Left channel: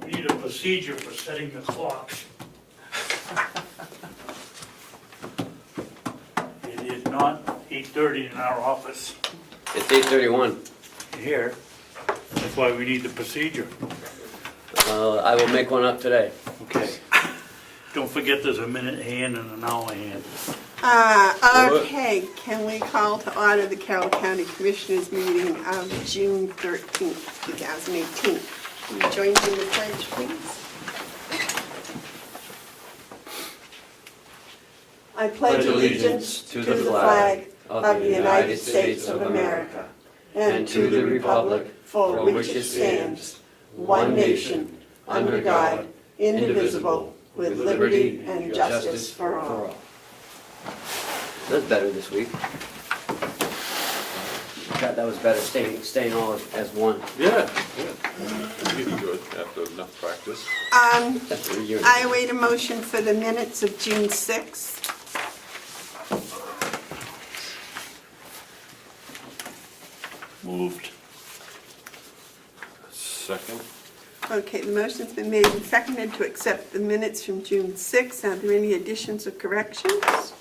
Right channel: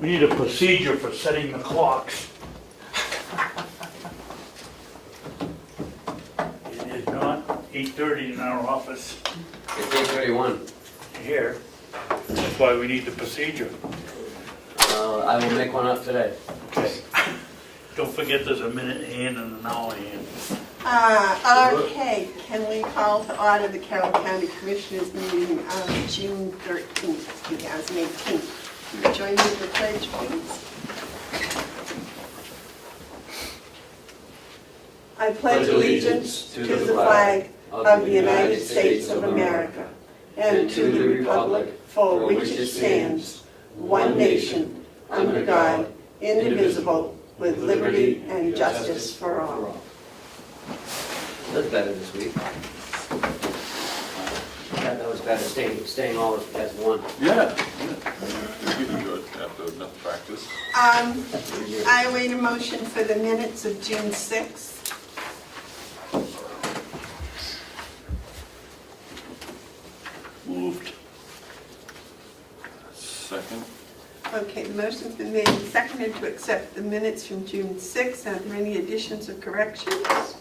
We need a procedure for setting the clocks. It is not 8:30 in our office It's 8:31. here. That's why we need the procedure. I will make one up today. Okay. Don't forget there's a minute hand and an hour hand. Okay, can we call to order the Carroll County Commissioners meeting of June 13th, 2018? Will you join me in the pledge, please? I pledge allegiance to the flag of the United States of America and to the republic for which it stands, one nation, under God, indivisible, with liberty and justice for all. That's better this week. I thought that was better, staying all as one. Yeah. You can do it after enough practice. That's what you're. I await a motion for the minutes of June 6th. Moved. Second. Okay, the motion's been made and seconded to accept the minutes from June 6th. Are there any additions or corrections?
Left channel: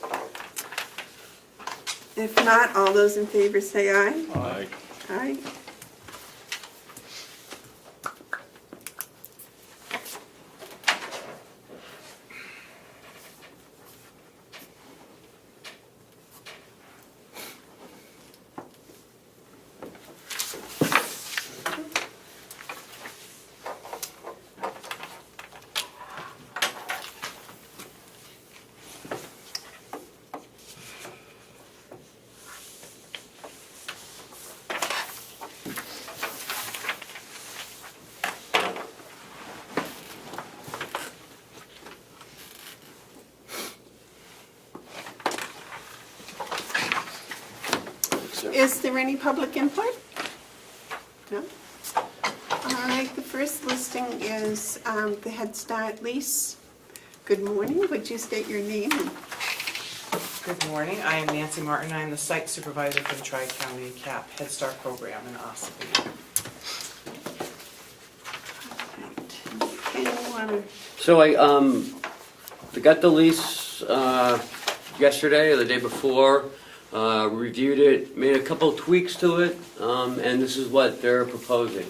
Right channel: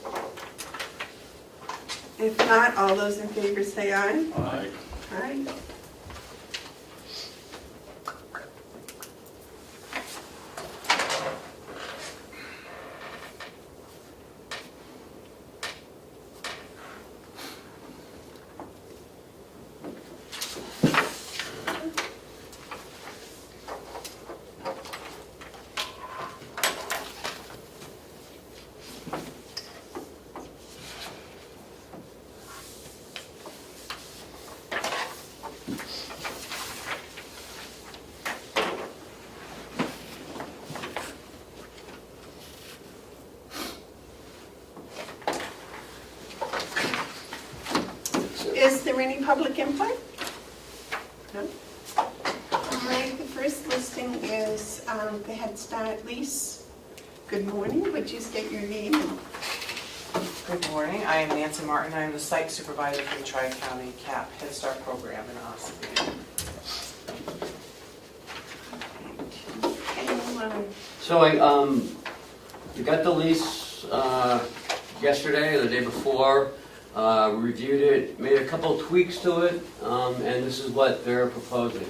If not, all those in favor say aye. Aye. Aye. Is there any public input? No? All right, the first listing is the Head Start lease. Good morning, would you state your name? Good morning, I am Nancy Martin, I'm the site supervisor for the Tri-County CAP Head Start program in Ossipee. Anyone? So I got the lease yesterday or the day before, reviewed it, made a couple tweaks to it, and this is what they're proposing.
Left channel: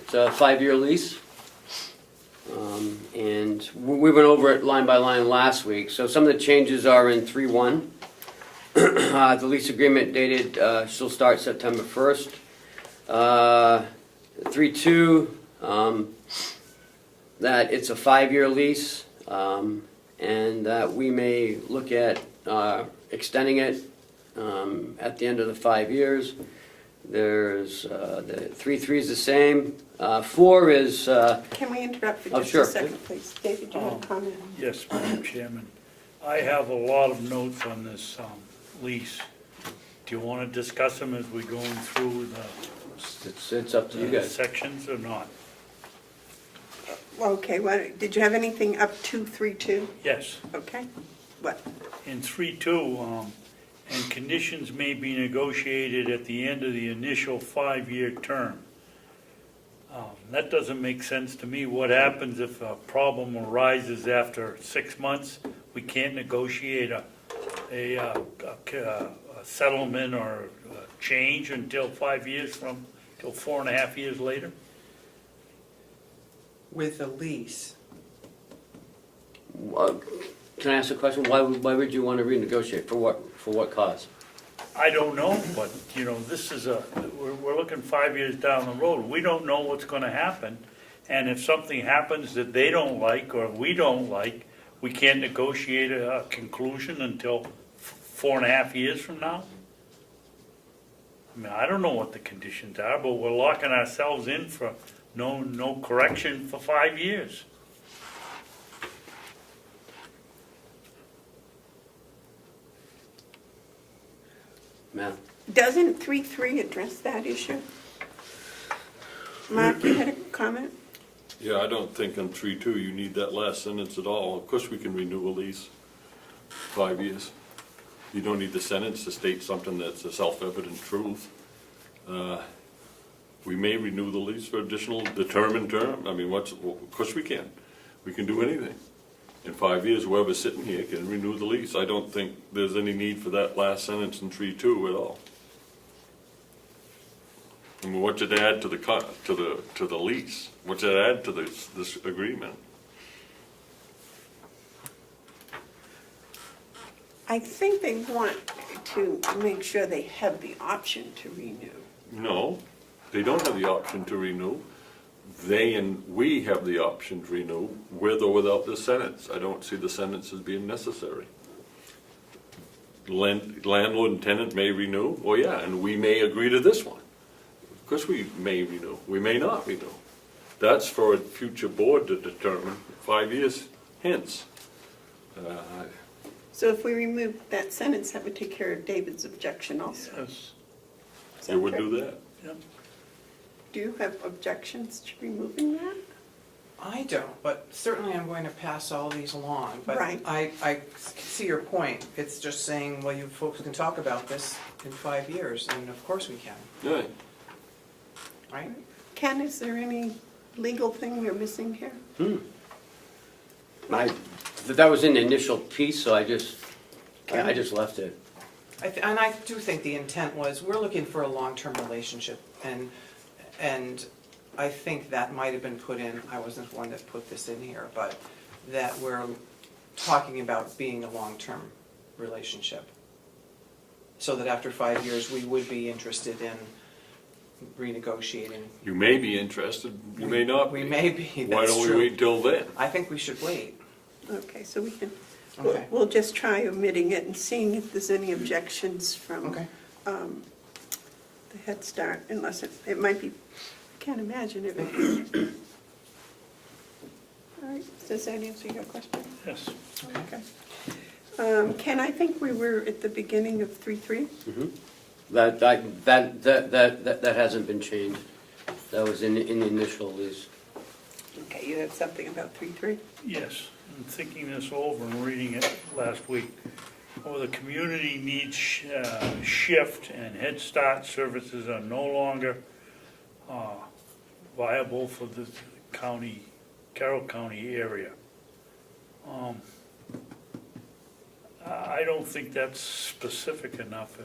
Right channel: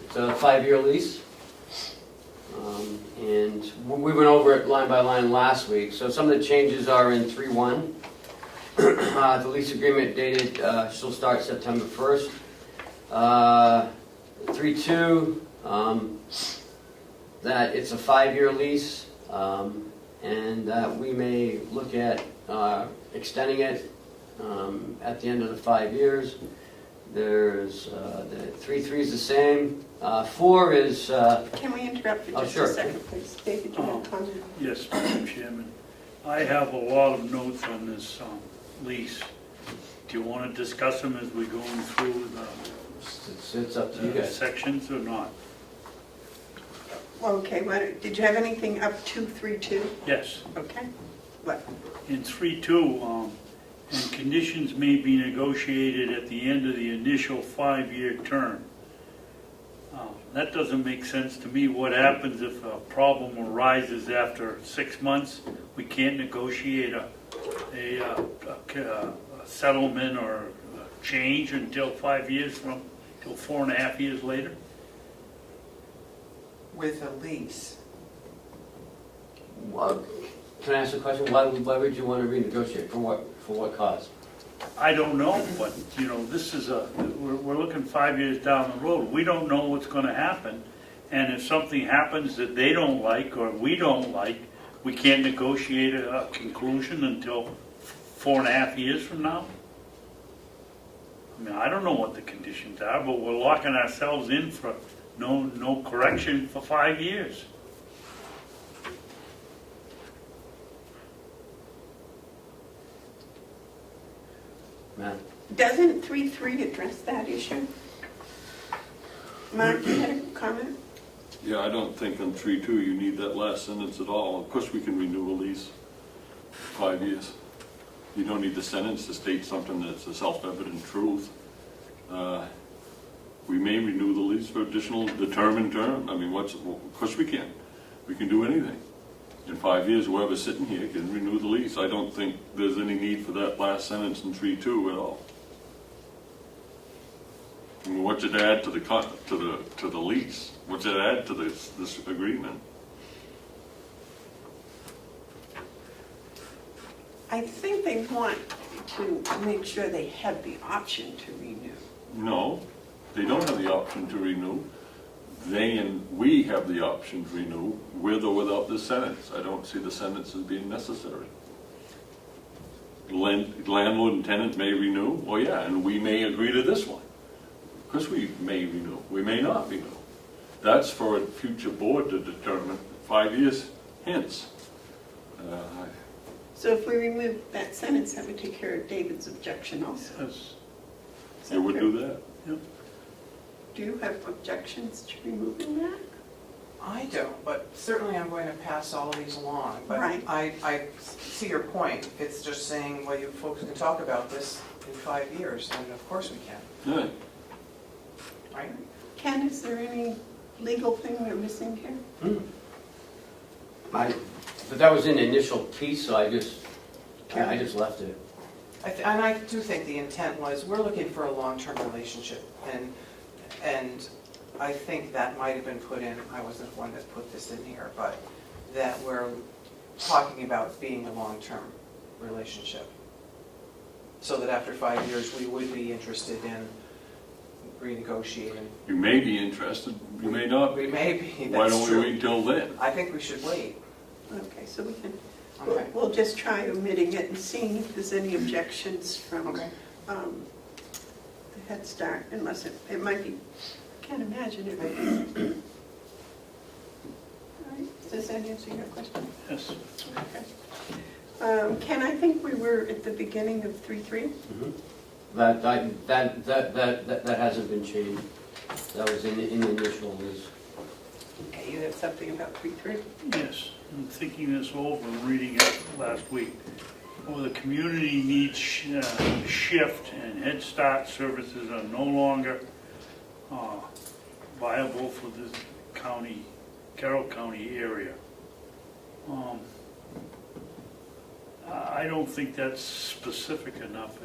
It's a 5-year lease, and we went over it line by line last week. So some of the changes are in 3.1. The lease agreement dated, she'll start September 1st. 3.2, that it's a 5-year lease, and that we may look at extending it at the end of the 5 years. There's the 3.3 is the same. 4 is Can we interrupt for Oh, just sure. a second, please? David, do you want to comment? Yes, Madam Chairman. I have a lot of notes on this lease. Do you want to discuss them as we're going through it's up to you the guys. sections or not? Okay, did you have anything up to 3.2? Yes. Okay, what? In 3.2, and conditions may be negotiated at the end of the initial 5-year term. That doesn't make sense to me. What happens if a problem arises after 6 months? We can't negotiate a settlement or a change until 5 years from, till 4.5 years later? With a lease, Can I ask a question? Why would you want to renegotiate? For what cause? I don't know, but, you know, this is we're looking 5 years down the road. We don't know what's gonna happen. And if something happens that they don't like or we don't like, we can't negotiate a conclusion until 4.5 years from now? I mean, I don't know what the conditions are, but we're locking ourselves in for no correction for 5 years. Matt? Doesn't 3.3 address that issue? Mark, you had a comment? Yeah, I don't think in 3.2 you need that last sentence at all. Of course we can renew a lease, 5 years. You don't need the sentence to state something that's a self-evident truth. We may renew the lease for additional determined term. I mean, of course we can. We can do anything. In 5 years, whoever's sitting here can renew the lease. I don't think there's any need for that last sentence in 3.2 at all. I mean, what's it add to the lease? What's it add to this agreement? I think they want to make sure they have the option to renew. No, they don't have the option to renew. They and we have the option to renew with or without this sentence. I don't see the sentence as being necessary. Landlord and tenant may renew, well, yeah, and we may agree to this one. Of course we may renew, we may not renew. That's for a future board to determine 5 years hence. So if we remove that sentence, that would take care of David's objection also. Yes. Is that You would fair? do that? Do you have objections to removing that? I don't, but certainly I'm going to pass all these along. But Right. I see your point. It's just saying, well, you folks can talk about this in 5 years, and of course we can, Yeah. right? Ken, is there any legal thing we're missing here? That was in the initial piece, so I just left it. And I do think the intent was, we're looking for a long-term relationship, and I think that might have been put in, I wasn't the one that put this in here, but that we're talking about being a long-term relationship. So that after 5 years, we would be interested in renegotiating. You may be interested, you may not We be. may be, Why that's don't we true. wait till then? I think we should wait. Okay, so we can, Okay. we'll just try omitting it and seeing if there's any objections from Okay. the Head Start, unless it might be, can't imagine it would be. All right, does that answer your question? Yes. Okay. Ken, I think we were at the beginning of 3.3. That hasn't been changed. That was in the initial lease. Okay, you have something about 3.3? Yes, I'm thinking this over and reading it last week. Well, the community needs shift and Head Start services are no longer viable for the county, Carroll County area. I don't think that's specific enough.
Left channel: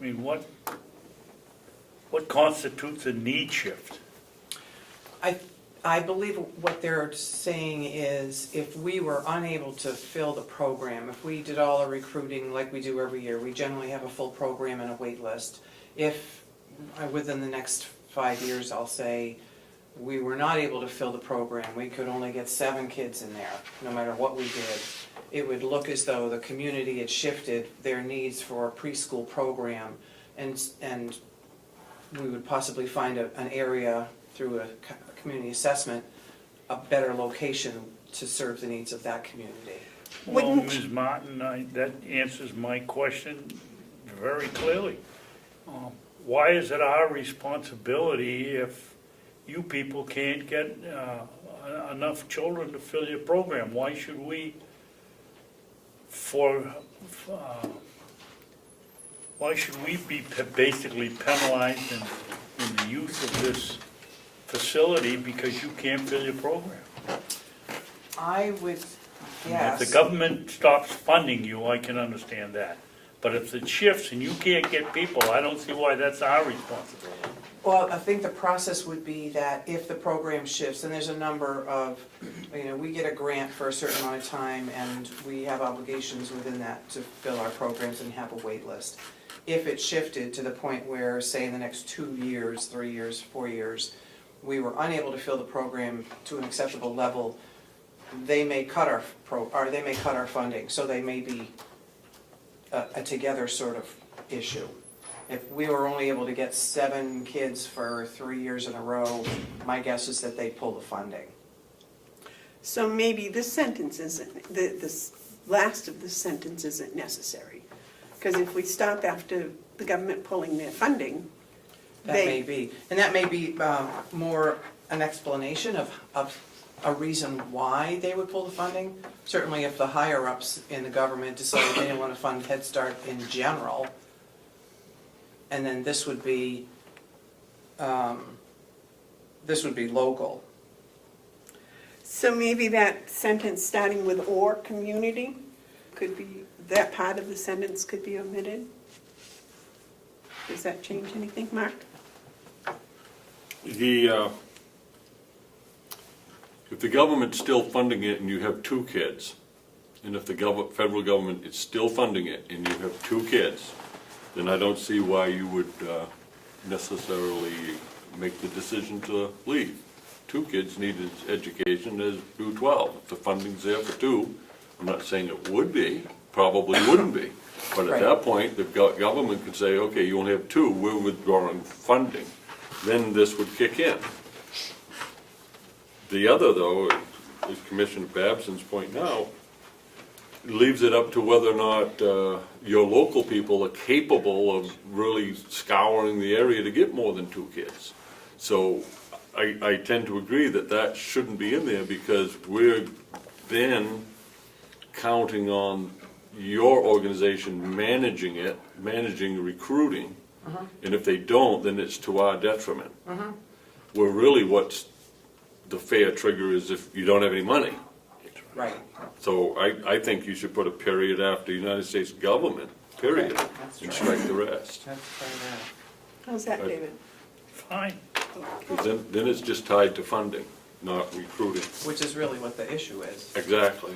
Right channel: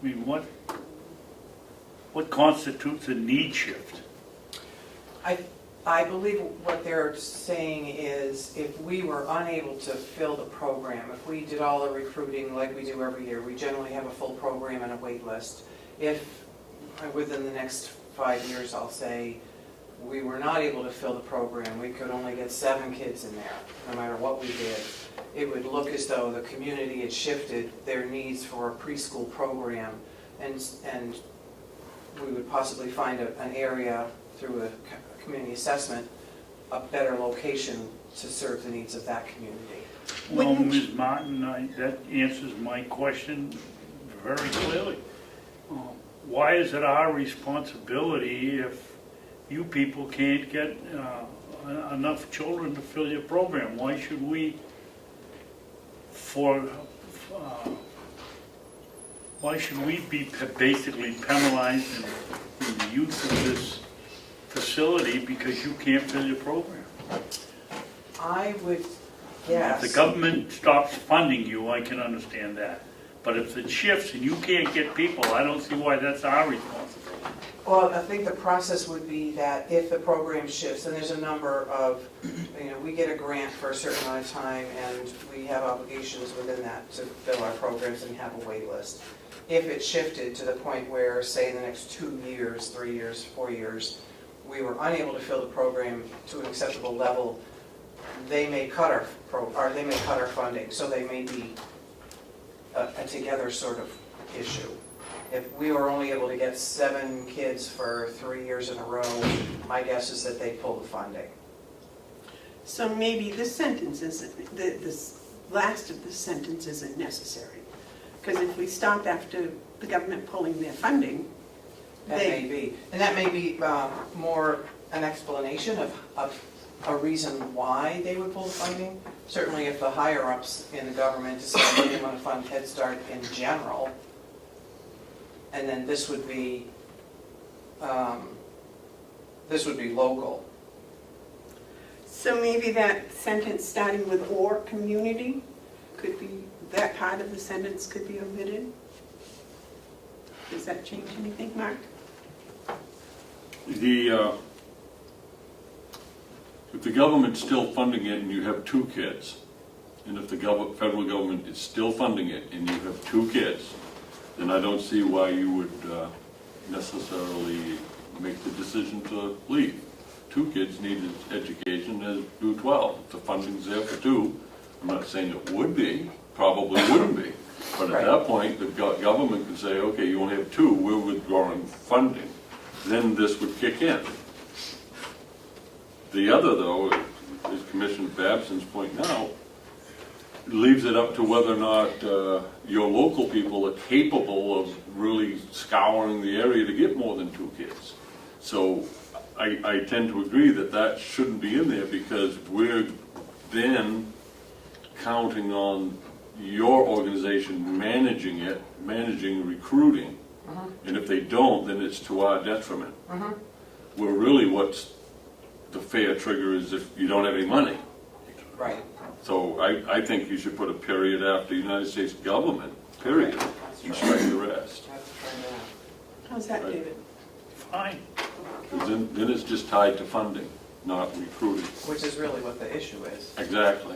I mean, what constitutes a need shift? I believe what they're saying is if we were unable to fill the program, if we did all the recruiting like we do every year, we generally have a full program and a wait list. If within the next 5 years, I'll say, we were not able to fill the program, we could only get 7 kids in there, no matter what we did, it would look as though the community had shifted their needs for a preschool program, and we would possibly find an area through a community assessment, a better location to serve the needs of that community. Well, Wouldn't- Ms. Martin, that answers my question very clearly. Why is it our responsibility if you people can't get enough children to fill your program? Why should we, why should we be basically penalized in the use of this facility because you can't fill your program? I would If guess. the government stops funding you, I can understand that. But if it shifts and you can't get people, I don't see why that's our responsibility. Well, I think the process would be that if the program shifts, and there's a number of, we get a grant for a certain amount of time, and we have obligations within that to fill our programs and have a wait list. If it shifted to the point where, say, in the next 2 years, 3 years, 4 years, we were unable to fill the program to an acceptable level, they may cut our funding, so they may be a together sort of issue. If we were only able to get 7 kids for 3 years in a row, my guess is that they'd pull the funding. So maybe this sentence isn't, this last of this sentence isn't necessary. Because if we stop after the government pulling their funding, That may be. And that may be more an explanation of a reason why they would pull the funding. Certainly if the higher-ups in the government decide they want to fund Head Start in general, and then this would be local. So maybe that sentence starting with "or community" could be, that part of the sentence could be omitted? Does that change anything, Mark? If the government's still funding it and you have 2 kids, and if the federal government is still funding it and you have 2 kids, then I don't see why you would necessarily make the decision to leave. 2 kids need education as do 12. If the funding's there for 2, I'm not saying it would be, probably wouldn't be. But at that point, the government could say, okay, you only have 2, we're withdrawing funding. Then this would kick in. The other, though, is Commissioner Babson's point now, leaves it up to whether or not your local people are capable of really scouring the area to get more than 2 kids. So I tend to agree that that shouldn't be in there, because we're then counting on your organization managing it, managing recruiting. And if they don't, then it's to our detriment. Where really what's the fair trigger is if you don't have any money. Right. So I think you should put a period after United States government, period, and strike the rest. How's that, David? Fine. 'Cause then it's just tied to funding, not recruiting. Which is really what the issue is. Exactly.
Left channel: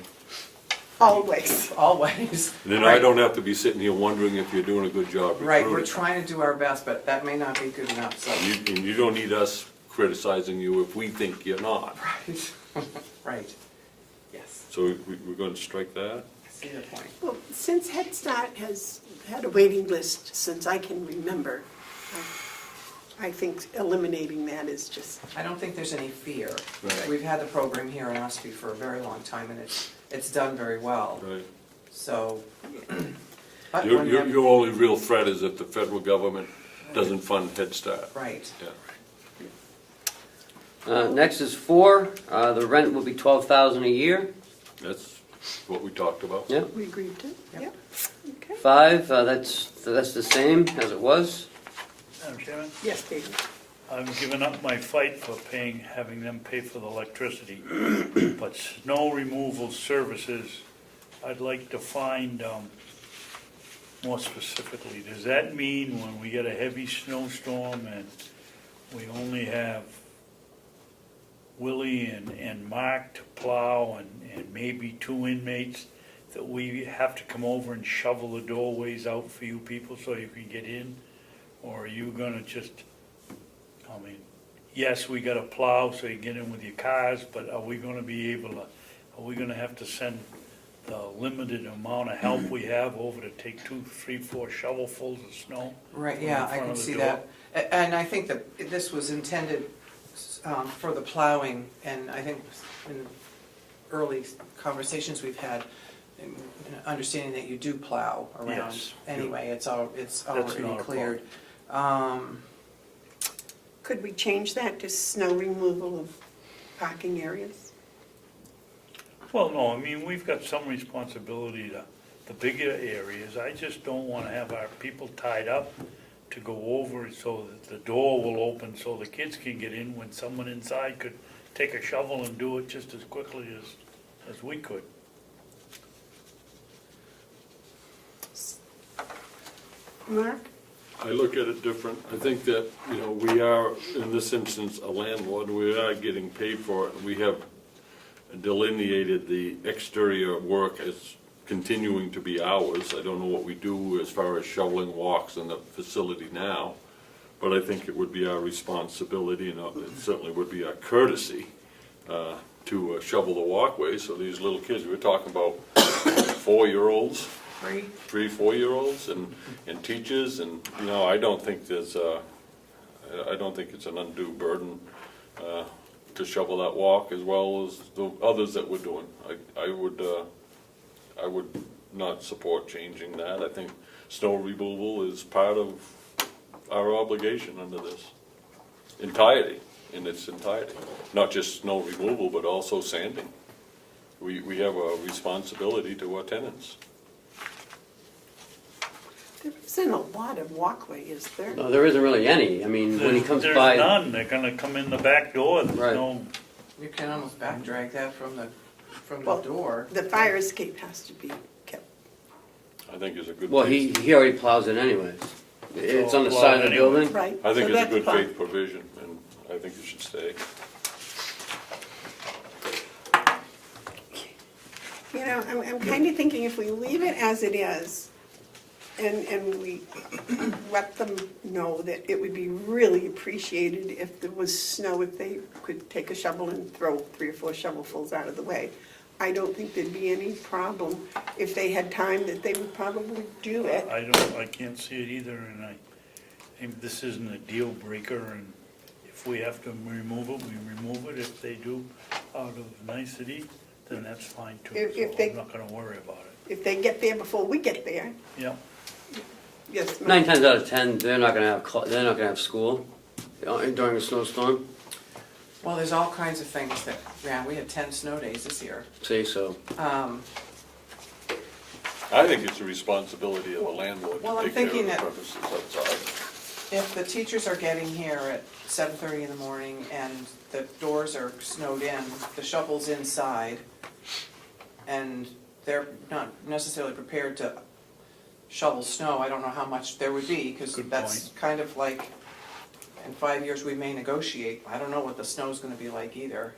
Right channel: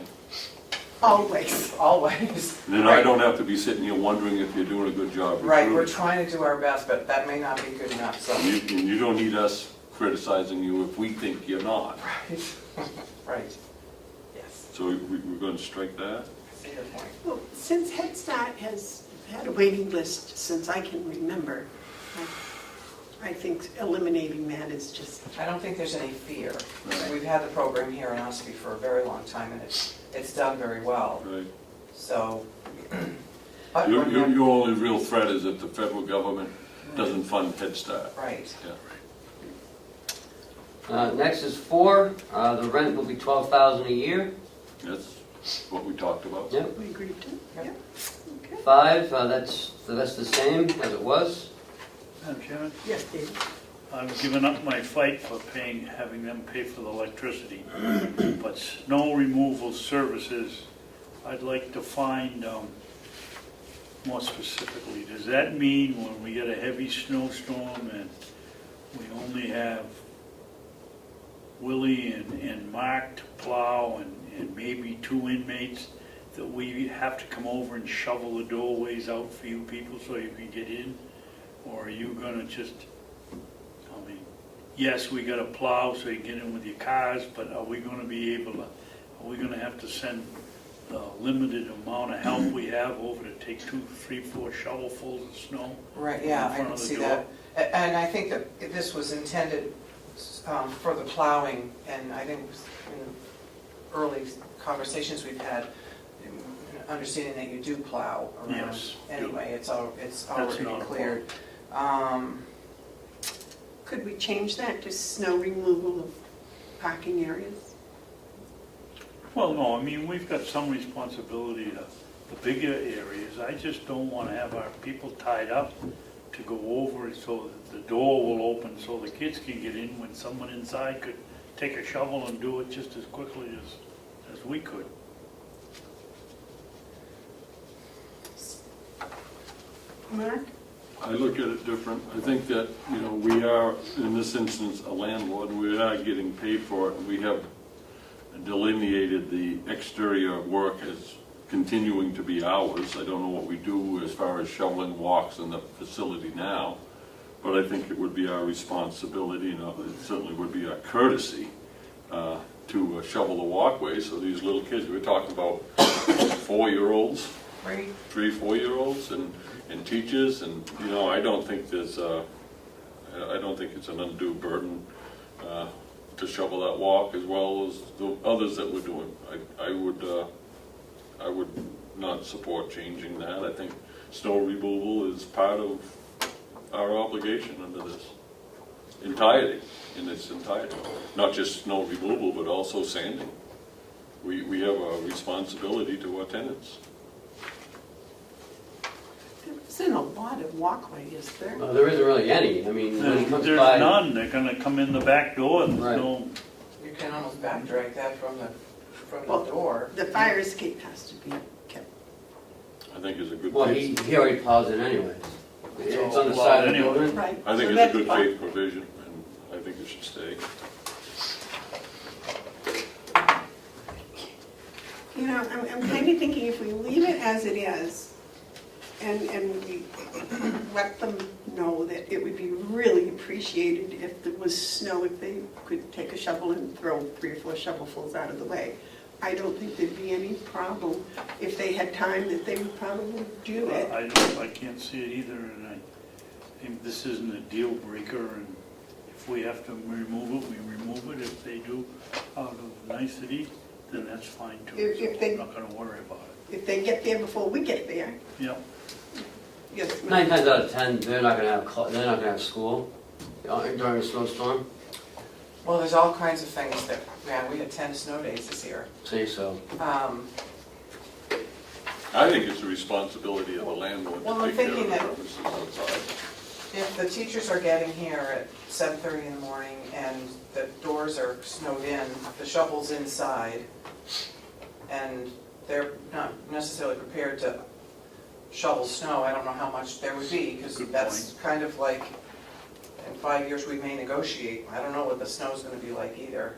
Always. Always. And then I don't have to be sitting here wondering if you're doing a good job Right, we're recruiting. trying to do our best, but that may not be good enough, so. And you don't need us criticizing you if we think you're not. Right. Right. Yes. So we're going to strike that? I see your point. Well, since Head Start has had a waiting list since I can remember, I think eliminating that is just, I don't think there's any fear. Right. We've had the program here in Ossipee for a very long time, and it's done very well, Right. so. but Your we're- your only real threat is if the federal government doesn't fund Head Start. Right. Yeah. Next is 4, the rent will be $12,000 a year. That's what we talked about. Yeah. we agreed to, yeah. Okay. 5, that's the same as it was. Madam Chairman, Yes, David. I've given up my fight for having them pay for the electricity. But snow removal services, I'd like to find more specifically. Does that mean when we get a heavy snowstorm and we only have Willie and Mark to plow and maybe 2 inmates, that we have to come over and shovel the doorways out for you people so you can get in? Or are you gonna just, I mean, yes, we gotta plow so you get in with your cars, but are we gonna be able to, are we gonna have to send the limited amount of help we have over to take 2, 3, 4 shovelfuls of snow? Right, yeah, in I front can of the see door? that. And I think that this was intended for the plowing, and I think in the early conversations we've had, understanding that you do plow around Yes. anyway, it's already not a cleared. Could we change that to snow removal of parking areas? Well, no, I mean, we've got some responsibility to the bigger areas. I just don't wanna have our people tied up to go over it so that the door will open so the kids can get in when someone inside could take a shovel and do it just as quickly as we could. Mark? I look at it different. I think that, we are, in this instance, a landlord. We are getting paid for it. We have delineated the exterior work as continuing to be ours. I don't know what we do as far as shoveling walks in the facility now, but I think it would be our responsibility, and it certainly would be our courtesy to shovel the walkways so these little kids, we're talking about 4-year-olds, 3, 4-year-olds, and teachers, and I don't think it's an undue burden to shovel that walk as well as the others that we're doing. I would not support changing that. I think snow removal is part of our obligation under this entirety, in its entirety. Not just snow removal, but also sanding. We have a responsibility to our tenants. isn't a lot of walkway, is there? No, there isn't really any, I mean, when he comes There's by. none, they're gonna come in the back door, there's Right. no, You can almost back drag that from Well, the door. The fire escape has to be kept. I think it's a good. Well, faith- he already plows it anyways. It's on the Well, side of the anyway. building. Right. I think so it's a that's good fine. faith provision, and I think it should stay. You know, I'm kind of thinking if we leave it as it is, and we let them know that it would be really appreciated if there was snow, if they could take a shovel and throw 3 or 4 shovelfuls out of the way. I don't think there'd be any problem. If they had time, that they would probably do it. I can't see it either, and I think this isn't a deal breaker, and if we have to remove it, we remove it. If they do out of nicety, then that's fine too. If So they- I'm not gonna worry about it. If they get there before we get there, Yeah, yes. 9 times out of 10, they're not gonna have school during a snowstorm. Well, there's all kinds of things that, yeah, we had 10 snow days this year. Say so. I think it's a responsibility of the landlord Well, to I'm take care of thinking the that- premises outside. If the teachers are getting here at 7:30 in the morning and the doors are snowed in, the shovel's inside, and they're not necessarily prepared to shovel snow, I don't know how much there would be, because Good that's kind of like, in 5 years, we may negotiate. I don't know what the snow's gonna be like either.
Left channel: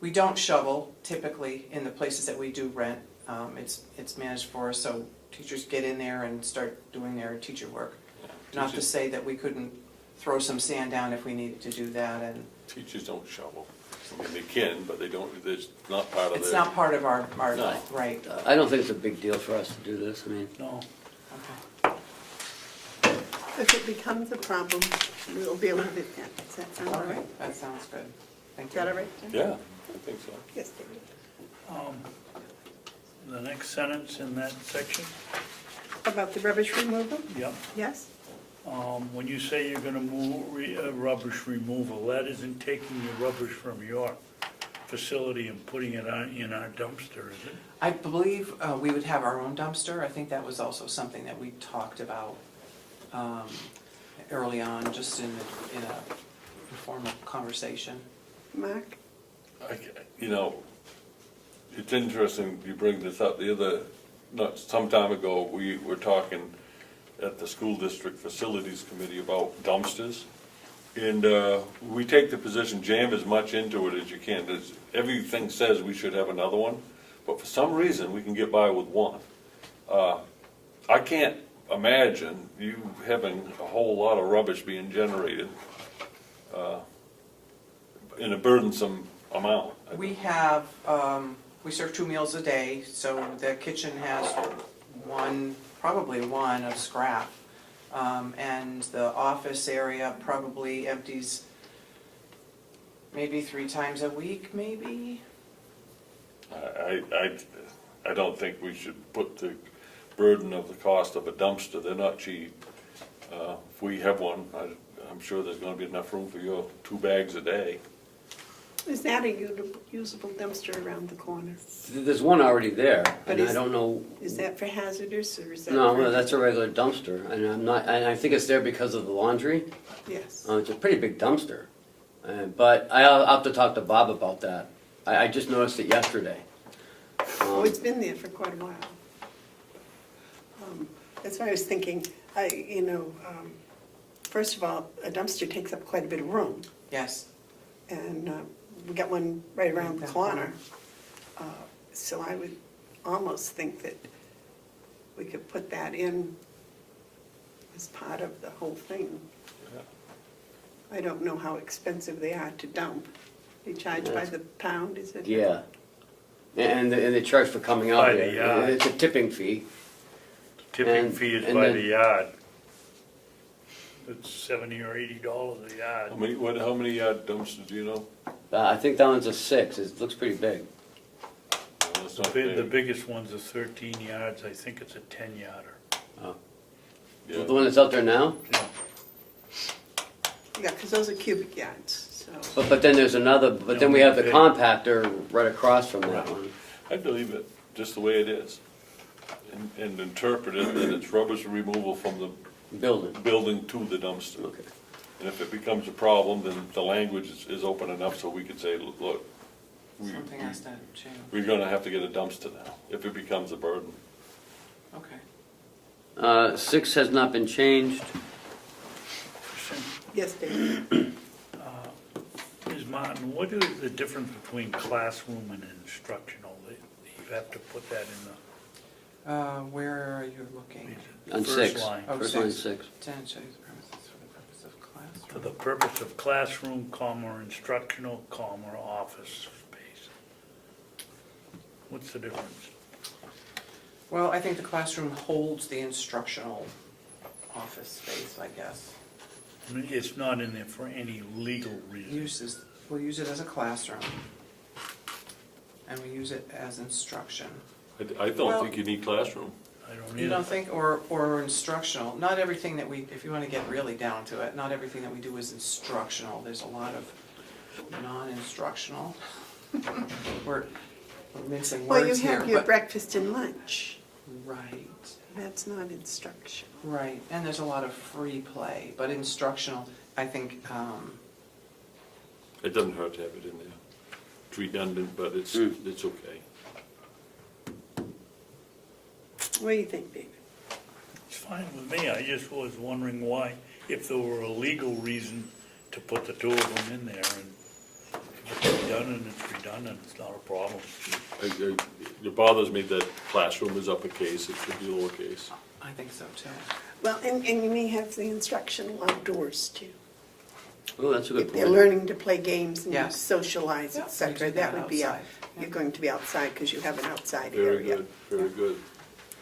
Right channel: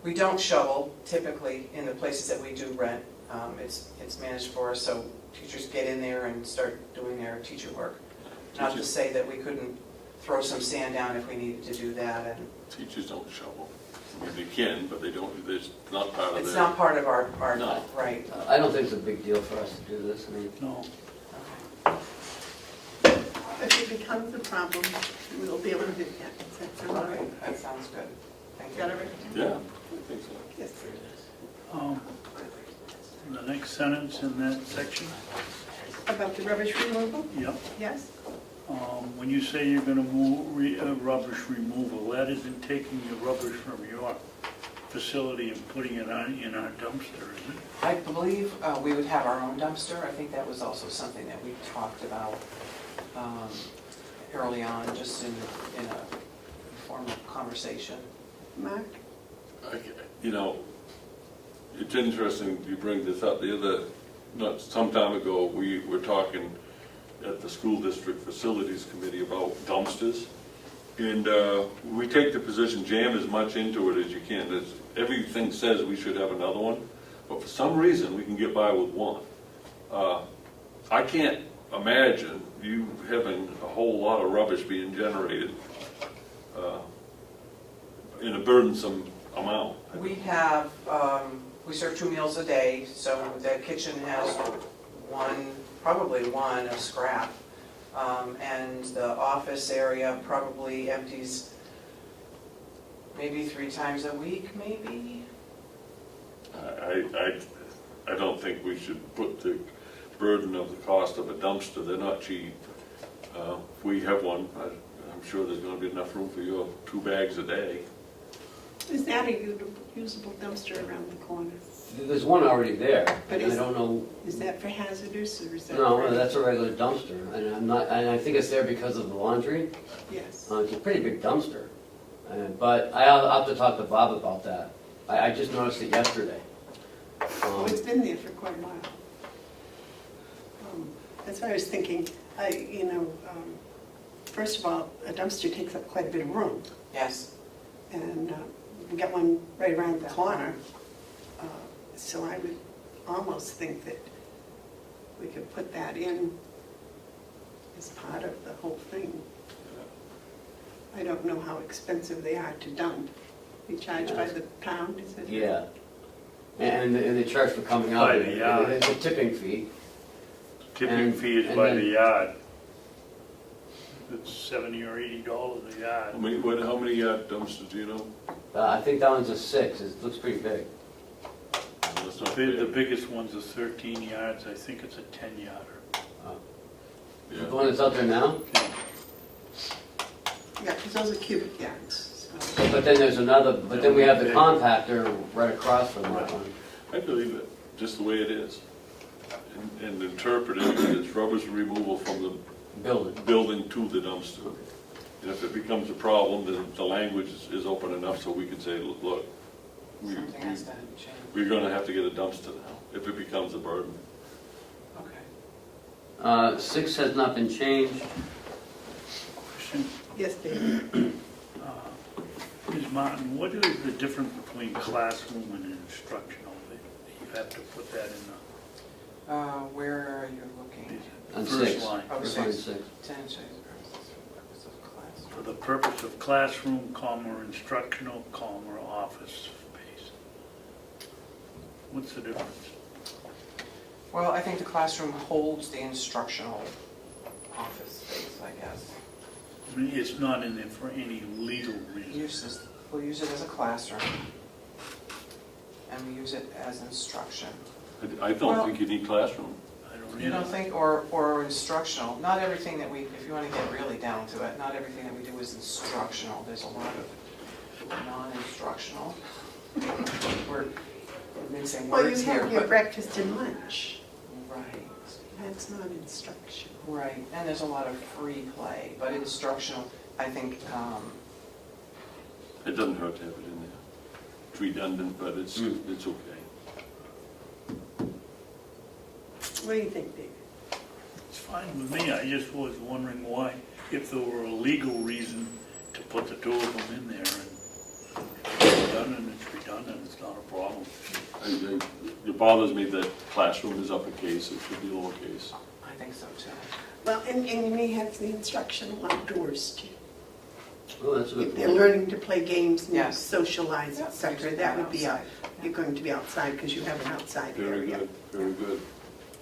We don't shovel typically in the places that we do rent. It's managed for us, so teachers get in there and start doing their teacher work. Not to say that we couldn't throw some sand down if we needed to do that, and Teachers don't shovel. I mean, they can, but they don't, it's not part of their. it's not part of our No. right. I don't think it's a big deal for us to do this, I mean. no, If it becomes a problem, we'll deal with it then. Does that sound all Okay, right? that sounds good. Thank Is that all you. right? Yeah, I think so. Yes. the next sentence in that section, About the rubbish removal? yeah. Yes? When you say you're gonna move, rubbish removal, that isn't taking the rubbish from your facility and putting it in our dumpster, is it? I believe we would have our own dumpster. I think that was also something that we talked about early on, just in a informal conversation. Mark? You know, it's interesting you bring this up. Not some time ago, we were talking at the school district facilities committee about dumpsters. And we take the position, jam as much into it as you can. Everything says we should have another one, but for some reason, we can get by with one. I can't imagine you having a whole lot of rubbish being generated in a burdensome amount. We have, we serve 2 meals a day, so the kitchen has probably one of scrap. And the office area probably empties maybe 3 times a week, maybe? I don't think we should put the burden of the cost of a dumpster. They're not cheap. If we have one, I'm sure there's gonna be enough room for your 2 bags a day. Is that a usable dumpster around the corner? There's one already there, But and I is- don't know, Is that for hazardous or is that? no, for- that's a regular dumpster, and I think it's there because of the laundry. Yes. It's a pretty big dumpster, but I'll have to talk to Bob about that. I just noticed it yesterday. Oh, it's been there for quite a while. That's what I was thinking. First of all, a dumpster takes up quite a bit of room. Yes. And we got one right around the corner. So I would almost think that we could put that in as part of the whole thing. I don't know how expensive they are to dump. They charge by the pound, is it? Yeah, and they charge for coming out By the there. yard. It's a tipping fee. Tipping And- fee is and by then- the yard. It's $70 or $80 a yard. How many dumpsters do you know? I think that one's a 6, it looks pretty big. That's not The big. biggest one's a 13 yards, I think it's a 10-yarder. Yeah. The one that's out there now? Yeah, because those are cubic yards, so. But then there's another, but then we have the compactor right across from that one. I believe it, just the way it is. and interpret it, that it's rubbish removal from the Building. building to the dumpster. Okay. And if it becomes a problem, then the language is open enough so we can say, look, Something has to change. we're gonna have to get a dumpster now, if it becomes a burden. Okay. 6 has not been changed. Yes, David. Ms. Martin, what is the difference between classroom and instructional? You have to put that in Where are you looking? the On first 6. line. Oh, First line 6. Tenants shall use the premises for the purpose of class. For the purpose of classroom, comma, or instructional, comma, or office space. What's the difference? Well, I think the classroom holds the instructional office space, I guess. I mean, it's not in there for any legal reason. We'll use it as a classroom. And we use it as instruction. I don't think you need classroom. I don't You either. don't think, or instructional, not everything that we, if you want to get really down to it, not everything that we do is instructional. There's a lot of non-instructional. We're mincing Well, you words here, have your but. breakfast and lunch. Right, That's not instruction. right, and there's a lot of free play, but instructional, I think, It doesn't hurt to have it in there. It's redundant, but it's okay. What do you think, David? It's fine with me, I just was wondering why, if there were a legal reason to put the two of them in there, and if it's redundant, it's redundant, it's not a problem. It bothers me that classroom is uppercase, it should be lowercase. I think so too. Well, and you may have the instructional outdoors too. Oh, that's a good If they're point. learning to play games and Yeah. socialize, Yeah, etc., we do that would be, outside. you're going to be outside because you have an outside Very area. good, very good.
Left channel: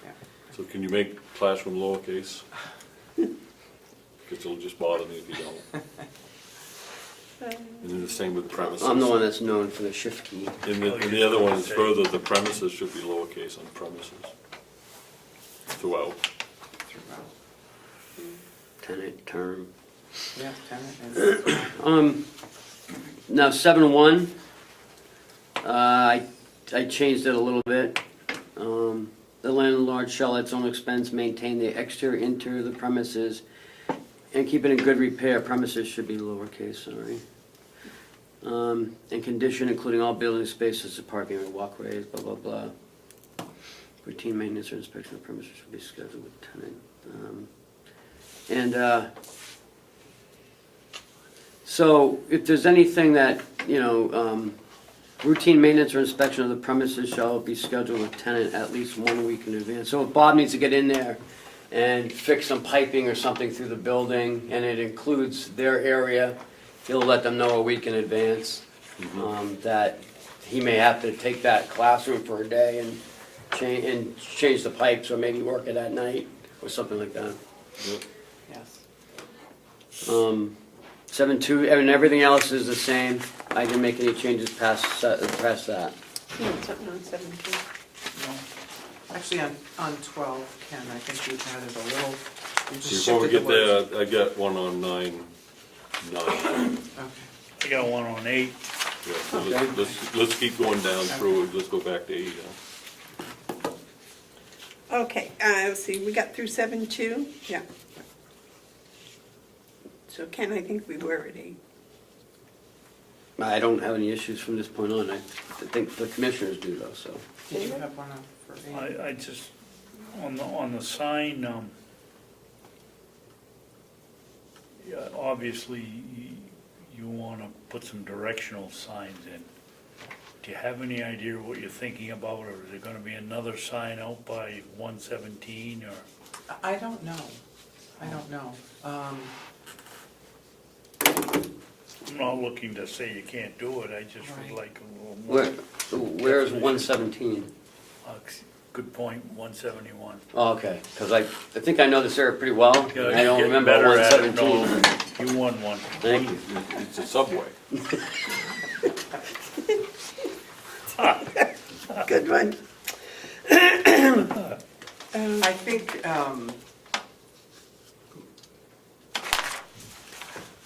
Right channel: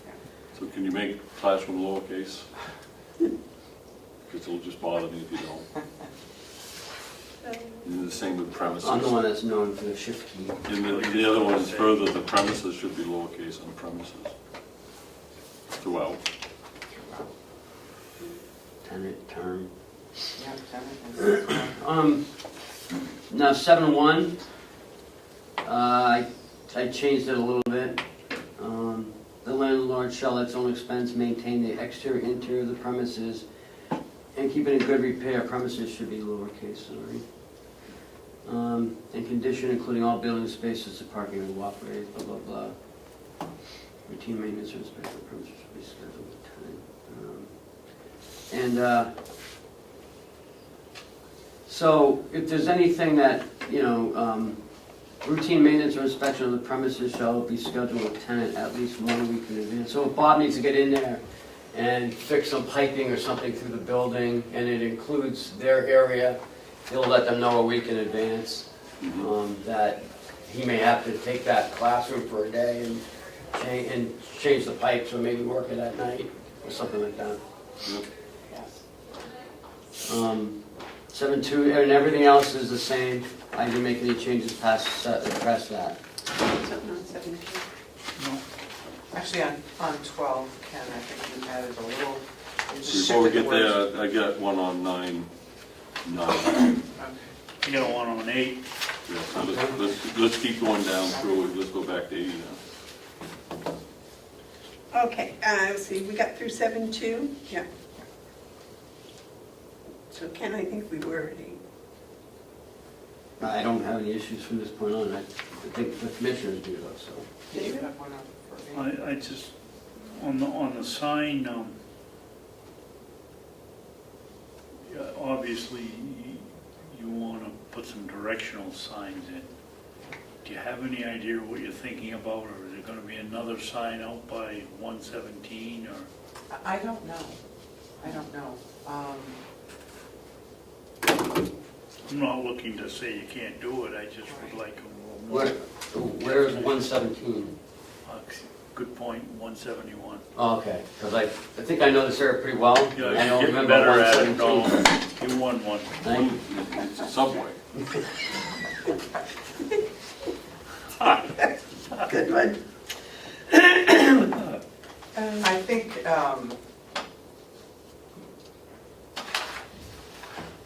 Yeah. So can you make classroom lowercase? Because it'll just bother me if you don't. And then the same with premises. I'm the one that's known for the shift key. And the other one is further, the premises should be lowercase on premises. Throughout. Tenant, term. Yeah, tenant and. Now 7.1, I changed it a little bit. The landlord shall at its own expense maintain the exterior, interior of the premises and keep it in good repair. Premises should be lowercase, sorry. And condition including all building spaces, parking and walkways, blah, blah, blah. Routine maintenance or inspection of premises should be scheduled with the tenant. So if there's anything that, routine maintenance or inspection of the premises shall be scheduled with tenant at least 1 week in advance. So if Bob needs to get in there and fix some piping or something through the building, and it includes their area, he'll let them know a week in advance, that he may have to take that classroom for a day and change the pipes, or maybe work it at night, or something like that. Yes. 7.2, and everything else is the same. I didn't make any changes past that. Something on 17. No? Actually, on 12, Ken, I think you added a little, you just Before we shifted get the words. there, I got one on 9. Okay. I got one on 8. Yeah, so let's keep going down through it, let's go back to 8 now. Okay, let's see, we got through 7.2? Yeah. So Ken, I think we were at 8. I don't have any issues from this point on. I think the commissioners do though, so. Do you have one for 8? I just, on the sign, yeah, obviously, you wanna put some directional signs in. Do you have any idea what you're thinking about, or is there gonna be another sign out by 117, or? I don't know. I don't know. I'm not looking to say you can't do it, I just would Right. like a little more. Where's 117? Good point, 171. Oh, okay, because I think I know this area pretty well. Yeah, I don't you're remember getting better at it, 117. though. You won one. Thank you. It's a subway. Good one. I think,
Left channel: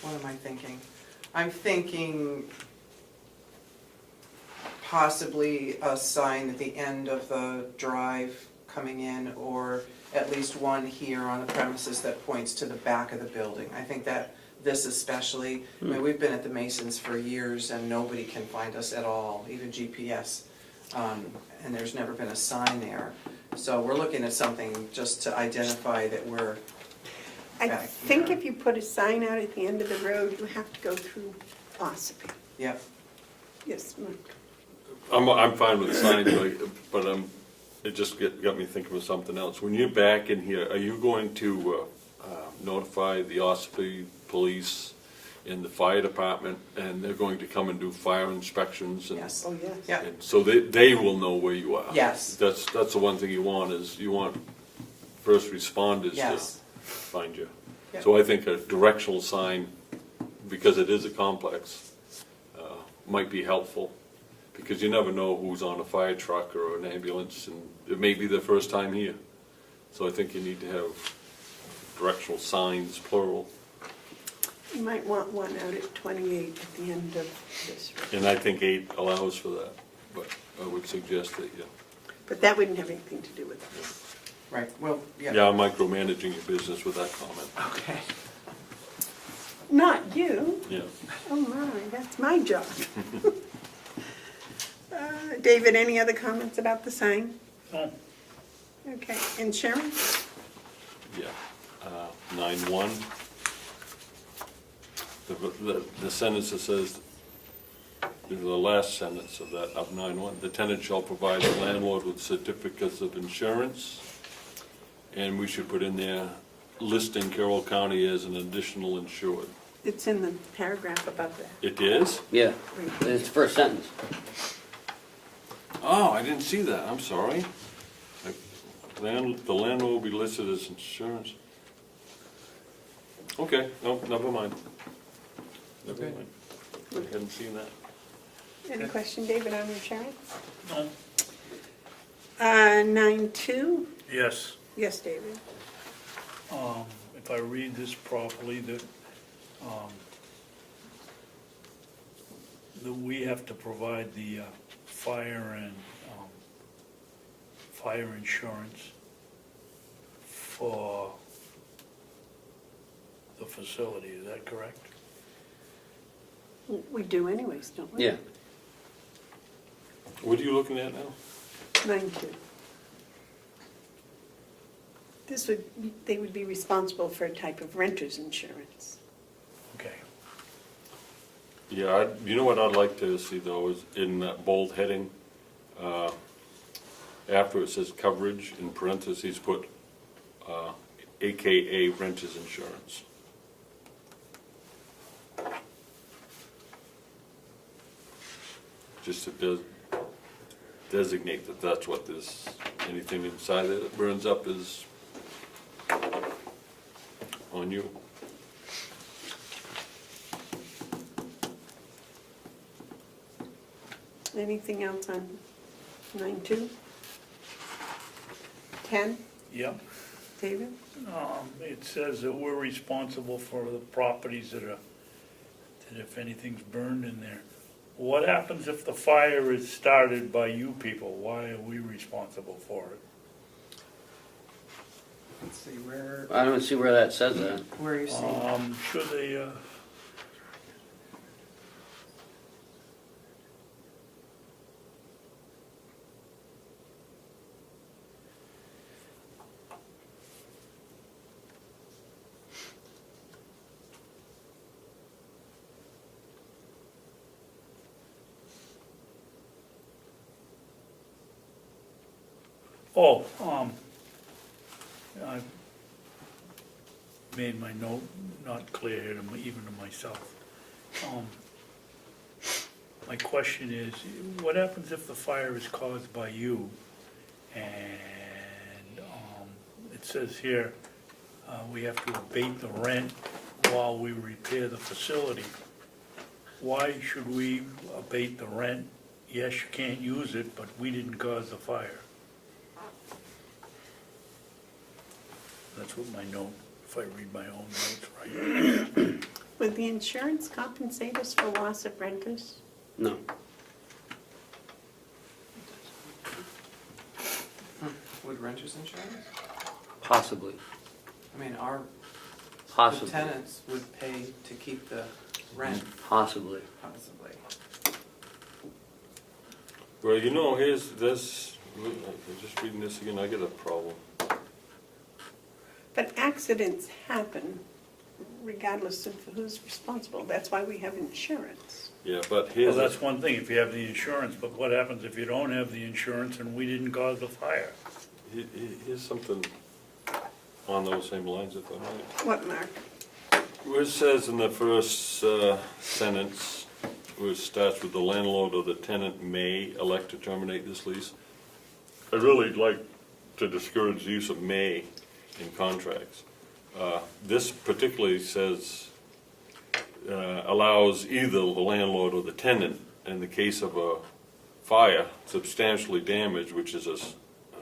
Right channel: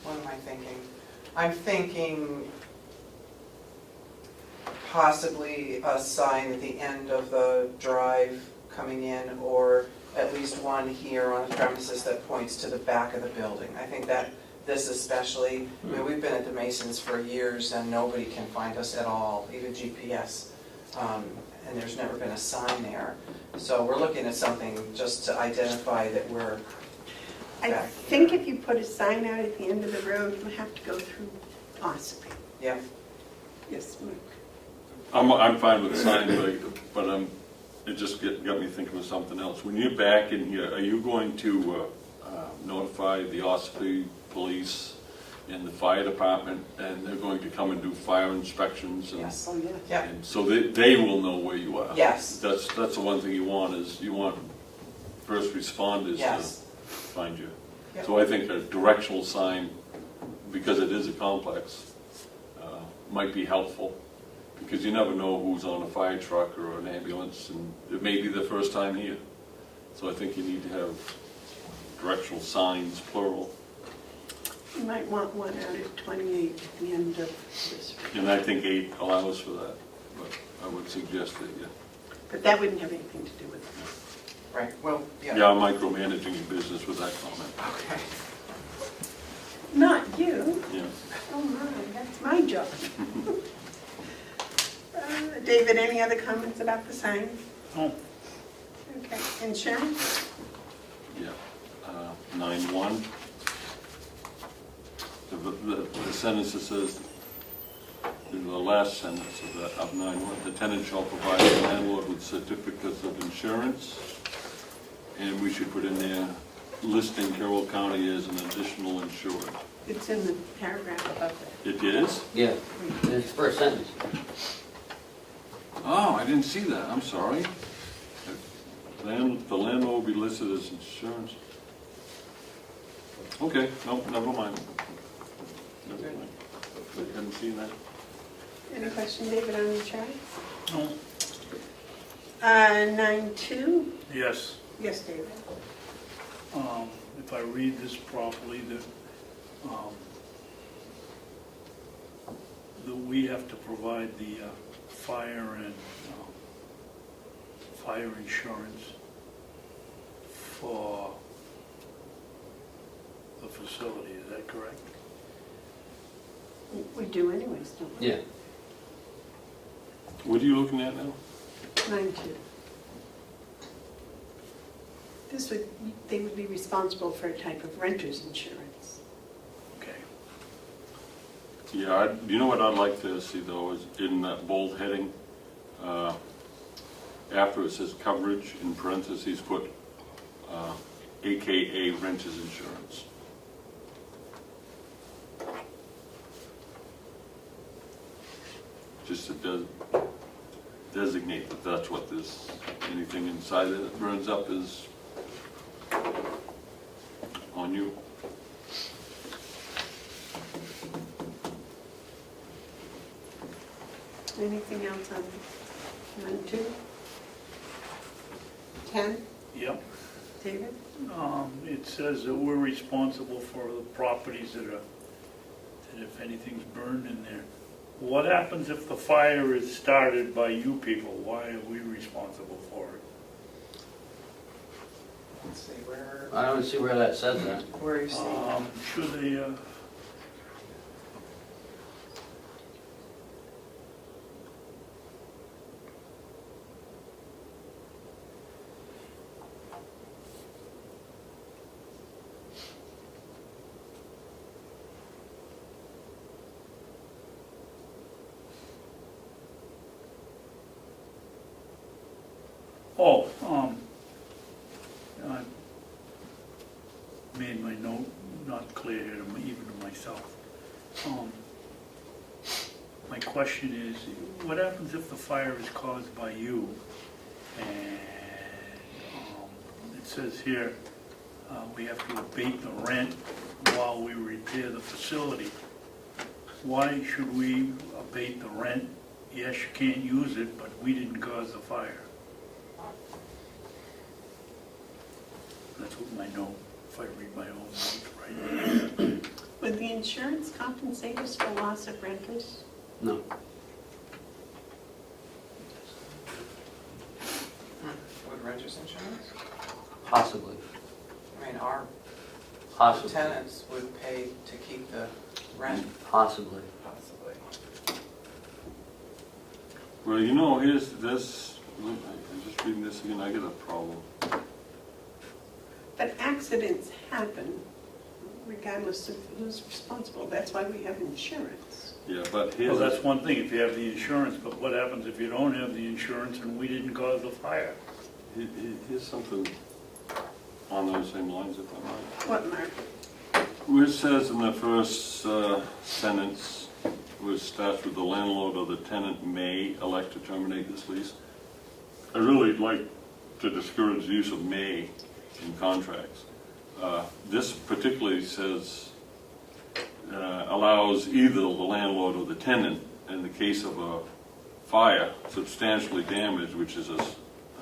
what am I thinking? I'm thinking possibly a sign at the end of the drive coming in, or at least one here on the premises that points to the back of the building. I think that this especially, I mean, we've been at the Masons for years and nobody can find us at all, even GPS. And there's never been a sign there. So we're looking at something just to identify that we're I back. think if you put a sign out at the end of the road, you have to go through Ossipee. Yeah, Yes, Mark. I'm fine with signing, but it just got me thinking of something else. When you're back in here, are you going to notify the Ossipee police and the fire department, and they're going to come and do fire inspections? And yes, Oh, yes. yeah, and so they will know where you are. yes, That's the one thing you want, is you want first responders to yes. find you. Yep. So I think a directional sign, because it is a complex, might be helpful, because you never know who's on a fire truck or an ambulance, and it may be their first time here. So I think you need to have directional signs, plural, You might want one out at 28 at the end of this road. and I think 8 allows for that, but I would suggest that, yeah. But that wouldn't have anything to do with this. Right, well, yeah. Yeah, I'm micromanaging your business with that comment, Okay. Not you. yeah. Oh my, that's my job. David, any other comments about the sign? No, Okay, insurance? Yeah, 9-1. The sentence that says, the last sentence of that, of 9-1, the tenant shall provide the landlord with certificates of insurance, and we should put in there, listing Carroll County as an additional insured. It's in the paragraph above that. It is? Yeah, it's the first sentence. Oh, I didn't see that, I'm sorry. The landlord will be listed as insurance. Okay, no, never mind. Never mind. I hadn't seen that. Any question, David, on insurance? no, 9.2? yes. Yes, David. If I read this properly, that we have to provide the fire and fire insurance for the facility, is that correct? We do anyways, don't we? Yeah, What are you looking at now? 9.2. They would be responsible for a type of renter's insurance. Okay. Yeah, you know what I'd like to see though, is in that bold heading, after it says coverage, in parentheses, put AKA renter's insurance. Just to designate that that's what this, anything inside that burns up is on you. Anything else on 9.2? 10, Yep. David? It says that we're responsible for the properties that if anything's burned in there. What happens if the fire is started by you people? Why are we responsible for it? Let's see, where I don't see where that says that. are you seeing that? Should they, I made my note not clear here, even to myself. My question is, what happens if the fire is caused by you? And it says here, we have to abate the rent while we repair the facility. Why should we abate the rent? Yes, you can't use it, but we didn't cause the fire. That's what my note, if I read my own notes right. Would the insurance compensate us for loss of renters? No. Would renters Possibly, I mean, our possibly, tenants would pay to keep the rent, possibly. possibly. Well, you know, here's this, I'm just reading this again, I get a problem. But accidents happen regardless of who's responsible. That's why we have insurance. Yeah, but Well, here's, that's one thing, if you have the insurance, but what happens if you don't have the insurance and we didn't cause the fire? here's something on those same lines, if I might. What, Mark? Where it says in the first sentence, where it starts with the landlord or the tenant may elect to terminate this lease, I really like to discourage the use of may in contracts. This particularly says, allows either the landlord or the tenant, in the case of a fire, substantially damaged, which is a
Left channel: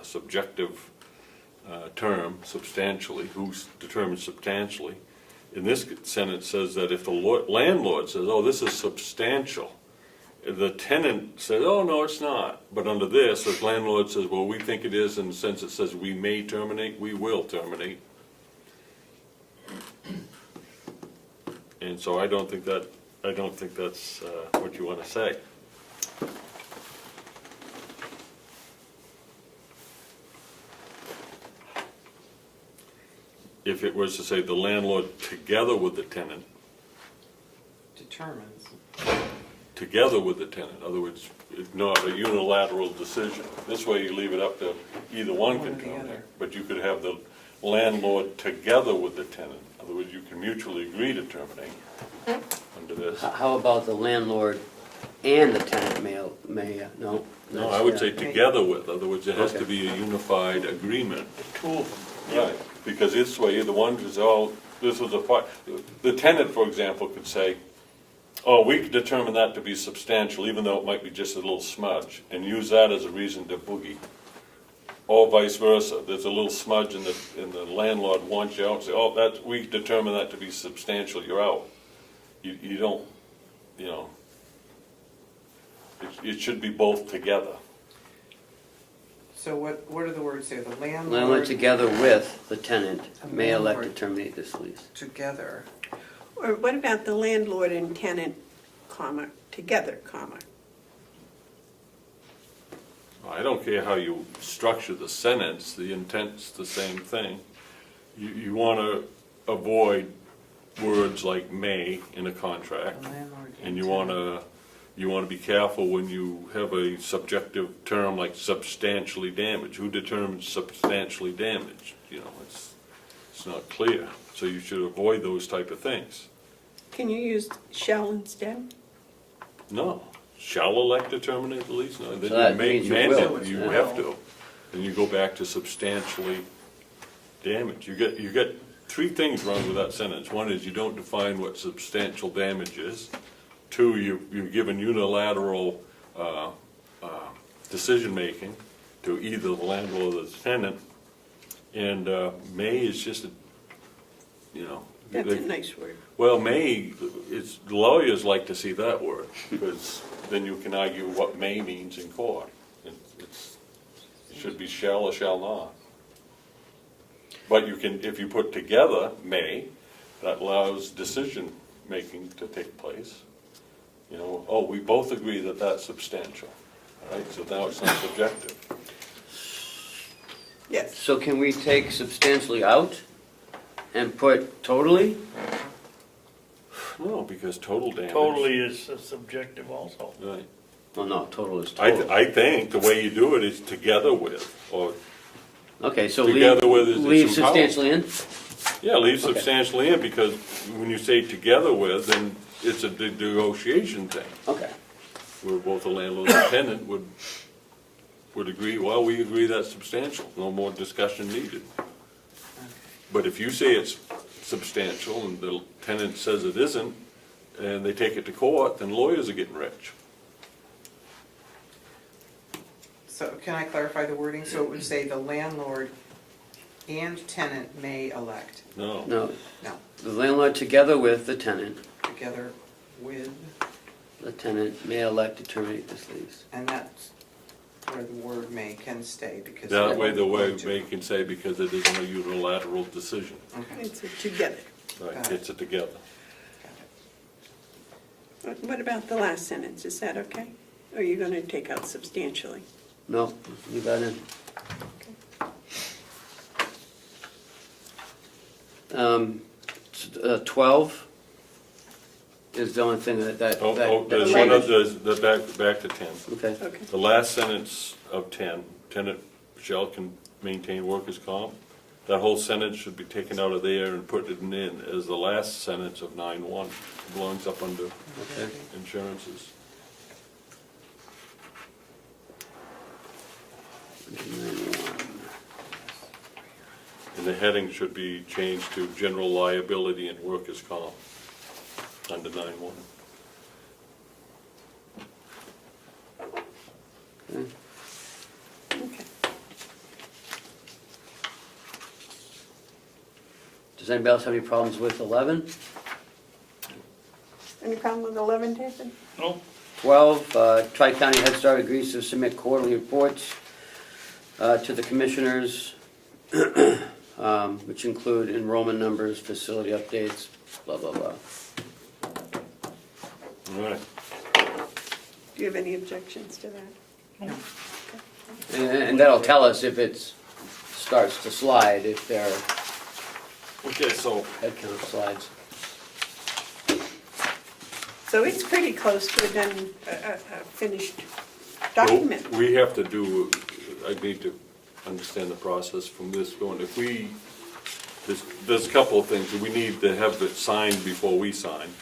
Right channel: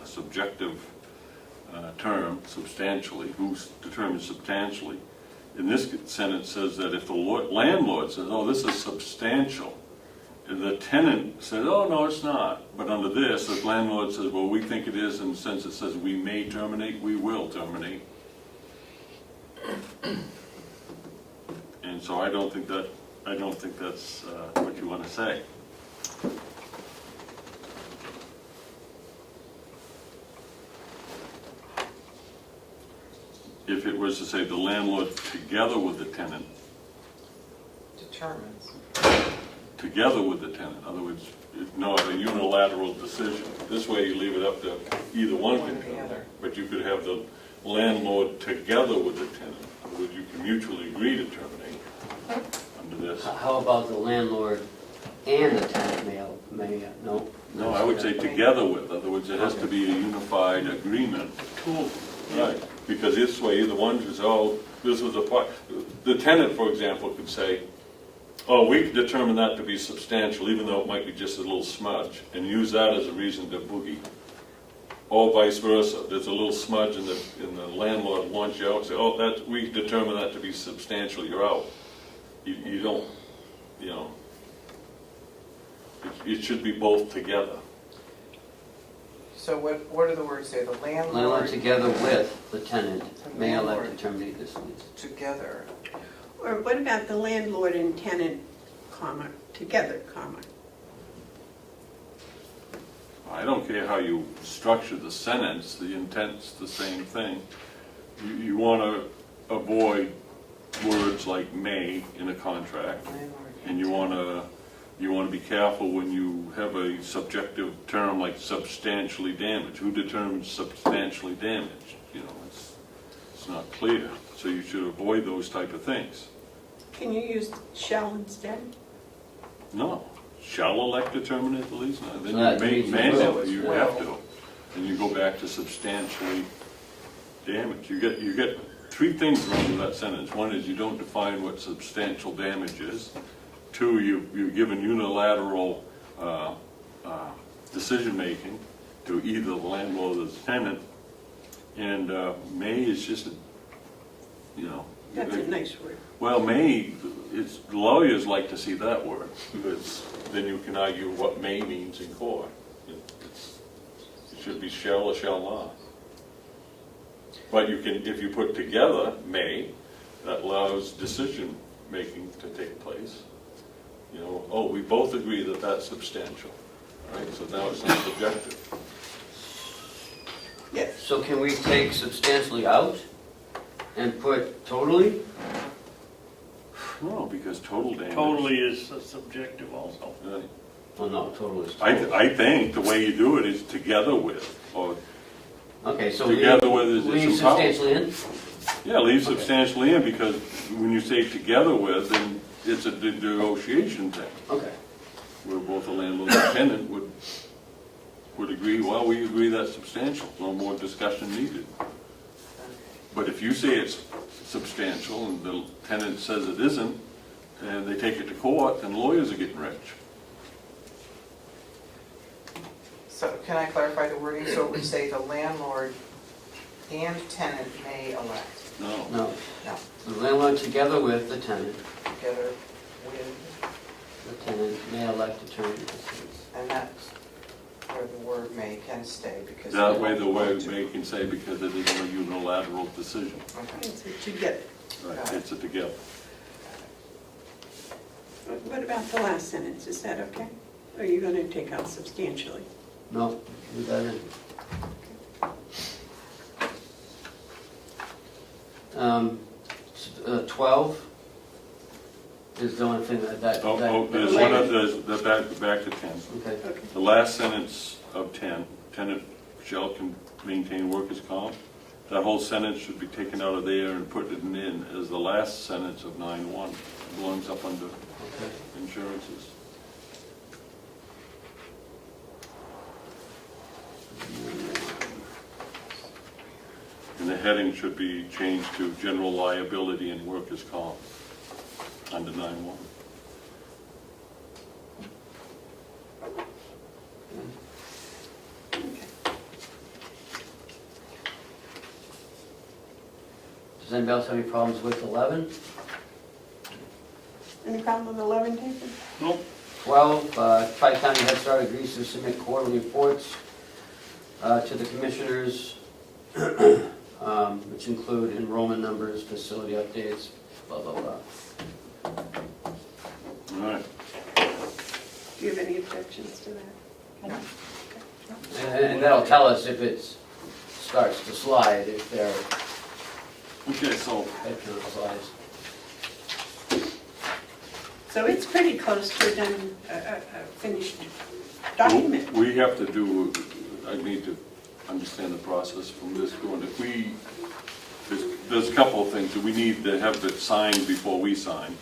subjective term, substantially, who's determined substantially. In this sentence says that if the landlord says, oh, this is substantial, if the tenant says, oh, no, it's not. But under this, the landlord says, well, we think it is, and since it says we may terminate, we will terminate. And so I don't think that's what you want to say. If it was to say the landlord together with the tenant, Determines. together with the tenant, in other words, it's not a unilateral decision. This way you leave it up to either one can terminate, but you could have the landlord together with the tenant. In other words, you can mutually agree to terminate under this. How about the landlord and the tenant may, no? No, I would say together with, in other words, it has to be a unified agreement. Tool. Right, because this way, the one who's, oh, this is a fire, the tenant, for example, could say, oh, we could determine that to be substantial, even though it might be just a little smudge, and use that as a reason to boogie. Or vice versa, there's a little smudge and the landlord wants you out, say, oh, that, we determine that to be substantial, you're out. You don't, you know, it should be both together. So what do the words say? The Landlord landlord together with the tenant may elect to terminate this lease. together. Or what about the landlord and tenant, comma, together, comma? I don't care how you structure the sentence, the intent's the same thing. You want to avoid words like may in a contract, Landlord and you want to be careful when you have a subjective term like substantially damaged. Who determines substantially damaged? You know, it's not clear. So you should avoid those type of things. Can you use shall instead? No. Shall elect to terminate the lease? No, So that then means you you mandate, will. you Yeah. have to. And you go back to substantially damaged. You get three things wrong with that sentence. One is you don't define what substantial damage is. Two, you've given unilateral decision-making to either the landlord or the tenant. And may is just, you know. That's a nice word. Well, may, lawyers like to see that word, because then you can argue what may means in court. It should be shall or shall not. But you can, if you put together may, that allows decision-making to take place. You know, oh, we both agree that that's substantial, right? So now it's not subjective. Yes. So can we take substantially out and put totally? No, because total damage. Totally is subjective also. Right. Well, no, total is total. I think the way you do it is together with, or Okay, so together with is leave some power. substantially in? Yeah, leave Okay. substantially in, because when you say together with, then it's a negotiation thing, Okay. where both the landlord and the tenant would agree, well, we agree that's substantial, no more discussion needed. But if you say it's substantial and the tenant says it isn't, and they take it to court, then lawyers are getting rich. So can I clarify the wording? So it would say the landlord and tenant may elect No. No, No. the landlord together with the tenant, together with, the tenant may elect to terminate this lease. and that's where the word may can stay, because. That way the word may can say because it isn't a unilateral decision. Okay. It's together. Right, it's a together. What about the last sentence, is that okay? Or are you gonna take out substantially? No, you got it. 12 is the only thing that There's one changes. of the, back to 10. Okay, Okay. The last sentence of 10, tenant shall maintain workers' comp. That whole sentence should be taken out of there and put it in as the last sentence of 9.1. Belongs up under okay. insurances. And the heading should be changed to general liability and workers' comp under 9.1. Okay. Does anybody else have any problems with 11? Any problem with 11, Jason? No, 12, Tri-County Head Start agrees to submit quarterly reports to the commissioners, which include enrollment numbers, facility updates, blah, blah, blah. All right. Do you have any objections to that? And that'll tell us if it starts to slide, if their Okay, so head count slides. So it's pretty close to a finished document. we have to do, I need to understand the process from this going. If we, there's a couple of things that we need to have it signed before we sign.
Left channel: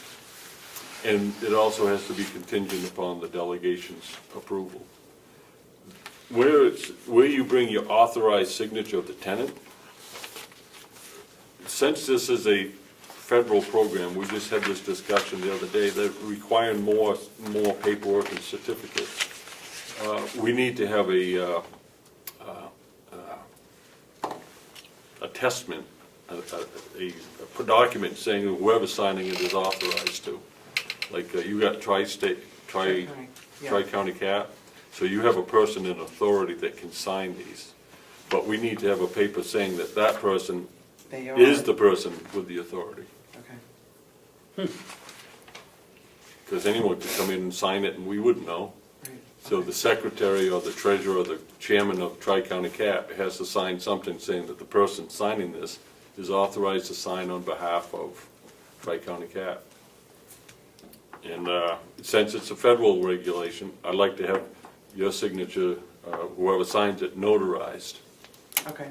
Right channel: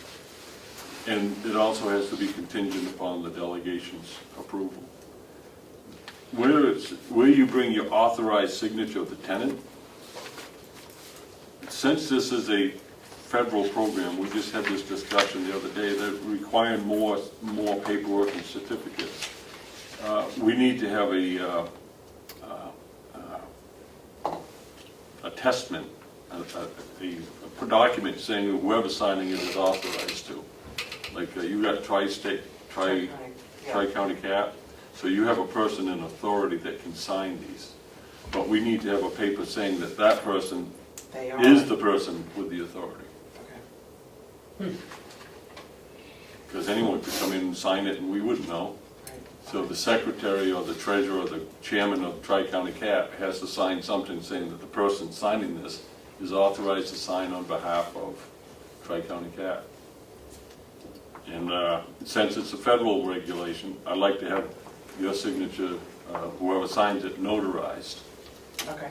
And it also has to be contingent upon the delegation's approval. Where you bring your authorized signature of the tenant, since this is a federal program, we just had this discussion the other day, that requiring more paperwork and certificates. We need to have a testament, a document saying whoever's signing it is authorized to. Like you got Right, yeah. Tri-County Cap, so you have a person in authority that can sign these. But we need to have a paper saying that that person They are. is the person with the authority. Okay. Because anyone could come in and sign it and we wouldn't know. Right. So the secretary or the treasurer or the chairman of Tri-County Cap has to sign something saying that the person signing this is authorized to sign on behalf of Tri-County Cap. And since it's a federal regulation, I'd like to have their signature, whoever signs it, notarized. Okay.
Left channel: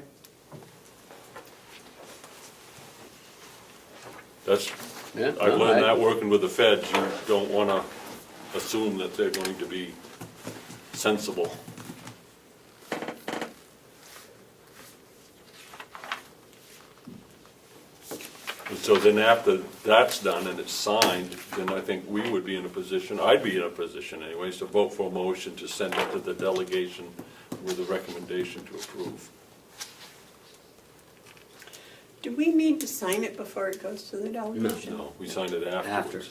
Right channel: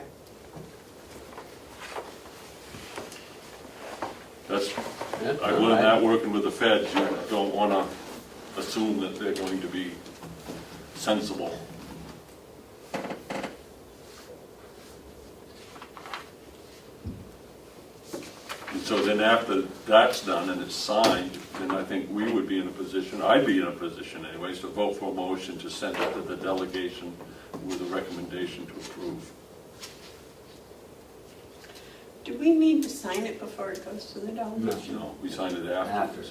That's, Yeah, I learned that working with the feds, you don't want to assume that they're going to be sensible. And so then after that's done and it's signed, then I think we would be in a position, I'd be in a position anyway, to vote for a motion to send it to the delegation with a recommendation to approve. Do we need to sign it before it goes to the delegation? No, we signed it after. After. Okay.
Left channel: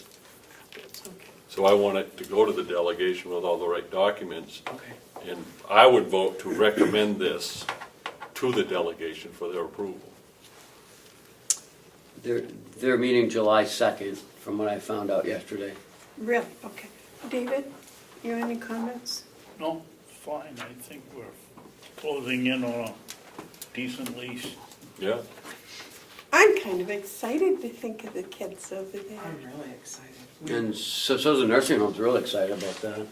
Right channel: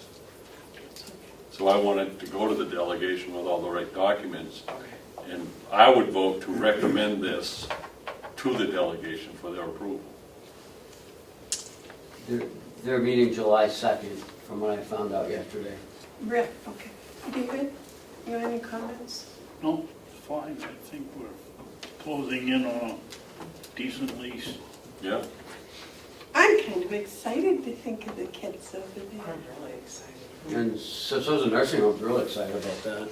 So I want it to go to the delegation with all the right documents. Okay. And I would vote to recommend this to the delegation for their approval. They're meeting July 2nd, from what I found out yesterday. Real, okay. David, you have any comments? no, it's fine, I think we're closing in on a decent lease. Yeah? I'm kind of excited to think of the kids over there. I'm really excited. And so's the nursing home's real excited about that.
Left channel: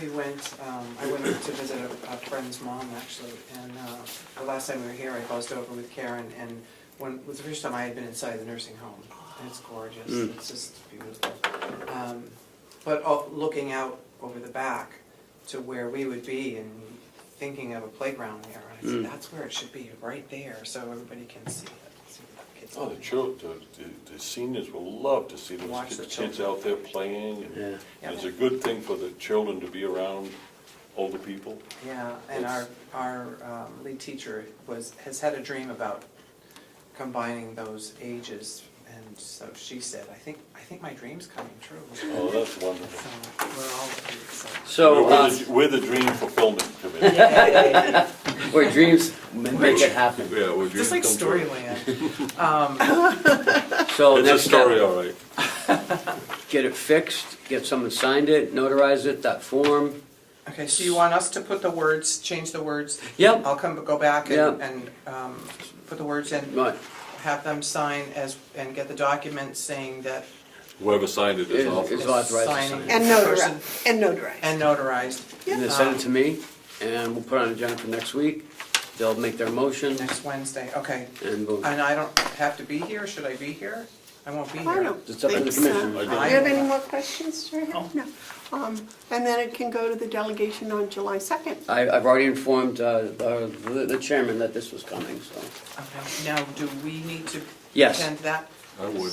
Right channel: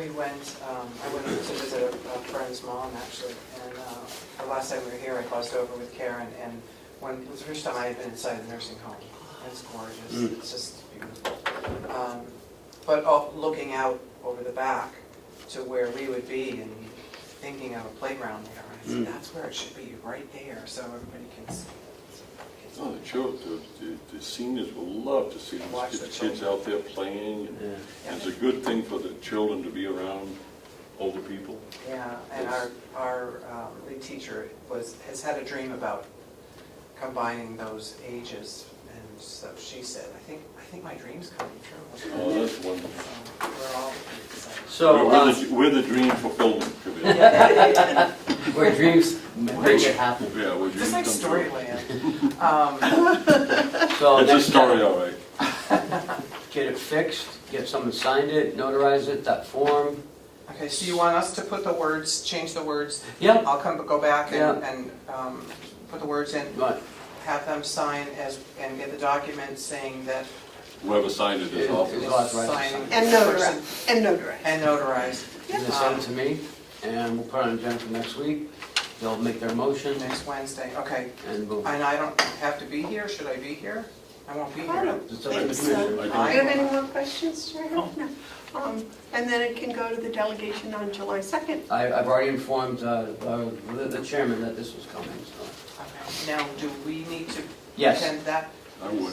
We went, I went to visit a friend's mom actually, and the last time we were here, I buzzed over with Karen, and when, it was the first time I had been inside the nursing home. It's gorgeous, it's just beautiful. But looking out over the back to where we would be and thinking of a playground there, I said, that's where it should be, right there, so everybody can see it. So the kids Oh, the seniors will love to see Watch the those kids out there playing. And Yeah. it's a good thing for the children to be around older people. Yeah, and our lead teacher has had a dream about combining those ages, and so she said, I think my dream's coming true. Oh, that's wonderful. So we're all excited. So, We're the dream fulfillment committee. where dreams make it happen. Yeah, we're Just like dream come Storyland. So true. It's a next story, step, all right. get it fixed, get someone signed it, notarize it, that form. Okay, so you want us to put the words, change the words? Yep, I'll go back Yeah. and put the words in, right, have them sign and get the document saying that Whoever signed it is Is authorized. authorized to signing sign. And notarized. and notarized and then send it to me, and we'll put it on the agenda for next week. They'll make their motion, next Wednesday, okay. and we'll, And I don't have to be here, should I be here? I won't be I here. don't it's up to the think so. commissioner. Do you have any more questions, Jerry? No. No. And then it can go to the delegation on July 2nd. I've already informed the chairman that this was coming, so. Okay, now, do we need to Yes, attend that? I would.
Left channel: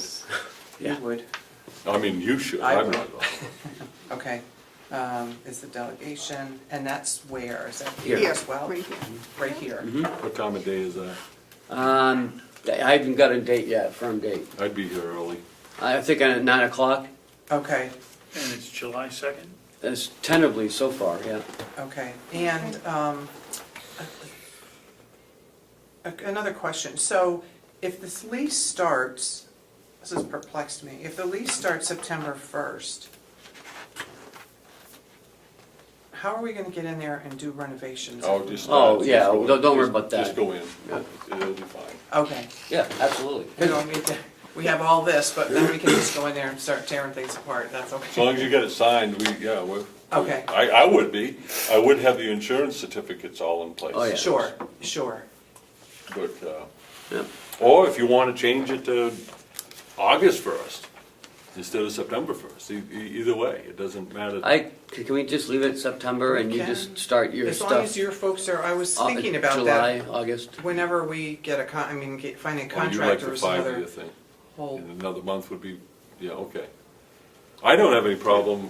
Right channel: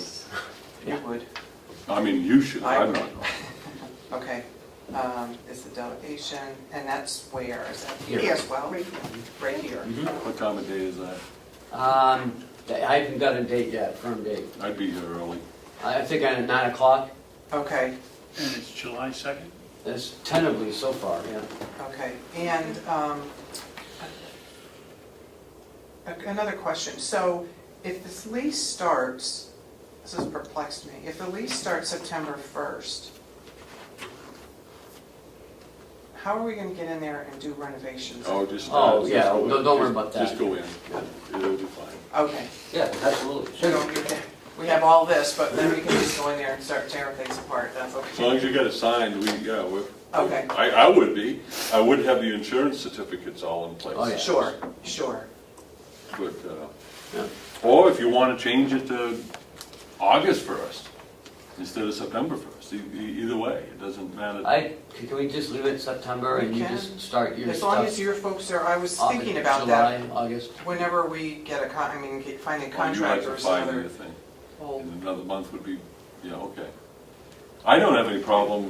Yeah. You would, I mean, you should, I I'm would. not. okay. Is the delegation, and that's where, is that Here. here as well? Right here. Right here. mhm. What time of day is that? I haven't got a date yet, firm date. I'd be here early. I think at 9 o'clock, Okay, And it's July 2nd? that's tentatively so far, yeah. okay. And another question. So if this lease starts, this has perplexed me, if the lease starts September 1st, how are we gonna get in there and do renovations? Oh, just. Oh, just yeah, go- don't worry just- about that. Just go in. Yeah. It'll be fine. Okay, Yeah, absolutely. we don't need to, we have all this, but then we can just go in there and start tearing things apart, that's okay. As long as you get it signed, we're. Okay. I would be. I would have the insurance certificates all in place. Oh, yeah. Sure. But, Yeah. or if you want to change it to August 1st instead of September 1st, either way, it doesn't matter. Can we just leave it September and We you can. just start your As long stuff? as your folks are, I was thinking about that. July, August. Whenever we get finding Or you like the contractors, 5-year another thing, whole, and another month would be, yeah, okay. I don't have any problem,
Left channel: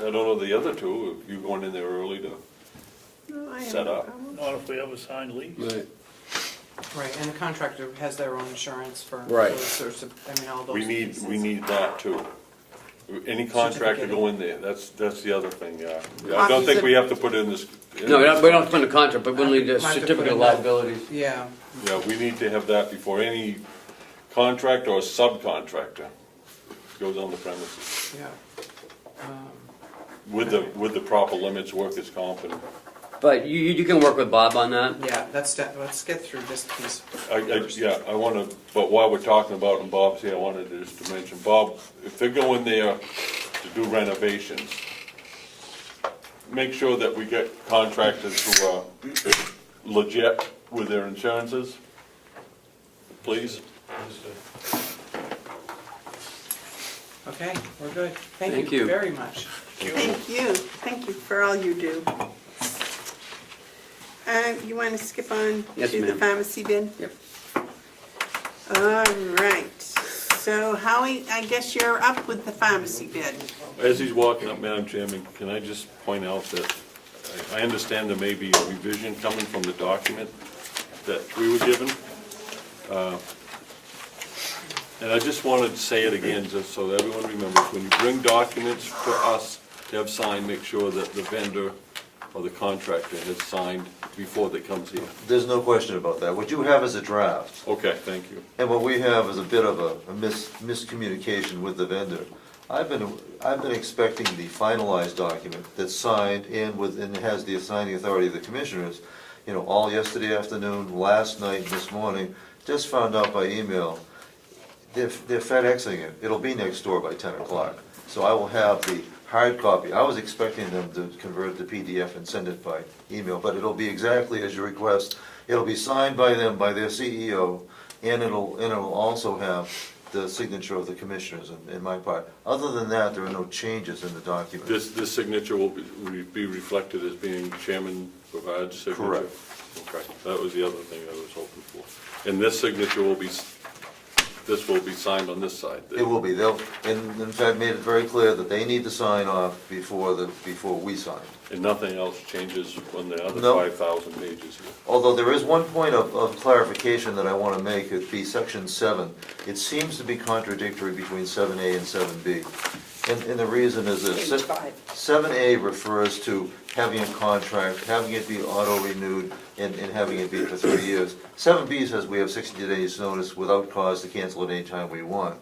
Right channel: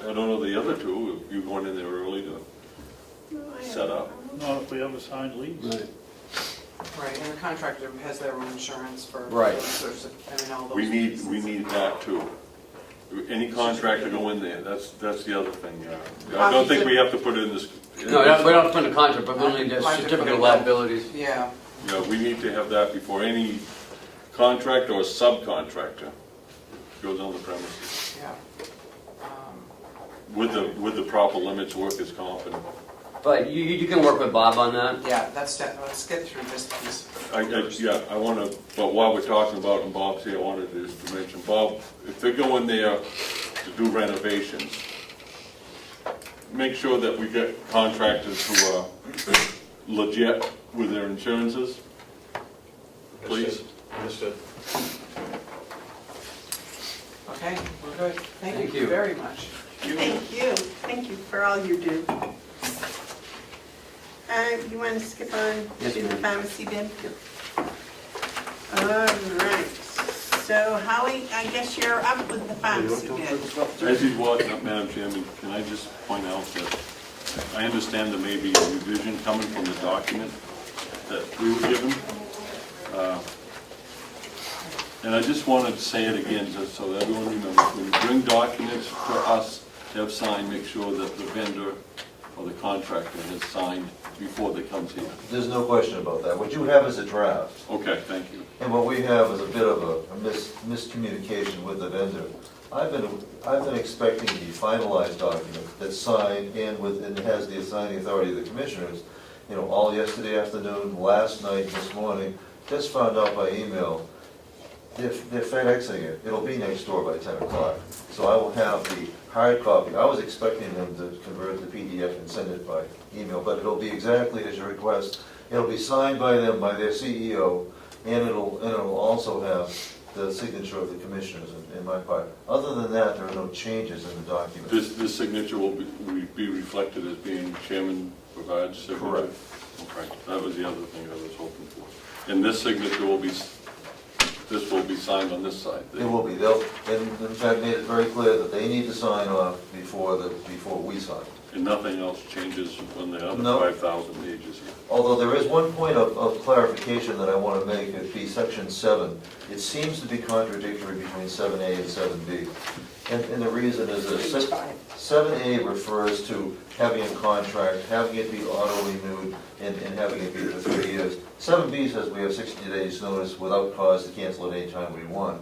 I don't know the other two, if you're going in there early to, No, I Set up. Not if we have a signed lease. Right. right, and the contractor has their own insurance for Right. those sorts of, all those. we pieces. need that too. Any contractor go in there, that's the other thing, yeah. I don't think we have to put in this. No, we don't put in the contract, but we'll need the certificate of liabilities. Yeah, Yeah, we need to have that before any contractor or subcontractor goes on the premises. yeah. With the proper limits, workers' comp, and But you can work with Bob on that. Yeah, let's get through this piece. I wanna, but while we're talking about, and Bob's here, I wanted to just to mention, Bob, if they're going there to do renovations, make sure that we get contractors who are legit with their insurances, please. Okay, we're good. Thank Thank you you. very much. Thank you for all you do. You want to skip on Yes, to the ma'am. pharmacy bid? Yep. All right, so Howie, I guess you're up with the pharmacy bid. As he's walking up, Madam Chairman, can I just point out that I understand there may be a revision coming from the document that we were given. And I just wanted to say it again, just so that everyone remembers, when you bring documents for us to have signed, make sure that the vendor or the contractor has signed before they comes here. There's no question about that. What you have is a draft, Okay, thank you. and what we have is a bit of a miscommunication with the vendor. I've been expecting the finalized document that's signed and has the assigning authority of the commissioners, all yesterday afternoon, last night, this morning. Just found out by email, they're FedExing it. It'll be next door by 10 o'clock. So I will have the hard copy. I was expecting them to convert the PDF and send it by email, but it'll be exactly as you request. It'll be signed by them, by their CEO, and it'll also have the signature of the commissioners in my part. Other than that, there are no changes in the document. This signature will be reflected as being Chairman Bevard's signature? Correct. Okay, that was the other thing I was hoping for. And this signature will be this will be signed on this side. It will be, they'll, and in fact made it very clear that they need to sign off before we sign. And nothing else changes when they're under No. 5,000 pages here. Although there is one point of clarification that I want to make, it'd be section 7. It seems to be contradictory between 7A and 7B. And the reason is Page this, 5. 7A refers to having a contract, having it be auto-renewed, and having it be for 3 years. 7B says we have 60 days notice without cause to cancel it anytime we want.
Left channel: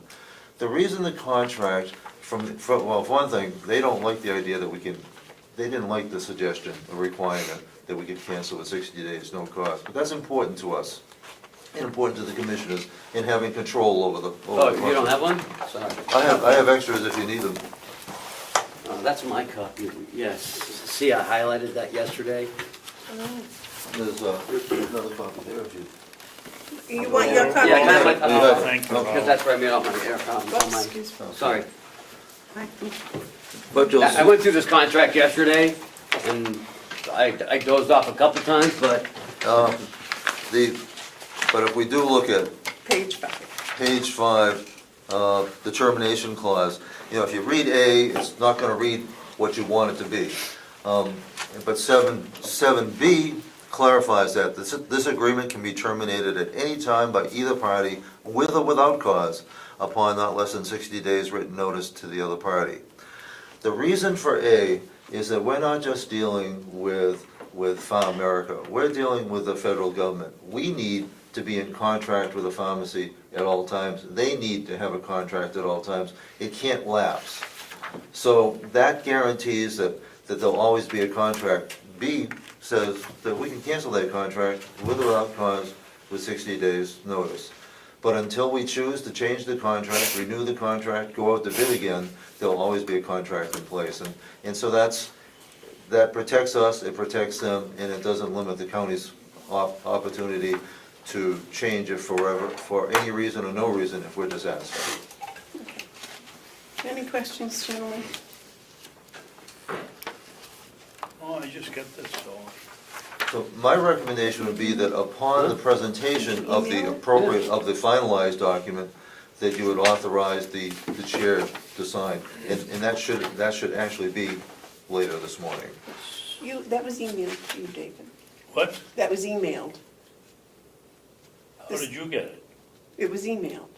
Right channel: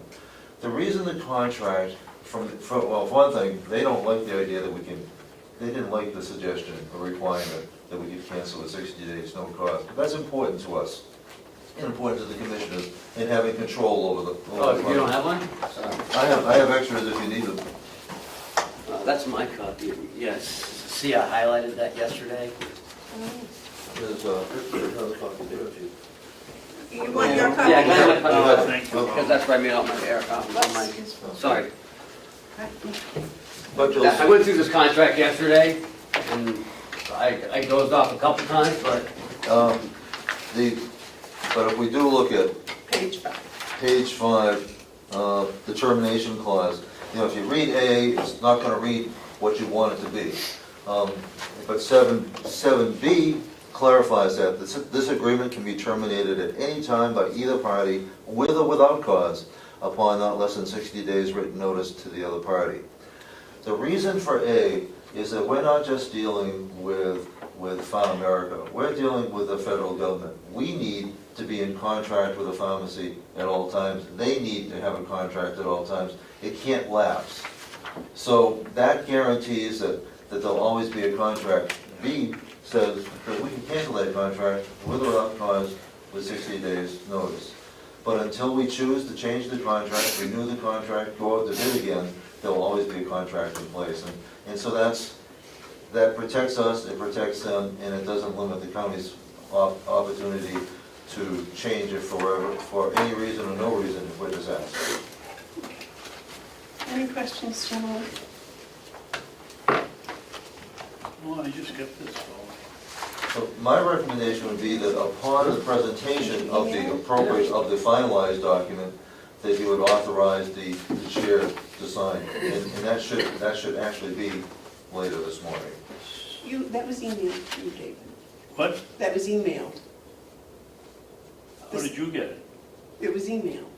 The reason the contract, well, for one thing, they don't like the idea that we can, they didn't like the suggestion, the requirement, that we could cancel with 60 days, no cost. But that's important to us, and important to the commissioners, in having control over the. Oh, you don't have one? Sorry. I have extras if you need them. That's my copy, yes. See, I highlighted that yesterday. There's another copy there, Chief. You want your copy? Yeah, I got my copy. Thank you. Because that's where I made all my error, sorry. But you'll I went through this contract yesterday, and I dozed off a couple times, but but if we do look at Page 5. page 5, the termination clause, you know, if you read A, it's not gonna read what you want it to be. But 7B clarifies that this agreement can be terminated at any time by either party, with or without cause, upon not less than 60 days written notice to the other party. The reason for A is that we're not just dealing with Farm America, we're dealing with the federal government. We need to be in contract with the pharmacy at all times. They need to have a contract at all times. It can't lapse. So that guarantees that there'll always be a contract. B says that we can cancel that contract with or without cause with 60 days notice. But until we choose to change the contract, renew the contract, go out to bid again, there'll always be a contract in place. And so that protects us, it protects them, and it doesn't limit the county's opportunity to change it forever, for any reason or no reason, if we're just asked. Any questions, gentlemen? Oh, I just get this, so. So my recommendation would be that upon the presentation of the appropriate, of the finalized document, that you would authorize the chair to sign. And that should actually be later this morning. That was emailed to you, David. What? That was emailed. How did you get it? It was emailed.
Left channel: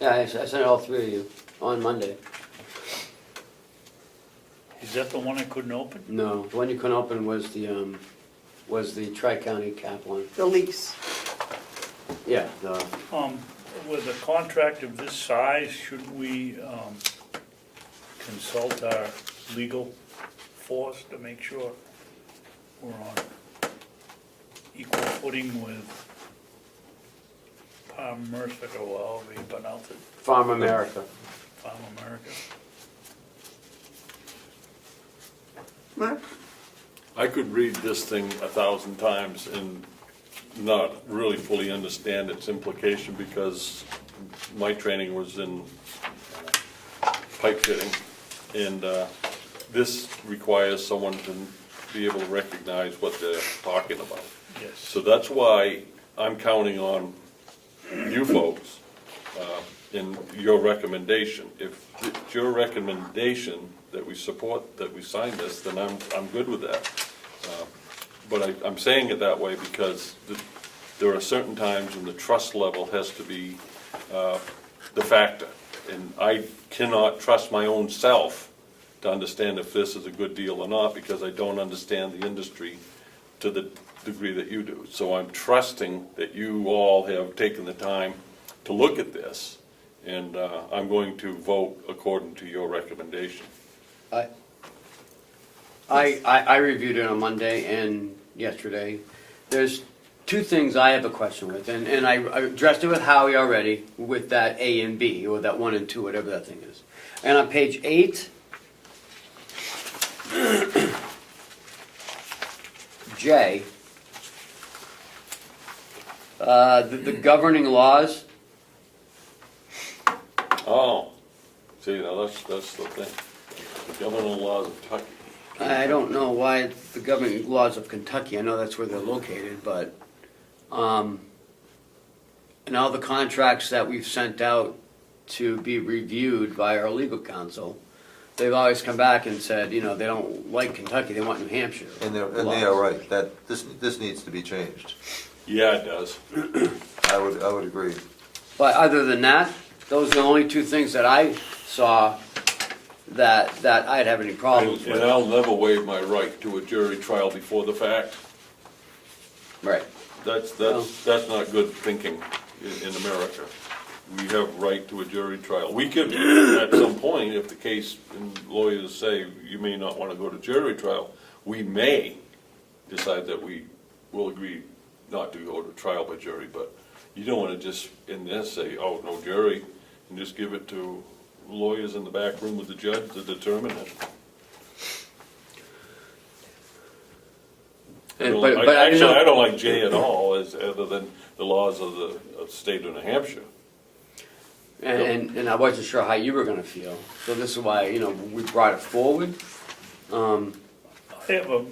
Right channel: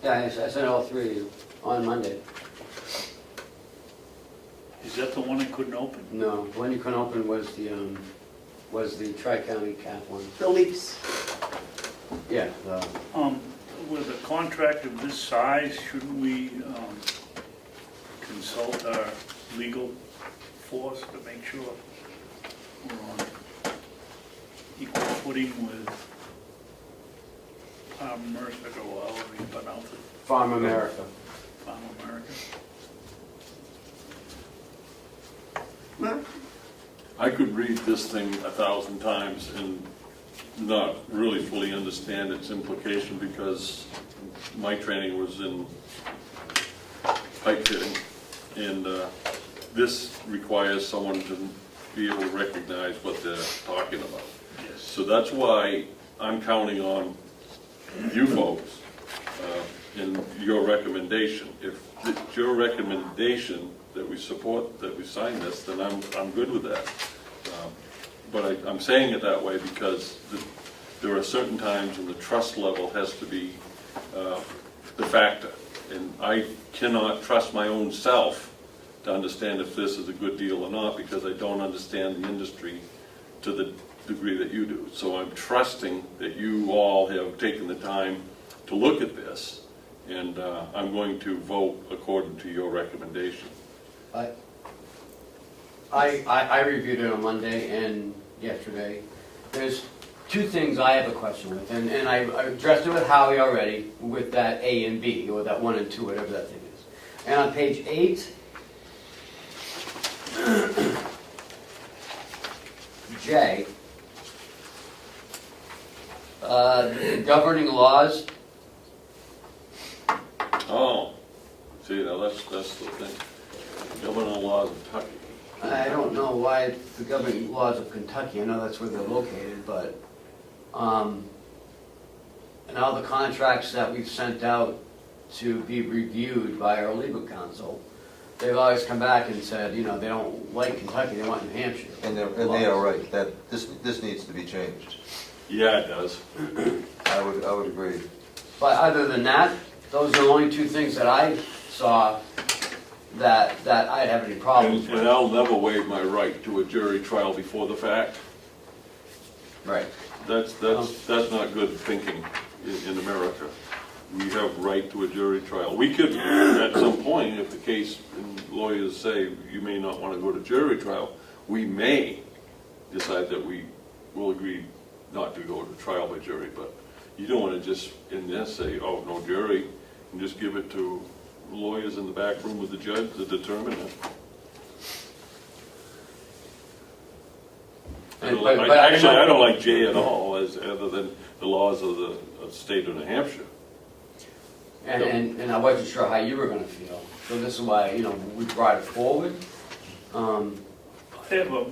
yeah, I sent all three of you on Monday. Is that the one I couldn't open? No, the one you couldn't open was the Tri-County Cap one. The lease. Yeah, With a contract of this size, shouldn't we consult our legal force to make sure we're on equal footing with Mercer or however you pronounce it, Farm America. Farm America? Mark? I could read this thing 1,000 times and not really fully understand its implication, because my training was in pipe fitting, and this requires someone to be able to recognize what they're talking about. Yes. So that's why I'm counting on you folks in your recommendation. If it's your recommendation that we support, that we sign this, then I'm good with that. But I'm saying it that way because there are certain times when the trust level has to be the factor. And I cannot trust my own self to understand if this is a good deal or not, because I don't understand the industry to the degree that you do. So I'm trusting that you all have taken the time to look at this, and I'm going to vote according to your recommendation. I reviewed it on Monday and yesterday. There's two things I have a question with, and I addressed it with Howie already, with that A and B, or that 1 and 2, whatever that thing is. And on page 8, J, the governing laws. Oh, see, now that's the thing. Governing laws of Kentucky. I don't know why the governing laws of Kentucky, I know that's where they're located, but, and all the contracts that we've sent out to be reviewed by our legal counsel, they've always come back and said, you know, they don't like Kentucky, they want New Hampshire. And they are right, that this needs to be changed. Yeah, it does. I would agree. But other than that, those are the only two things that I saw that I'd have any problems And with. I'll never waive my right to a jury trial before the fact. Right. That's not good thinking in America. We have right to a jury trial. We could, at some point, if the case and lawyers say you may not want to go to jury trial, we may decide that we will agree not to go to trial by jury, but you don't want to just, in this, say, oh, no jury, and just give it to lawyers in the back room with the judge to determine it. Actually, I don't like J at all, other than the laws of the state of New Hampshire. And I wasn't sure how you were gonna feel, so this is why, you know, we brought it forward. I have a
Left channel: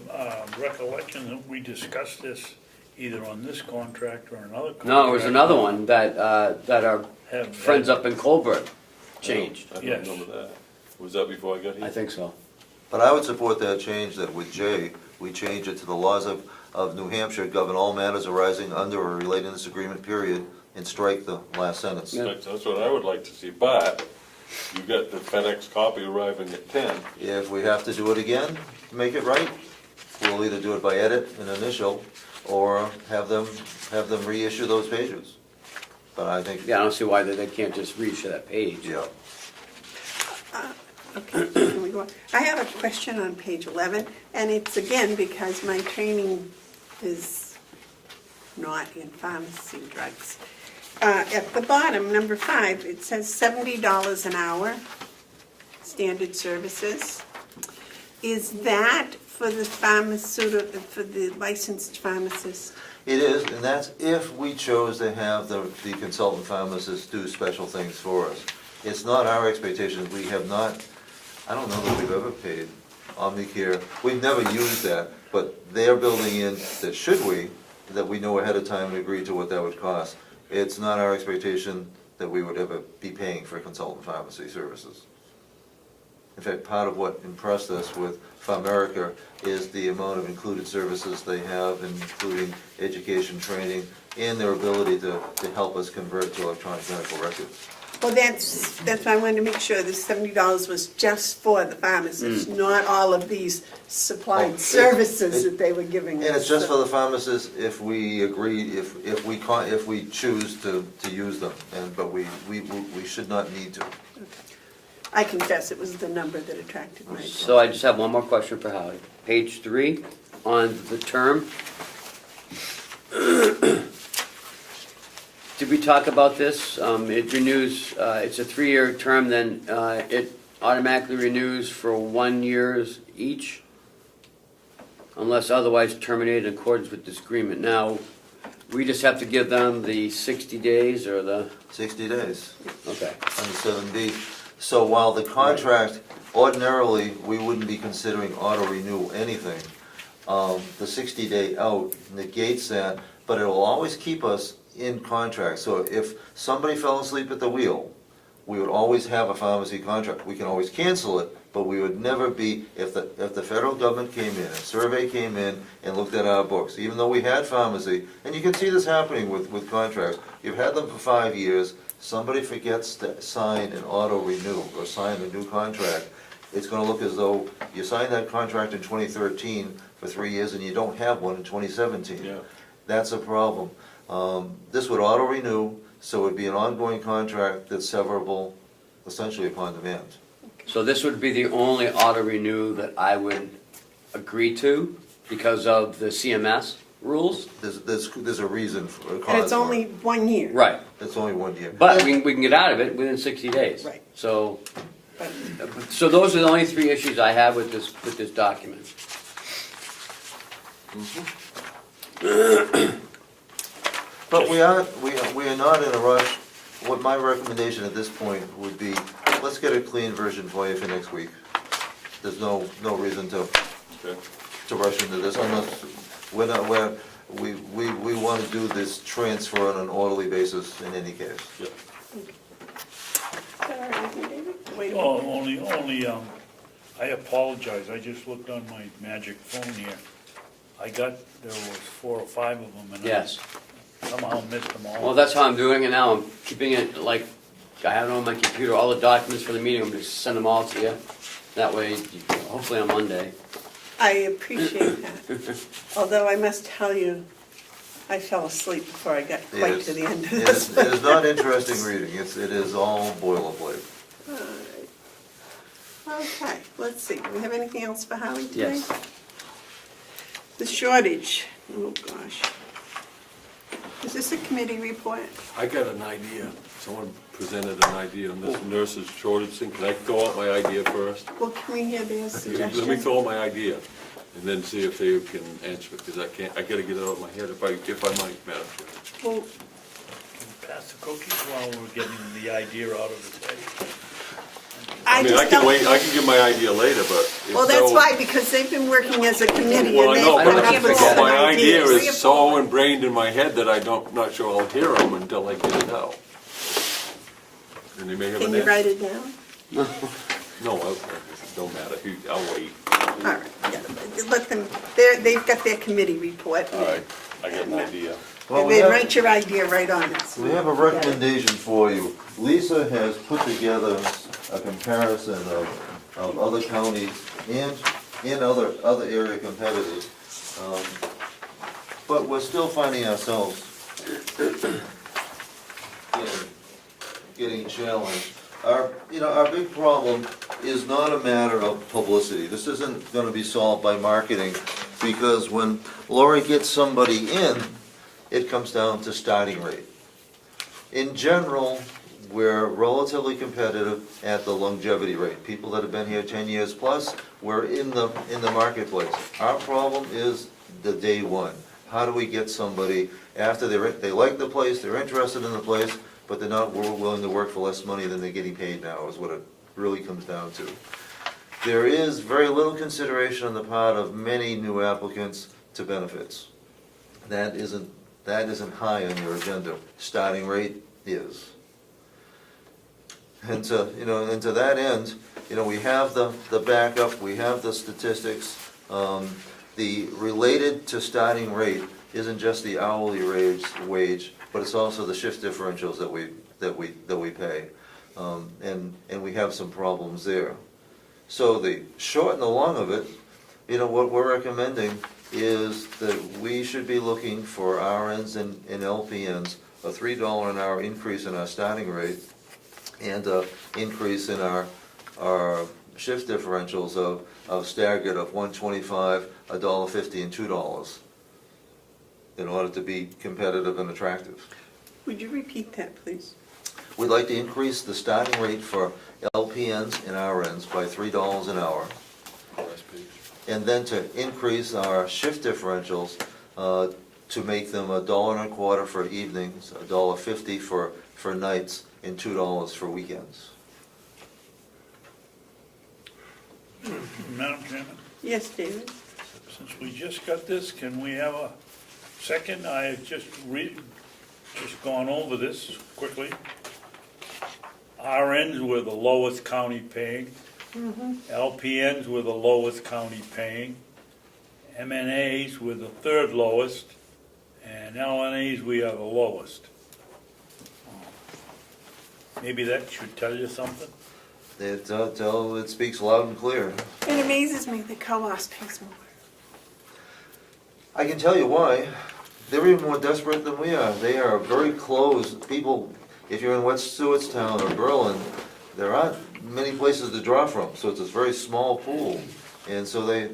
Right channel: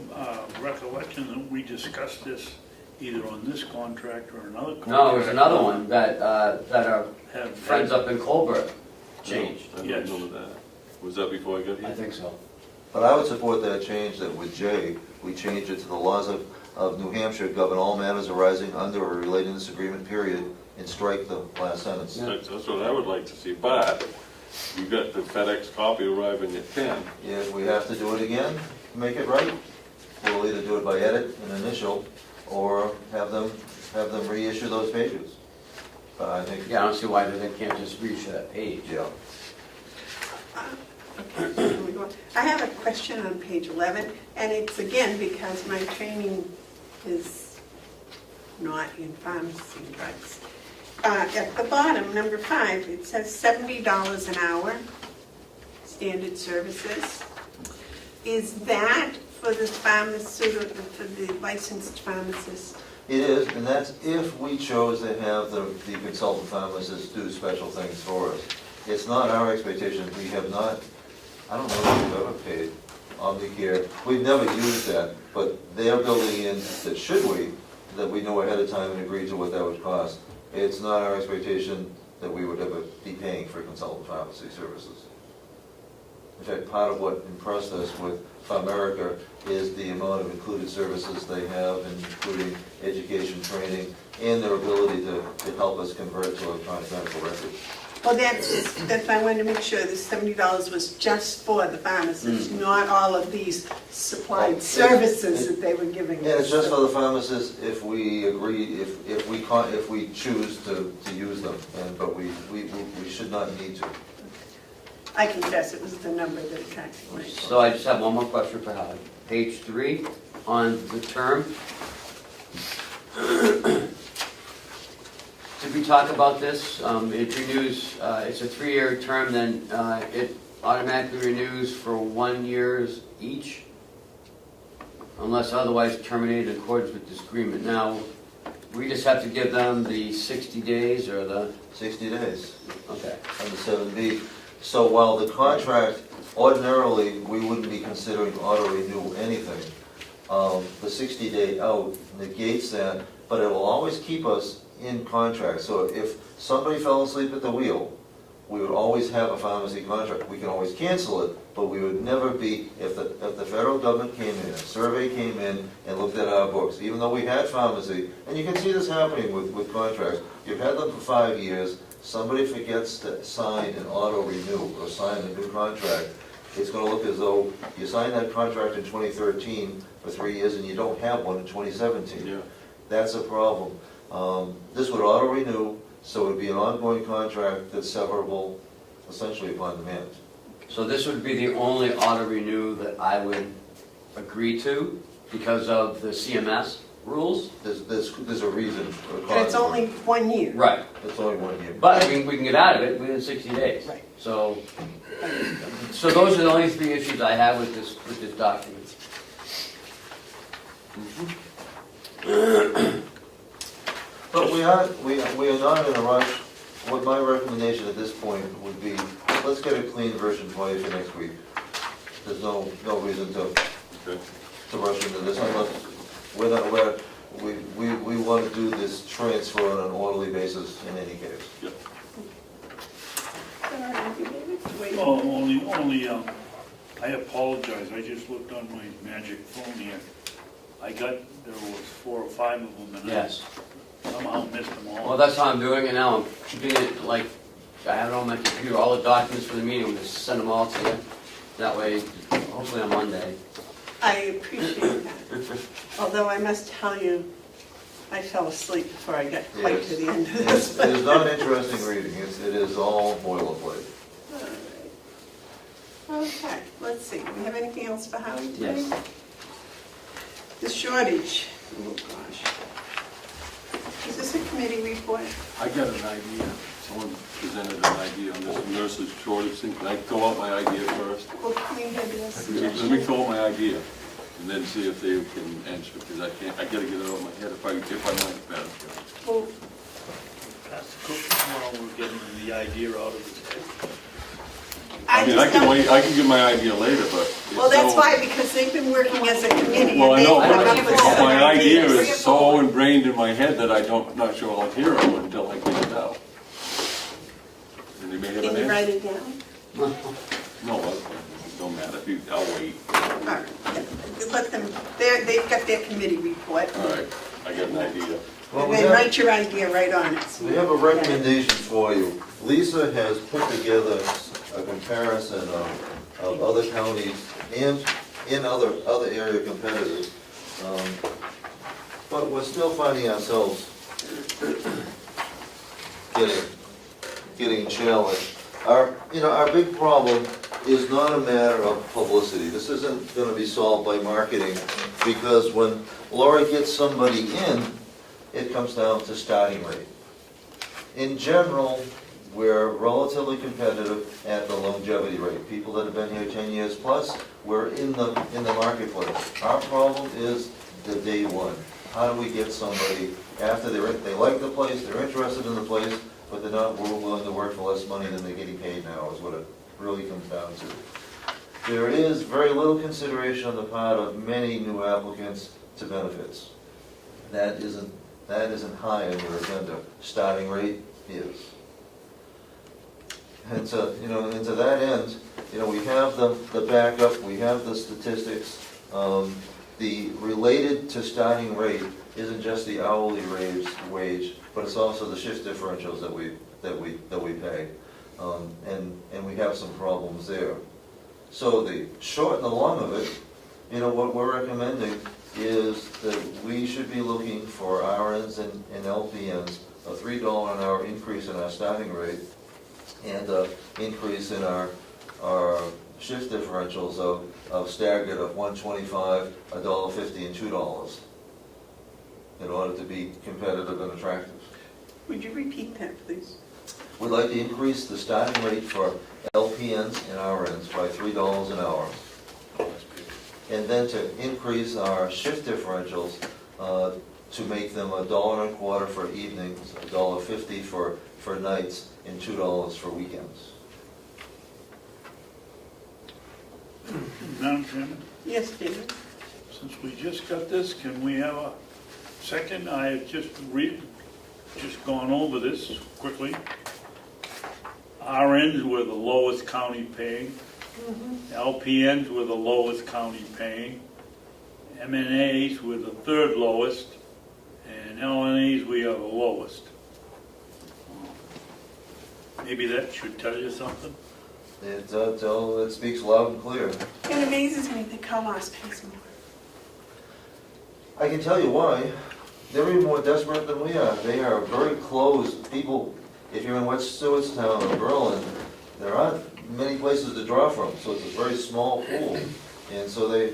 recollection that we discussed this either on this contract or another contract. No, it was another one that our Have- friends up in Colbert changed. I Yes. don't remember that. Was that before I got here? I think so. But I would support that change, that with J, we change it to the laws of New Hampshire govern all matters arising under or relating to this agreement, period, and strike the last sentence. That's what I would like to see, but you got the FedEx copy arriving at 10. If we have to do it again, make it right, we'll either do it by edit and initial, or have them reissue those pages. But I think, Yeah, I don't see why they can't just reissue that page. yeah. Okay, here we go. I have a question on page 11, and it's again because my training is not in pharmacy drugs. At the bottom, number 5, it says $70 an hour, standard services. Is that for the pharmaceutical, for the licensed pharmacist? It is, and that's if we chose to have the consultant pharmacists do special things for us. It's not our expectation, we have not, I don't know if we've ever paid Omnicare, we've never used that, but they're building in that should we, that we know ahead of time and agree to what that would cost. It's not our expectation that we would ever be paying for consultant pharmacy services. In fact, part of what impressed us with PharMerica is the amount of included services they have, including education, training, and their ability to help us convert to electronic medical records. Well, that's I wanted to make sure the $70 was just for the pharmacists, not all of these supplied services that they were giving us. And it's just for the pharmacists if we agree, if we choose to use them, but we should not need to. I confess it was the number that attracted my attention. So I just have one more question for Howard. Page 3, on the term. Did we talk about this? It renews, it's a 3-year term, then it automatically renews for 1 year each, unless otherwise terminated in accordance with this agreement. Now, we just have to give them the 60 days or the, 60 days. okay. On the 7B. So while the contract, ordinarily, we wouldn't be considering auto-renew anything, the 60-day out negates that, but it will always keep us in contract. So if somebody fell asleep at the wheel, we would always have a pharmacy contract. We can always cancel it, but we would never be, if the federal government came in, a survey came in and looked at our books, even though we had pharmacy, and you can see this happening with contracts, you've had them for 5 years, somebody forgets to sign an auto-renew or sign a new contract, it's gonna look as though you signed that contract in 2013 for 3 years and you don't have one in 2017. Yeah. That's a problem. This would auto-renew, so it would be an ongoing contract that's severable essentially upon demand. So this would be the only auto-renew that I would agree to because of the CMS rules? There's a reason for the And it's only 1 year. Right. It's only 1 year. But we can get out of it within 60 days. Right. So those are the only 3 issues I have with this document. But we are not in a rush. What my recommendation at this point would be, let's get a clean version for you for next week. There's no reason to Okay. rush into this unless we want to do this transfer on an orderly basis in any case. All right, David? Wait. Oh, only, I apologize, I just looked on my magic phone here. there was 4 or 5 of them, and Yes. I somehow missed them all. Well, that's how I'm doing it now. I'm keeping it like, I have it on my computer, all the documents for the meeting, we just send them all to you. That way, hopefully on Monday. I appreciate that. Although I must tell you, I fell asleep before I got quite Yes. to the end of It this. is, it is not interesting reading, it is all boilerplate. All right. Okay, let's see, do we have anything else for Howie today? Yes. The shortage, oh gosh. Is this a committee report? I got an idea. Someone presented an idea on this nurses shortage thing. Can I throw out my idea first? Well, can we hear their Let me suggestion? throw out my idea and then see if they can answer, because I gotta get it out of my head if I might, Madam Chair. Well, Pass the cookies while we're getting the idea out of his head. I mean, I can wait, I can give my idea later, but. Well, that's why, because they've been working as a committee Well, and I they've know, come up but with some my idea ideas. is so ingrained in my head that I'm not sure I'll hear them until I get it out. And they may have Can an you answer. write it down? No, no matter, I'll wait. All right, yeah, let them, they've got their committee report. All right, I got an idea. Well, And we they have- write your idea right on it. We have a recommendation for you. Lisa has put together a comparison of other counties and in other area competitors. But we're still finding ourselves getting challenged. Our big problem is not a matter of publicity. This isn't gonna be solved by marketing, because when Laura gets somebody in, it comes down to starting rate. In general, we're relatively competitive at the longevity rate. People that have been here 10 years plus, we're in the marketplace. Our problem is the day one. How do we get somebody after they like the place, they're interested in the place, but they're not willing to work for less money than they're getting paid now, is what it really comes down to. There is very little consideration on the part of many new applicants to benefits. That isn't high on your agenda. Starting rate is. And to that end, we have the backup, we have the statistics. The related to starting rate isn't just the hourly wage, but it's also the shift differentials that we pay. And we have some problems there. So the short and the long of it, what we're recommending is that we should be looking for RNs and LPNs, a $3 an hour increase in our starting rate, and an increase in our shift differentials of staggered of $1.25, $1.50, and $2, in order to be competitive and attractive. Would you repeat that, please? We'd like to increase the starting rate for LPNs and RNs by $3 an hour, and then to increase our shift differentials to make them $1.25 for evenings, $1.50 for nights, and $2 for weekends. Madam Chairman, Yes, David? since we just got this, can we have a second? I've just gone over this quickly. RNs were the lowest county paying. LPNs were the lowest county paying. MNAs were the 3rd lowest, and LNAs we are the lowest. Maybe that should tell you something. It speaks loud and clear. It amazes me that Coas pays more. I can tell you why. They're even more desperate than we are. They are very close. People, if you're in West Stewartstown or Berlin, there aren't many places to draw from, so it's a very small pool. And so they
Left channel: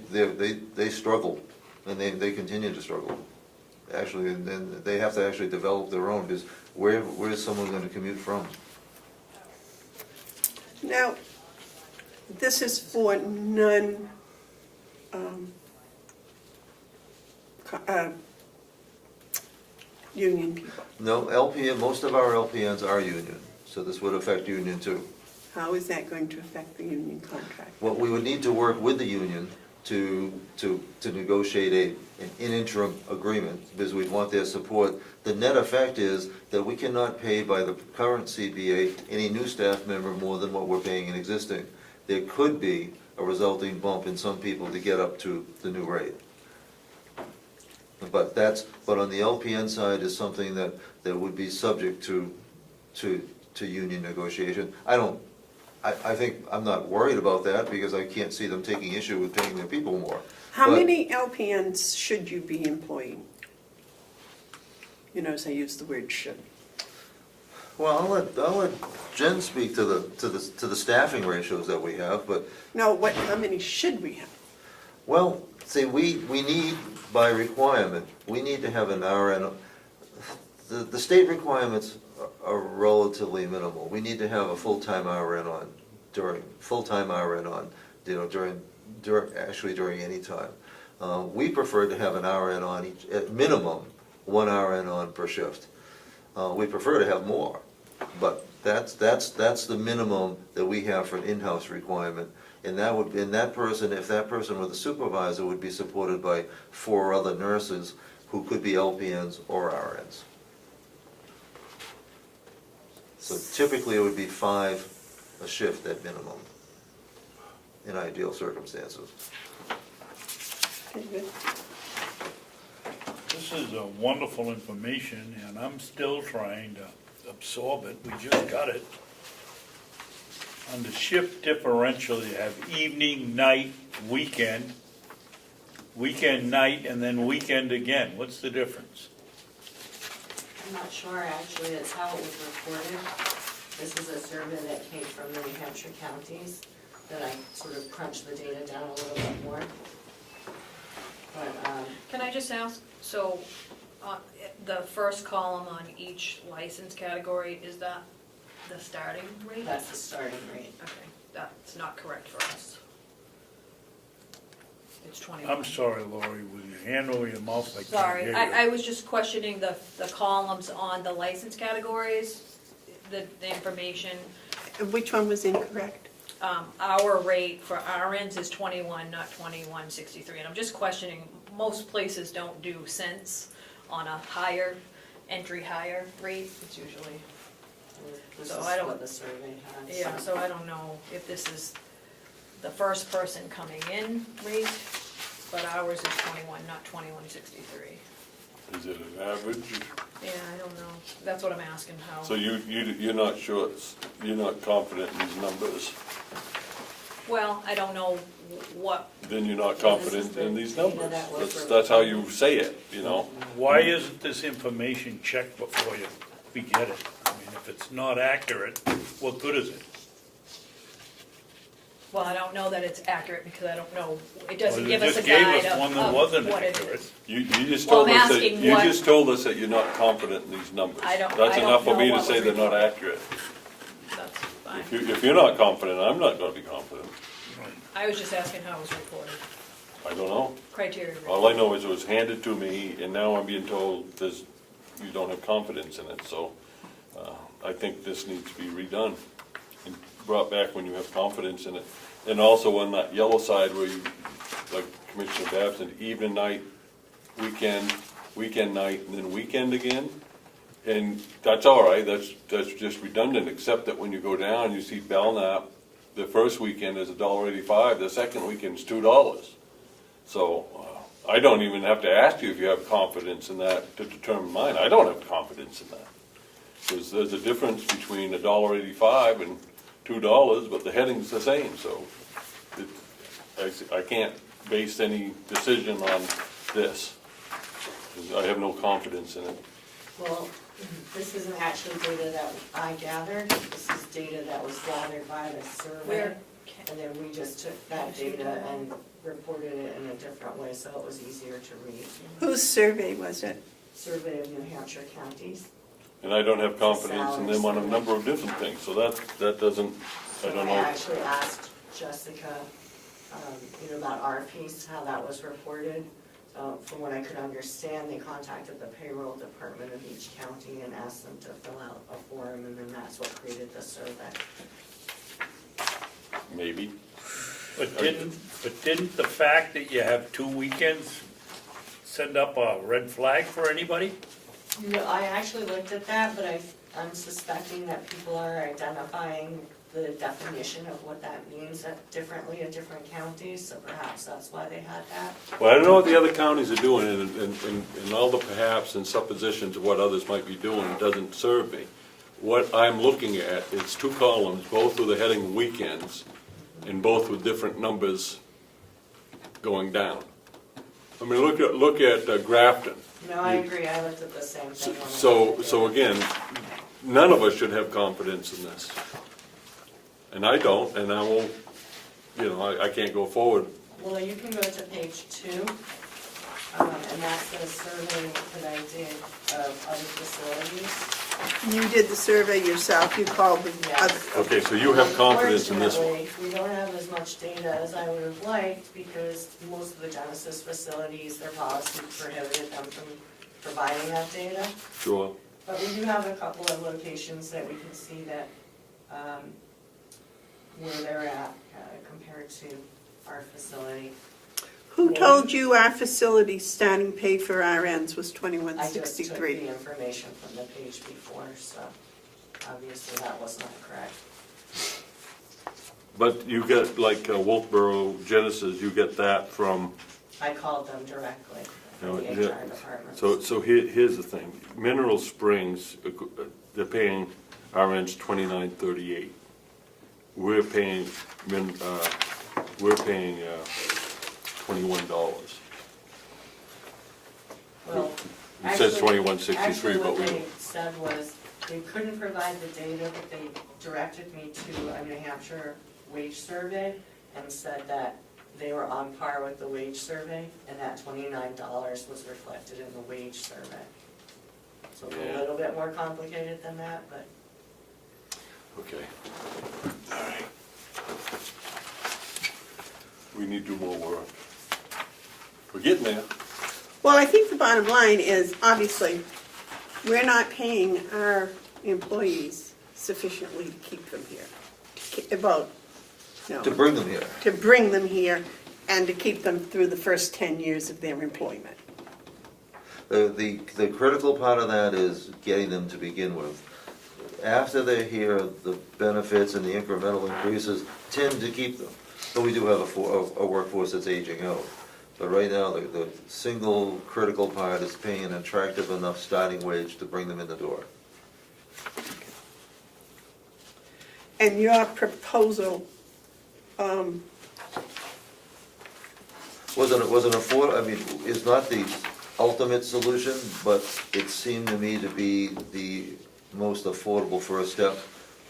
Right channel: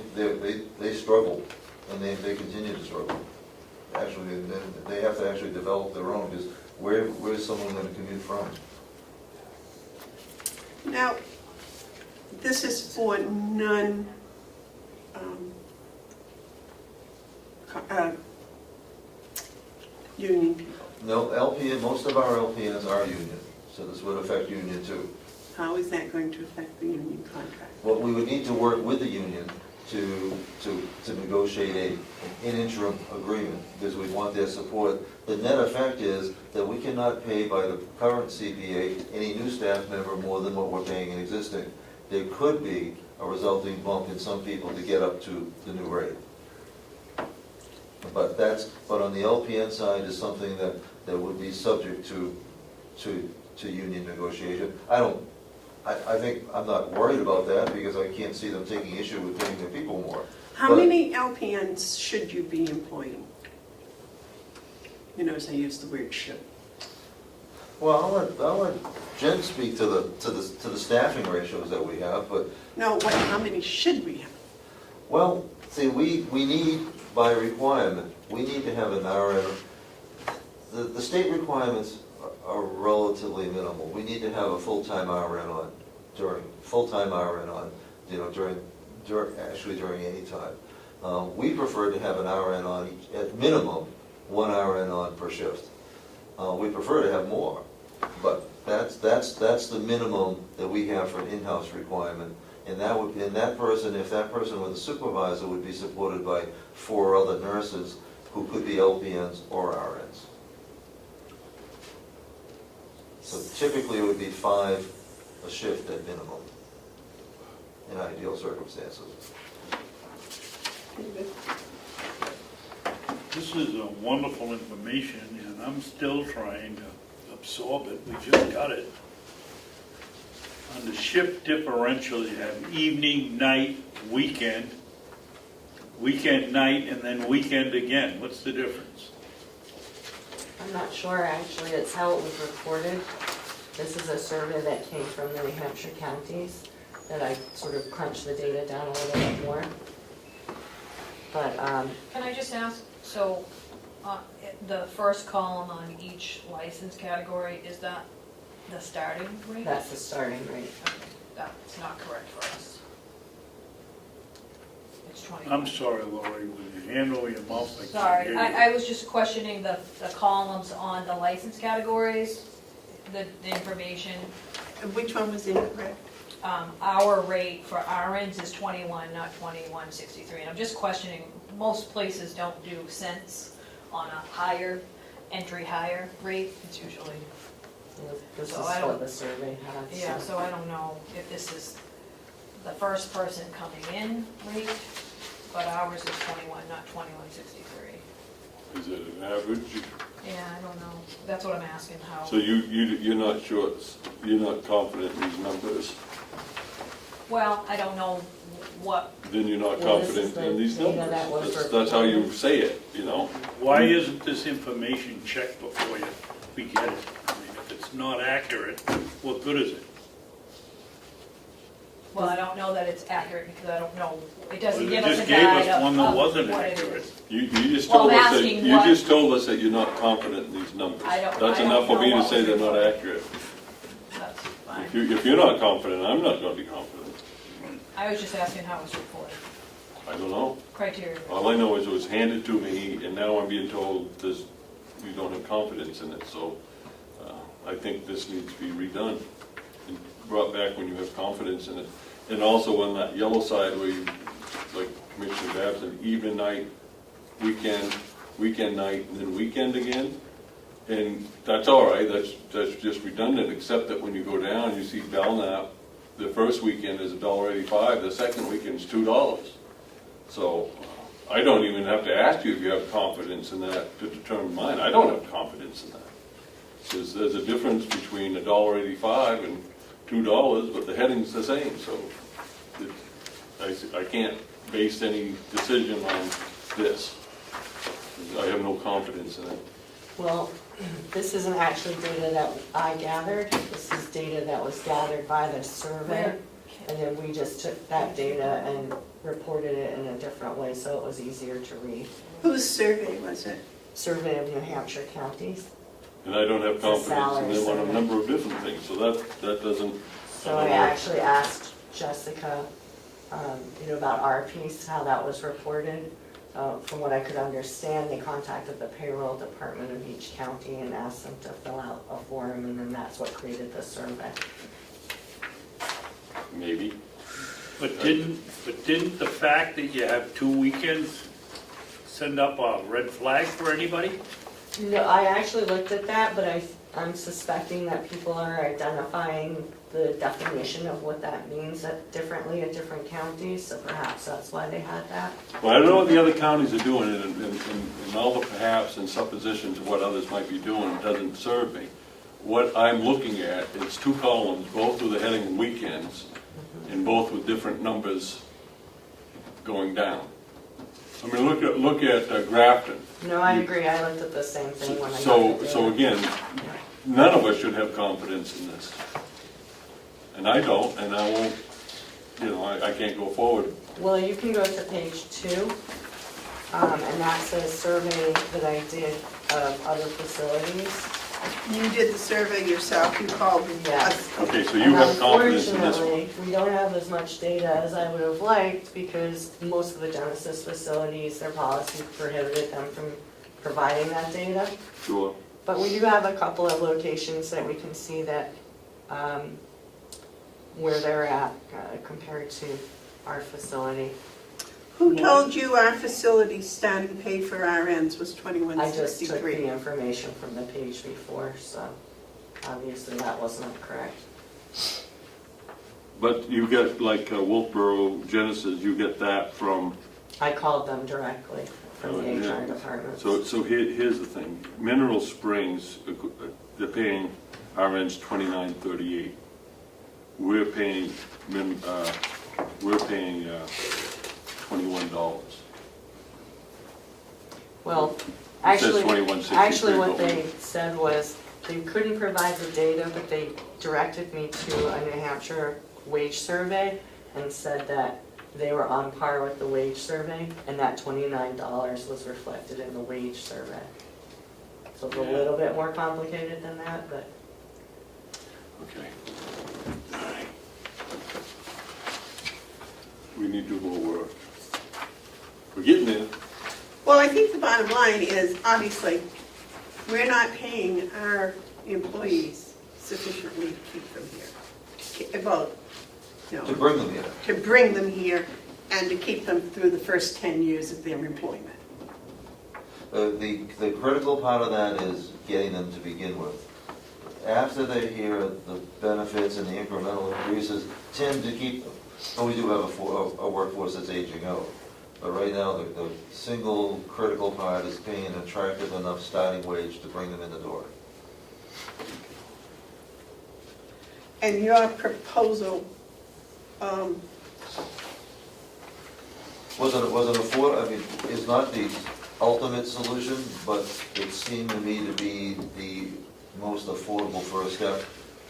struggle, and they continue to struggle. Actually, and they have to actually develop their own, because where's someone going to commute from? Now, this is for non, union people. No, LPN, most of our LPNs are union, so this would affect union too. How is that going to affect the union contract? Well, we would need to work with the union to negotiate an interim agreement, because we want their support. The net effect is that we cannot pay by the current CBA any new staff member more than what we're paying in existing. There could be a resulting bump in some people to get up to the new rate. But on the LPN side is something that would be subject to union negotiation. I think, I'm not worried about that, because I can't see them taking issue with paying their people more. How But- many LPNs should you be employing? You notice I use the word should. Well, I'll let Jen speak to the staffing ratios that we have, but, No, how many should we have? well, see, we need, by requirement, we need to have an RN. The state requirements are relatively minimal. We need to have a full-time RN on during any time. We prefer to have an RN on each, at minimum, one RN on per shift. We prefer to have more, but that's the minimum that we have for an in-house requirement. And if that person with a supervisor would be supported by 4 other nurses who could be LPNs or RNs. So typically it would be 5 a shift at minimum, in ideal circumstances. This is wonderful information, and I'm still trying to absorb it. We just got it. Under shift differential, you have evening, night, weekend, night, and then weekend again. What's the difference? I'm not sure, actually, it's how it was reported. This is a survey that came from the New Hampshire counties, that I sort of crunched the data down a little bit more. But, Can I just ask, so, the first column on each license category, is that the starting rate? that's the starting rate. Okay, that's not correct for us. It's 21. I'm sorry, Lori, will you handle your mouth? I can't Sorry, hear you. I was just questioning the columns on the license categories, the information. And which one was incorrect? Our rate for RNs is 21, not 21.63. And I'm just questioning, most places don't do cents on a higher, higher rate. It's usually, This is So I don't- what the survey had. yeah, so I don't know if this is the first person coming in rate, but ours is 21, not 21.63. Is it an average? Yeah, I don't know. That's what I'm asking, how. So you're not sure, you're not confident in these numbers? Well, I don't know what, Then you're not Well, this confident is in these the data numbers. that was That's how you say it, you know? Why isn't this information checked before we get it? I mean, if it's not accurate, what good is it? well, I don't know that it's accurate because I don't know, it doesn't Well, give you us a just gave guide us one that of wasn't what it accurate. is. You just Well, told I'm us that, asking you what- just told us that you're not confident in these numbers. I don't That's enough for know me to what say was they're not reported. accurate. That's fine. If you're not confident, I'm not gonna be confident. I was just asking how it's reported, I don't know. criteria. All I know is it was handed to me, and now I'm being told you don't have confidence in it, so I think this needs to be redone and brought back when you have confidence in it. And also on that yellow side where you, like Commissioner Babson, evening, night, weekend night, and then weekend again. And that's all right, that's just redundant, except that when you go down, you see Belknap, the first weekend is $1.85, the second weekend is $2. So I don't even have to ask you if you have confidence in that to determine mine. I don't have confidence in that. Because there's a difference between $1.85 and $2, but the heading's the same, so I can't base any decision on this. I have no confidence in it. Well, this isn't actually data that I gathered, this is data that was gathered by the survey. And then we just took that data and reported it in a different way, so it was easier to read. Whose survey was it? Survey of New Hampshire counties. And I don't have confidence in them on a Salaries. number of different things, so that doesn't, I So don't I know. actually asked Jessica, about our piece, how that was reported. From what I could understand, they contacted the payroll department of each county and asked them to fill out a form, and then that's what created the survey. Maybe. But didn't the fact that you have 2 weekends send up a red flag for anybody? No, I actually looked at that, but I'm suspecting that people are identifying the definition of what that means differently in different counties, so perhaps that's why they had that. Well, I don't know what the other counties are doing, and all the perhaps and suppositions of what others might be doing doesn't serve me. What I'm looking at is 2 columns, both with the heading weekends, and both with different numbers going down. I mean, look at Grafton. No, I agree, I looked at the same thing when I looked at So it. again, none of us should have confidence in this. And I don't, and I won't, I can't go forward. Well, you can go to page 2, and that's a survey that I did of other facilities. You did the survey yourself, you called us. Okay, so you have confidence in this one. Unfortunately, we don't have as much data as I would have liked because most of the Genesis facilities, their policy prohibited them from providing that data. Sure. But we do have a couple of locations that we can see that, where they're at compared to our facility. Who told you our facility starting pay for RNs was I just took $21.63? the information from the page before, so obviously that was not correct. But you get, like, Wolfboro, Genesis, you get that from, I called them directly from the Yeah. HR department. so here's the thing. Mineral Springs, they're paying RNs $29.38. We're paying $21. Well, It says actually, 21.63. actually what but they said was they couldn't provide the data, but they directed me to a New Hampshire wage survey and said that they were on par with the wage survey and that $29 was reflected in the wage survey. So it's a little bit more complicated than that, but Okay. All right. We need to do more work. We're getting there. Well, I think the bottom line is, obviously, we're not paying our employees sufficiently to keep them here. To bring them here. To bring them here and to keep them through the first 10 years of their employment. The critical part of that is getting them to begin with. After they're here, the benefits and the incremental increases tend to keep them. But we do have a workforce that's aging out. But right now, the single critical part is paying an attractive enough starting wage to bring them in the door. And your proposal, is not the ultimate solution, but it seemed to me to be the most affordable first step,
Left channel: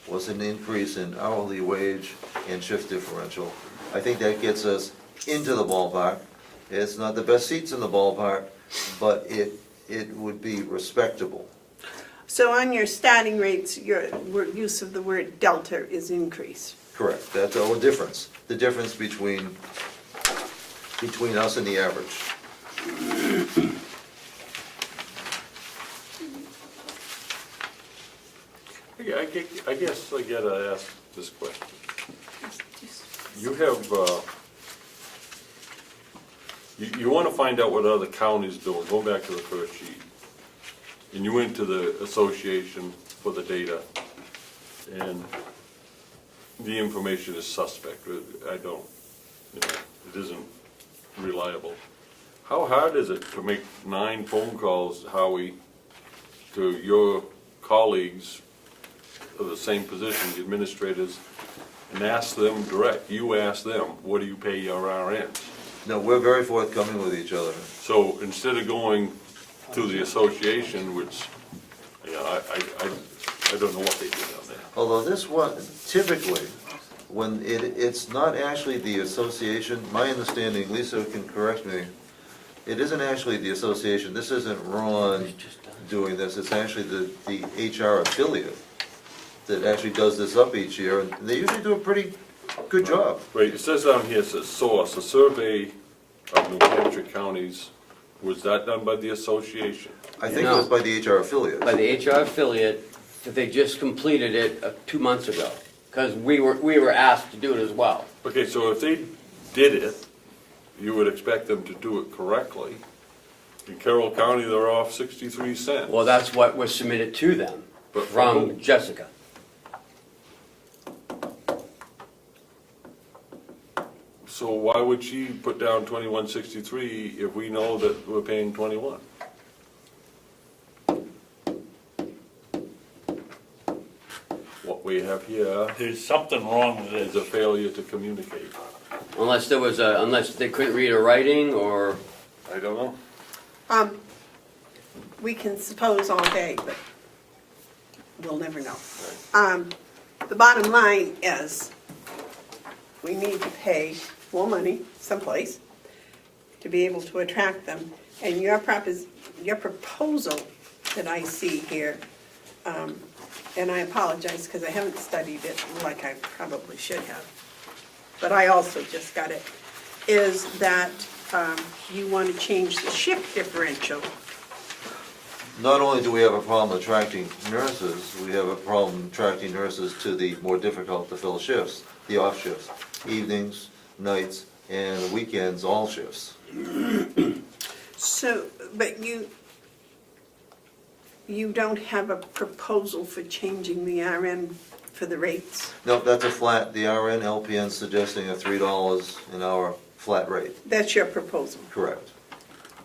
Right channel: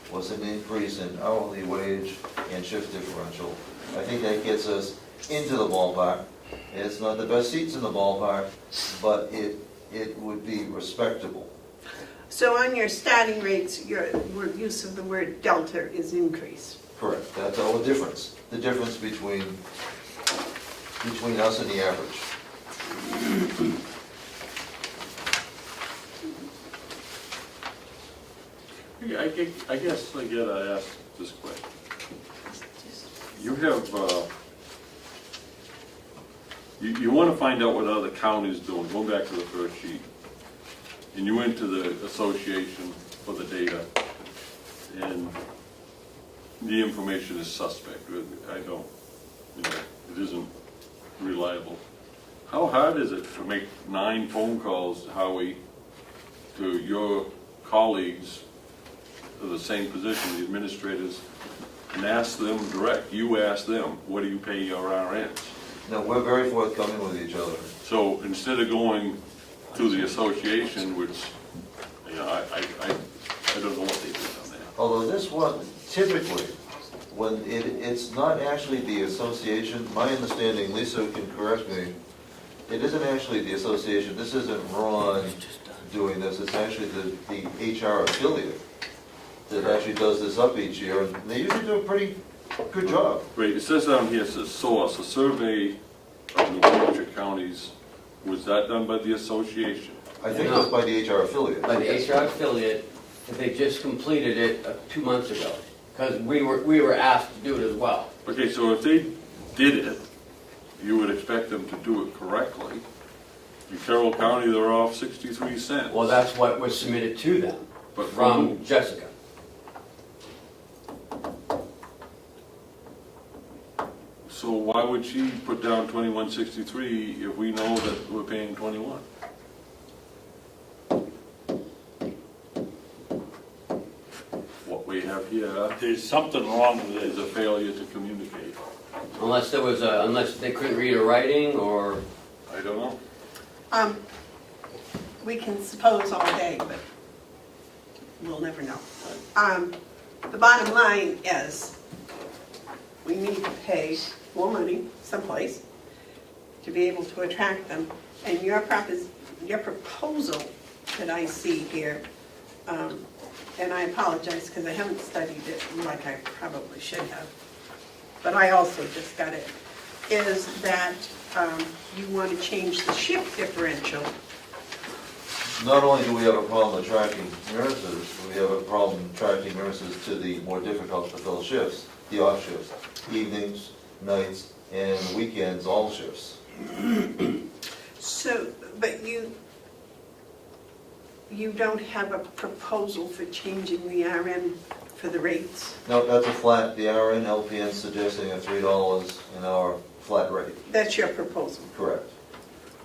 was an increase in hourly wage and shift differential. I think that gets us into the ballpark. It's not the best seats in the ballpark, but it would be respectable. so on your starting rates, your use of the word delta is increase. Correct, that's the only difference, the difference between us and the average. Yeah, I guess I gotta ask this question. You have, you wanna find out what other counties doing, go back to the first sheet. And you went to the association for the data, and the information is suspect. I don't, it isn't reliable. How hard is it to make 9 phone calls, Howie, to your colleagues for the same position, the administrators, and ask them direct, you ask them, what do you pay your RNs? No, we're very forthcoming with each other. So instead of going to the association, which, I don't know what they do on that. Although this one, typically, when it's not actually the association, my understanding, Lisa can correct me, it isn't actually the association, this isn't Ron doing this, it's actually the HR affiliate that actually does this up each year, and they usually do a pretty good job. Wait, it says down here, it says source, a survey of New Hampshire counties, was that done by the association? I think it was by the HR affiliate. By the HR affiliate, they just completed it 2 months ago, because we were asked to do it as well. Okay, so if they did it, you would expect them to do it correctly. In Carroll County, they're off 63 cents. Well, that's what was submitted to them But from Jessica. So why would she put down 2163 if we know that we're paying 21? What we have here There's something wrong with is it. a failure to communicate. Unless there was a, unless they couldn't read a writing, or, I don't know. We can suppose all day, but we'll never know. The bottom line is, we need to pay more money someplace to be able to attract them. And your proposal that I see here, and I apologize because I haven't studied it like I probably should have, but I also just got it, is that you want to change the shift differential. Not only do we have a problem attracting nurses, we have a problem attracting nurses to the more difficult to fill shifts, the off shifts, evenings, nights, and weekends, all shifts. So, but you don't have a proposal for changing the RN for the rates? No, that's a flat, the RN LPN suggesting a $3 an hour flat rate, That's your proposal. correct.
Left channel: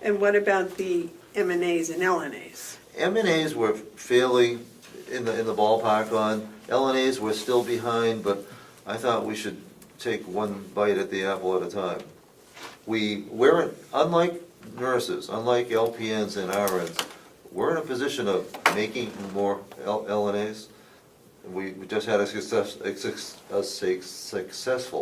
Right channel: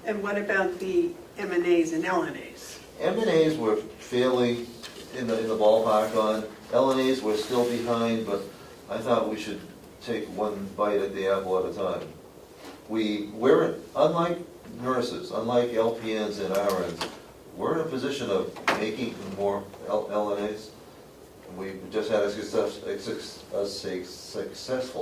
And what about the M&As and LNAs? M&As we're fairly in the ballpark on. LNAs we're still behind, but I thought we should take one bite at the apple at a time. We're, unlike nurses, unlike LPNs and RNs, we're in a position of making more LNAs. We just had a successful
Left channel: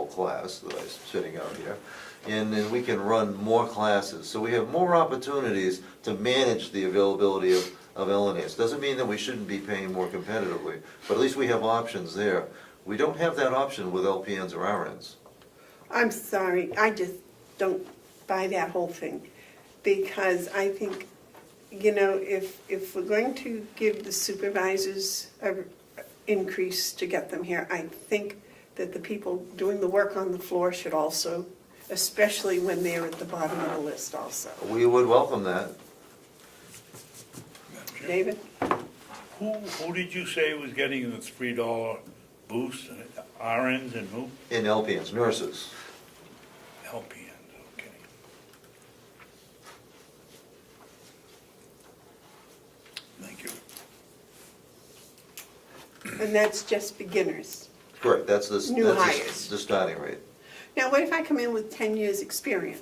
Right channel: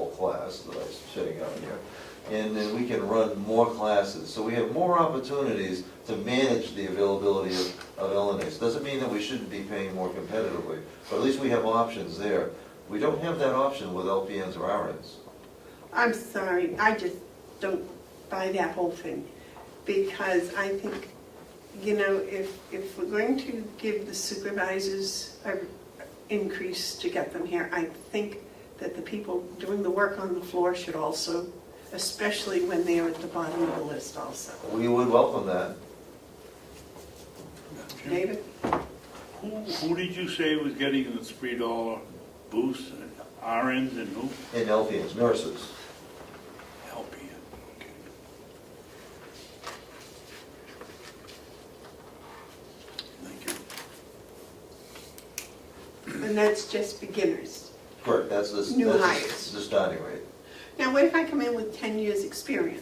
class that I'm sitting out here. And then we can run more classes. So we have more opportunities to manage the availability of LNAs. Doesn't mean that we shouldn't be paying more competitively, but at least we have options there. We don't have that option with LPNs or RNs. I'm sorry, I just don't buy that whole thing. Because I think, if we're going to give the supervisors an increase to get them here, I think that the people doing the work on the floor should also, especially when they're at the bottom of the list also. We would welcome that. David? Who did you say was getting the $3 boost? RNs and who? In LPNs, nurses. LPNs, okay. Thank you. And that's just beginners. Correct, that's New the hires. starting rate. Now, what if I come in with 10 years' experience?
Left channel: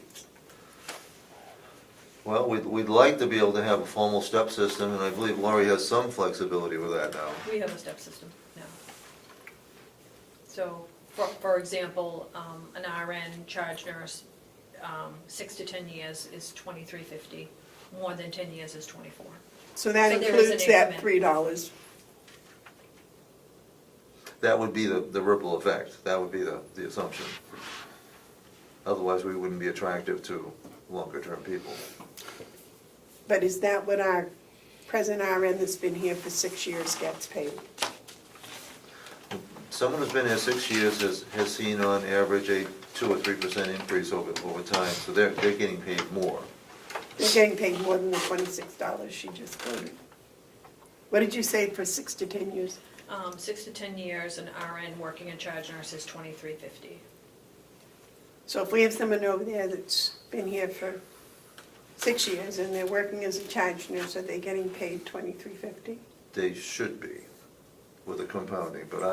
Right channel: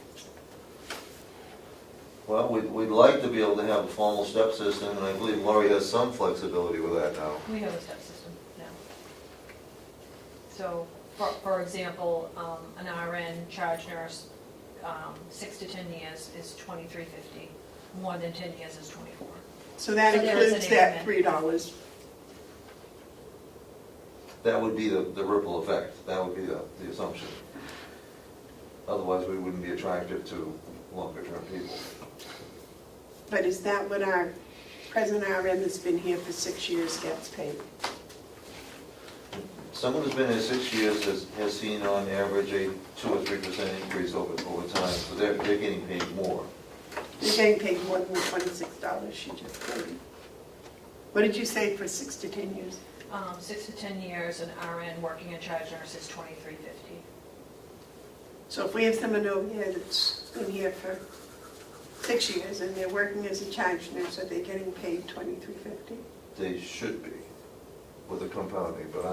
Well, we'd like to be able to have a formal step system, and I believe Laurie has some flexibility with that now. We have a step system, yeah. So, for example, an RN charge nurse, 6 to 10 years is $23.50, more than 10 years is $24. So that So give us an includes that increment. $3. That would be the ripple effect, that would be the assumption. Otherwise, we wouldn't be attractive to longer-term people. But is that what our present RN that's been here for 6 years gets paid? Someone who's been here 6 years has seen on average a 2 or 3% increase over time, so they're getting paid more. They're getting paid more than the $26 she just quoted. What did you say for 6 to 10 years? 6 to 10 years, an RN working in charge nurse is $23.50. So if we have someone over there that's been here for 6 years and they're working as a charge nurse, are they getting paid $23.50? They should be, with the compounding, but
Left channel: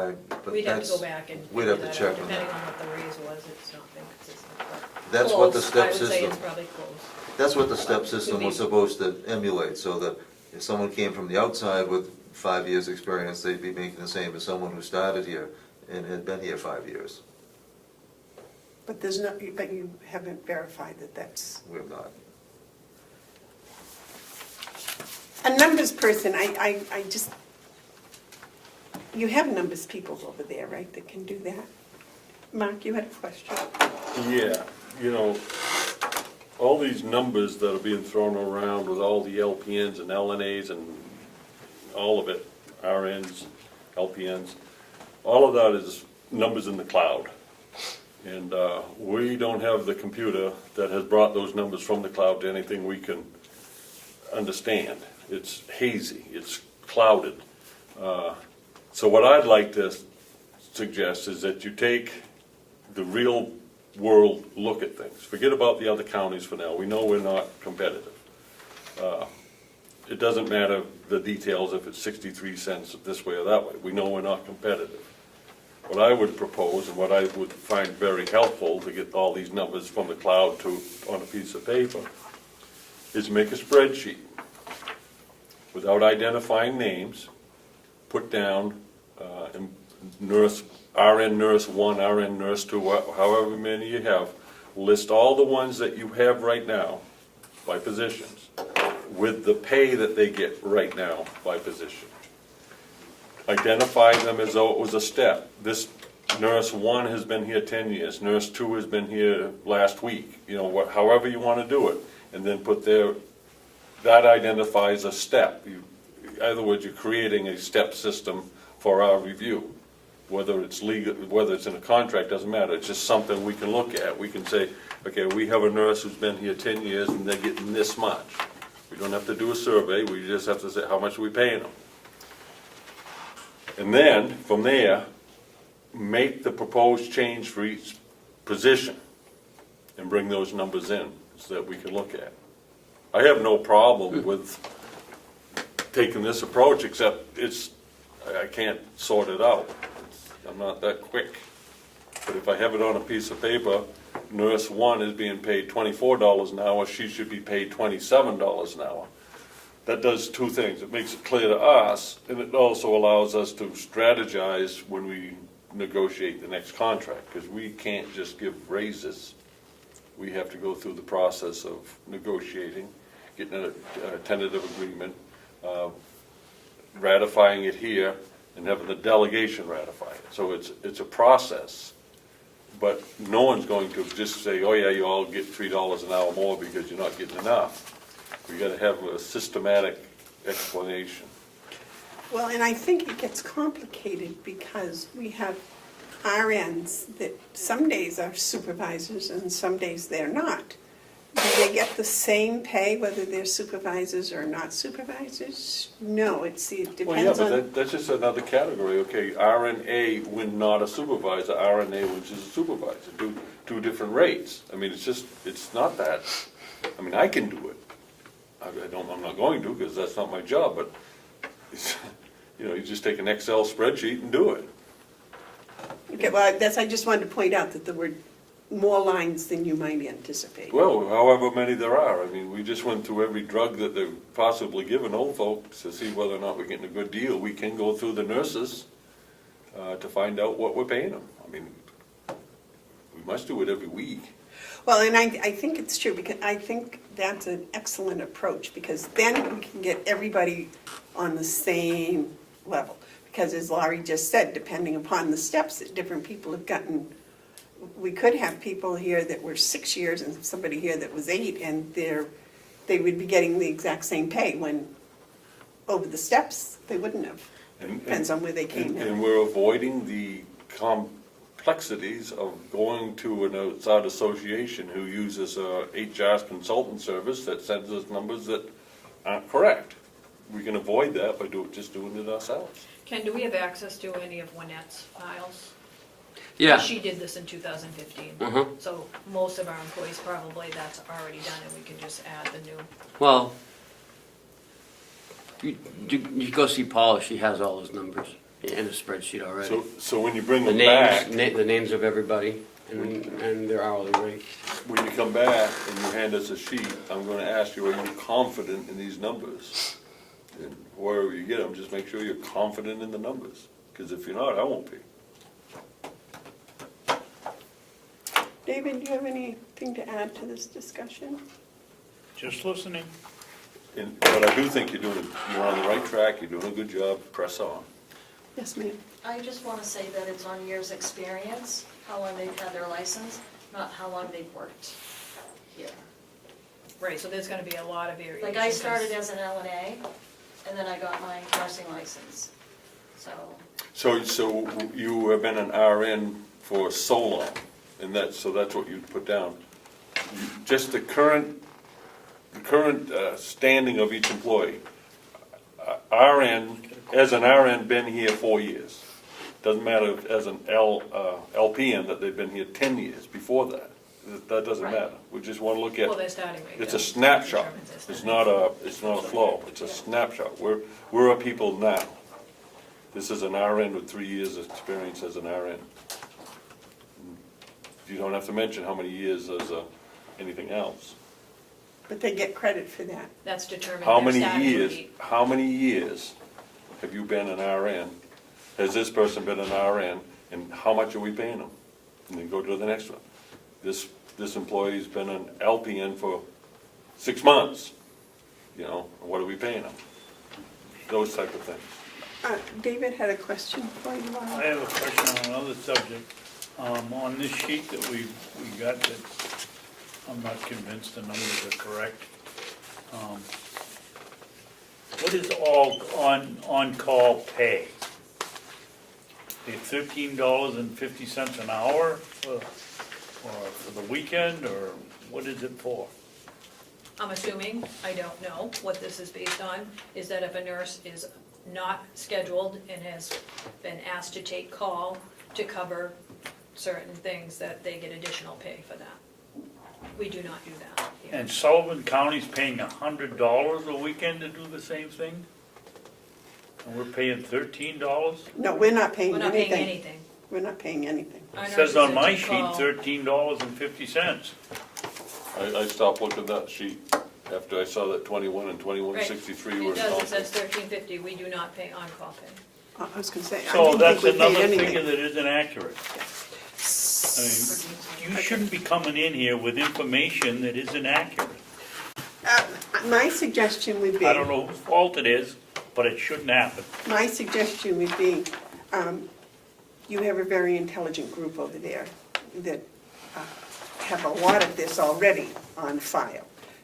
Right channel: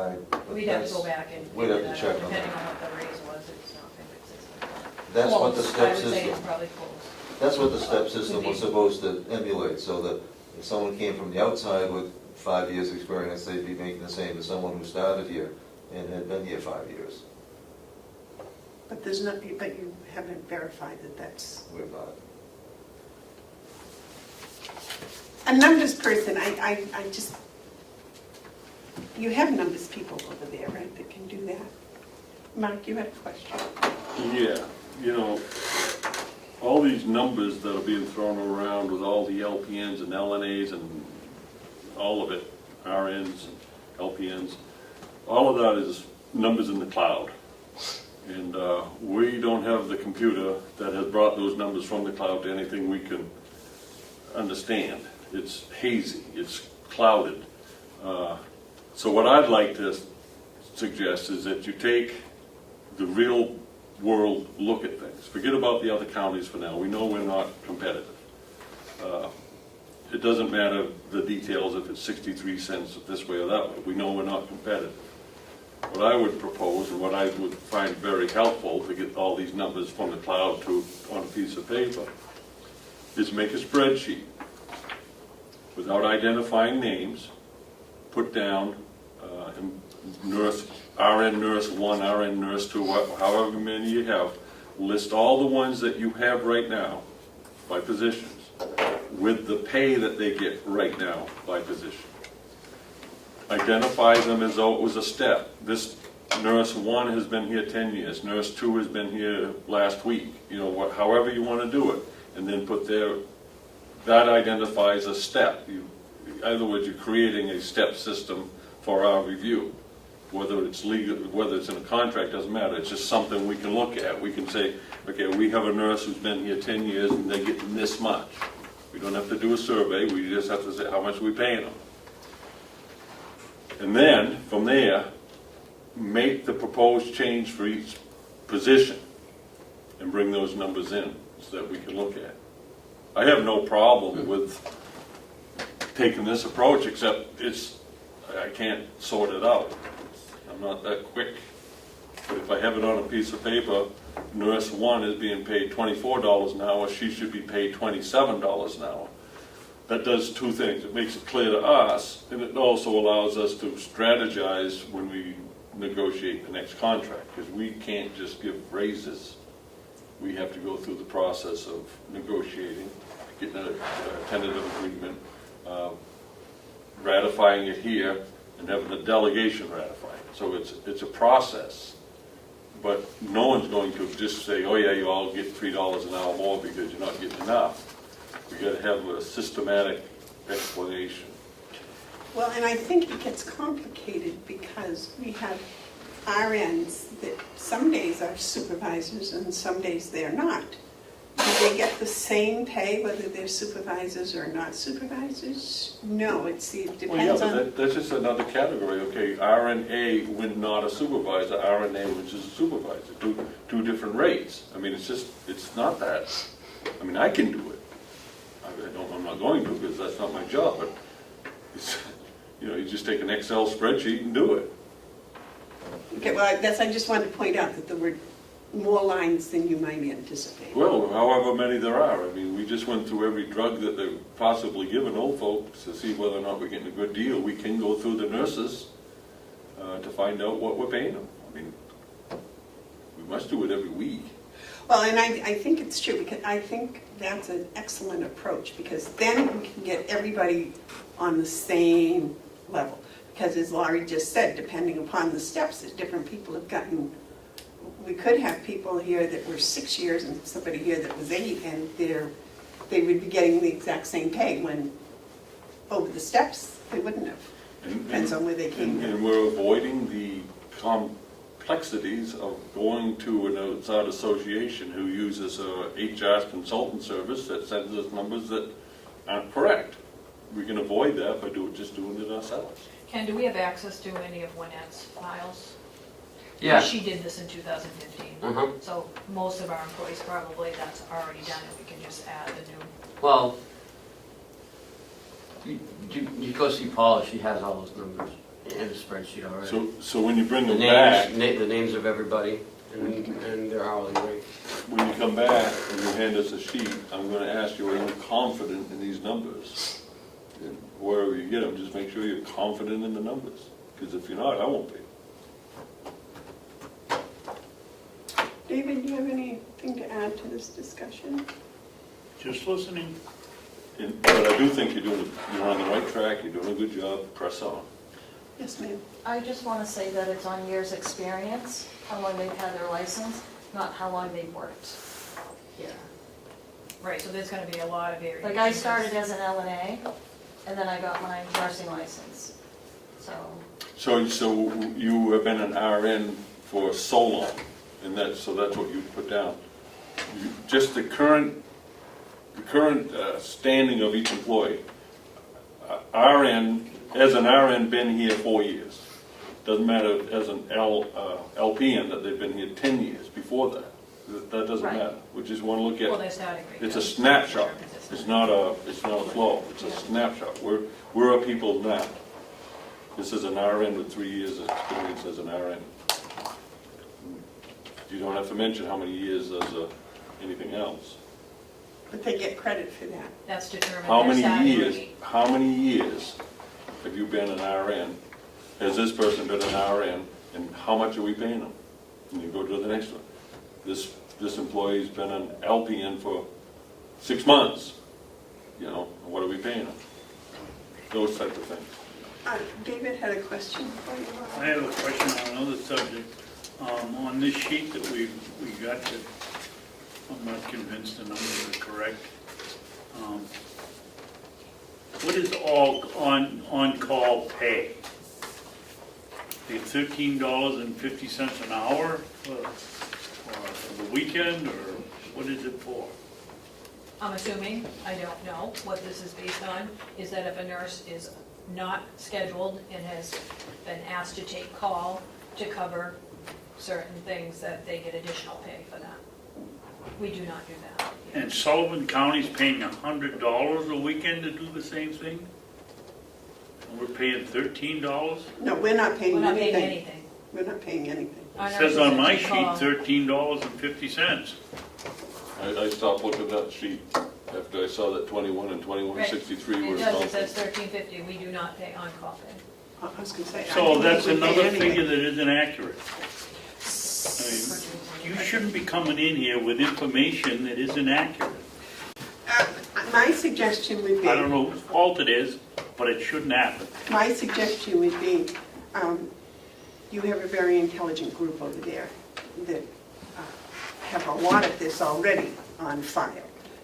We'd have to that's, go back and. we'd have to figure that check out. on Depending that. on what the raise was, it's not been consistent. That's what the Close. step I would say system, it's probably close. that's what the step system was supposed to emulate, so that if someone came from the outside with 5 years' experience, they'd be making the same as someone who started here and had been here 5 years. But but you haven't verified that that's... We have not. A numbers person, I just... You have numbers people over there, right, that can do that? Mark, you had a question? Yeah, all these numbers that are being thrown around with all the LPNs and LNAs and all of it, RNs, LPNs, all of that is numbers in the cloud. And we don't have the computer that has brought those numbers from the cloud to anything we can understand. It's hazy, it's clouded. So what I'd like to suggest is that you take the real world look at things. Forget about the other counties for now. We know we're not competitive. It doesn't matter the details if it's 63 cents this way or that way. We know we're not competitive. What I would propose and what I would find very helpful to get all these numbers from the cloud to on a piece of paper is make a spreadsheet without identifying names, put down nurse, RN nurse 1, RN nurse 2, however many you have, list all the ones that you have right now by positions with the pay that they get right now by position. Identify them as though it was a step. This nurse 1 has been here 10 years, nurse 2 has been here last week, you know, however you want to do it, and then put that identifies a step. In other words, you're creating a step system for our review. Whether it's legal, whether it's in a contract, doesn't matter. It's just something we can look at. We can say, okay, we have a nurse who's been here 10 years and they're getting this much. We don't have to do a survey, we just have to say how much are we paying them. And then, from there, make the proposed change for each position and bring those numbers in so that we can look at. I have no problem with taking this approach, except I can't sort it out. I'm not that quick. But if I have it on a piece of paper, nurse 1 is being paid $24 an hour, she should be paid $27 an hour. That does two things. It makes it clear to us, and it also allows us to strategize when we negotiate the next contract, because we can't just give raises. We have to go through the process of negotiating, getting a tentative agreement, ratifying it here, and having the delegation ratify it. So it's a process, but no one's going to just say, oh yeah, you all get $3 an hour more because you're not getting enough. We got to have a systematic explanation. Well, and I think it gets complicated because we have RNs that some days are supervisors and some days they're not. Do they get the same pay whether they're supervisors or not supervisors? No, it Well, yeah, depends but on. that's just another category. Okay, RNA when not a supervisor, RNA which is a supervisor, two different rates. I mean, it's not that. I mean, I can do it. I'm not going to because that's not my job, but you just take an Excel spreadsheet and do it. Okay, well, I just wanted to point out that there were more lines than you might anticipate. Well, however many there are. I mean, we just went through every drug that they're possibly giving old folks to see whether or not we're getting a good deal. We can go through the nurses to find out what we're paying them. I mean, we must do it every week. Well, and I think it's true, because I think that's an excellent approach, because then we can get everybody on the same level. Because as Laurie just said, depending upon the steps that different people have gotten, we could have people here that were 6 years and somebody here that was 8, and they would be getting the exact same pay, when over the steps, they wouldn't have. Depends on where they came from. And we're avoiding the complexities of going to an outside association who uses a HR consultant service that sends us numbers that aren't correct. We can avoid that by just doing it ourselves. Ken, do we have access to any of Wynette's files? Yeah. She did this in 2015. Uh-huh. So most of our employees probably that's already done and we can just add the new. Well, you go see Paula, she has all those numbers in a spreadsheet already. So when you bring The them back, the names of everybody and their hourly rate. when you come back and you hand us a sheet, I'm going to ask you, are you confident in these numbers? And wherever you get them, just make sure you're confident in the numbers. Because if you're not, I won't be. David, do you have anything to add to this discussion? Just listening. But I do think you're on the right track, you're doing a good job, press on. Yes, ma'am. I just want to say that it's on years' experience, how long they've had their license, not how long they've worked here. Right, so there's gonna be a lot of variation. Like I started as an LNA, and then I got my nursing license, so. So you have been an RN for so long, and so that's what you put down. Just the current standing of each employee. RN, as an RN, been here 4 years. Doesn't matter as an LPN that they've been here 10 years before that. That doesn't Right. matter. We just want to look at, Well, they're starting. it's a snapshot. It's not a flow. It's a snapshot. Where are people now? This is an RN with 3 years of experience as an RN. You don't have to mention how many years as anything else. But they get credit for that. That's determined. How their many starting years, rate. how many years have you been an RN? Has this person been an RN, and how much are we paying them? And you go to the next one. This employee's been an LPN for 6 months, you know, what are we paying them? Those type of things. David had a question for you. I have a question on another subject. On this sheet that we got, that I'm not convinced the numbers are correct. What is all on-call pay? Is it $13.50 an hour for the weekend, or what is it for? I'm assuming, I don't know what this is based on, is that if a nurse is not scheduled and has been asked to take call to cover certain things, that they get additional pay for that. We do not do that. And Sullivan County's paying $100 a weekend to do the same thing? And we're paying $13? No, we're not paying We're not paying anything. anything. We're not paying anything. Our It says nurses on that my take sheet, call- $13.50. I stopped looking at that sheet after I saw that 21 and 2163 were. It does, it says $13.50, we do not pay on-call pay. I was gonna say. I So didn't that's think we paid another anything. figure that isn't accurate. I mean, you shouldn't be coming in here with information that isn't accurate. My suggestion would be. I don't know whose fault it is, but it shouldn't happen. My suggestion would be, you have a very intelligent group over there that have a lot of this already on file.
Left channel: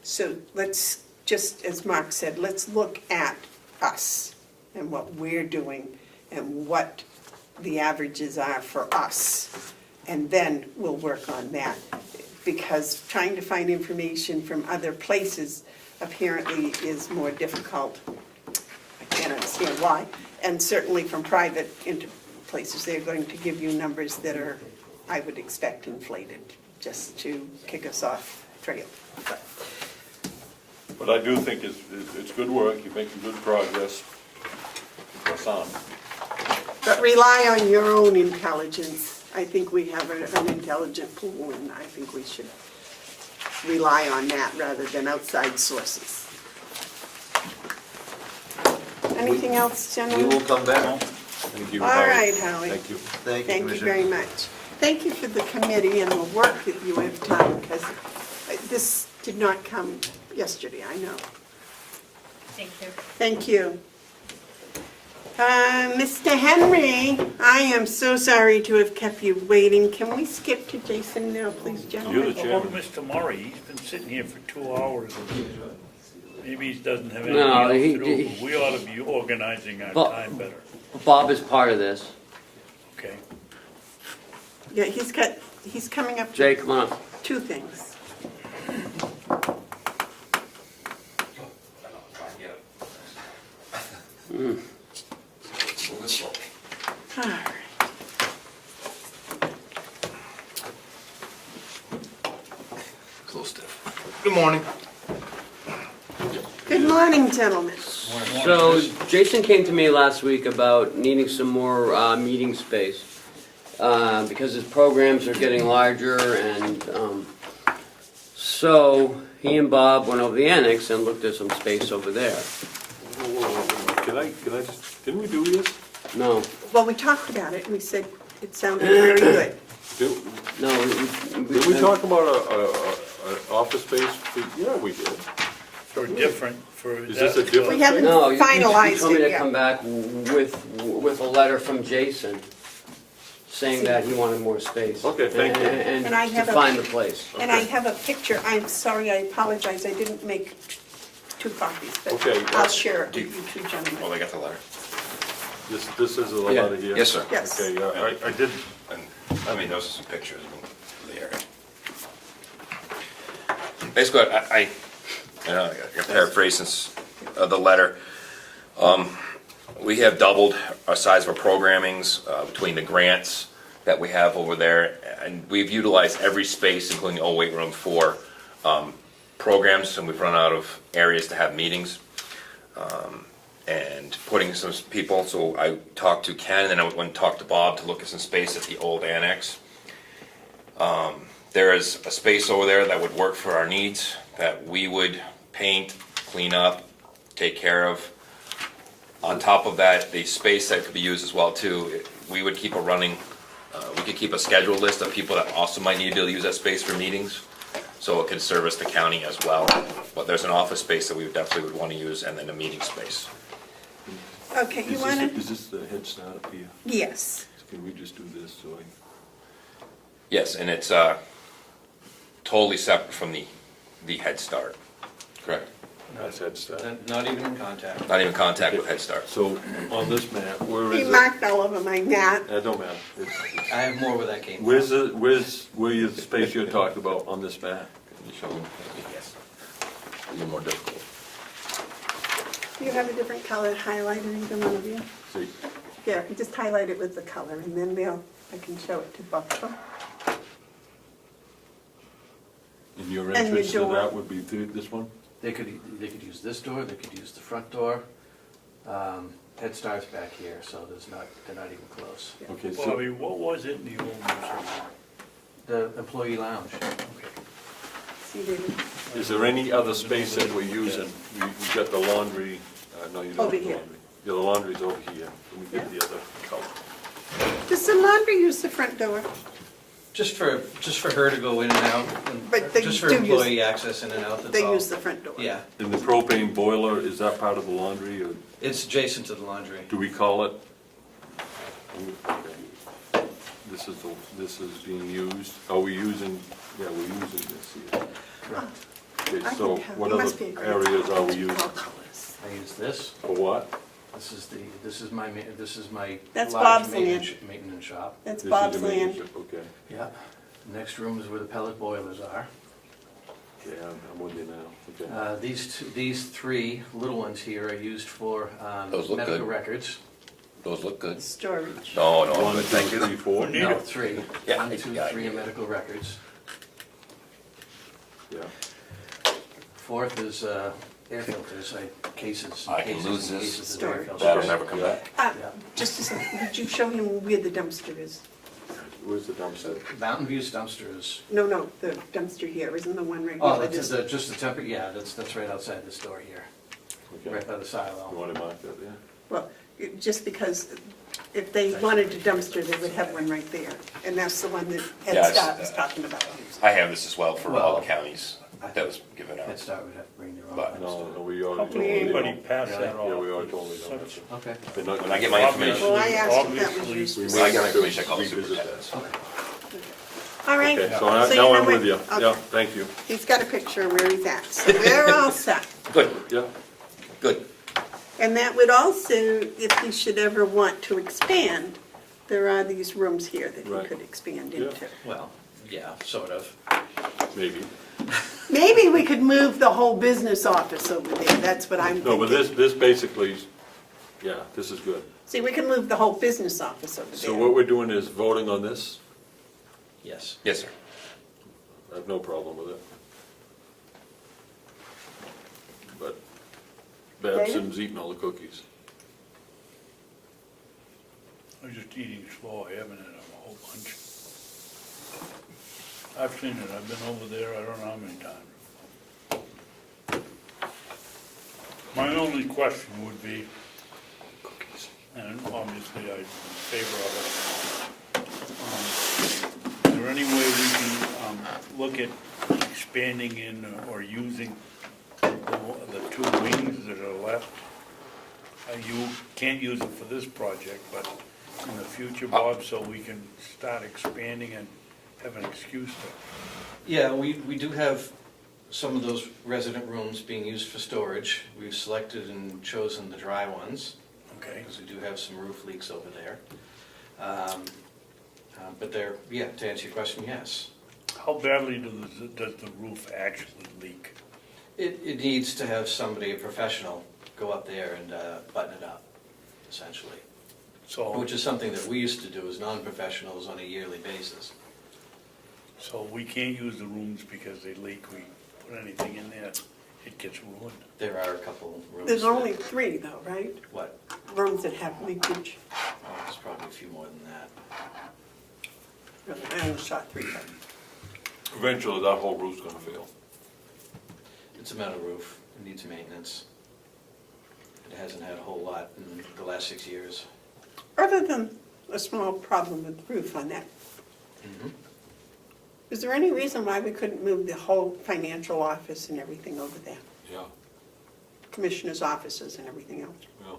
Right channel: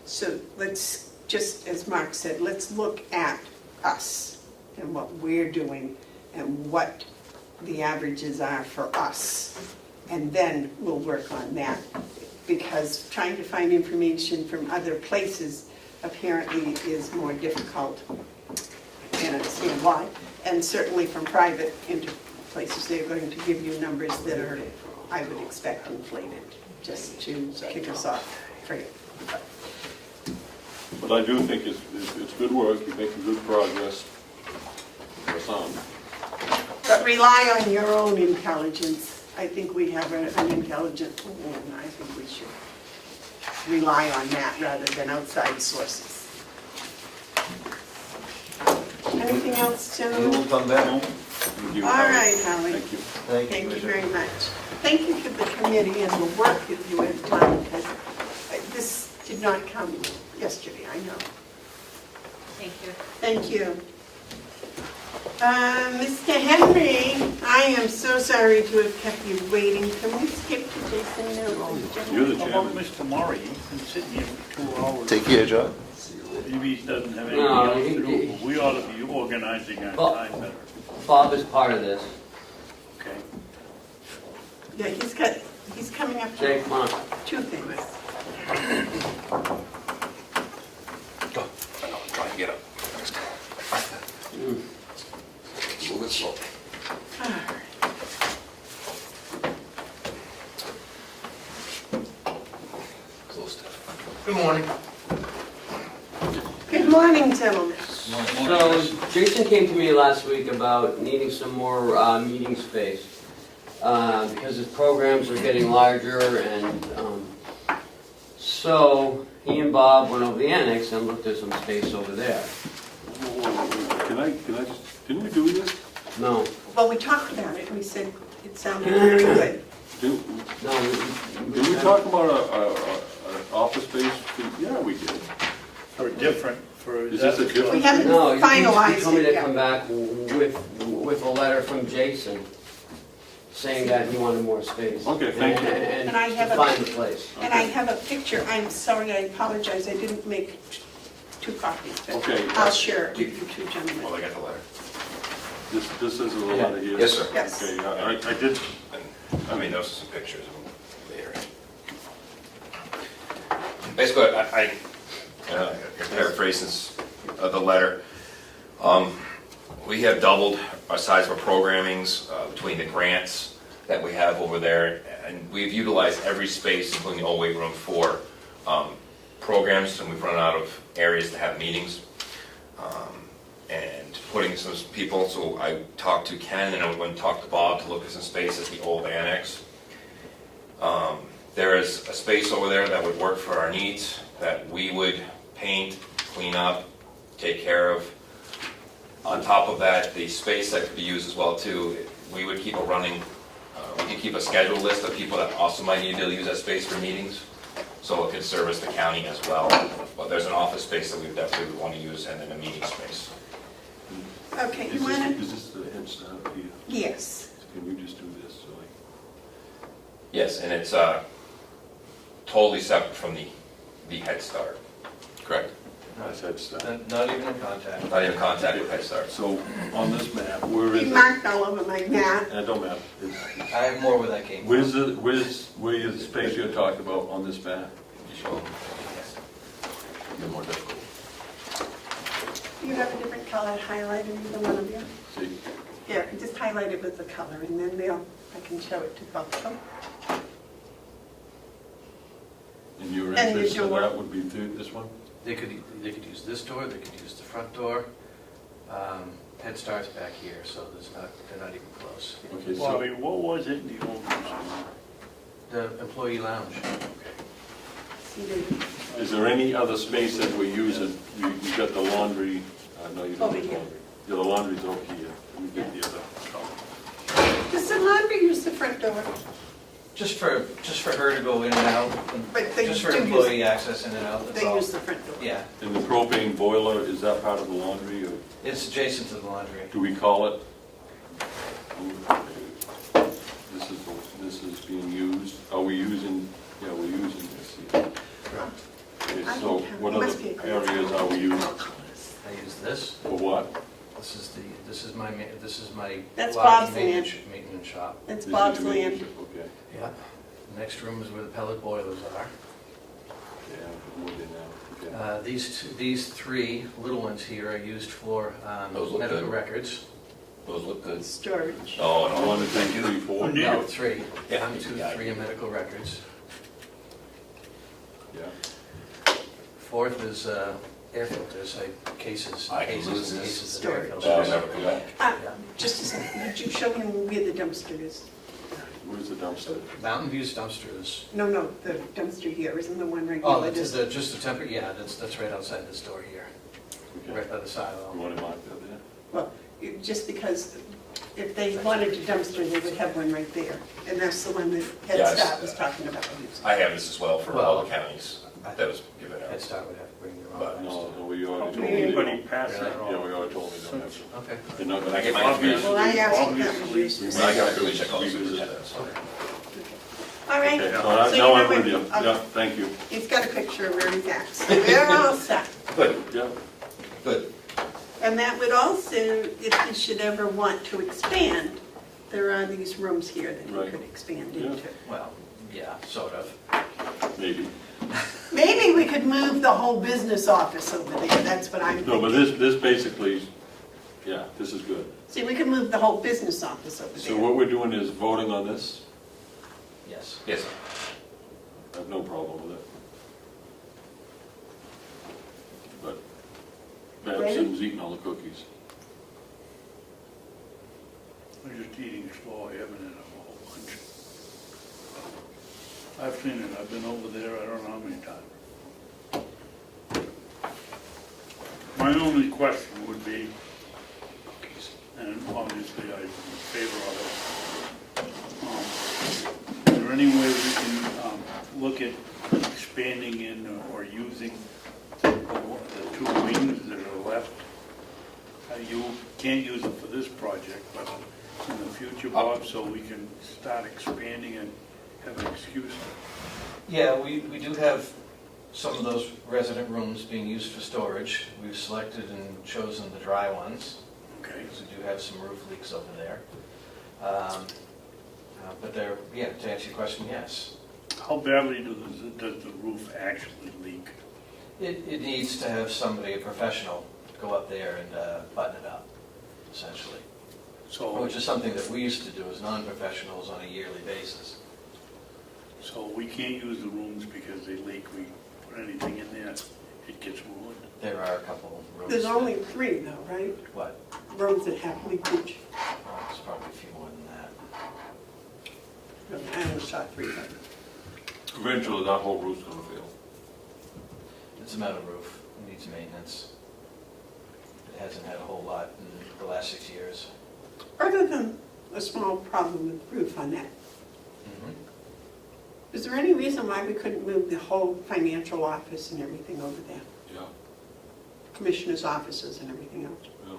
So let's, just as Mark said, let's look at us and what we're doing and what the averages are for us. And then we'll work on that. Because trying to find information from other places apparently is more difficult. I can't understand why. And certainly from private places, they're going to give you numbers that are, I would expect, inflated, just to kick us off trail. But I do think it's good work, you're making good progress for some. But rely on your own intelligence. I think we have an intelligent pool, and I think we should rely on that rather than outside sources. Anything else, We gentlemen? will come back. Thank you. All right, Howie. Thank you. Thank you, Thank you Commissioner. very much. Thank you for the committee and the work that you have done, because this did not come yesterday, I know. Thank you. Thank you. Mr. Henry, I am so sorry to have kept you waiting. Can we skip to Jason? You're the How about chairman. Mr. Murray? He's been sitting here for 2 hours. Take care, John. Maybe he doesn't have anything No, else he- to do. We ought to be organizing our Well- time better. Bob is part of this. Okay. Yeah, he's coming up Jay, to come on up. 2 things. Try and get up. Mm. Move it slow. All right. Close to. Good morning. Good morning, gentlemen. So Jason came to me last week about needing some more meeting space because his programs are getting larger, and so he and Bob went over the annex and looked at some space over there. Can I just, didn't we do this? No, Well, we talked about it, and we said it sounded very good. no. Did we talk about an office space? Yeah, we did. For different, for. Is this a We different? haven't No, you finalized told me it to yet. come back with a letter from Jason saying that he wanted more space. Okay, thank you. And And I to have a- find the place. And I have a picture, I'm sorry, I apologize, I didn't make 2 copies, but Okay. I'll share it with you 2 gentlemen. Well, I got the letter. This is a letter here? Yes, sir. Yes. Okay, I did, And I made notes of some pictures. Basically, I know, I can paraphrase this, the letter. We have doubled our size of our programmings between the grants that we have over there, and we've utilized every space, including the old weight room, for programs, and we've run out of areas to have meetings. And putting some people, so I talked to Ken and I went and talked to Bob to look at some space at the old annex. There is a space over there that would work for our needs, that we would paint, clean up, take care of. On top of that, the space that could be used as well too, we would keep a running, we could keep a scheduled list of people that also might need to be able to use that space for meetings. So it could service the county as well. But there's an office space that we definitely would want to use, and then a meeting space. Okay, you wanna? Is this the head start here? Yes. Can we just do this, so Yes, and it's totally separate from the Head Start. Correct. that's head start. Not even in contact. Not even contact with Head Start. So, on this map, where He is it? marked all of them like that. I don't matter. I have more where that came from. Where's the space you're talking about on this map? So, Even more difficult. Do you have a different color highlighter, either one of you? see, Yeah, if you just highlight it with the color, and then I can show it to both of them. and your And your interest in door. that would be this one? They could use this door, they could use the front door. Head Start's back here, so they're not even close. Okay, Well, I so, mean, what was it in the old one? The employee lounge. See, they- is there any other space that we're using? You got the laundry, no, you don't Over have the here. laundry. Yeah, the laundry's over here, we get the other color. Does the laundry use the front door? Just for her to go in and out, But they just for do use, employee access in and out, that's they all. use the front door. Yeah, And the propane boiler, is that part of the laundry, or it's adjacent to the laundry. do we call it? This is being used, are we using, yeah, we're using this here. Okay, I so think what it other must be a great areas are we using? I use this. For what? This is my That's lodging Bob's land. maintenance shop. That's This is Bob's the land. major- Okay, Yeah. Next room is where the pellet boilers are. okay, I'm with you now, okay. These three little ones here are used for Those look medical good. records. Those look good. Storage. No, You no. want to take it before? No, three. Yeah. Three are medical records. Yeah. Fourth is air filters, like cases. I can cases lose and this. cases of air Storage. That'll filters. never come back. Just a second, did you show them where the dumpster is? Where's the dumpster? Mountain View's dumpster is, No, the dumpster here, isn't the one right oh, here? that's just the temper, yeah, that's right outside this door here, Okay. right by the silo. You want to mark that there? Well, just because if they wanted a dumpster, they would have one right there. And that's the one that Ed Yes. Scott was talking about. I have this as well for all the counties that was given Head out. Start would have to bring their own But- dumpster. No, we already Did told me. anybody pass that Yeah, on? we already told me that. Okay. They're not When gonna I get my information, Well, I asked him that was Obviously, useless. I got information, I'll see Revisit. what that is. All right. Okay, so So now you I'm know with you, what- yeah, thank you. He's got a picture of where he's at, so they're all set. Good, Yeah, good. And that would also, if you should ever want to expand, there are these rooms here that you Right. could expand Yeah. into. Well, yeah, sort of. maybe. Maybe we could move the whole business office over there, that's what I'm No, but thinking. this basically, yeah, this is good. See, we can move the whole business office over So there. what we're doing is voting on this? Yes. Yes, sir. I have no problem with it. But Babson's eating all the cookies. I'm just eating slow, I haven't had a whole bunch. I've seen it, I've been over there, I don't know how many times. My only question would be, cookies, and obviously I'm in favor of it. Is there any way we can look at expanding in or using the two wings that are left? You can't use it for this project, but in the future, Bob, so we can start expanding and have an excuse to. Yeah, we do have some of those resident rooms being used for storage. We've selected and chosen the dry ones, Okay. because we do have some roof leaks over there. But they're, yeah, to answer your question, yes. how badly does the roof actually leak? It needs to have somebody, a professional, go up there and button it up, essentially. So, Which is something that we used to do as non-professionals on a yearly basis. so we can't use the rooms because they leak, we put anything in there, it gets ruined. There are a couple rooms. There's only 3 though, right? What? Rooms that have leakage. There's probably a few more than that. I only saw 3 of them. Eventually, that whole roof's gonna fail. It's a metal roof, it needs maintenance. It hasn't had a whole lot in the last 6 years. Other than a small problem with the roof on that, Mm-hmm. is there any reason why we couldn't move the whole financial office and everything over there? Yeah, Commissioners' offices and everything else? yeah,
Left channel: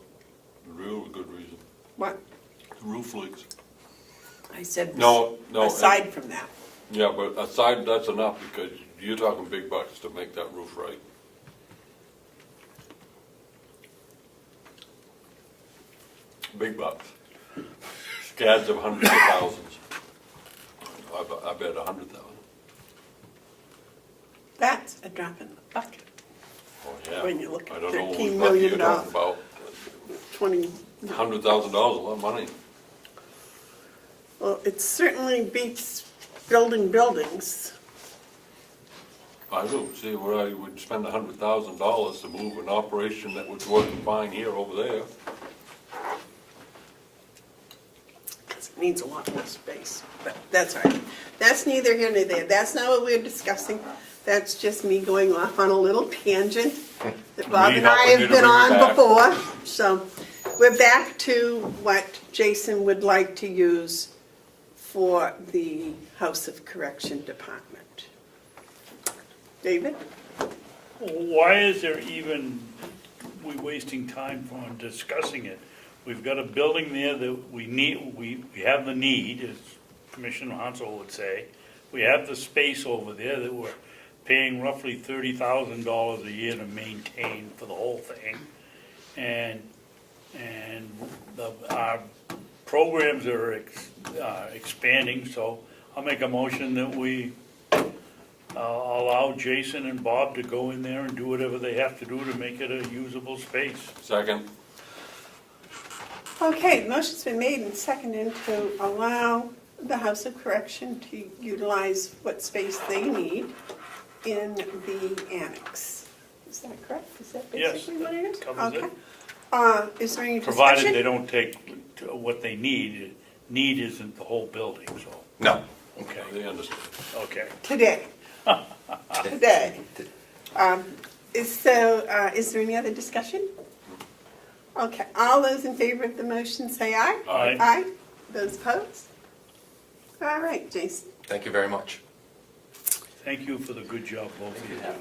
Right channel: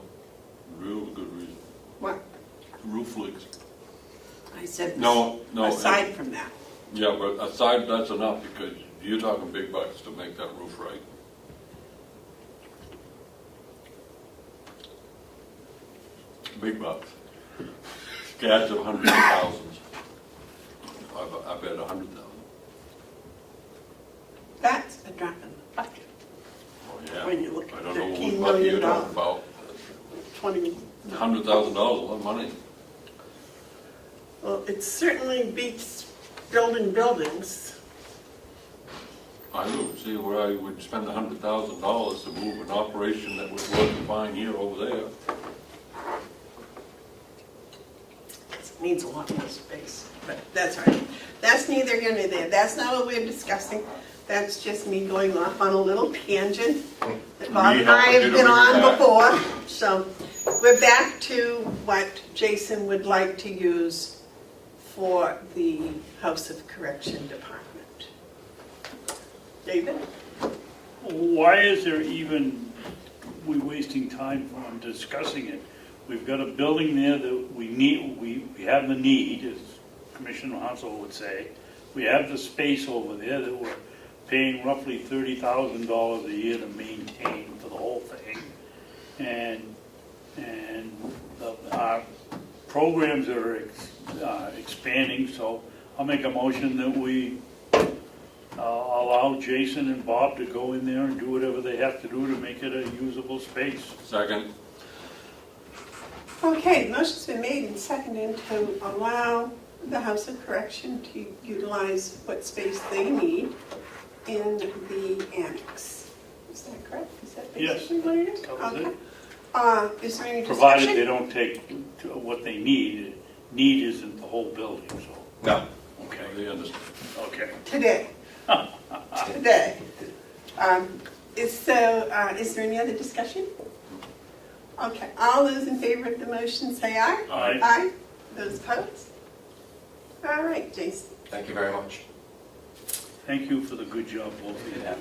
real good reason. What? Roof leaks. I said, No, aside from that. Yeah, but aside, that's enough, because you're talking big bucks to make that roof right. Big bucks. Scads of hundreds of thousands. I bet 100,000. That's a drop in the bucket. Oh, yeah. When you look at I don't know $13 what bucket million, you're talking about. 20, $100,000, a lot of money. well, it certainly beats building buildings. I don't see where I would spend $100,000 to move an operation that was working fine here over there. It needs a lot more space, but that's all right. That's neither here nor there. That's not what we're discussing. That's just me going off on a little tangent that Bob and I have been on before. So we're back to what Jason would like to use for the House of Correction Department. David? Why is there even, we wasting time on discussing it? We've got a building there that we need, we have the need, as Commissioner Hounsell would say. We have the space over there that we're paying roughly $30,000 a year to maintain for the whole thing. And our programs are expanding, so I'll make a motion that we allow Jason and Bob to go in there and do whatever they have to do to make it a usable space. Second. Okay, motion's been made and seconded to allow the House of Correction to utilize what space they need in the annex. Is that correct? Is that Yes, basically what it is? covers it. Okay. Is there any discussion? Provided they don't take what they need. Need isn't the whole building, so, No. okay, They understand. okay. Today. Today. Is there any other discussion? Okay, all those in favor of the motion say aye. Aye. Aye. Those opposed? All right, Jason. Thank you very much. Thank you for the good job both of you have.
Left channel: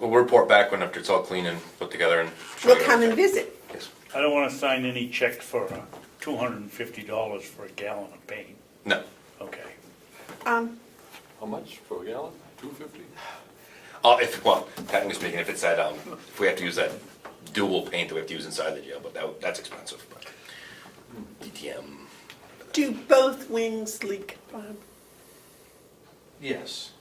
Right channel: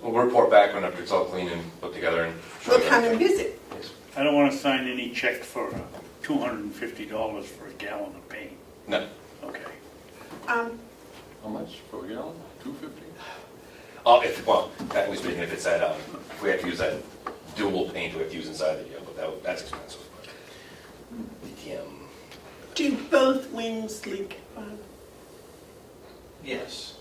We'll report back whenever it's all clean and put together and. We'll come and visit. Yes. I don't want to sign any check for $250 for a gallon of paint. No. Okay. How much for a gallon? $2.50? Well, technically speaking, if it's that, if we have to use that dual paint that we have to use inside the jail, but that's expensive. DTM. Do both wings leak, Bob? Yes.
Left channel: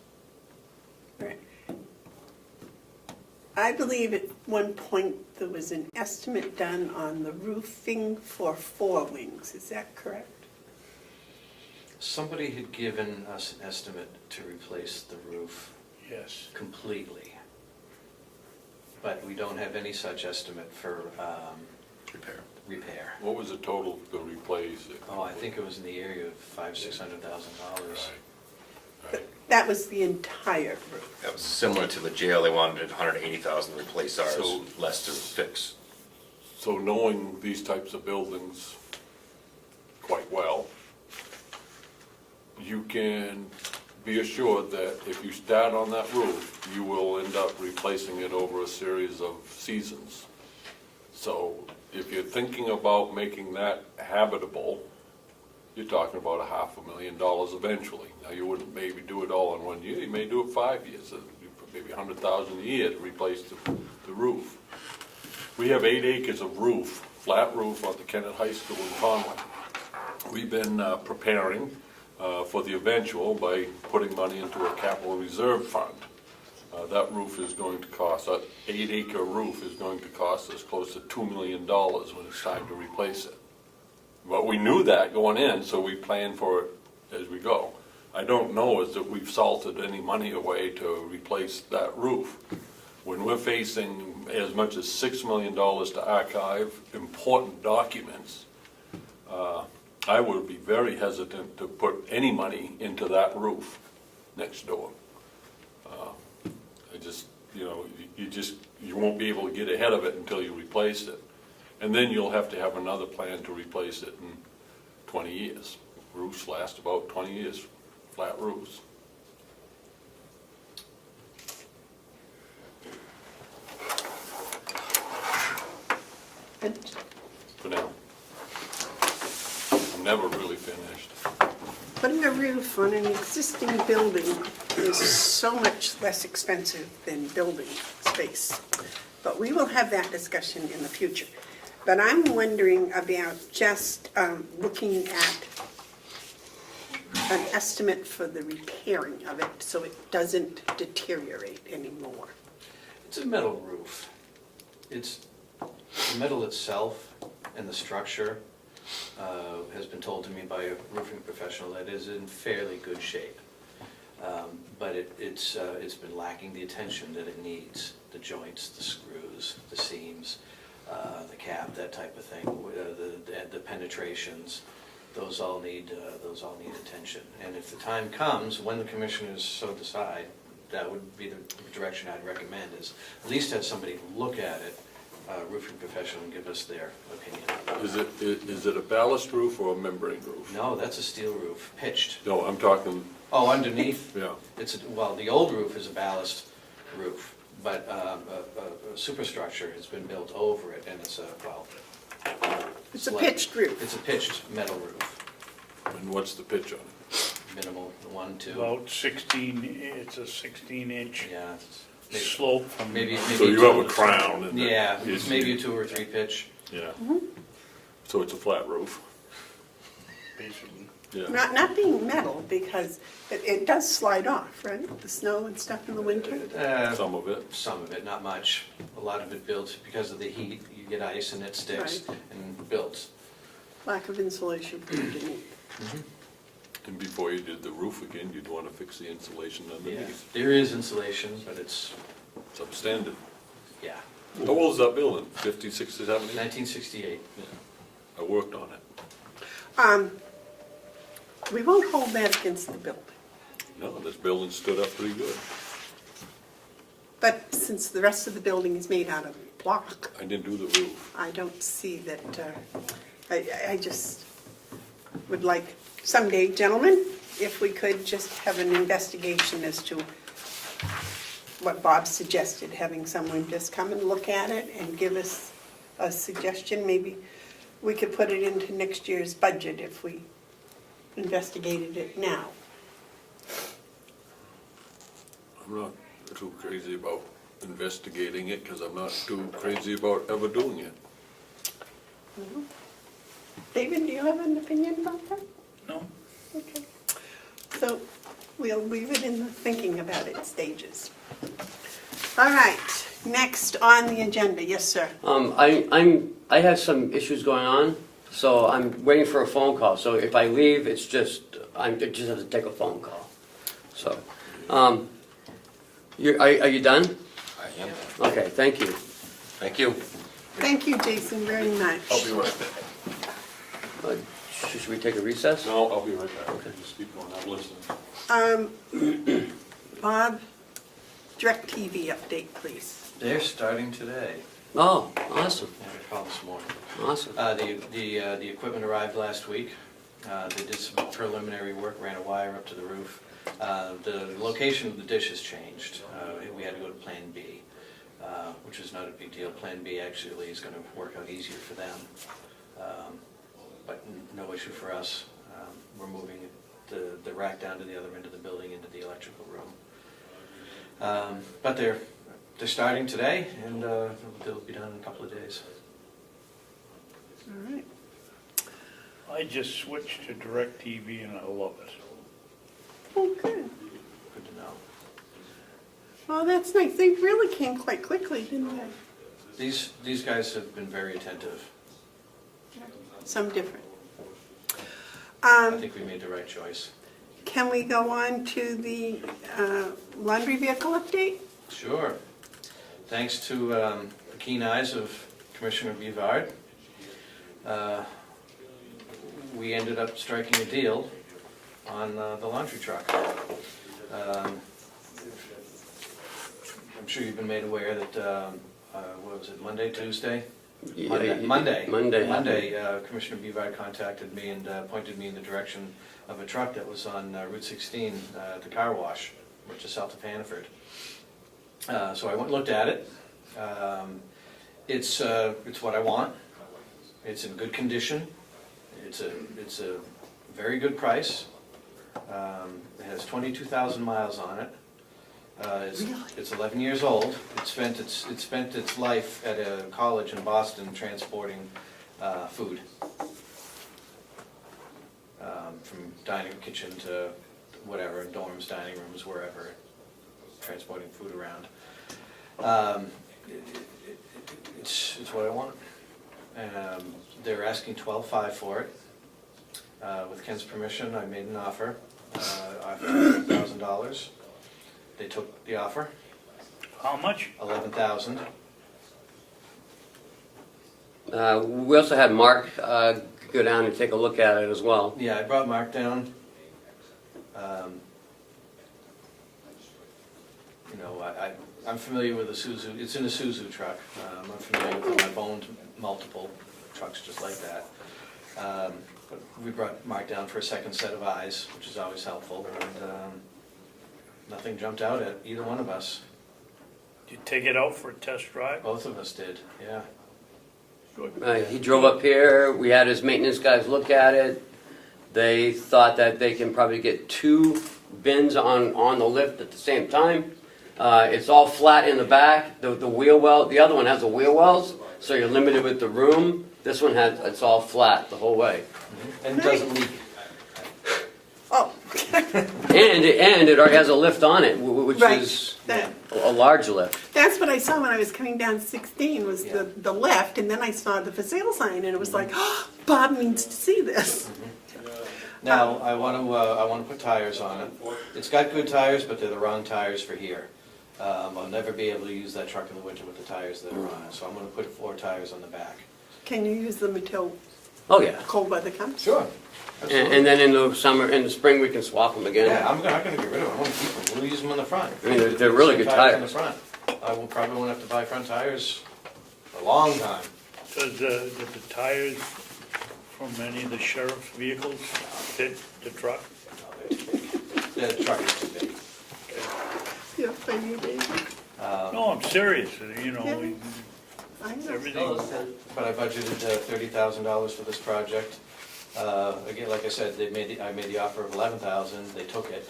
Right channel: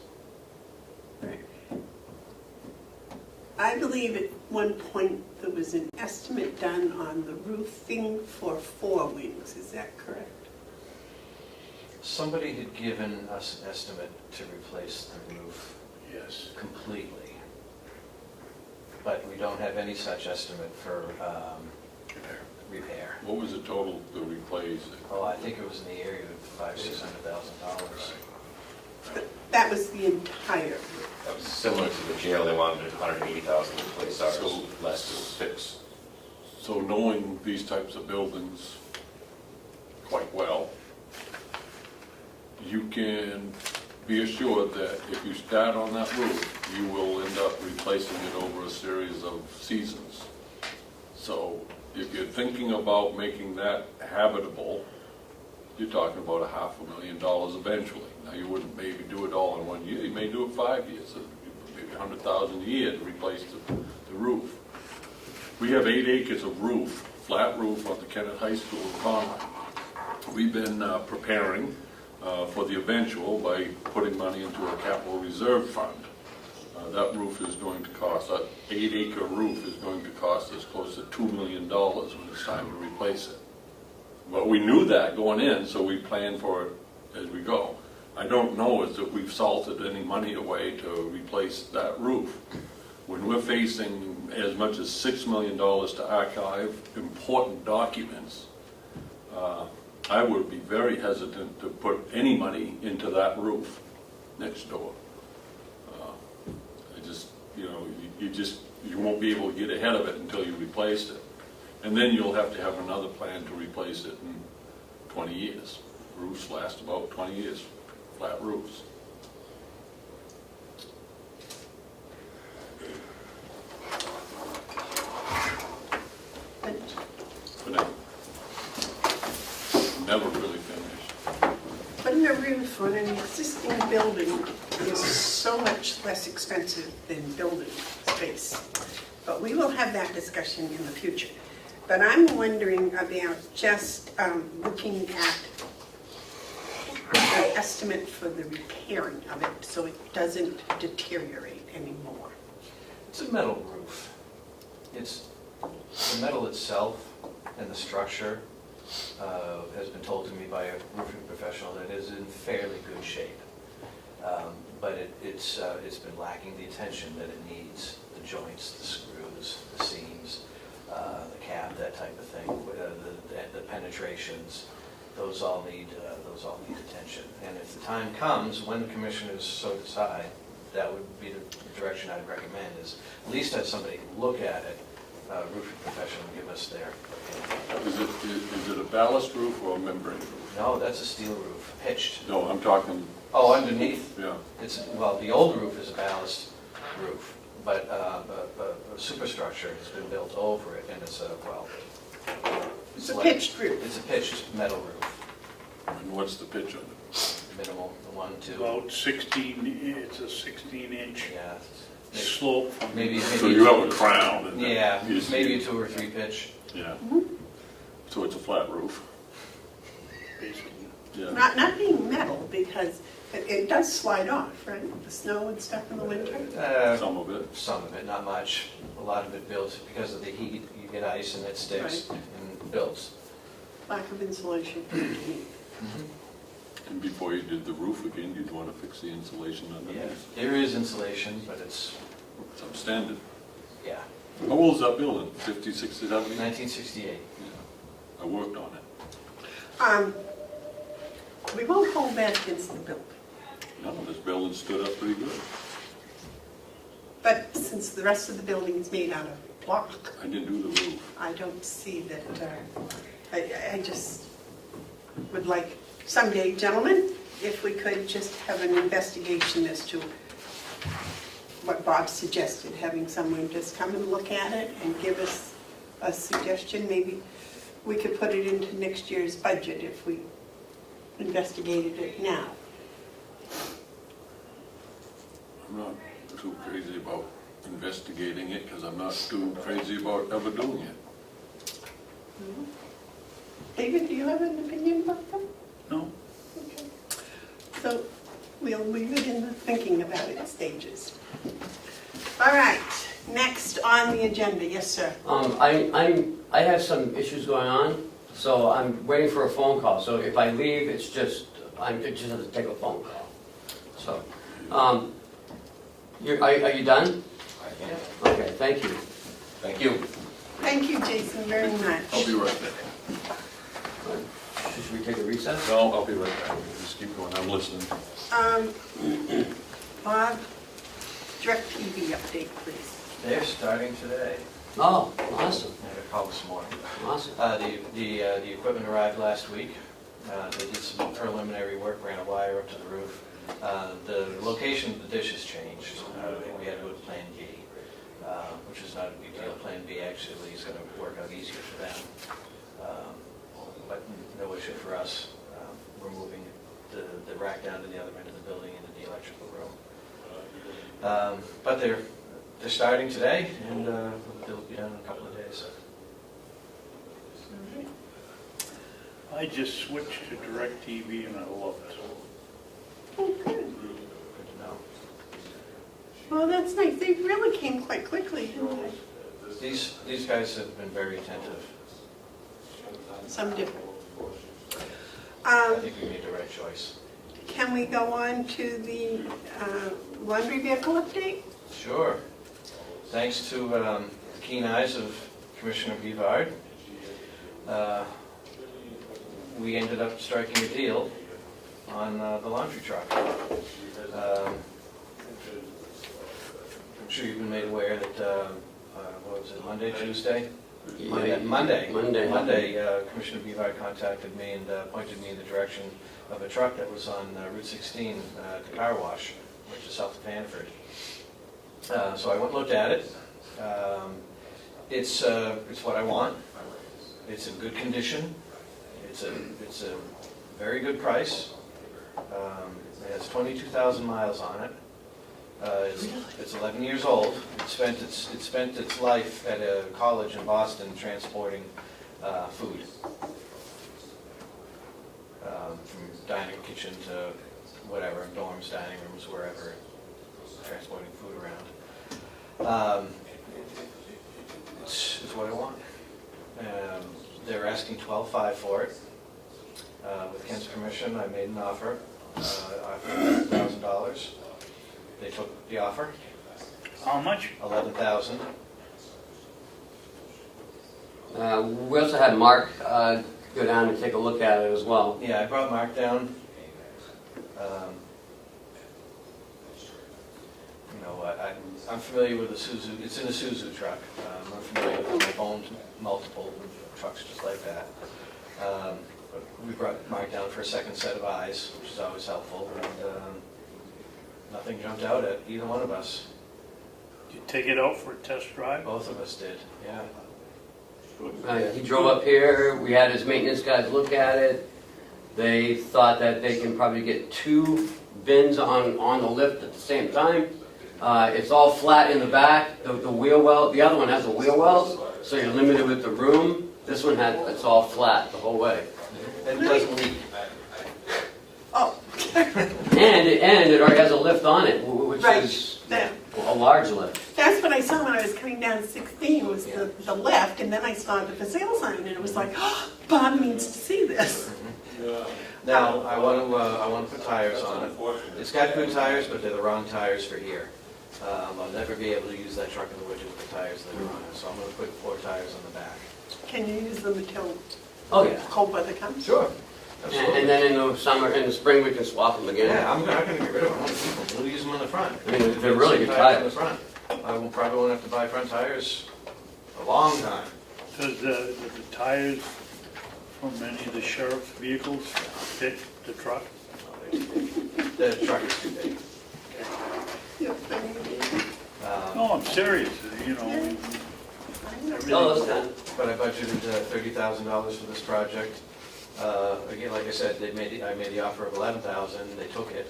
I believe at one point there was an estimate done on the roofing for 4 wings. Is that correct? Somebody had given us an estimate to replace the roof Yes. completely. But we don't have any such estimate for repair. What was the total to replace it? Oh, I think it was in the area of $500,000-$600,000. But that was the entire roof. That was similar to the jail. They wanted $180,000 to replace ours, So- less to fix. So knowing these types of buildings quite well, you can be assured that if you start on that roof, you will end up replacing it over a series of seasons. So if you're thinking about making that habitable, you're talking about $500,000 eventually. Now, you wouldn't maybe do it all in 1 year, you may do it 5 years, so maybe $100,000 a year to replace the roof. We have 8 acres of roof, flat roof on the Kennett High School in Comeau. We've been preparing for the eventual by putting money into a capital reserve fund. That roof is going to cost, that 8-acre roof is going to cost us close to $2 million when it's time to replace it. But we knew that going in, so we planned for it as we go. I don't know is that we've salted any money away to replace that roof. When we're facing as much as $6 million to archive important documents, I would be very hesitant to put any money into that roof next door. You won't be able to get ahead of it until you replace it. And then you'll have to have another plan to replace it in 20 years. Roofs last about 20 years, flat roofs. But never really finished. Putting a roof on an existing building is so much less expensive than building space. But we will have that discussion in the future. But I'm wondering about just looking at an estimate for the repairing of it so it doesn't deteriorate anymore. It's a metal roof. It's the metal itself and the structure has been told to me by a roofing professional that is in fairly good shape. But it's been lacking the attention that it needs. The joints, the screws, the seams, the cap, that type of thing, the penetrations, those all need attention. And if the time comes, when the commissioners so decide, that would be the direction I'd recommend, is at least have somebody look at it, roofing professional, and give us their opinion. Is it a ballast roof or a membrane roof? No, that's a steel roof, pitched. No, I'm talking, Oh, underneath? yeah. Well, the old roof is a ballast roof, but a superstructure has been built over it, and it's It's a pitched roof. It's a pitched metal roof, And what's the pitch on it? minimal, 1, 2. About 16, it's a 16-inch Yeah, slope from. maybe. So you have a crown and Yeah, that is- maybe a 2 or 3 pitch. Yeah. So it's a flat roof? Basically. Yeah. Not being metal, because it does slide off, right? The snow and stuff in the winter. Some of it. Some of it, not much. A lot of it built because of the heat. You get ice and it sticks and builds. Lack of insulation underneath. And before you did the roof again, you'd want to fix the insulation Yeah, underneath. there is insulation, but it's, Substandard. yeah, How old is that building? 50, 60, 70? 1968. I worked on it. We won't hold that against the building. No, this building stood up pretty good. But since the rest of the building is made out of block, I didn't do the roof. I don't see that, I just would like someday, gentlemen, if we could just have an investigation as to what Bob suggested, having someone just come and look at it and give us a suggestion. Maybe we could put it into next year's budget if we investigated it now. I'm not too crazy about investigating it because I'm not too crazy about ever doing it. David, do you have an opinion about that? No? Okay. So we'll leave it in the thinking about it stages. All right, next on the agenda, yes, sir. I have some issues going on, so I'm waiting for a phone call. So if I leave, I just have to take a phone call. So, are you done? I am. Okay, thank you. Thank you. Thank you, Jason, very much. I'll be right back. Should we take a recess? No, I'll be right back. Just keep going, I'm listening. Bob, DirecTV update, please. They're starting today. Oh, awesome, I'm gonna call this morning. awesome. The equipment arrived last week. They did some preliminary work, ran a wire up to the roof. The location of the dish has changed. We had to go to Plan B, which is not a big deal. Plan B actually is going to work out easier for them, but no issue for us. We're moving the rack down to the other end of the building into the electrical room. But they're starting today, and they'll be done in a couple of days. All right. I I just switched to DirecTV and I love it. Oh, good. Good to know. Well, that's nice. They really came quite quickly, didn't they? These guys have been very attentive. Some different. I think we made the right choice. Can we go on to the laundry vehicle update? Sure. Thanks to the keen eyes of Commissioner Bevard, we ended up striking a deal on the laundry truck. I'm sure you've been made aware that, what was it, Monday, Tuesday? Monday, Commissioner Bevard contacted me and pointed me in the direction of a truck that was on Route 16, the car wash, which is south of Hanford. So I went and looked at it. It's what I want. It's in good condition. It's a very good price. It has 22,000 miles on it. It's 11 years old. It spent its life at a college in Boston transporting food from dining kitchen to whatever, dorms, dining rooms, wherever, transporting food around. It's what I want. They're asking $12,500 for it. With Ken's permission, I made an offer, $1,000. They took the offer, How much? $11,000. We also had Mark go down and take a look at it as well. Yeah, I brought Mark down. I'm familiar with the Suzu. It's in a Suzu truck. I'm familiar with I've owned multiple trucks just like that. But we brought Mark down for a second set of eyes, which is always helpful. And nothing jumped out at either one of us. Did you take it out for a test drive? Both of us did. Yeah. He drove up here, we had his maintenance guys look at it. They thought that they can probably get 2 bins on the lift at the same time. It's all flat in the back. The wheel well, the other one has the wheel wells, so you're limited with the room. This one it's all flat the whole way. And it doesn't leak. Oh. And it already has a lift on it, which Right. is That- a large lift. That's what I saw when I was coming down 16 was the left, and then I saw the for sale sign, and it was like, oh, Bob needs to see this. Now, I want to put tires on it. It's got good tires, but they're the wrong tires for here. I'll never be able to use that truck in the winter with the tires that are on it, so I'm going to put 4 tires on the back. Can you use them until Oh yeah. cold weather comes? Sure. And then in the summer, in the spring, we can swap them again. Yeah, I'm gonna get rid of them. I won't keep them. We'll use them on the front. I mean, they're really good tires. On the front. Probably won't have to buy front tires a long time. Does the tires from any of the sheriff's vehicles fit the truck? The truck is too big. Yeah, I mean, No, I'm serious, you know. Yeah. I know. everything- Oh, those kind. But I budgeted $30,000 for this project. Again, like I said, I made the offer of $11,000. They took it.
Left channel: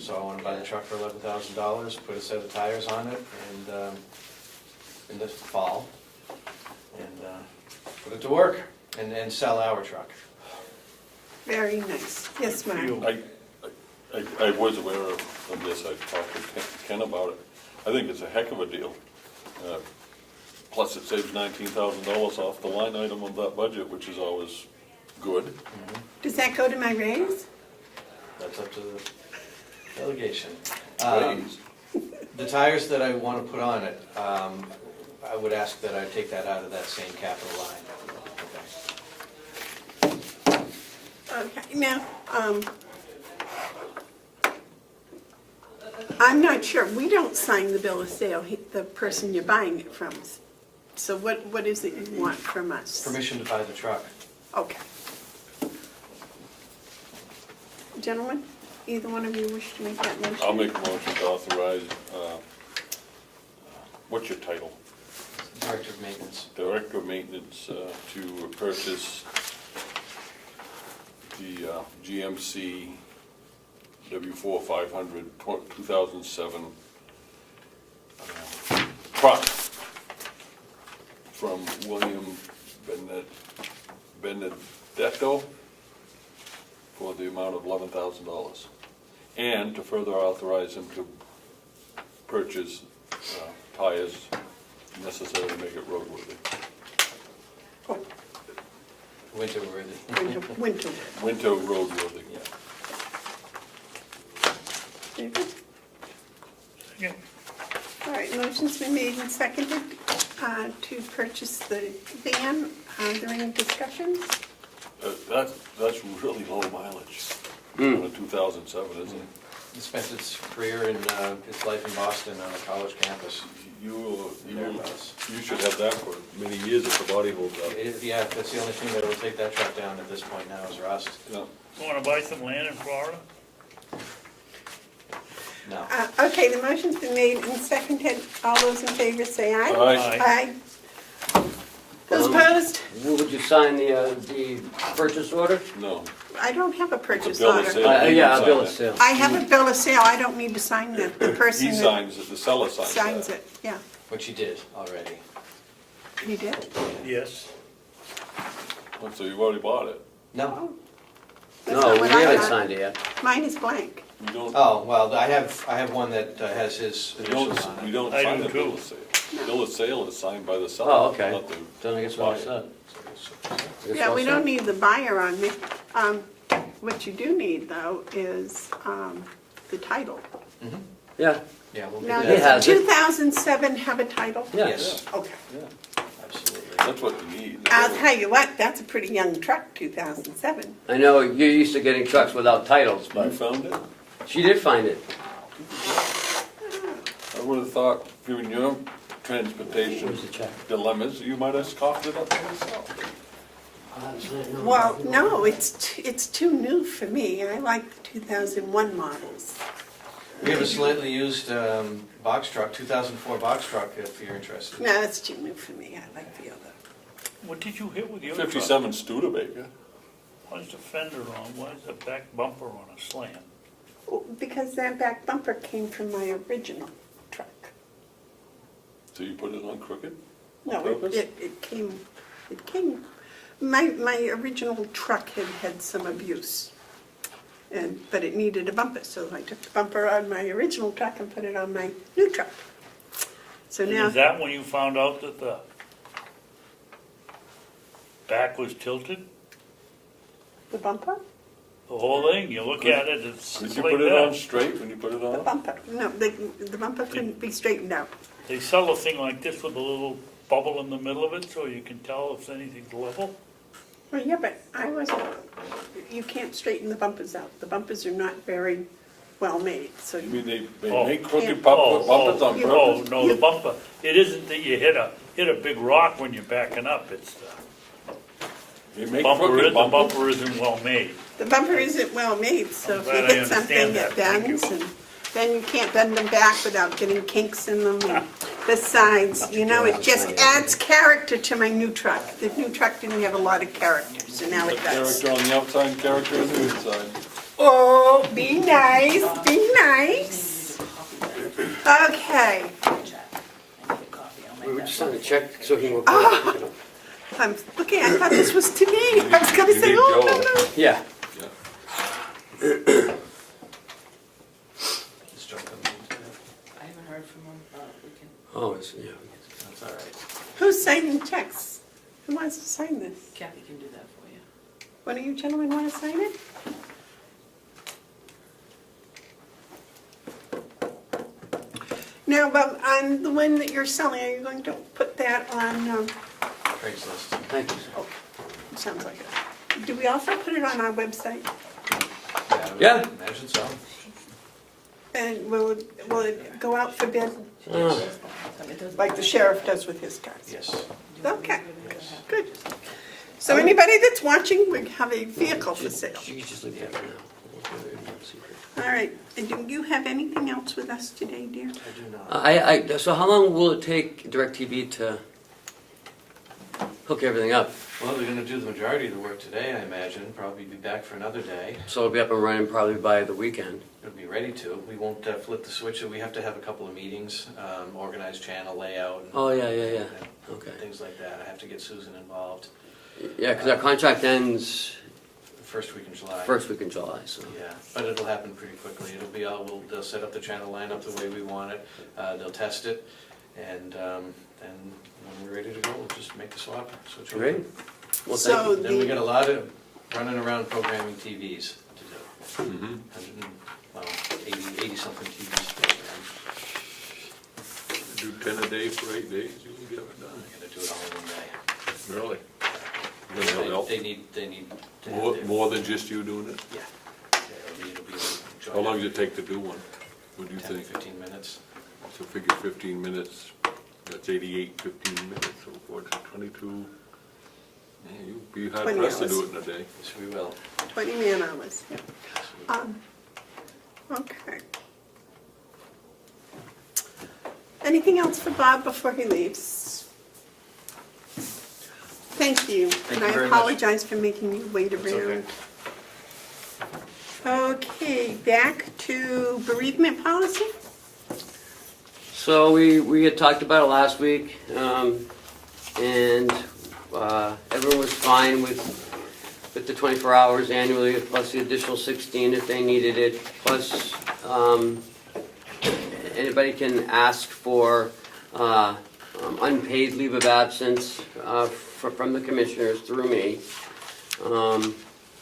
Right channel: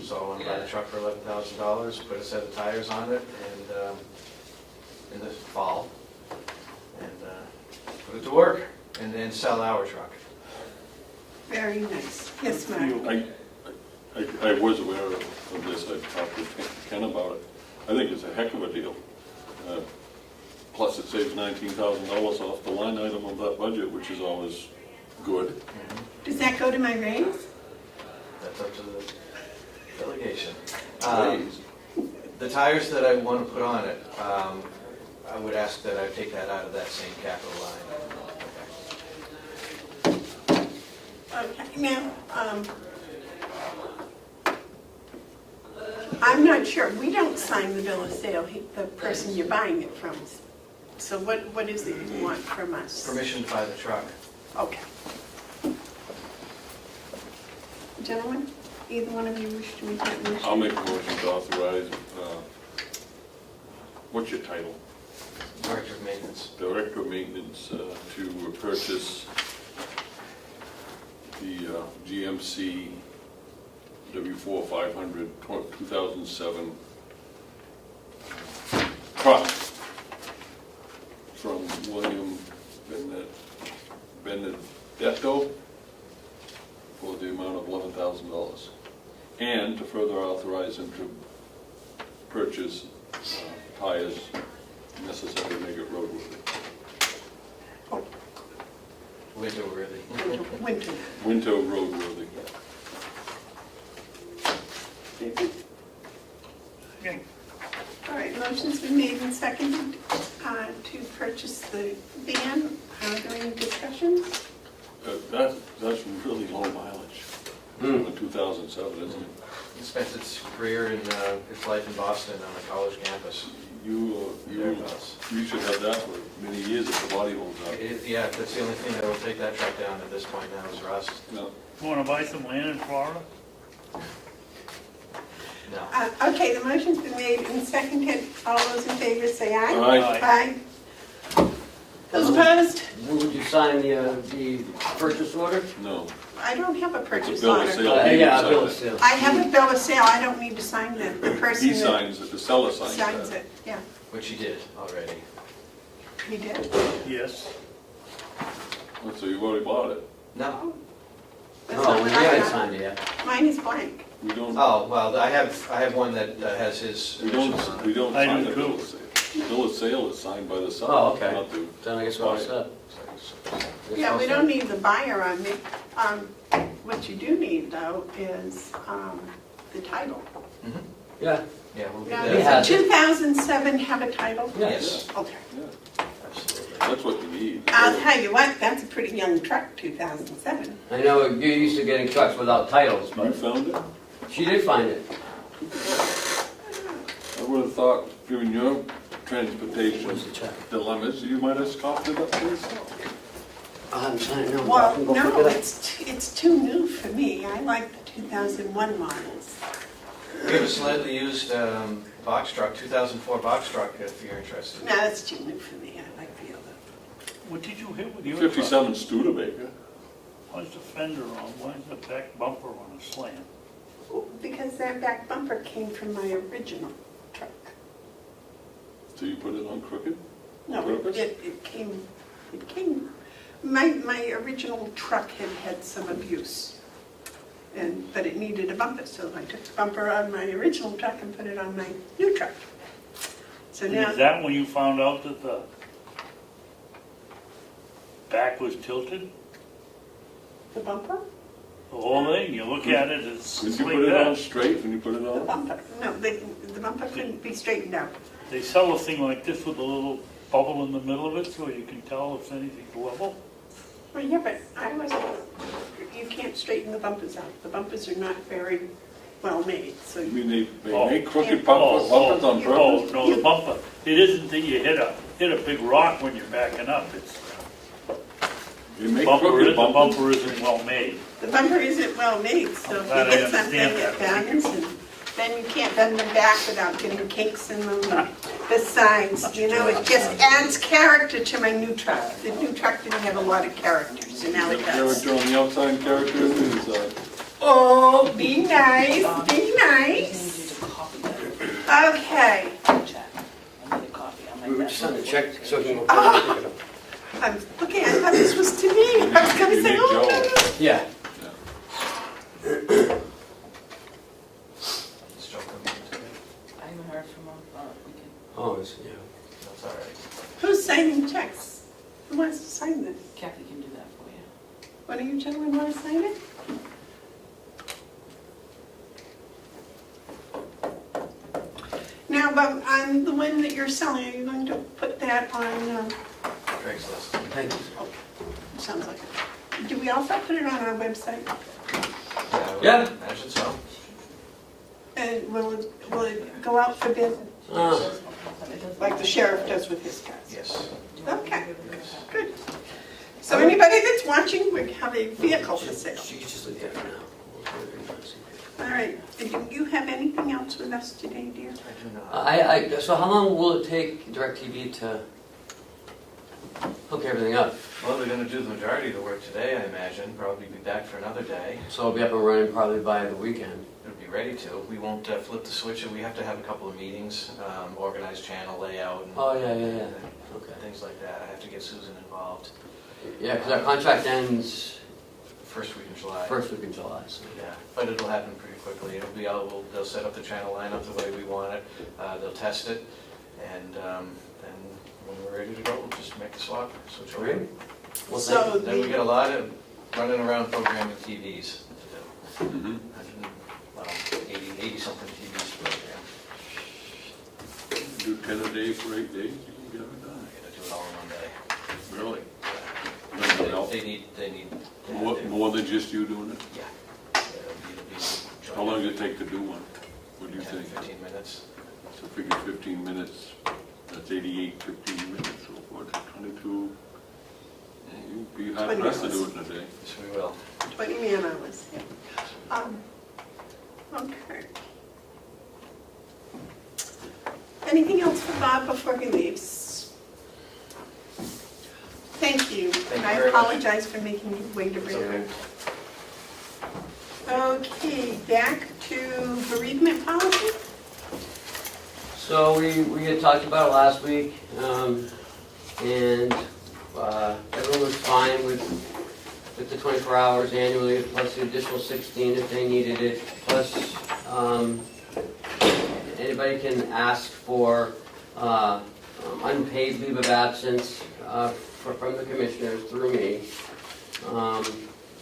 So I want to buy the truck for $11,000. Put a set of tires on it, and in the fall, and put it to work, and then sell our truck. Very nice. Yes, Mark. I was aware of this, I talked to Ken about it. I think it's a heck of a deal. Plus it saves $19,000 off the line item of that budget, which is always good. Does that go to my raise? That's up to the delegation. Raise. The tires that I want to put on it, I would ask that I take that out of that same capital line. Okay, now, I'm not sure, we don't sign the bill of sale, the person you're buying it from. So what is it you want from us? Permission to buy the truck. Okay. Gentlemen, either one of you wish to make that motion? I'll make a motion to authorize, what's your title? Director of Maintenance. Director of Maintenance to purchase the GMC W4 500 2007 truck from William Bennett Deco for the amount of $11,000. And to further authorize him to purchase tires necessary to make it roadworthy. Winter worthy. Winter. Winter roadworthy. David? Okay. All right, motion's been made and seconded to purchase the van. Are there any discussions? That's really low mileage on a 2007, isn't it? It spent its career in its life in Boston on a college campus. You Thereabouts. should have that for many years if the body holds up. Yeah, that's the only thing that will take that truck down at this point now is rust. No. You wanna buy some land in Florida? No. Okay, the motion's been made and seconded. All those in favor say aye. Aye. Aye. Those opposed? Would you sign the purchase order? No. I don't have a purchase It's a bill of order. sale. Yeah, bill of sale. I have a bill of sale, I don't need to sign that. The person He that signs it, the seller signs signs that. it, yeah. But you did already. You did? Yes. Oh, so you already bought it? No. That's No, not we what I haven't got. signed it yet. Mine is blank. We don't, Oh, well, I have one that has his we initials on don't, we it. don't I sign do the bill of sale. Bill of sale is signed by the seller. Oh, okay. not the- Then I guess we're all set. Yeah, we don't need the buyer on it. What you do need though is the title. Mhm. Yeah, Yeah, we'll do Now, It that. does has a it. 2007 have a title? Yes, Okay. absolutely. That's what you need. I'll tell you what, that's a pretty young truck, 2007. I know you're used to getting trucks without titles, You but found it? she did find it. I would have thought, given your transportation Where's the check? dilemmas, you might have scoffed it up to yourself. I haven't signed it, no. Well, I can go no, pick it up. it's too new for me. I like the 2001 models. We have a slightly used box truck, 2004 box truck, if you're interested. No, that's too new for me. I like the other. What did you hit with your truck? 57 Studebaker. Why's the fender on, why's the back bumper on a slant? Because that back bumper came from my original truck. So you put it on crooked? No, Purpose? it came, my original truck had some abuse. But it needed a bumper, so I took the bumper out of my original truck and put it on my new truck. So now, Is that when you found out that the back was tilted? the bumper? The whole thing, you look at it, it's Did you like put it on that. straight when you put it The on? bumper, no, the bumper couldn't be straightened out. They sell a thing like this with a little bubble in the middle of it, so you can tell if anything's level. Well, yeah, but you can't straighten the bumpers out. The bumpers are not very well made, so You you, mean they Oh. make crooked Oh, bumpers on oh, purpose? no, the bumper, it isn't that you hit a big rock when you're backing up, it's, They make the crooked bumpers? bumper isn't well made. the bumper isn't well made, so if you Glad I hit something, understand it that. bends, and then you can't bend them back without getting kinks in them, and the sides, you know, it just adds character to my new truck. The new truck didn't have a lot of character, so now it does. Character on the outside and character on the inside. Oh, be nice, be nice. Okay, We were just trying to check so he can. Ah. I'm looking, I thought this was to me. I was gonna say, You need oh, Joe. no, no. Yeah, I haven't heard from him, but we can. oh, it's, yeah. That's all right. Who's signing checks? Who wants to sign this? Kathy can do that for you. One of you gentlemen want to sign it? Now, Bob, on the one that you're selling, are you going to put that on, Craigslist. Thank you. sounds like it. Do we also put it on our website? Yeah. Imagine so. And will it go out for bid, Oh, like the sheriff does with his cars? Yes. Okay, good. So anybody that's watching, we have a vehicle for sale. she's just looking at it now. All right, and do you have anything else with us today, dear? I do not. So how long will it take DirecTV to hook everything up? Well, they're gonna do the majority of the work today, I imagine, probably be back for another day. So it'll be up and running probably by the weekend. We'll be ready to. We won't flip the switch, we have to have a couple of meetings, organize channel layout. and- Oh, yeah, yeah, yeah. and Okay. Things like that. I have to get Susan involved. Yeah, because our contract ends First week in July. first week in July, so. Yeah, but it'll happen pretty quickly. It'll be, they'll set up the channel lineup the way we want it, they'll test it, and when we're ready to go, we'll just make the swap. switch over. Great. Well, So Then we the, got a lot of running around programming TVs to do. Mhm. 80-something TVs programmed. Do 10 a day for 8 days, you can get it done. I gotta do it all in one day. Really? They need to have More, their- more than just you doing it? Yeah. It'll be How long does it take to do one? What do you 10 to think? 15 minutes. So figure 15 minutes, that's 88, 15 minutes, so what, 22? Yeah, you'd be hard 20 pressed to do hours. it in a day. Yes, we will. 20 man hours, yeah. Okay. Anything else for Bob before he leaves? Thank you, Thank and you I very much. apologize for making you wait It's around. okay. Okay, back to bereavement policy? So we had talked about it last week, and everyone was fine with the 24 hours annually, plus the additional 16 if they needed it, plus anybody can ask for unpaid leave of absence from the commissioners through me.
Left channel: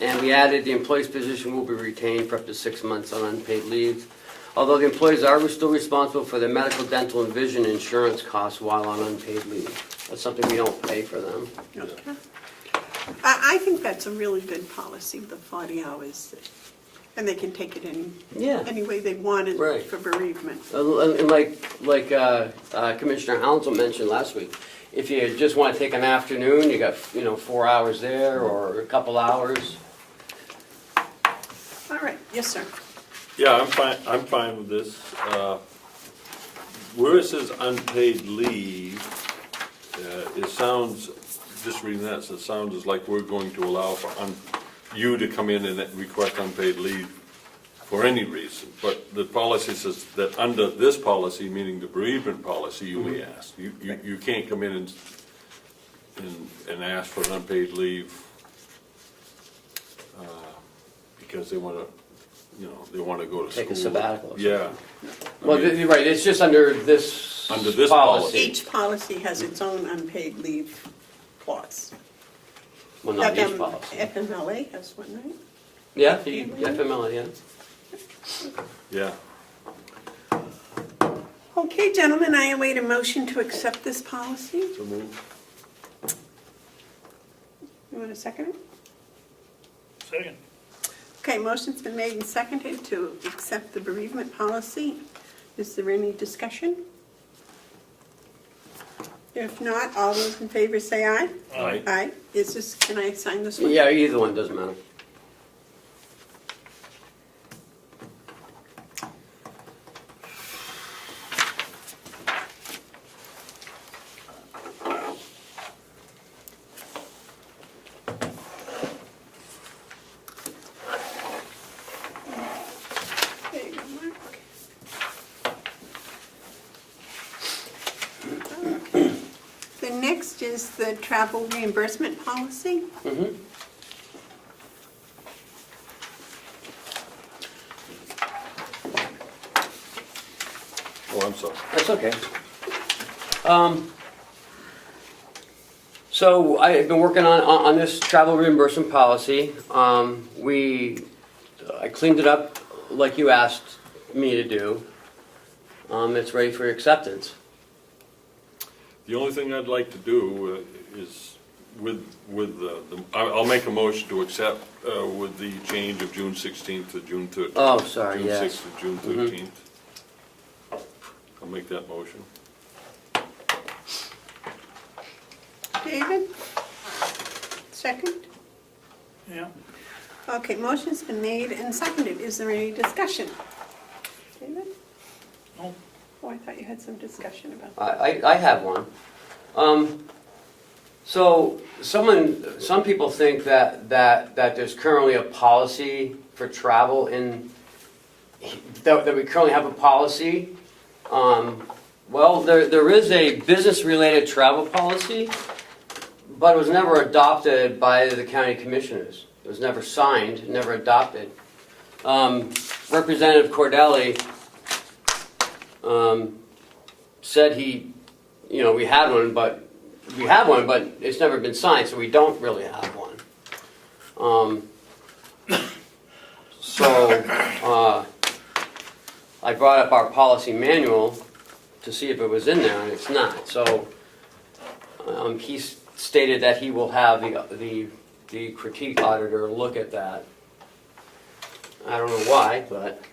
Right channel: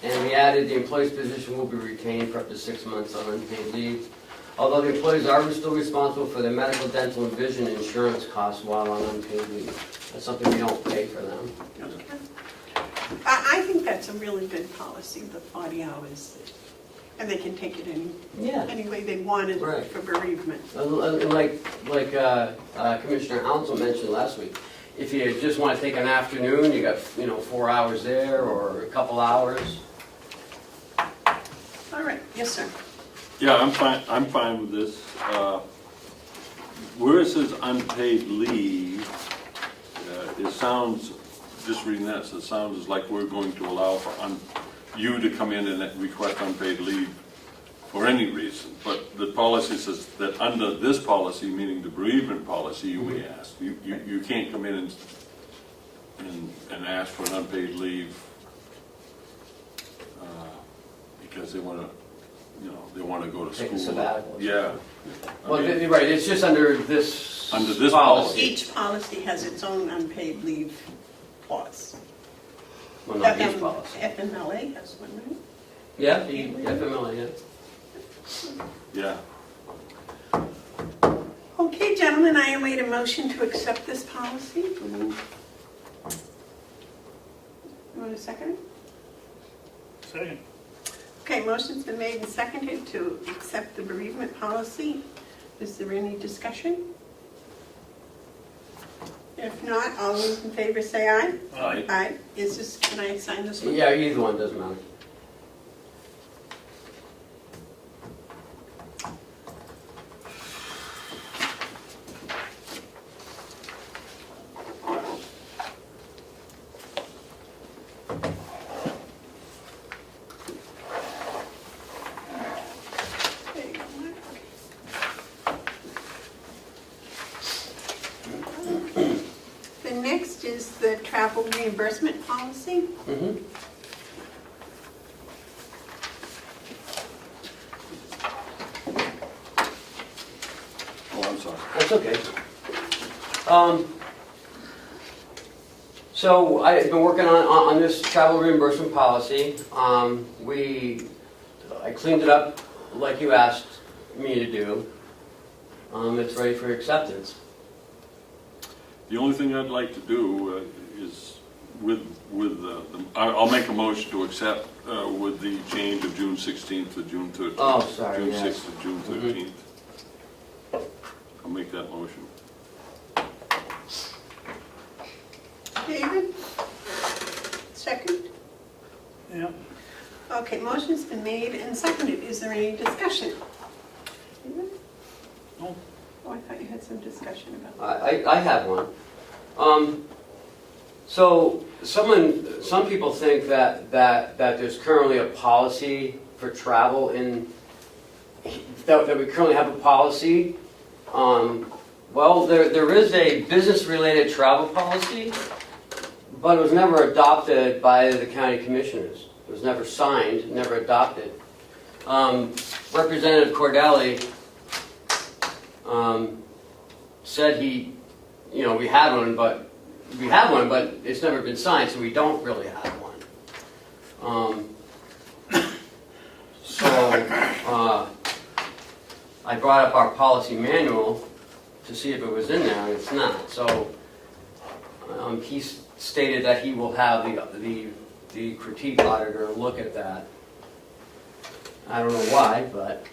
And we added the employee's position will be retained for up to 6 months on unpaid leave. Although the employees are still responsible for their medical, dental, and vision insurance costs while on unpaid leave. That's something we don't pay for them. Okay. I think that's a really good policy, the 40 hours, and they can take it Yeah. any way they wanted Right. for bereavement. Like Commissioner Hounsell mentioned last week, if you just want to take an afternoon, you got 4 hours there or a couple hours. All right, yes, sir. Yeah, I'm fine with this. Where it says unpaid leave, it sounds, just reading that, it sounds like we're going to allow for you to come in and request unpaid leave for any reason. But the policy says that under this policy, meaning the bereavement policy, you ask. You can't come in and ask for an unpaid leave because they want to, they want to go to school. Take a sabbatical or Yeah. Well, you're right, it's just under this Under this policy. Each policy has its own unpaid leave clause. Well, not each policy. FMLA has one, right? Yeah, the FMLA, yeah. Yeah. Okay, gentlemen, I await a motion to accept this policy. So move. You want a second? Second. Okay, motion's been made and seconded to accept the bereavement policy. Is there any discussion? If not, all those in favor say aye. Aye. Aye. Is this, can I sign this one? Yeah, either one, doesn't matter. There you go, Mark. The next is the travel reimbursement policy. Mm-hmm. Oh, I'm sorry. That's okay. So I've been working on this travel reimbursement policy. I cleaned it up like you asked me to do. It's ready for acceptance. The only thing I'd like to do is I'll make a motion to accept with the change of June 16th to June 13th. Oh, sorry, June yes. 6th to June 13th. I'll make that motion. David? Second? Yeah. Okay, motion's been made and seconded. Is there any discussion? David? No. Oh, I thought you had some discussion about that. I have one. So some people think that there's currently a policy for travel that we currently have a policy. Well, there is a business-related travel policy, But it was never adopted by the county commissioners. It was never signed, never adopted. Representative Cordelli said he, you know, we have one, but it's never been signed, so we don't really have one. I brought up our policy manual to see if it was in there, and it's not. So he stated that he will have the critique auditor look at that. I don't know why, but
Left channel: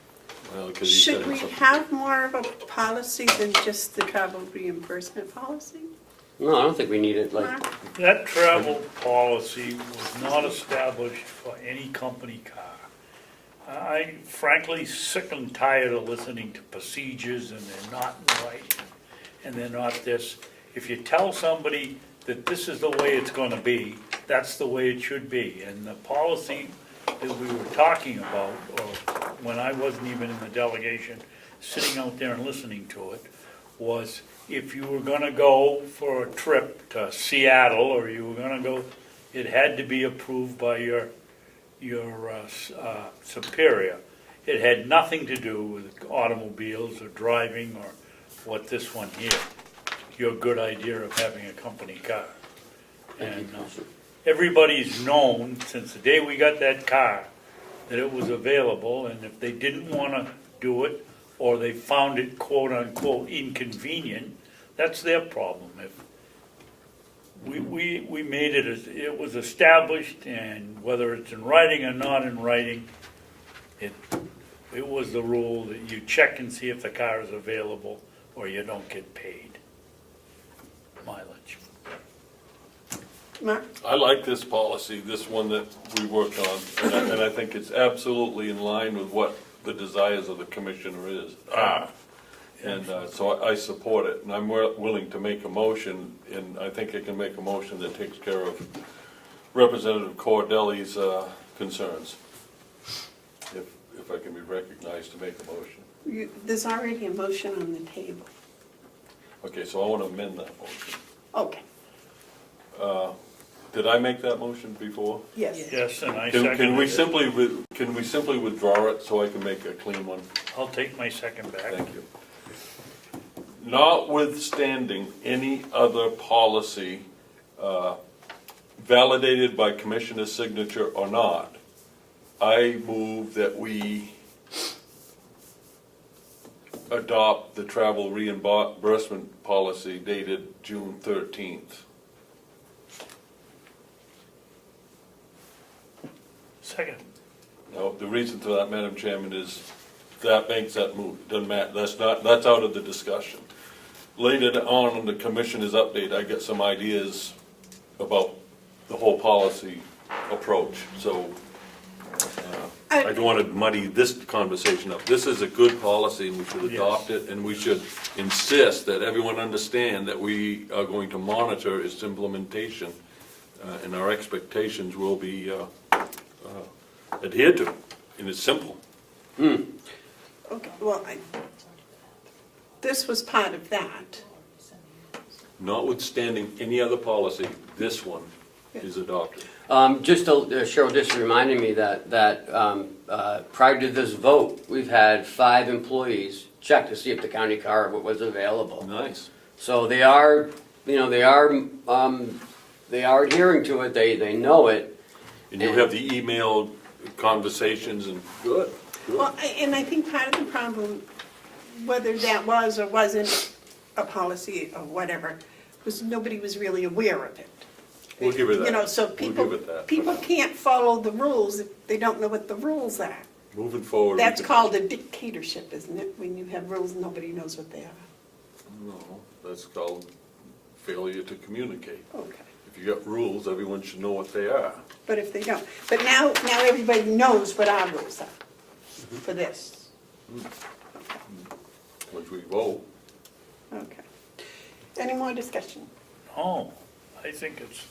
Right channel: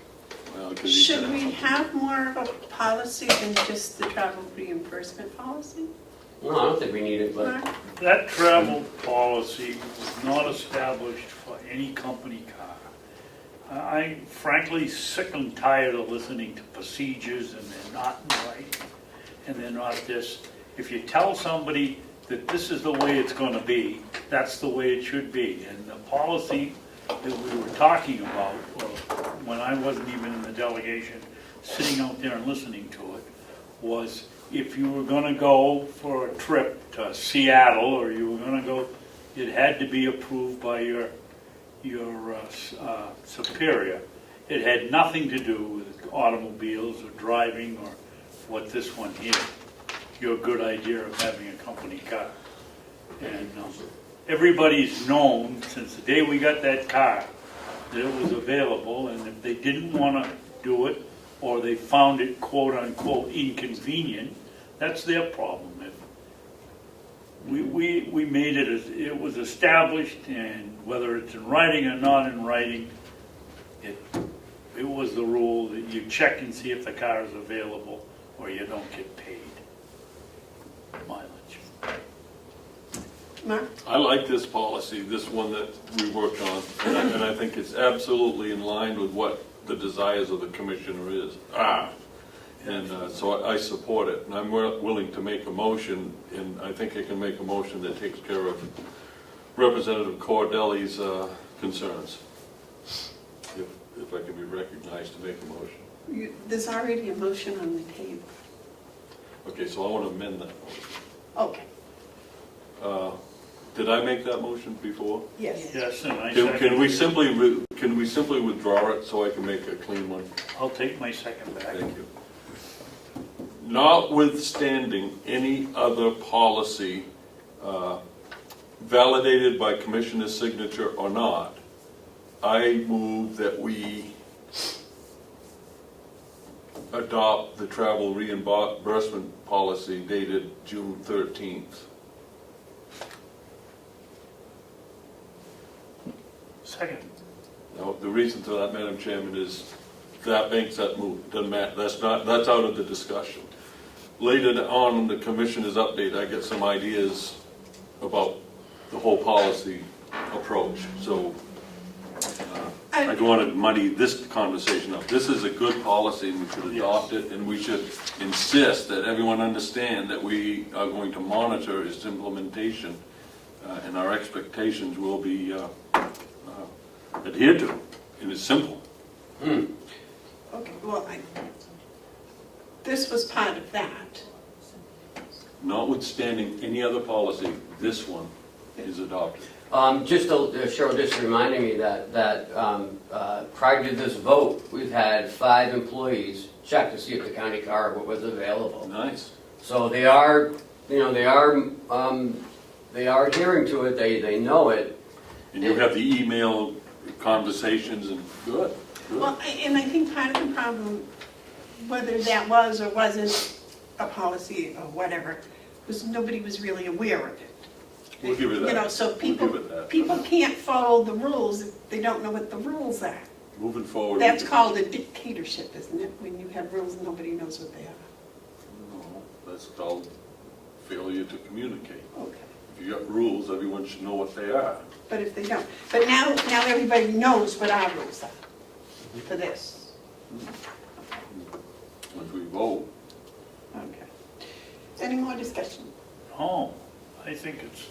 Well, 'cause he said Should we something. have more of a policy than just the travel reimbursement policy? no, I don't think we need it. Like, Mark? That travel policy was not established for any company car. I'm frankly sick and tired of listening to procedures and they're not right, and they're not this. If you tell somebody that this is the way it's gonna be, that's the way it should be. And the policy that we were talking about, or when I wasn't even in the delegation, sitting out there and listening to it, was if you were gonna go for a trip to Seattle, or you were gonna go, it had to be approved by your superior. It had nothing to do with automobiles or driving or what this one here, your good idea of having a company car. And everybody's known since the day we got that car that it was available, and if they didn't want to do it, or they found it quote-unquote inconvenient, that's their problem. If we made it, it was established, and whether it's in writing or not in writing, it was the rule that you check and see if the car is available, or you don't get paid mileage. Mark? I like this policy, this one that we worked on, and I think it's absolutely in line with what the desires of the commissioner is. And so I support it, and I'm willing to make a motion, and I think I can make a motion that takes care of Representative Cordelli's concerns. If I can be recognized to make a motion. There's already a motion on the table. Okay, so I want to amend that motion. Okay. Did I make that motion before? Yes. Yes, and I Can second we it. can we simply withdraw it so I can make a clean one? I'll take my second back. Thank you. Notwithstanding any other policy validated by commissioner's signature or not, I move that we adopt the travel reimbursement policy dated June 13th. Second. Now, the reason for that, Madam Chairman, is that makes that move, doesn't matter, that's out of the discussion. Later on in the commissioner's update, I get some ideas about the whole policy approach, so I don't want to muddy this conversation up. This is a good policy, and we should adopt it, and we should insist that everyone understand that we are going to monitor its implementation, and our expectations will be adhered to, and it's simple. Okay, well, this was part of that. Notwithstanding any other policy, this one is adopted. Cheryl just reminded me that prior to this vote, we've had 5 employees check to see if the county car was available. Nice. So they are adhering to it, they know it. And you have the email conversations and good. Well, and I think part of the problem, whether that was or wasn't a policy or whatever, was nobody was really aware of it. We'll give it that. You know, so people We'll give it that. people can't follow the rules if they don't know what the rules are. Moving forward. That's called a dictatorship, isn't it? When you have rules and nobody knows what they are. No, that's called failure to communicate. Okay. If you got rules, everyone should know what they are. But if they don't, but now everybody knows what our rules are for this. Once we vote. Okay. Any more discussion? Oh, I think it's,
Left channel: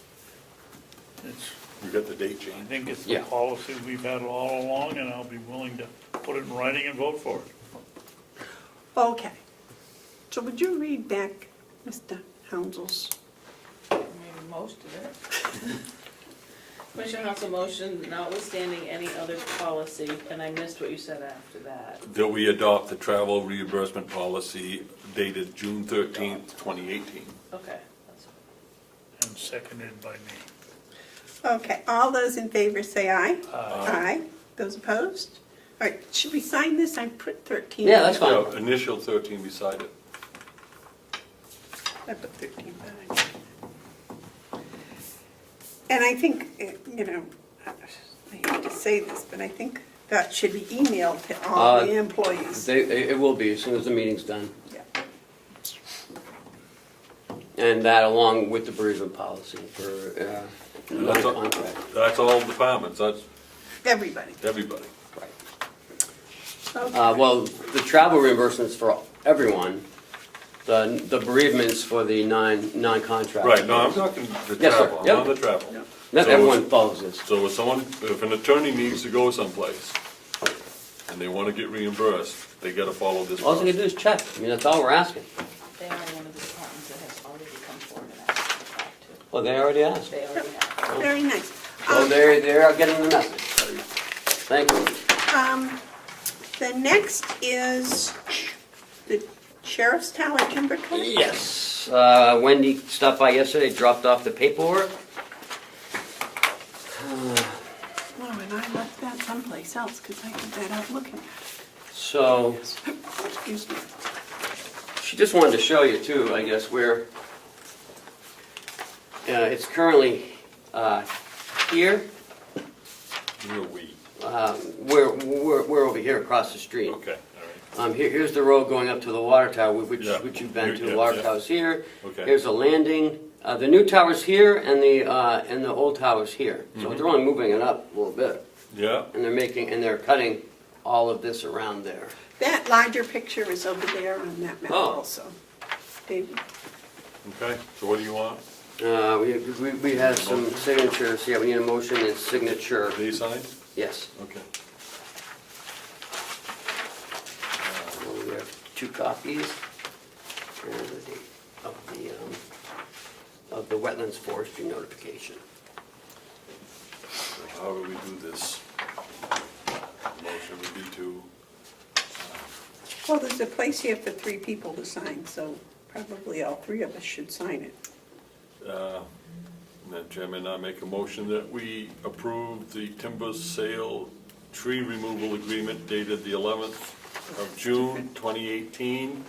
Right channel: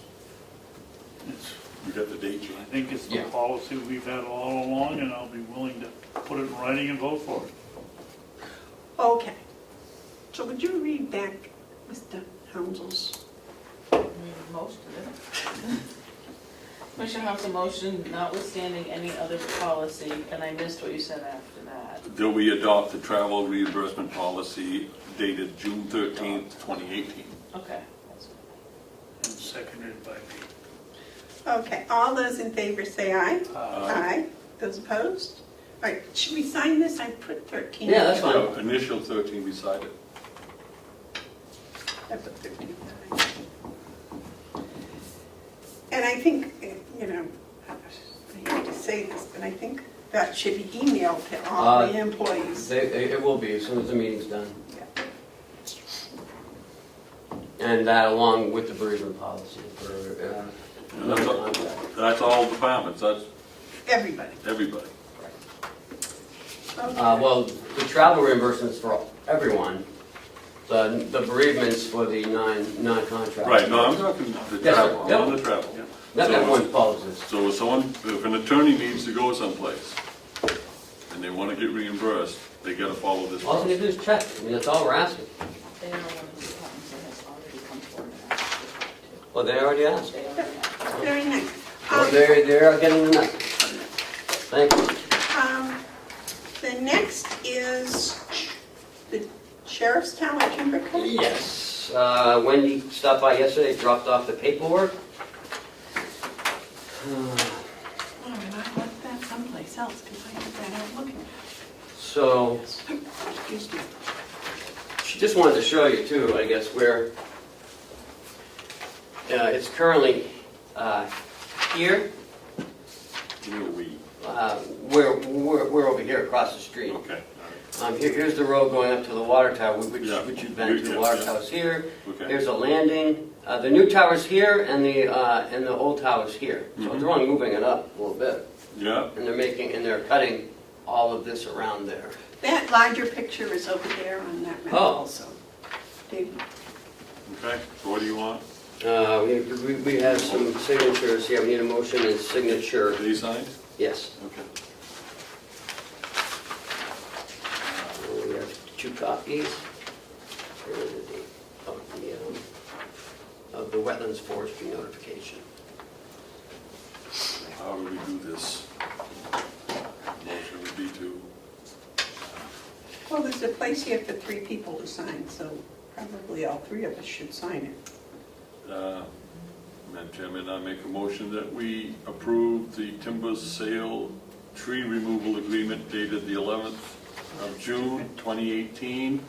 We got the date I change. think it's the Yeah. policy we've had all along, and I'll be willing to put it in writing and vote for it. Okay. So would you read back Mr. Hounsell's most, isn't it? Commissioner Hounsell motion notwithstanding any other policy, and I missed what you said after that. That we adopt the travel reimbursement policy dated June 13th, 2018. Okay. And seconded by me. Okay, all those in favor say aye. Aye. Those opposed? All right, should we sign this? I put 13. Yeah, that's fine. Yeah, Initial 13 beside it. I put 13. And I think, you know, I hate to say this, but I think that should be emailed to all the employees. It will be as soon as the meeting's done. Yeah. And that along with the bereavement policy for, That's all- contract. That's all departments, that's Everybody. everybody. Okay. Well, the travel reimbursements for everyone, the bereavements for the non-contract. Right, no, I'm talking the Yes, sir. travel, Yep. on the travel. Not everyone follows this. So if an attorney needs to go someplace and they want to get reimbursed, they gotta follow this. All they do is check, I mean, that's all we're asking. They are one of the departments that has already come forward and asked Well, they already asked. to. They already have. Very nice. So they're getting the message. Thank you. The next is the Sheriff's Town at Timber Cut. Yes, Wendy stopped by yesterday, dropped off the paperwork. Oh, and I left that someplace else because I had that out looking. So, Excuse me. she just wanted to show you too, I guess, where it's currently here. We're over here across the street. Okay, Here's the road going up to the water tower, which Yeah. you've been to. The Yeah, water yeah. tower's here. okay. Here's a landing. The new tower's here, and the old tower's here. So Mhm. they're only moving it up a little bit, Yeah, and they're cutting all of this around there. That larger picture is over there on that map Oh. also. Big. okay, so what do you want? We have some signatures here. We need a motion and signature. Any signed? Yes. Okay. We have 2 copies of the wetlands forestry notification. How would we do this? Motion would be to, Well, there's a place here for 3 people to sign, so probably all 3 of us should sign it. Madam Chairman, I make a motion that we approve the timber sale tree removal agreement dated the 11th of June 2018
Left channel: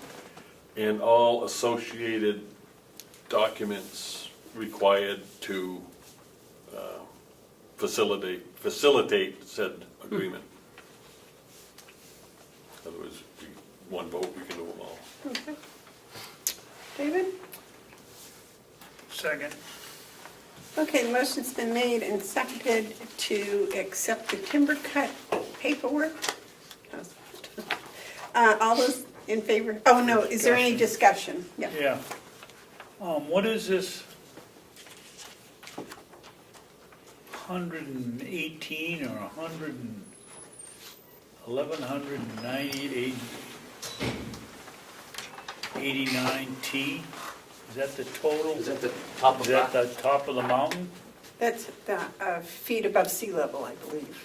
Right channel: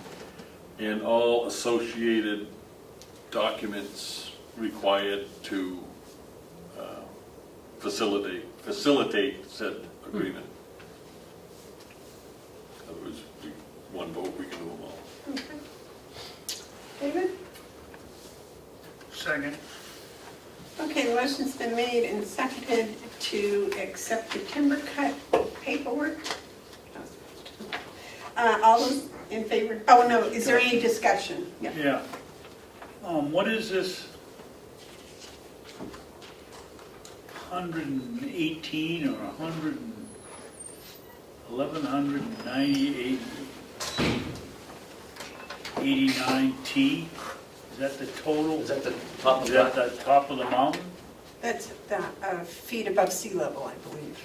and all associated documents required to facilitate said agreement. In other words, one vote, we can do them all. Okay. David? Second. Okay, the motion's been made and seconded to accept the timber cut paperwork. All those in favor? Oh, no, is there any discussion? Yeah. Yeah. What is this? 118 or 1198 89T? Is that the total? Is that the top of Is that that? the top of the mountain? That's about feet above sea level, I believe.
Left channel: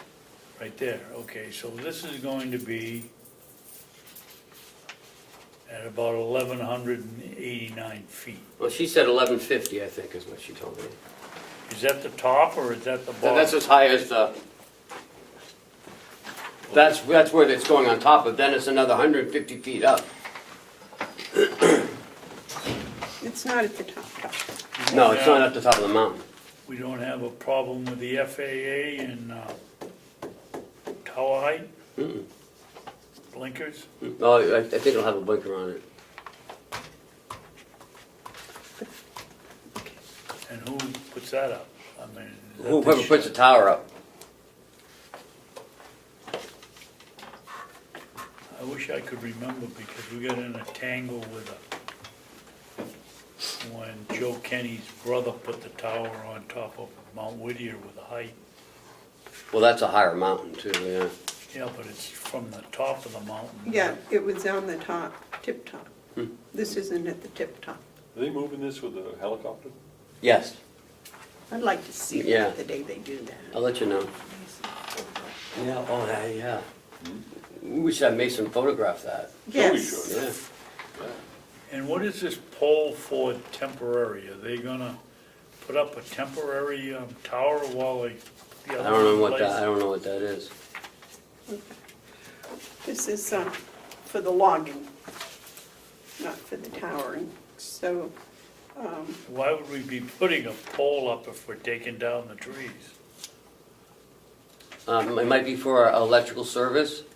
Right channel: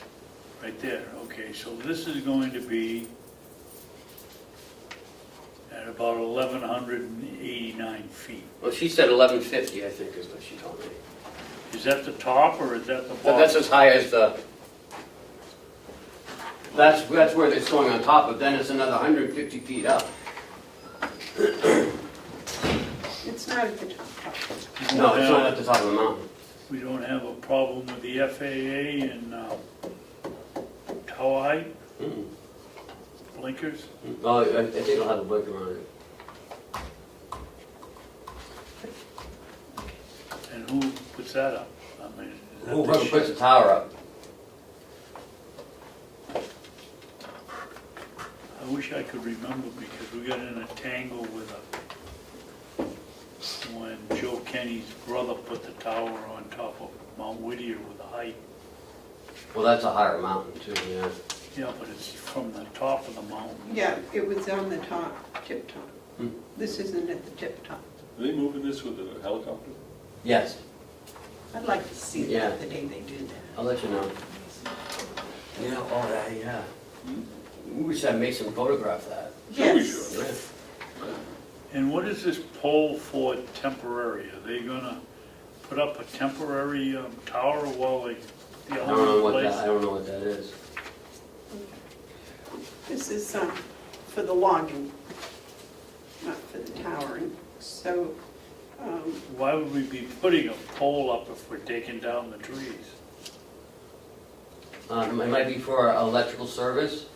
Right there, okay, so this is going to be at about 1,189 feet. Well, she said 1150, I think, is what she told me. Is that the top or is that the bottom? That's as high as the, that's where it's going on top of, then it's another 150 feet up. It's not at the top. No, it's not at the top of the mountain. We don't have a problem with the FAA and tower height, Mm-mm. blinkers? Oh, I think it'll have a blinker on it. And who puts that up? I mean, is that Whoever the puts the tower up. I wish I could remember because we got in a tangle with when Joe Kenny's brother put the tower on top of Mount Whittier with a height. Well, that's a higher mountain too, yeah. Yeah, but it's from the top of the mountain. Yeah, it was on the top, tip top. Hmm. This isn't at the tip top. Are they moving this with a helicopter? Yes, I'd like to see Yeah. that the day they do that. I'll let you know. Yeah, oh, yeah. We should have Mason photograph that. Yes. Yeah. And what is this pole for temporary? Are they gonna put up a temporary tower while they get I don't know what place? that, I don't know what that is. This is for the logging, not for the towering. So, Why would we be putting a pole up if we're taking down the trees? It might be for our electrical service.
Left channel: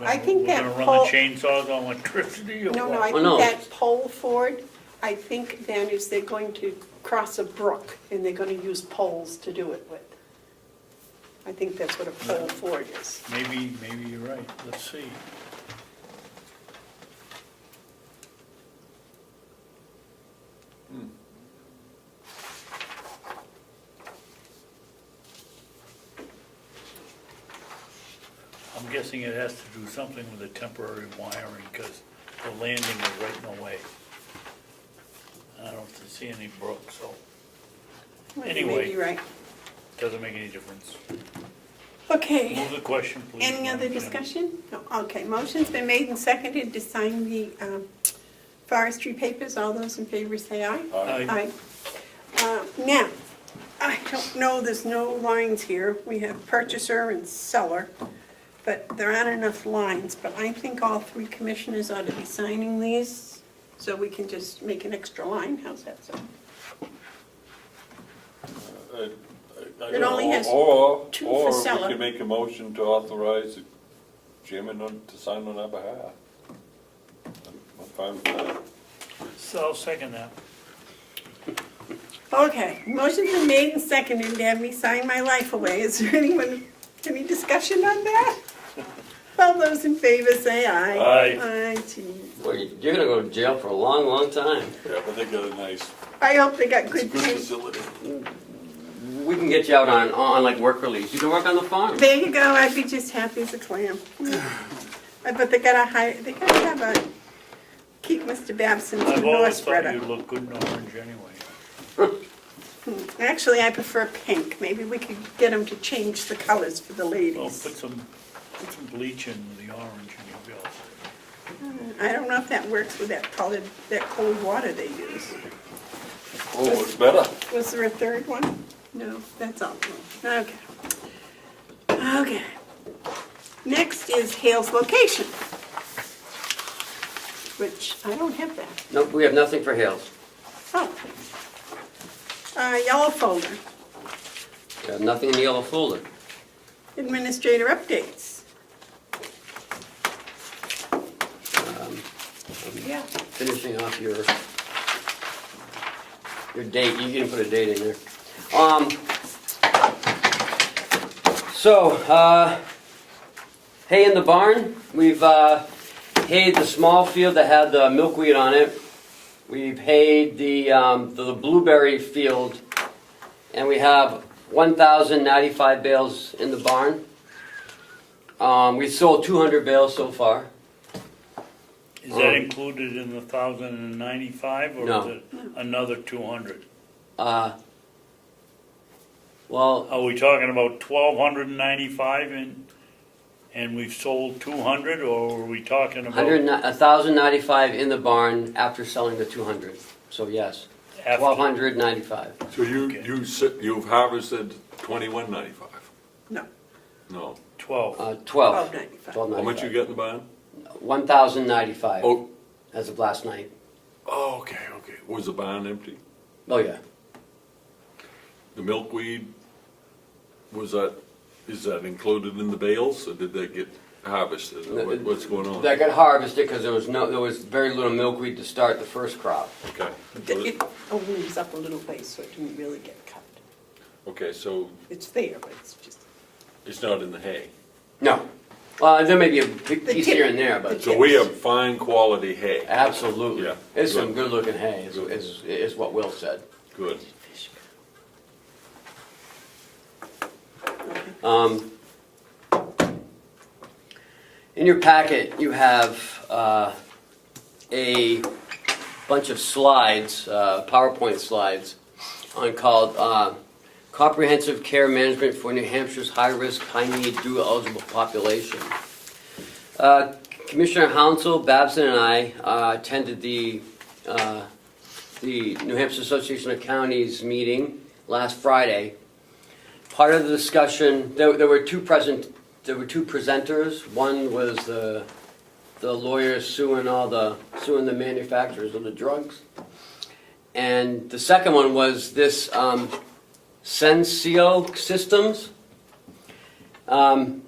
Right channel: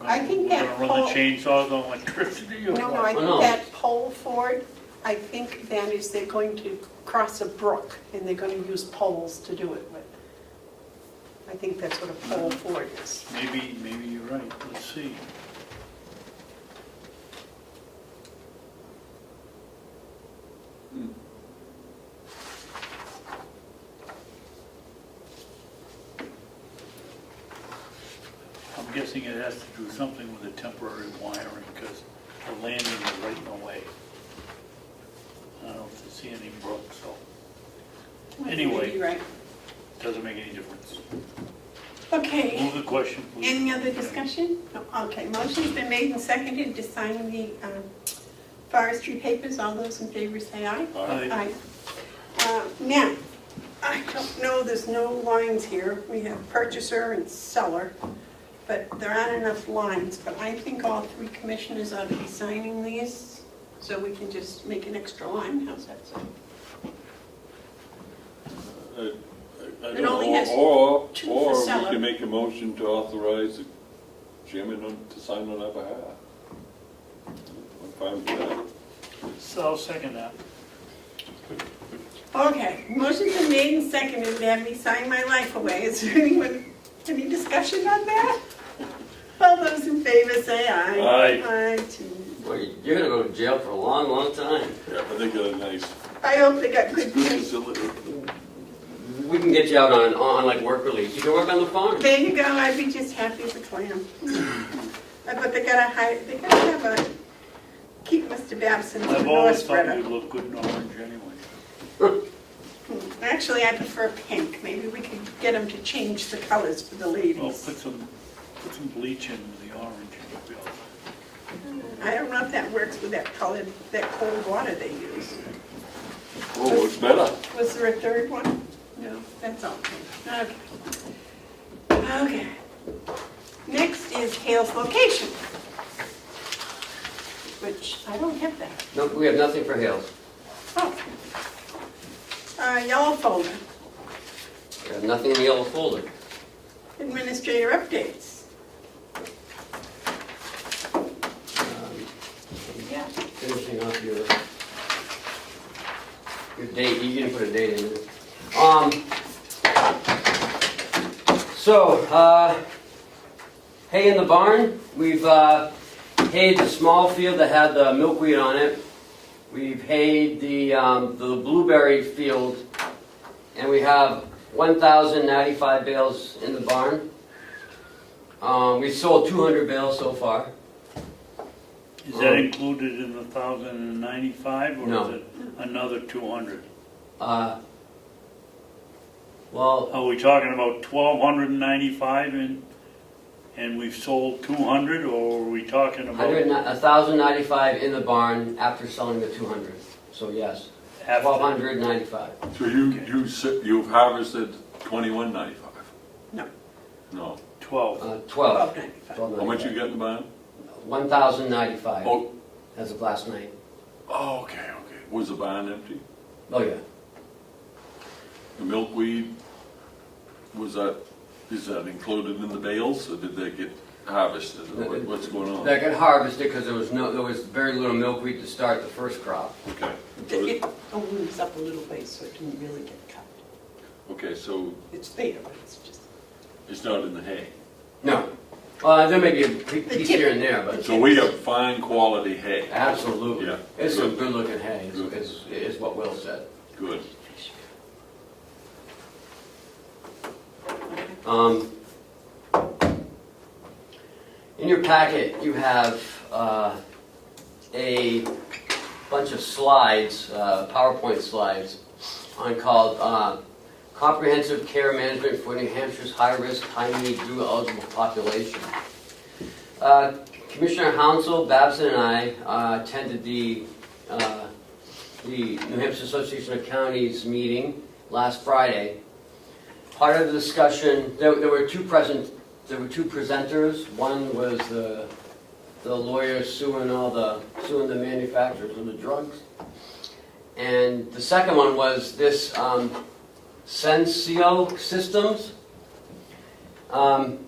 I think that We're gonna run the pole- chainsaws on electricity or no, what? I Well, no. think that pole forward, I think that is they're going to cross a brook and they're gonna use poles to do it with. I think that's what a pole forward is. Maybe you're right, let's see. I'm guessing it has to do something with the temporary wiring, because the landing is right in the way. I don't see any brook, so Anyway. Maybe you're right. doesn't make any difference. Okay, Move the question, please. any other discussion? No, okay, motion's been made and seconded to sign the forestry papers. All those in favor say aye. Aye. Now, I don't know, there's no lines here. We have purchaser and seller, but there aren't enough lines. But I think all three commissioners ought to be signing these, so we can just make an extra line. How's that sound? I It only has Or two for we seller. could make a motion to authorize the chairman to sign on our behalf. I'm fine with that. So I'll second that. Okay, motion's been made and seconded to have me sign my life away. Is there any discussion on that? All those in favor say aye. Aye. Aye, geez. Well, you're gonna go to jail for a long, long time. Yeah, but they got a nice, I hope they got good good teeth. facility. We can get you out on like work release. You can work on the farm. There you go, I'd be just happy as a clam. But they gotta have a, keep Mr. Babson's I've always endorsement. thought you look good in orange anyway. Actually, I prefer pink. Maybe we could get them to change the colors for the Well, ladies. put some bleach in the orange and you'll be all set. I don't know if that works with that color, that cold water they use. Oh, it's better. Was there a third one? No, that's all. Okay. Okay. Next is Hale's location, which I don't have that. No, we have nothing for Hales. Oh. Yellow folder, We have nothing in the yellow folder. administrator updates. Yeah. Finishing off your date, you can put a date in there. Hay in the barn, we've hayed the small field that had the milkweed on it. We've hayed the blueberry field, and we have 1,095 bales in the barn. We sold 200 bales so far. Is that included in the 1,095 or No. is it another 200? Well, Are we talking about 1,295 and we've sold 200, or are we talking about 1,095 in the barn after selling the 200. So yes, after? 1,295. So you've harvested 21.95? No. No. 12. 12. $12.95. How much you getting, Brian? 1,095 Oh, as of last night. okay. Was the barn empty? Oh yeah. The milkweed, is that included in the bales, or did they get harvested, or what's going on? That got harvested because there was very little milkweed to start the first crop. Okay. It opens up a little place so it can really get cut. Okay, so It's there, but it's just. it's not in the hay. No. There may be a piece here and there, but So we have fine quality hay. absolutely. Yeah. It's some good looking hay, is what Will said. Good. In your packet, you have a bunch of slides, PowerPoint slides, called Comprehensive Care Management for New Hampshire's High-Risk, High-Need, Dual-Eligible Population. Commissioner Hounsell, Babson, and I attended the New Hampshire Association of Counties meeting last Friday. Part of the discussion, there were two presenters. One was the lawyers suing the manufacturers of the drugs, and the second one was this Senseo Systems.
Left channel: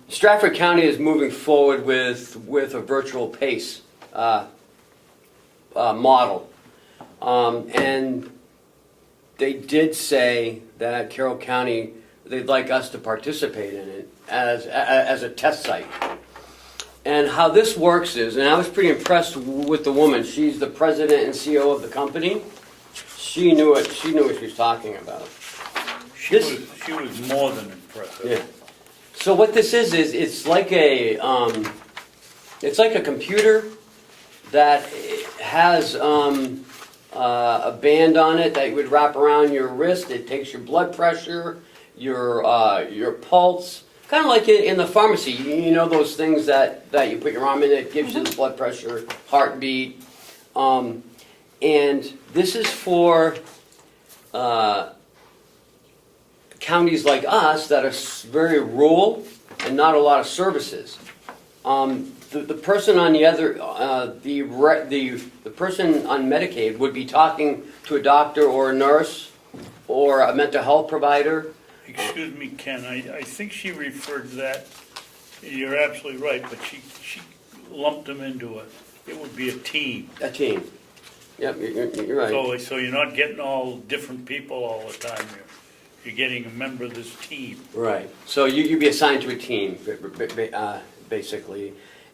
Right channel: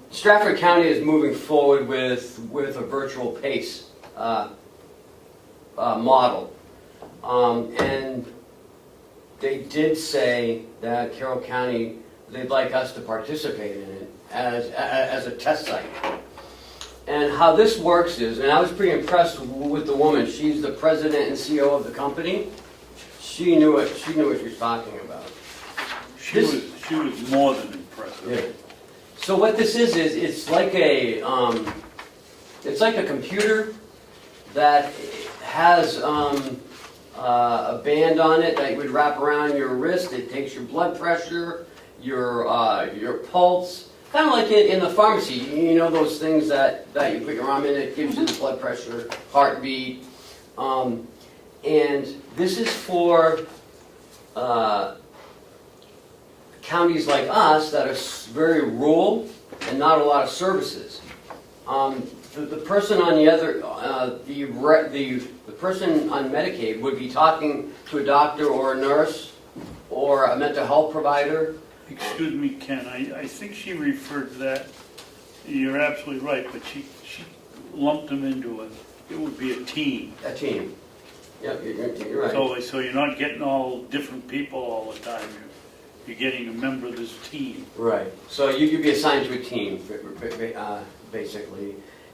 Stratford County is moving forward with a virtual PACE model, and they did say that Carroll County, they'd like us to participate in it as a test site. And how this works is, and I was pretty impressed with the woman. She's the president and CEO of the company. She knew what she was talking about. She was more than impressive. Yeah. So what this is it's like a computer that has a band on it that you would wrap around your wrist. It takes your blood pressure, your pulse, kind of like in the pharmacy. You know those things that you put your arm in, it gives you the blood pressure, heartbeat. And this is for counties like us that are very rural and not a lot of services. The person on the other, the person on Medicaid would be talking to a doctor or a nurse or a mental health provider. Excuse me, Ken, I think she referred to that, you're absolutely right, but she lumped them into it would be a team. A team. Yep, you're right. So you're not getting all different people all the time, you're getting a member of this team. Right. So you'd be assigned to a team, basically,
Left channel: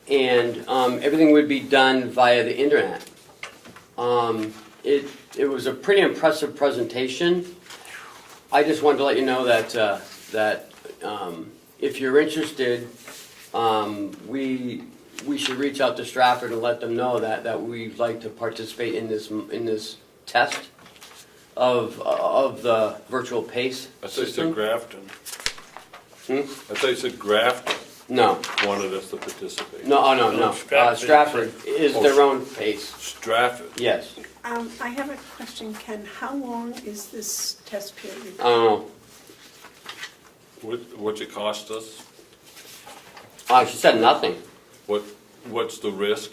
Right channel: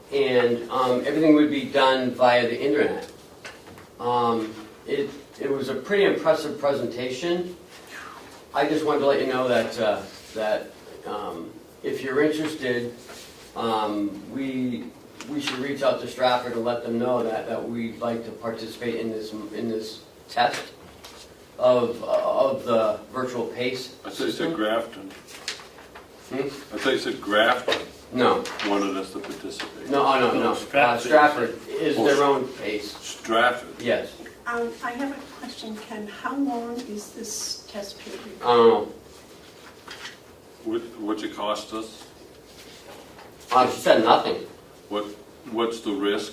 and everything would be done via the internet. It was a pretty impressive presentation. I just wanted to let you know that if you're interested, we should reach out to Stratford and let them know that we'd like to participate in this test of the virtual PACE. I thought you said Grafton. I Hmm? thought you said Grafton No. wanted us to participate. No. Stratford is their own PACE. Stratford. Yes. I have a question, Ken. How long is this test period? I don't know. What's it cost us? She said nothing. What's the risk?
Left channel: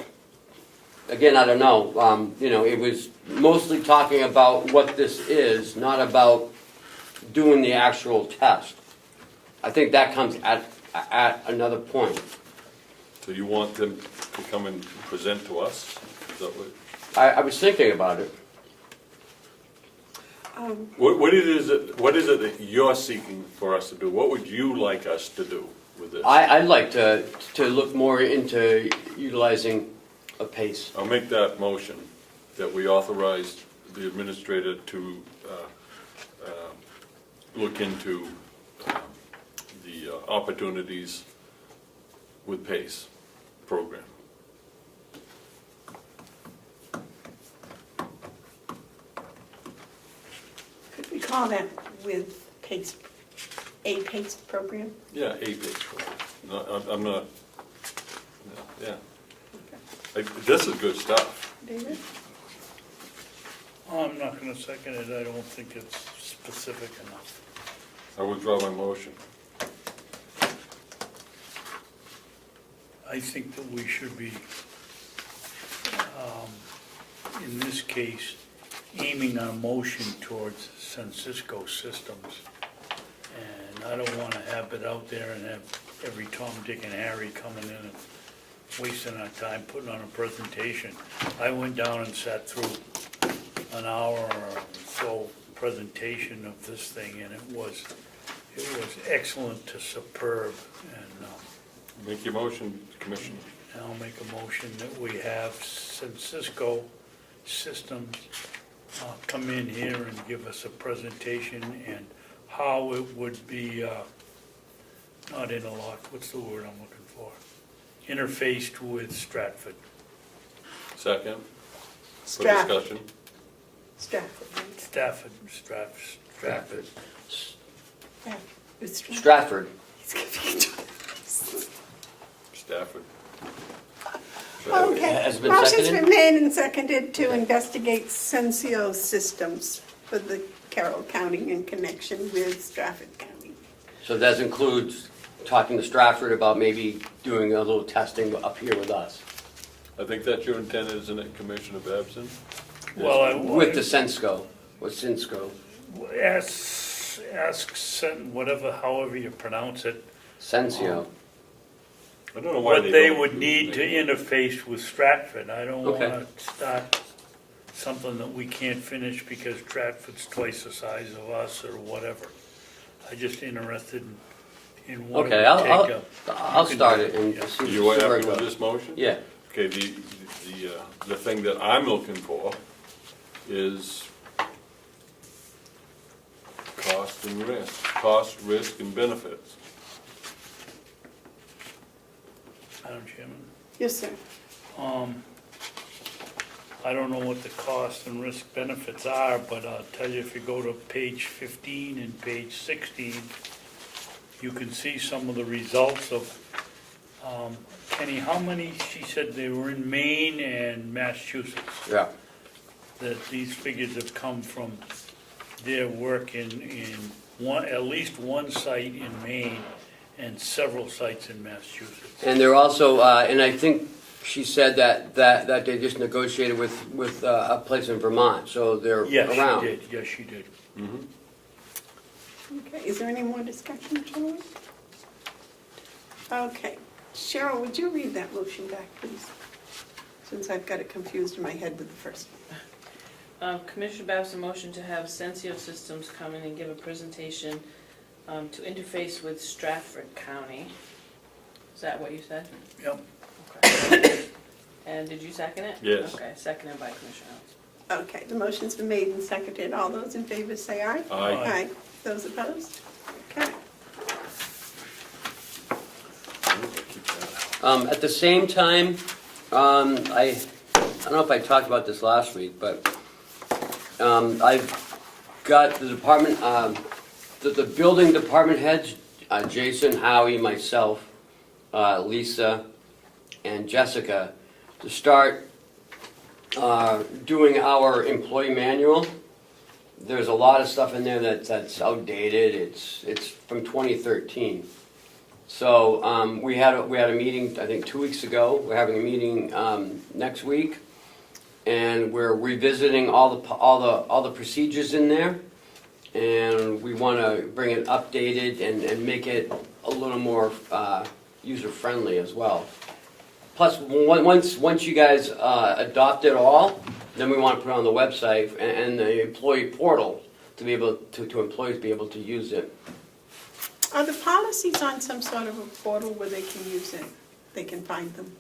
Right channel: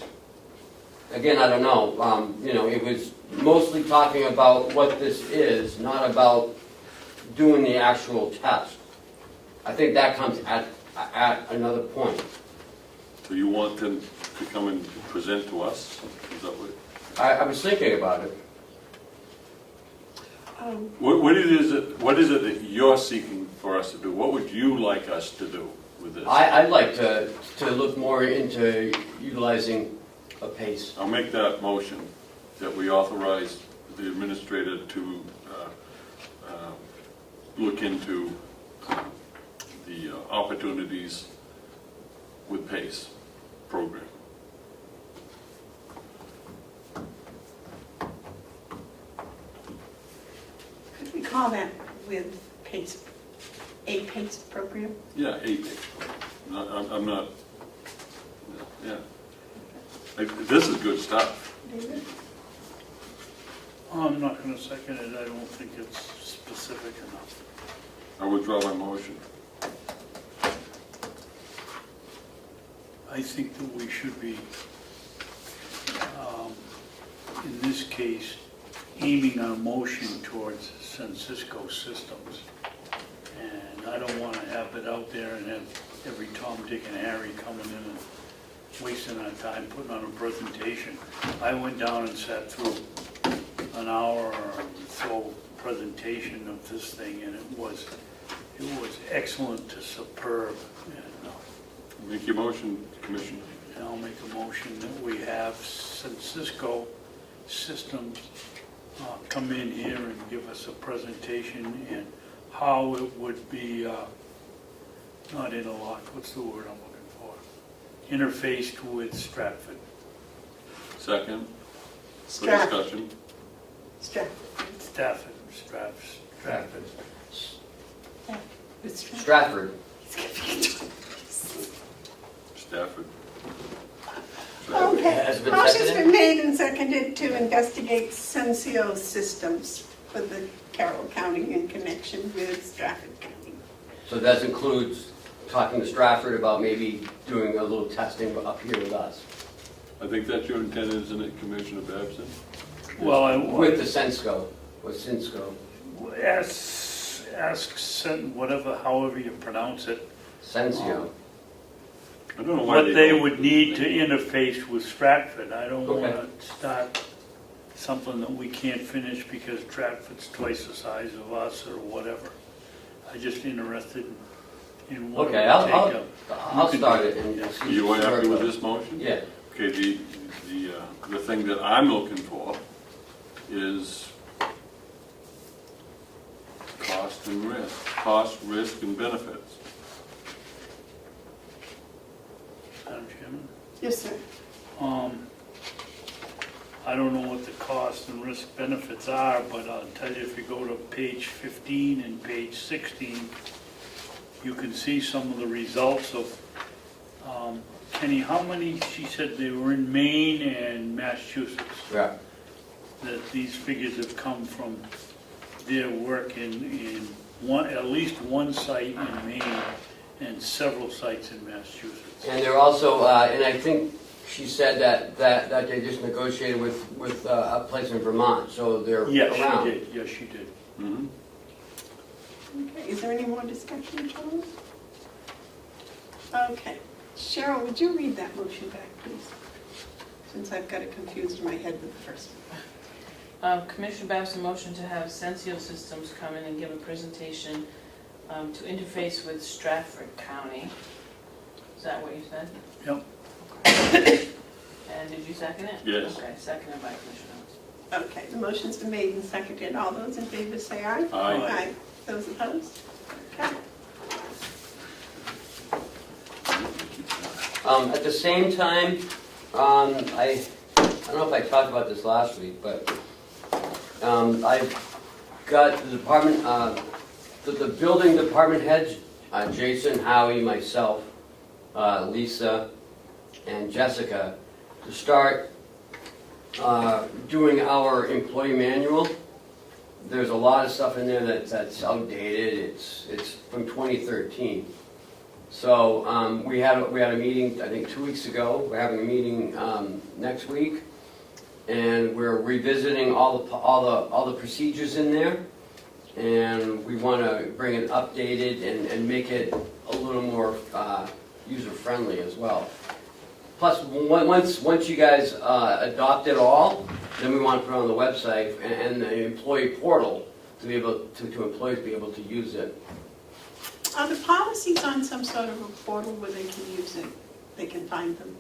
Again, I don't know. It was mostly talking about what this is, not about doing the actual test. I think that comes at another point. So you want them to come and present to us? Is that what? I was thinking about it. What is it that you're seeking for us to do? What would you like us to do with this? I'd like to look more into utilizing a PACE. I'll make that motion that we authorize the administrator to look into the opportunities with PACE program. Could we call that with PACE, a PACE program? Yeah, a PACE program. I'm not, yeah. This is good stuff. I'm not gonna second it, I don't think it's specific enough. I withdraw my motion. I think that we should be, in this case, aiming our motion towards Sensisco Systems. And I don't wanna have it out there and have every Tom, Dick, and Harry coming in and wasting our time putting on a presentation. I went down and sat through an hour or so presentation of this thing, and it was excellent to superb. And Make your motion, Commissioner. I'll make a motion that we have Sensisco Systems come in here and give us a presentation and how it would be, not interlocked, what's the word I'm looking for? Interfaced with Stratford. Second, for Stratford. discussion. Stratford. Stratford, Stratford. It's Stratford. Stafford. Okay, Has it been motion's seconded? been made and seconded to investigate Sensio systems for the Carroll County in connection with Stratford County. So that includes talking to Stratford about maybe doing a little testing up here with us, I think that's your intent, isn't it, Commissioner Babson? Well, with the Sensco, with Sensco. whatever, however you pronounce it, Sensio. I don't know why what they don't- would need to interface with Stratford. I don't Okay. wanna start something that we can't finish because Stratford's twice the size of us or whatever. I'm just interested in what it would Okay, take I'll to. start it and just see. You are where it happy with goes. this motion? Yeah, Okay, the thing that I'm looking for is cost, risk, and benefits. Madam Chairman? Yes, sir. I don't know what the cost and risk benefits are, but I'll tell you, if you go to page 15 and page 16, you can see some of the results of, Kenny, how many, she said they were in Maine and Massachusetts, yeah. that these figures have come from their work in one, at least one site in Maine and several sites in Massachusetts. And they're also, and I think she said that they just negotiated with a place in Vermont, so they're Yes, around. she did, yes, she did. Mhm. Okay, is there any more discussion, Charlie? Okay, Cheryl, would you read that motion back, please? Since I've got it confused in my head with the first one. Commissioner Babson motion to have Sensio Systems come in and give a presentation to interface with Stratford County. Is that what you said? Yep. Okay. And did you second it? Yes. Okay, seconded by Commissioner Hounsell. Okay, the motion's been made and seconded. All those in favor say aye. Aye. Those opposed? Okay. At the same time, I don't know if I talked about this last week, but I've got the department, the building department heads, Jason, Howie, myself, Lisa, and Jessica, to start doing our employee manual. There's a lot of stuff in there that's outdated. It's from 2013. So we had a meeting, I think 2 weeks ago. We're having a meeting next week, and we're revisiting all the procedures in there, and we want to bring it updated and make it a little more user friendly as well. Plus, once you guys adopt it all, then we want to put it on the website and the employee portal to be able to employees be able to use it. Are the policies on some sort of a portal where they can use it? They can find them?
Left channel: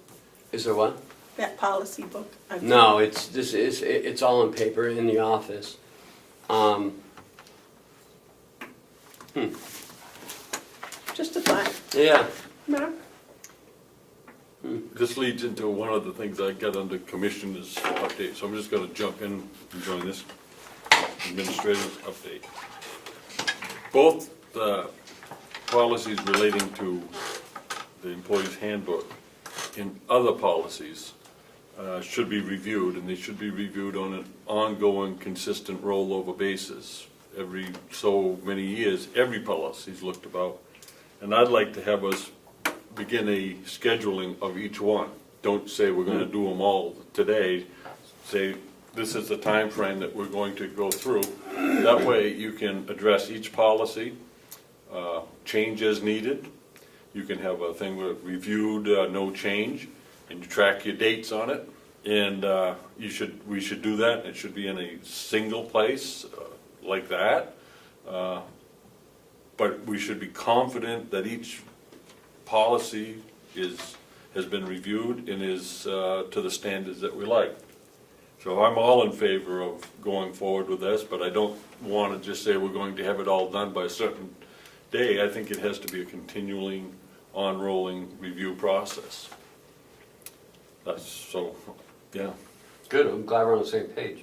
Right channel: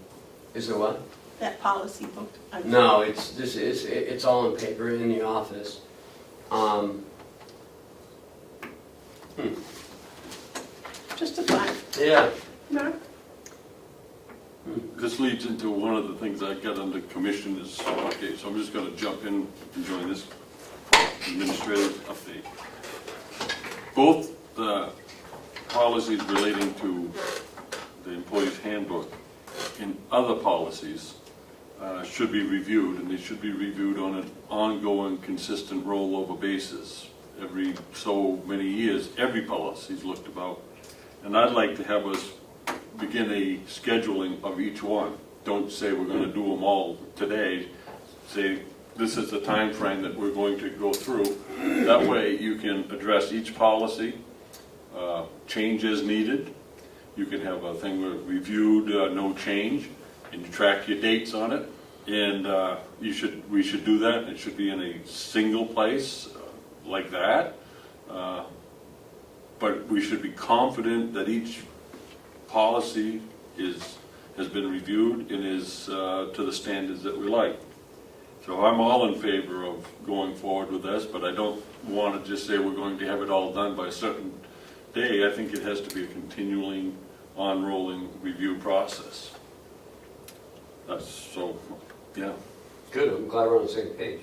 Is there what? That policy book? No, it's all in paper in the office. Just a thought. Yeah. Mark? This leads into one of the things I got under commissioners update, so I'm just gonna jump in and join this administrative update. Both policies relating to the employee's handbook and other policies should be reviewed, and they should be reviewed on an ongoing, consistent rollover basis. Every so many years, every policy is looked about, and I'd like to have us begin a scheduling of each one. Don't say we're gonna do them all today. Say, this is the time frame that we're going to go through. That way you can address each policy, change as needed. You can have a thing with reviewed, no change, and you track your dates on it. And we should do that. It should be in a single place like that. But we should be confident that each policy has been reviewed and is to the standards that we like. So I'm all in favor of going forward with this, but I don't want to just say we're going to have it all done by a certain day. I think it has to be a continuing, on-rolling review process. That's so, yeah. Good, I'm glad we're on the same page.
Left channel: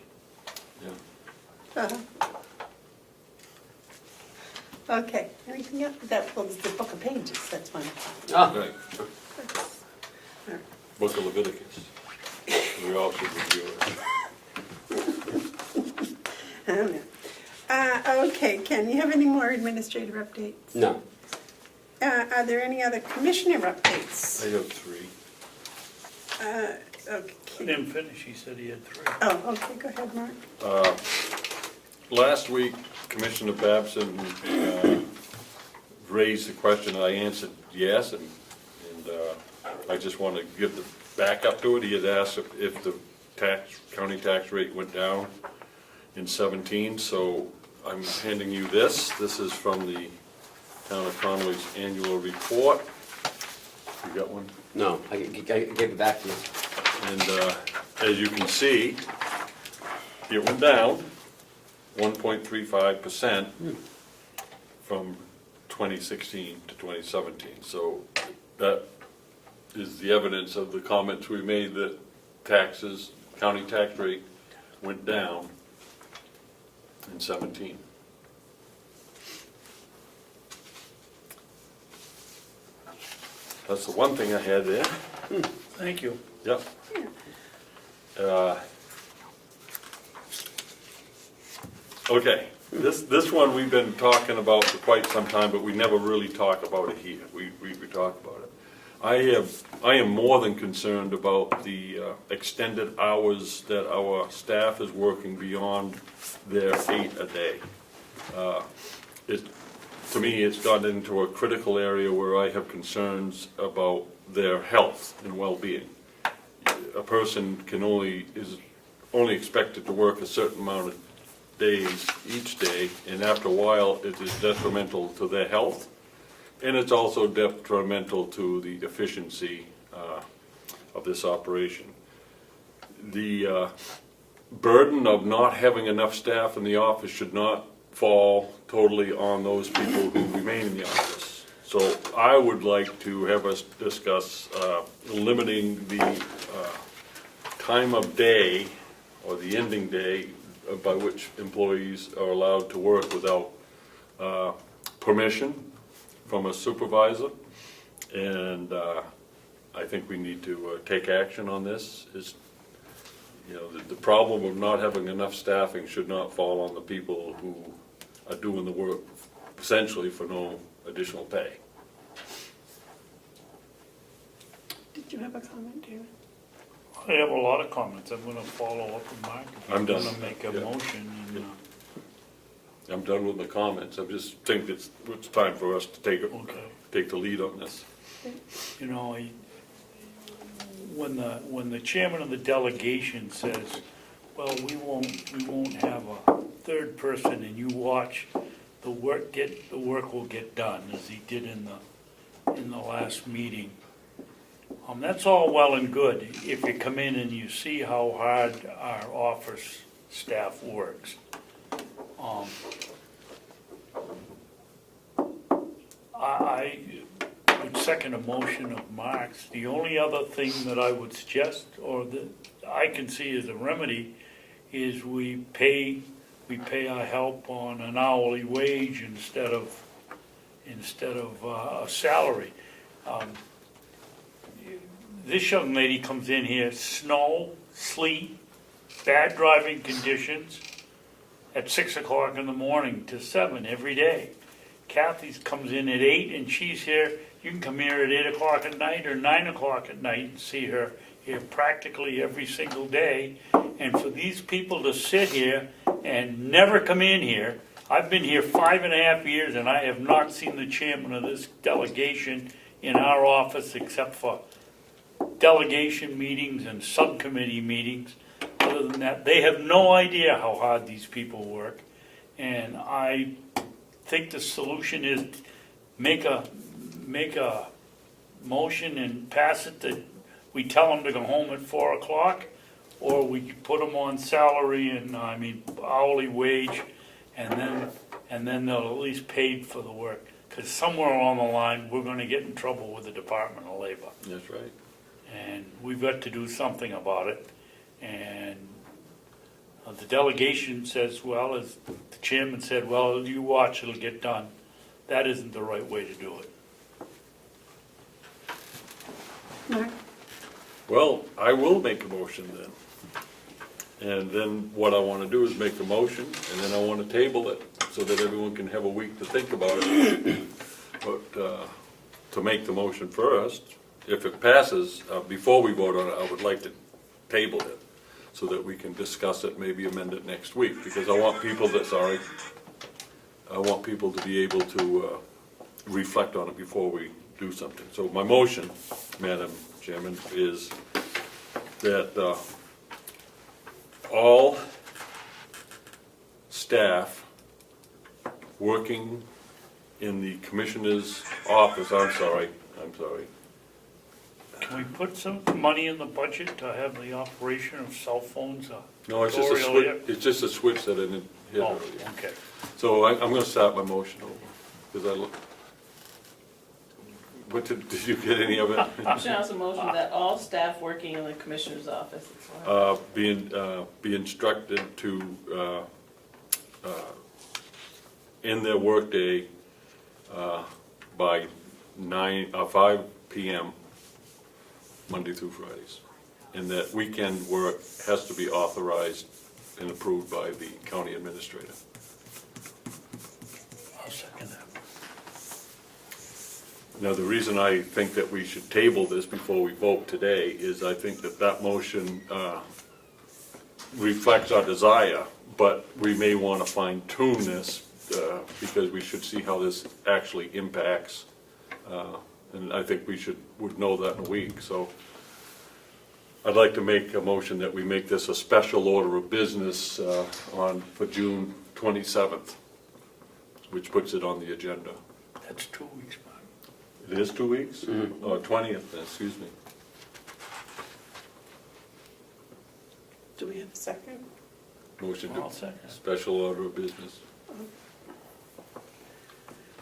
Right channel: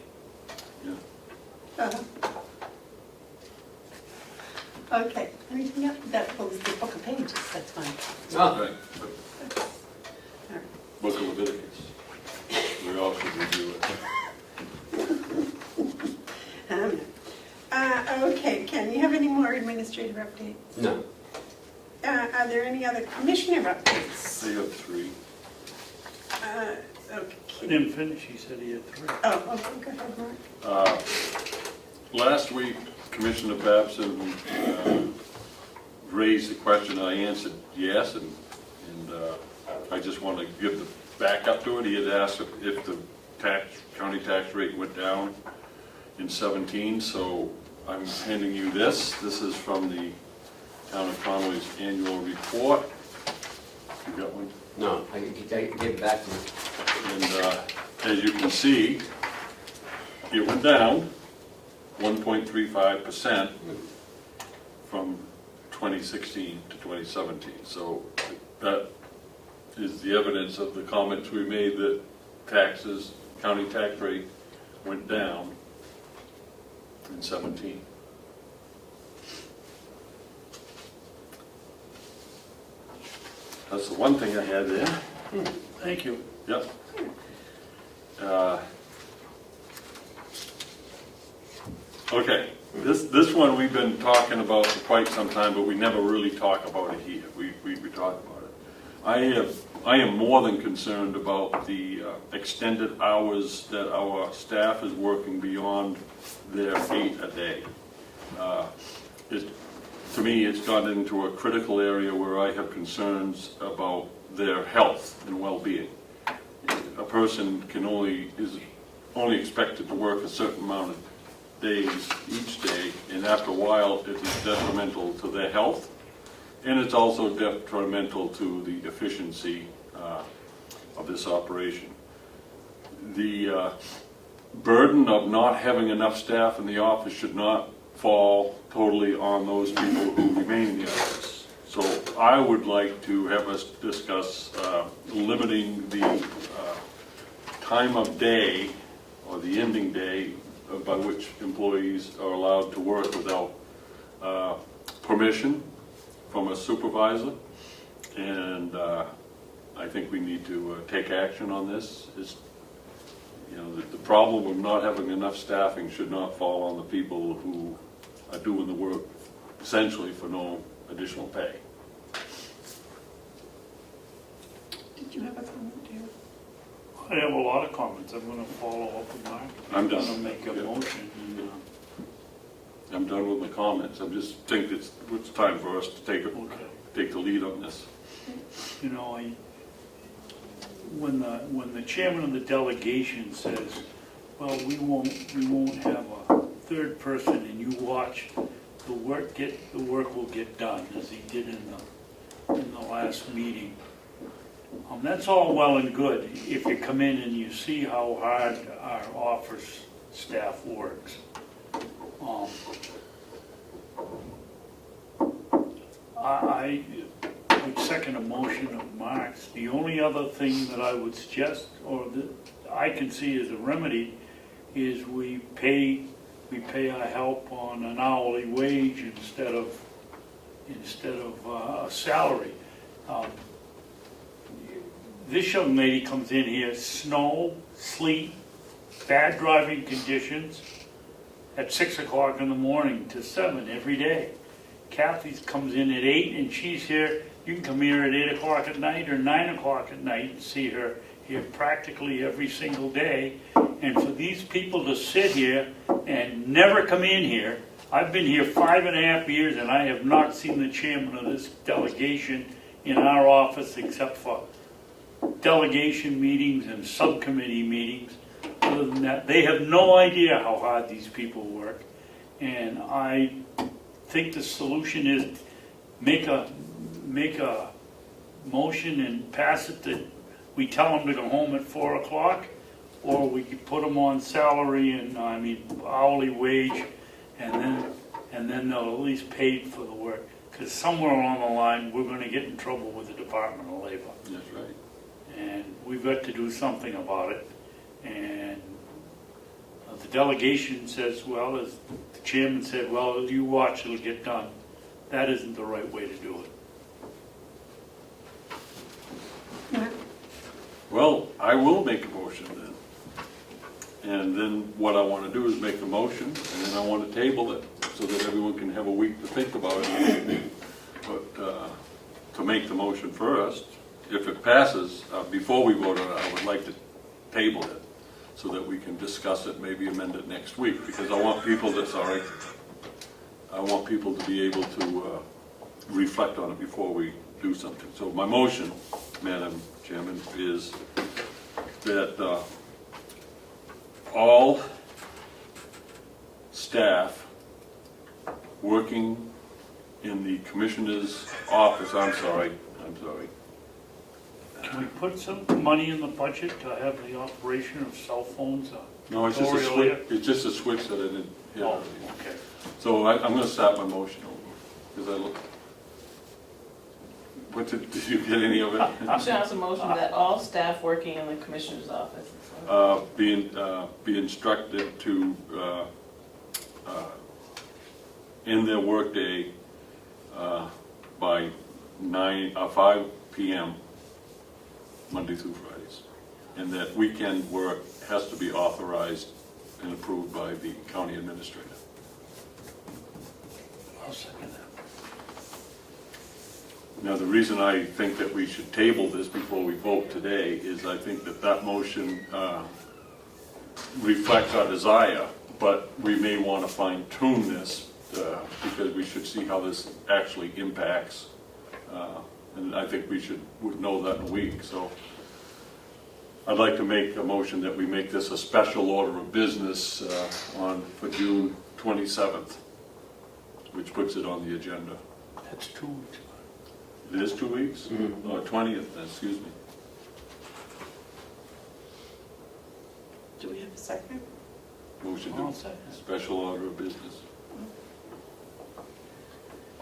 Okay, anything else? That was the book of pages, that's one. Oh, Right. Book of Leviticus. We all should review it. Okay, Ken, you have any more administrative updates? no. Are there any other commissioner updates? I have 3. He Okay. didn't finish, he said he had 3. Oh, okay, go ahead, Mark. Last week, Commissioner Babson raised the question, I answered yes, and I just want to give the backup to it. He had asked if the county tax rate went down in 17, so I'm handing you this. This is from the Town of Conway's annual report. You got one? No, I can get it back to you. And as you can see, it went down 1.35% from 2016 to 2017. So that is the evidence of the comments we made that taxes, county tax rate went down in 17. That's the one thing I had there. Thank you. Yep. Okay, this one we've been talking about for quite some time, but we never really talk about it here. We talk about it. I am more than concerned about the extended hours that our staff is working beyond their 8 a day. To me, it's gotten into a critical area where I have concerns about their health and well-being. A person is only expected to work a certain amount of days each day, and after a while, it is detrimental to their health, and it's also detrimental to the efficiency of this operation. The burden of not having enough staff in the office should not fall totally on those people who remain in the office. So I would like to have us discuss limiting the time of day or the ending day by which employees are allowed to work without permission from a supervisor. And I think we need to take action on this. The problem of not having enough staffing should not fall on the people who are doing the work essentially for no additional pay. Did you have a comment, too? I have a lot of comments. I'm gonna follow up with Mark. I'm done. gonna make a motion and, I'm done with the comments. I just think it's time for us to take the lead on this. you know, when the chairman of the delegation says, well, we won't have a third person, and you watch the work will get done, as he did in the last meeting. That's all well and good if you come in and you see how hard our office staff works. I would second a motion of Mark's. The only other thing that I would suggest, or that I can see as a remedy, is we pay our help on an hourly wage instead of a salary. This young lady comes in here, snow, sleet, bad driving conditions, at 6 o'clock in the morning to 7 every day. Kathy comes in at 8 and she's here. You can come here at 8 o'clock at night or 9 o'clock at night and see her here practically every single day. And for these people to sit here and never come in here, I've been here 5.5 years and I have not seen the chairman of this delegation in our office except for delegation meetings and subcommittee meetings. Other than that, they have no idea how hard these people work. And I think the solution is make a motion and pass it that we tell them to go home at 4 o'clock, or we could put them on salary and hourly wage, and then they'll at least paid for the work. Because somewhere along the line, we're going to get in trouble with the Department of Labor. That's right. And we've got to do something about it. And the delegation says, well, as the chairman said, well, you watch, it'll get done. that isn't the right way to do it. Mark? Well, I will make a motion then. And then what I want to do is make a motion, and then I want to table it so that everyone can have a week to think about it. But to make the motion first, if it passes, before we vote on it, I would like to table it so that we can discuss it, maybe amend it next week, because I want people to be able to reflect on it before we do something. So my motion, Madam Chairman, is that all staff working in the commissioner's office, I'm sorry, Can we put some money in the budget to have the operation of cell phones? no, it's just a switch, it's just a switch that I didn't hit Oh, already. okay. So I'm gonna start my motion over, because I look. What did you get any of it? John's a motion that all staff working in the commissioner's office. Be instructed to, end their workday by 5 p.m. Monday through Fridays. And that weekend work has to be authorized and approved by the county administrator. I'll second that. Now, the reason I think that we should table this before we vote today is I think that that motion reflects our desire, but we may want to fine tune this because we should see how this actually impacts. And I think we would know that in a week. So I'd like to make a motion that we make this a special order of business for June 27th, which puts it on the agenda. That's 2 weeks. It is 2 weeks? Mhm. Oh, 20th, excuse me. Do we have a second? Motion I'll to second. special order of business.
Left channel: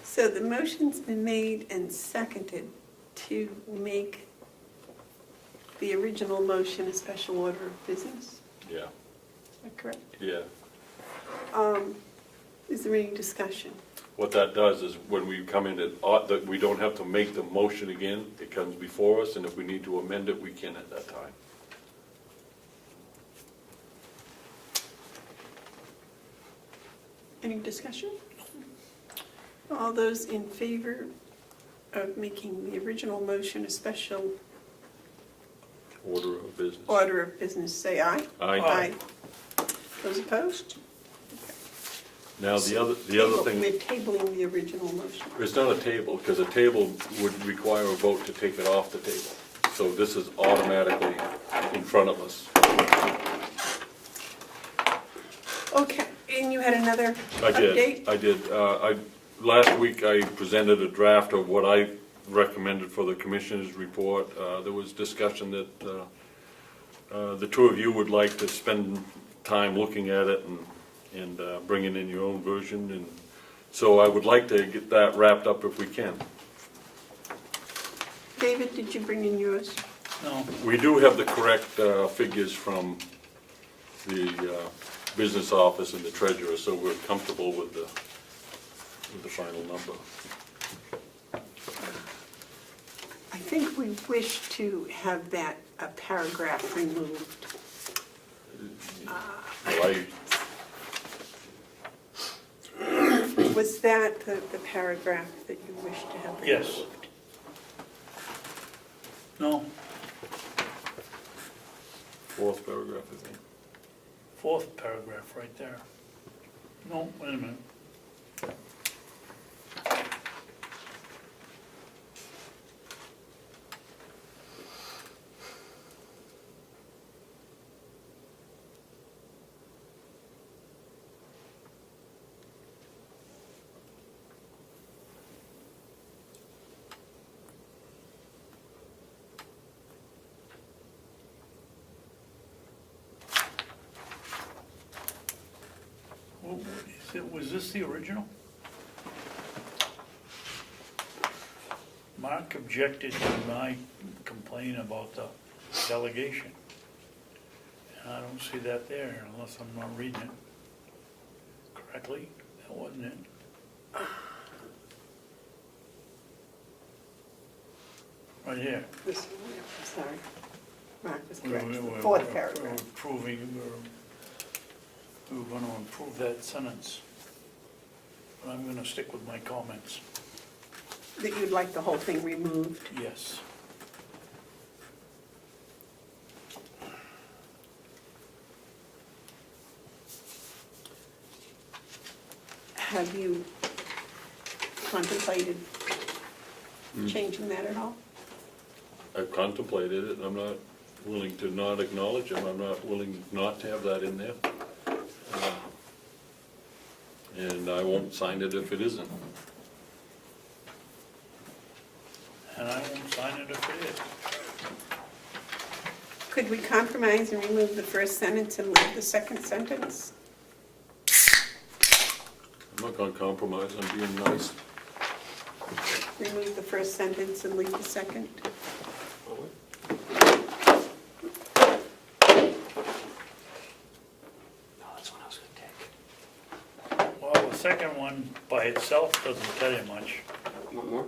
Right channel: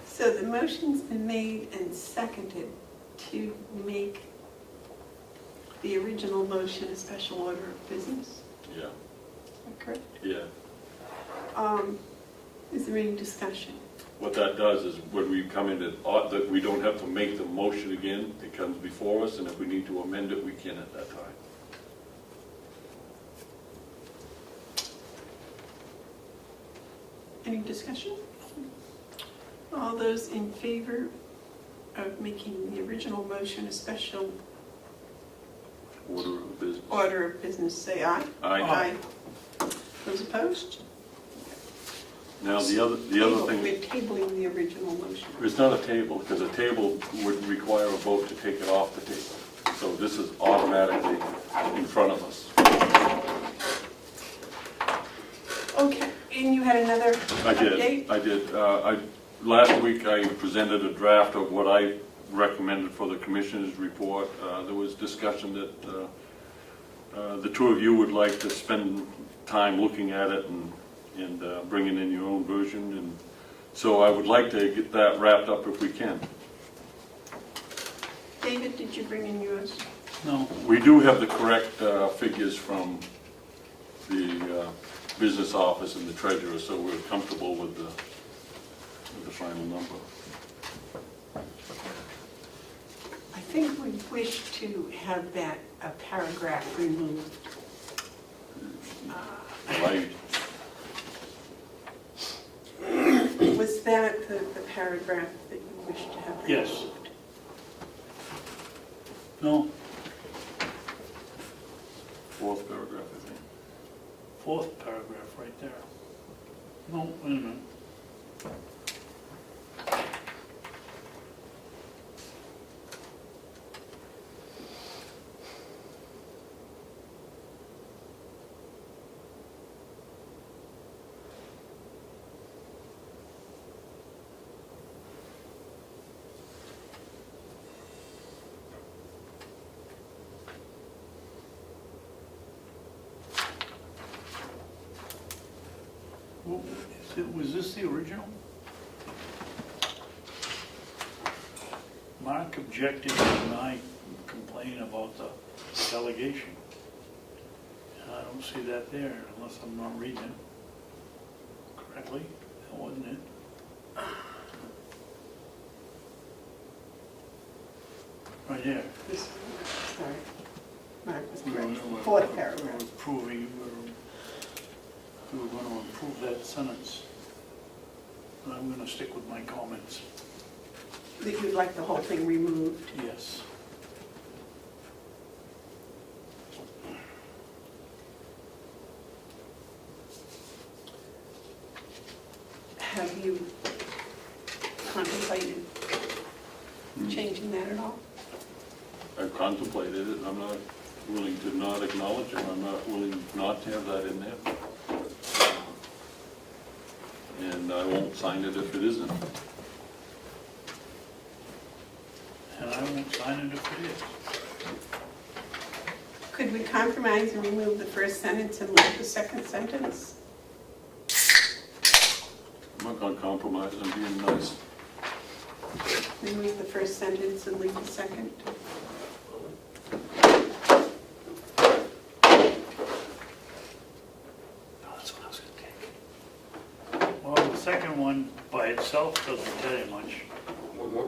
So the motion's been made and seconded to make the original motion a special order of business. Yeah, Is that correct? yeah. Is there any discussion? What that does is when we come into, that we don't have to make the motion again, it comes before us, and if we need to amend it, we can at that time. Any discussion? All those in favor of making the original motion a special Order of business. order of business, say aye. Aye. Those opposed? Now, the other thing, We're tabling the original motion. it's not a table, because a table would require a vote to take it off the table. So this is automatically in front of us. Okay, and you had another update? I did. Last week I presented a draft of what I recommended for the commissioner's report. There was discussion that the two of you would like to spend time looking at it and bringing in your own version. And so I would like to get that wrapped up if we can. David, did you bring in yours? No. We do have the correct figures from the business office and the treasurer, so we're comfortable with the final number. I think we wish to have that, a paragraph removed. Was that the paragraph that you wish to have removed? Yes. No, Fourth paragraph, I think. fourth paragraph right there. No, wait a minute. Was this the original? Mark objected when I complained about the delegation. And I don't see that there unless I'm not reading it correctly. That wasn't it. right here. This, sorry. Mark was We're- correct. we're- Fourth we're paragraph. approving, we're gonna approve that sentence. But I'm gonna stick with my comments, That you'd like the whole thing removed. yes. Have you contemplated changing that at all? I've contemplated it, and I'm not willing to not acknowledge it, I'm not willing not to have that in there. And I won't sign it if it isn't. And I won't sign it if it is. Could we compromise and remove the first sentence and leave the second sentence? I'm not gonna compromise, I'm being nice. Remove the first sentence and leave the second? Well, the second one by itself doesn't tell you much. One more?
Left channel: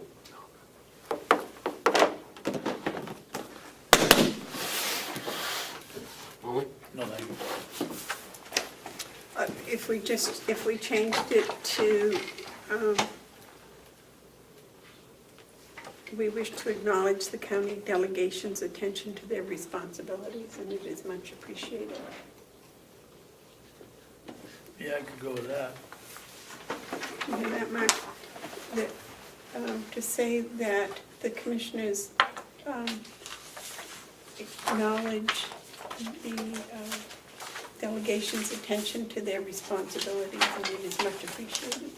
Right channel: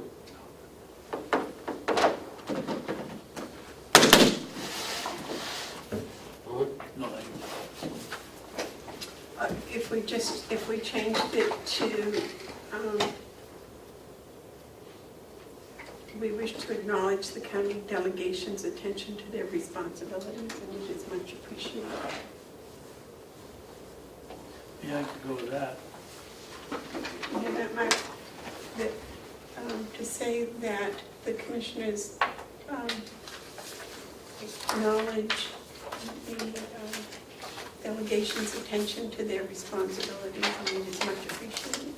One more? No, thank you. If we changed it to, we wish to acknowledge the county delegation's attention to their responsibilities, and it is much appreciated. Yeah, I could go with that. You know that, Mark? That, to say that the commissioners acknowledge the delegation's attention to their responsibilities, I mean, is much appreciated.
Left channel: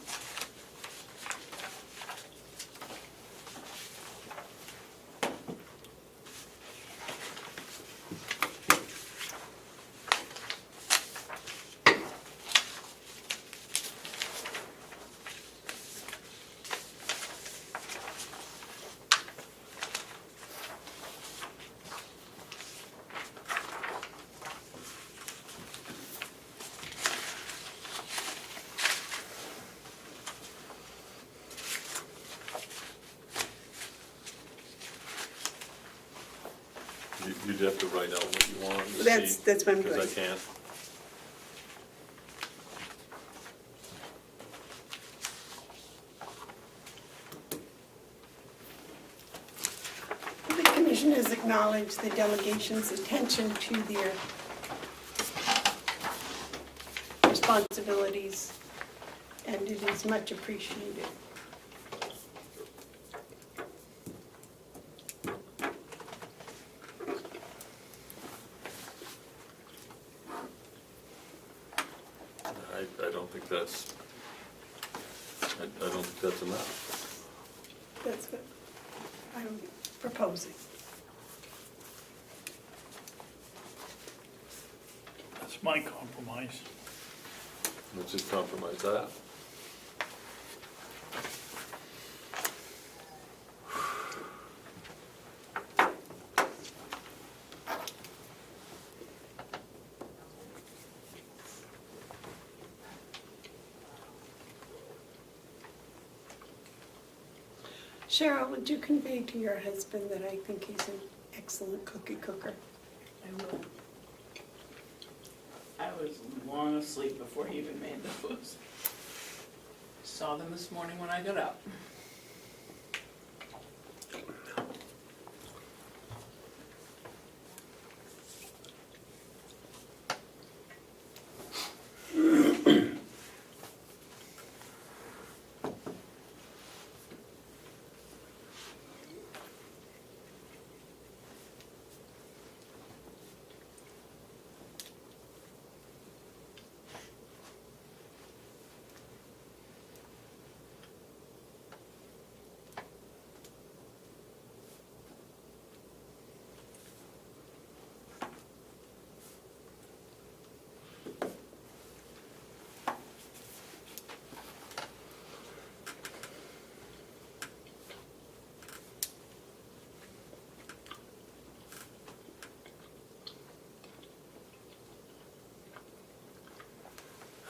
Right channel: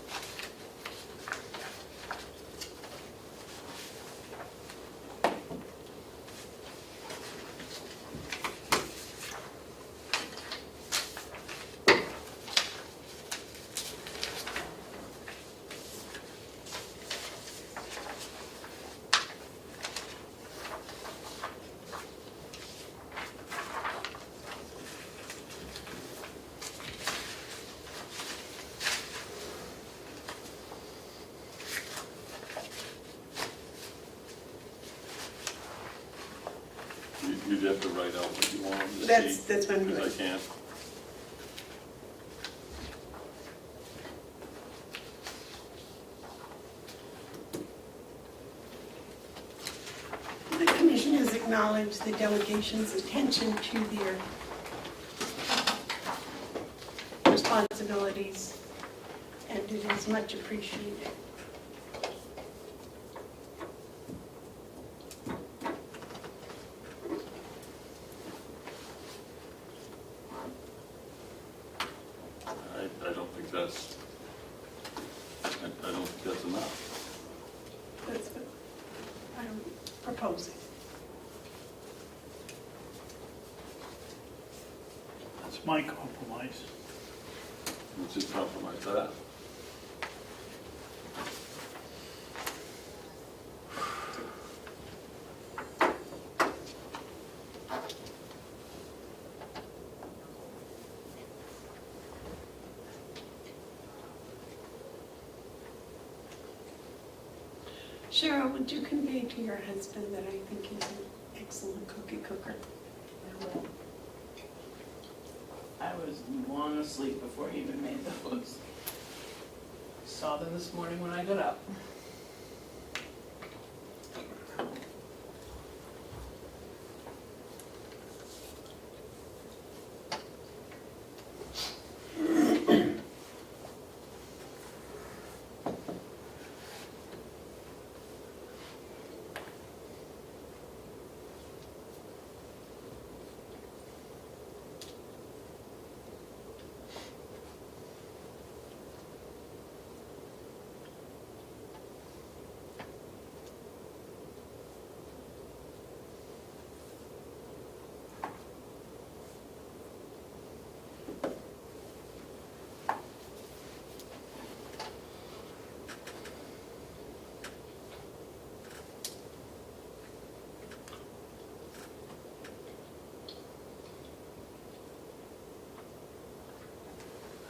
You'd have to write out what you want to That's see, what I'm doing. because I can't. The commissioners acknowledge the delegation's attention to their responsibilities, and it is much appreciated. I don't think that's, I don't think that's enough. That's what I'm proposing. That's my compromise. Let's just compromise that. Cheryl, would you convey to your husband that I think he's an excellent cookie cooker? I will. I was long asleep before he even made the foods. Saw them this morning when I got up.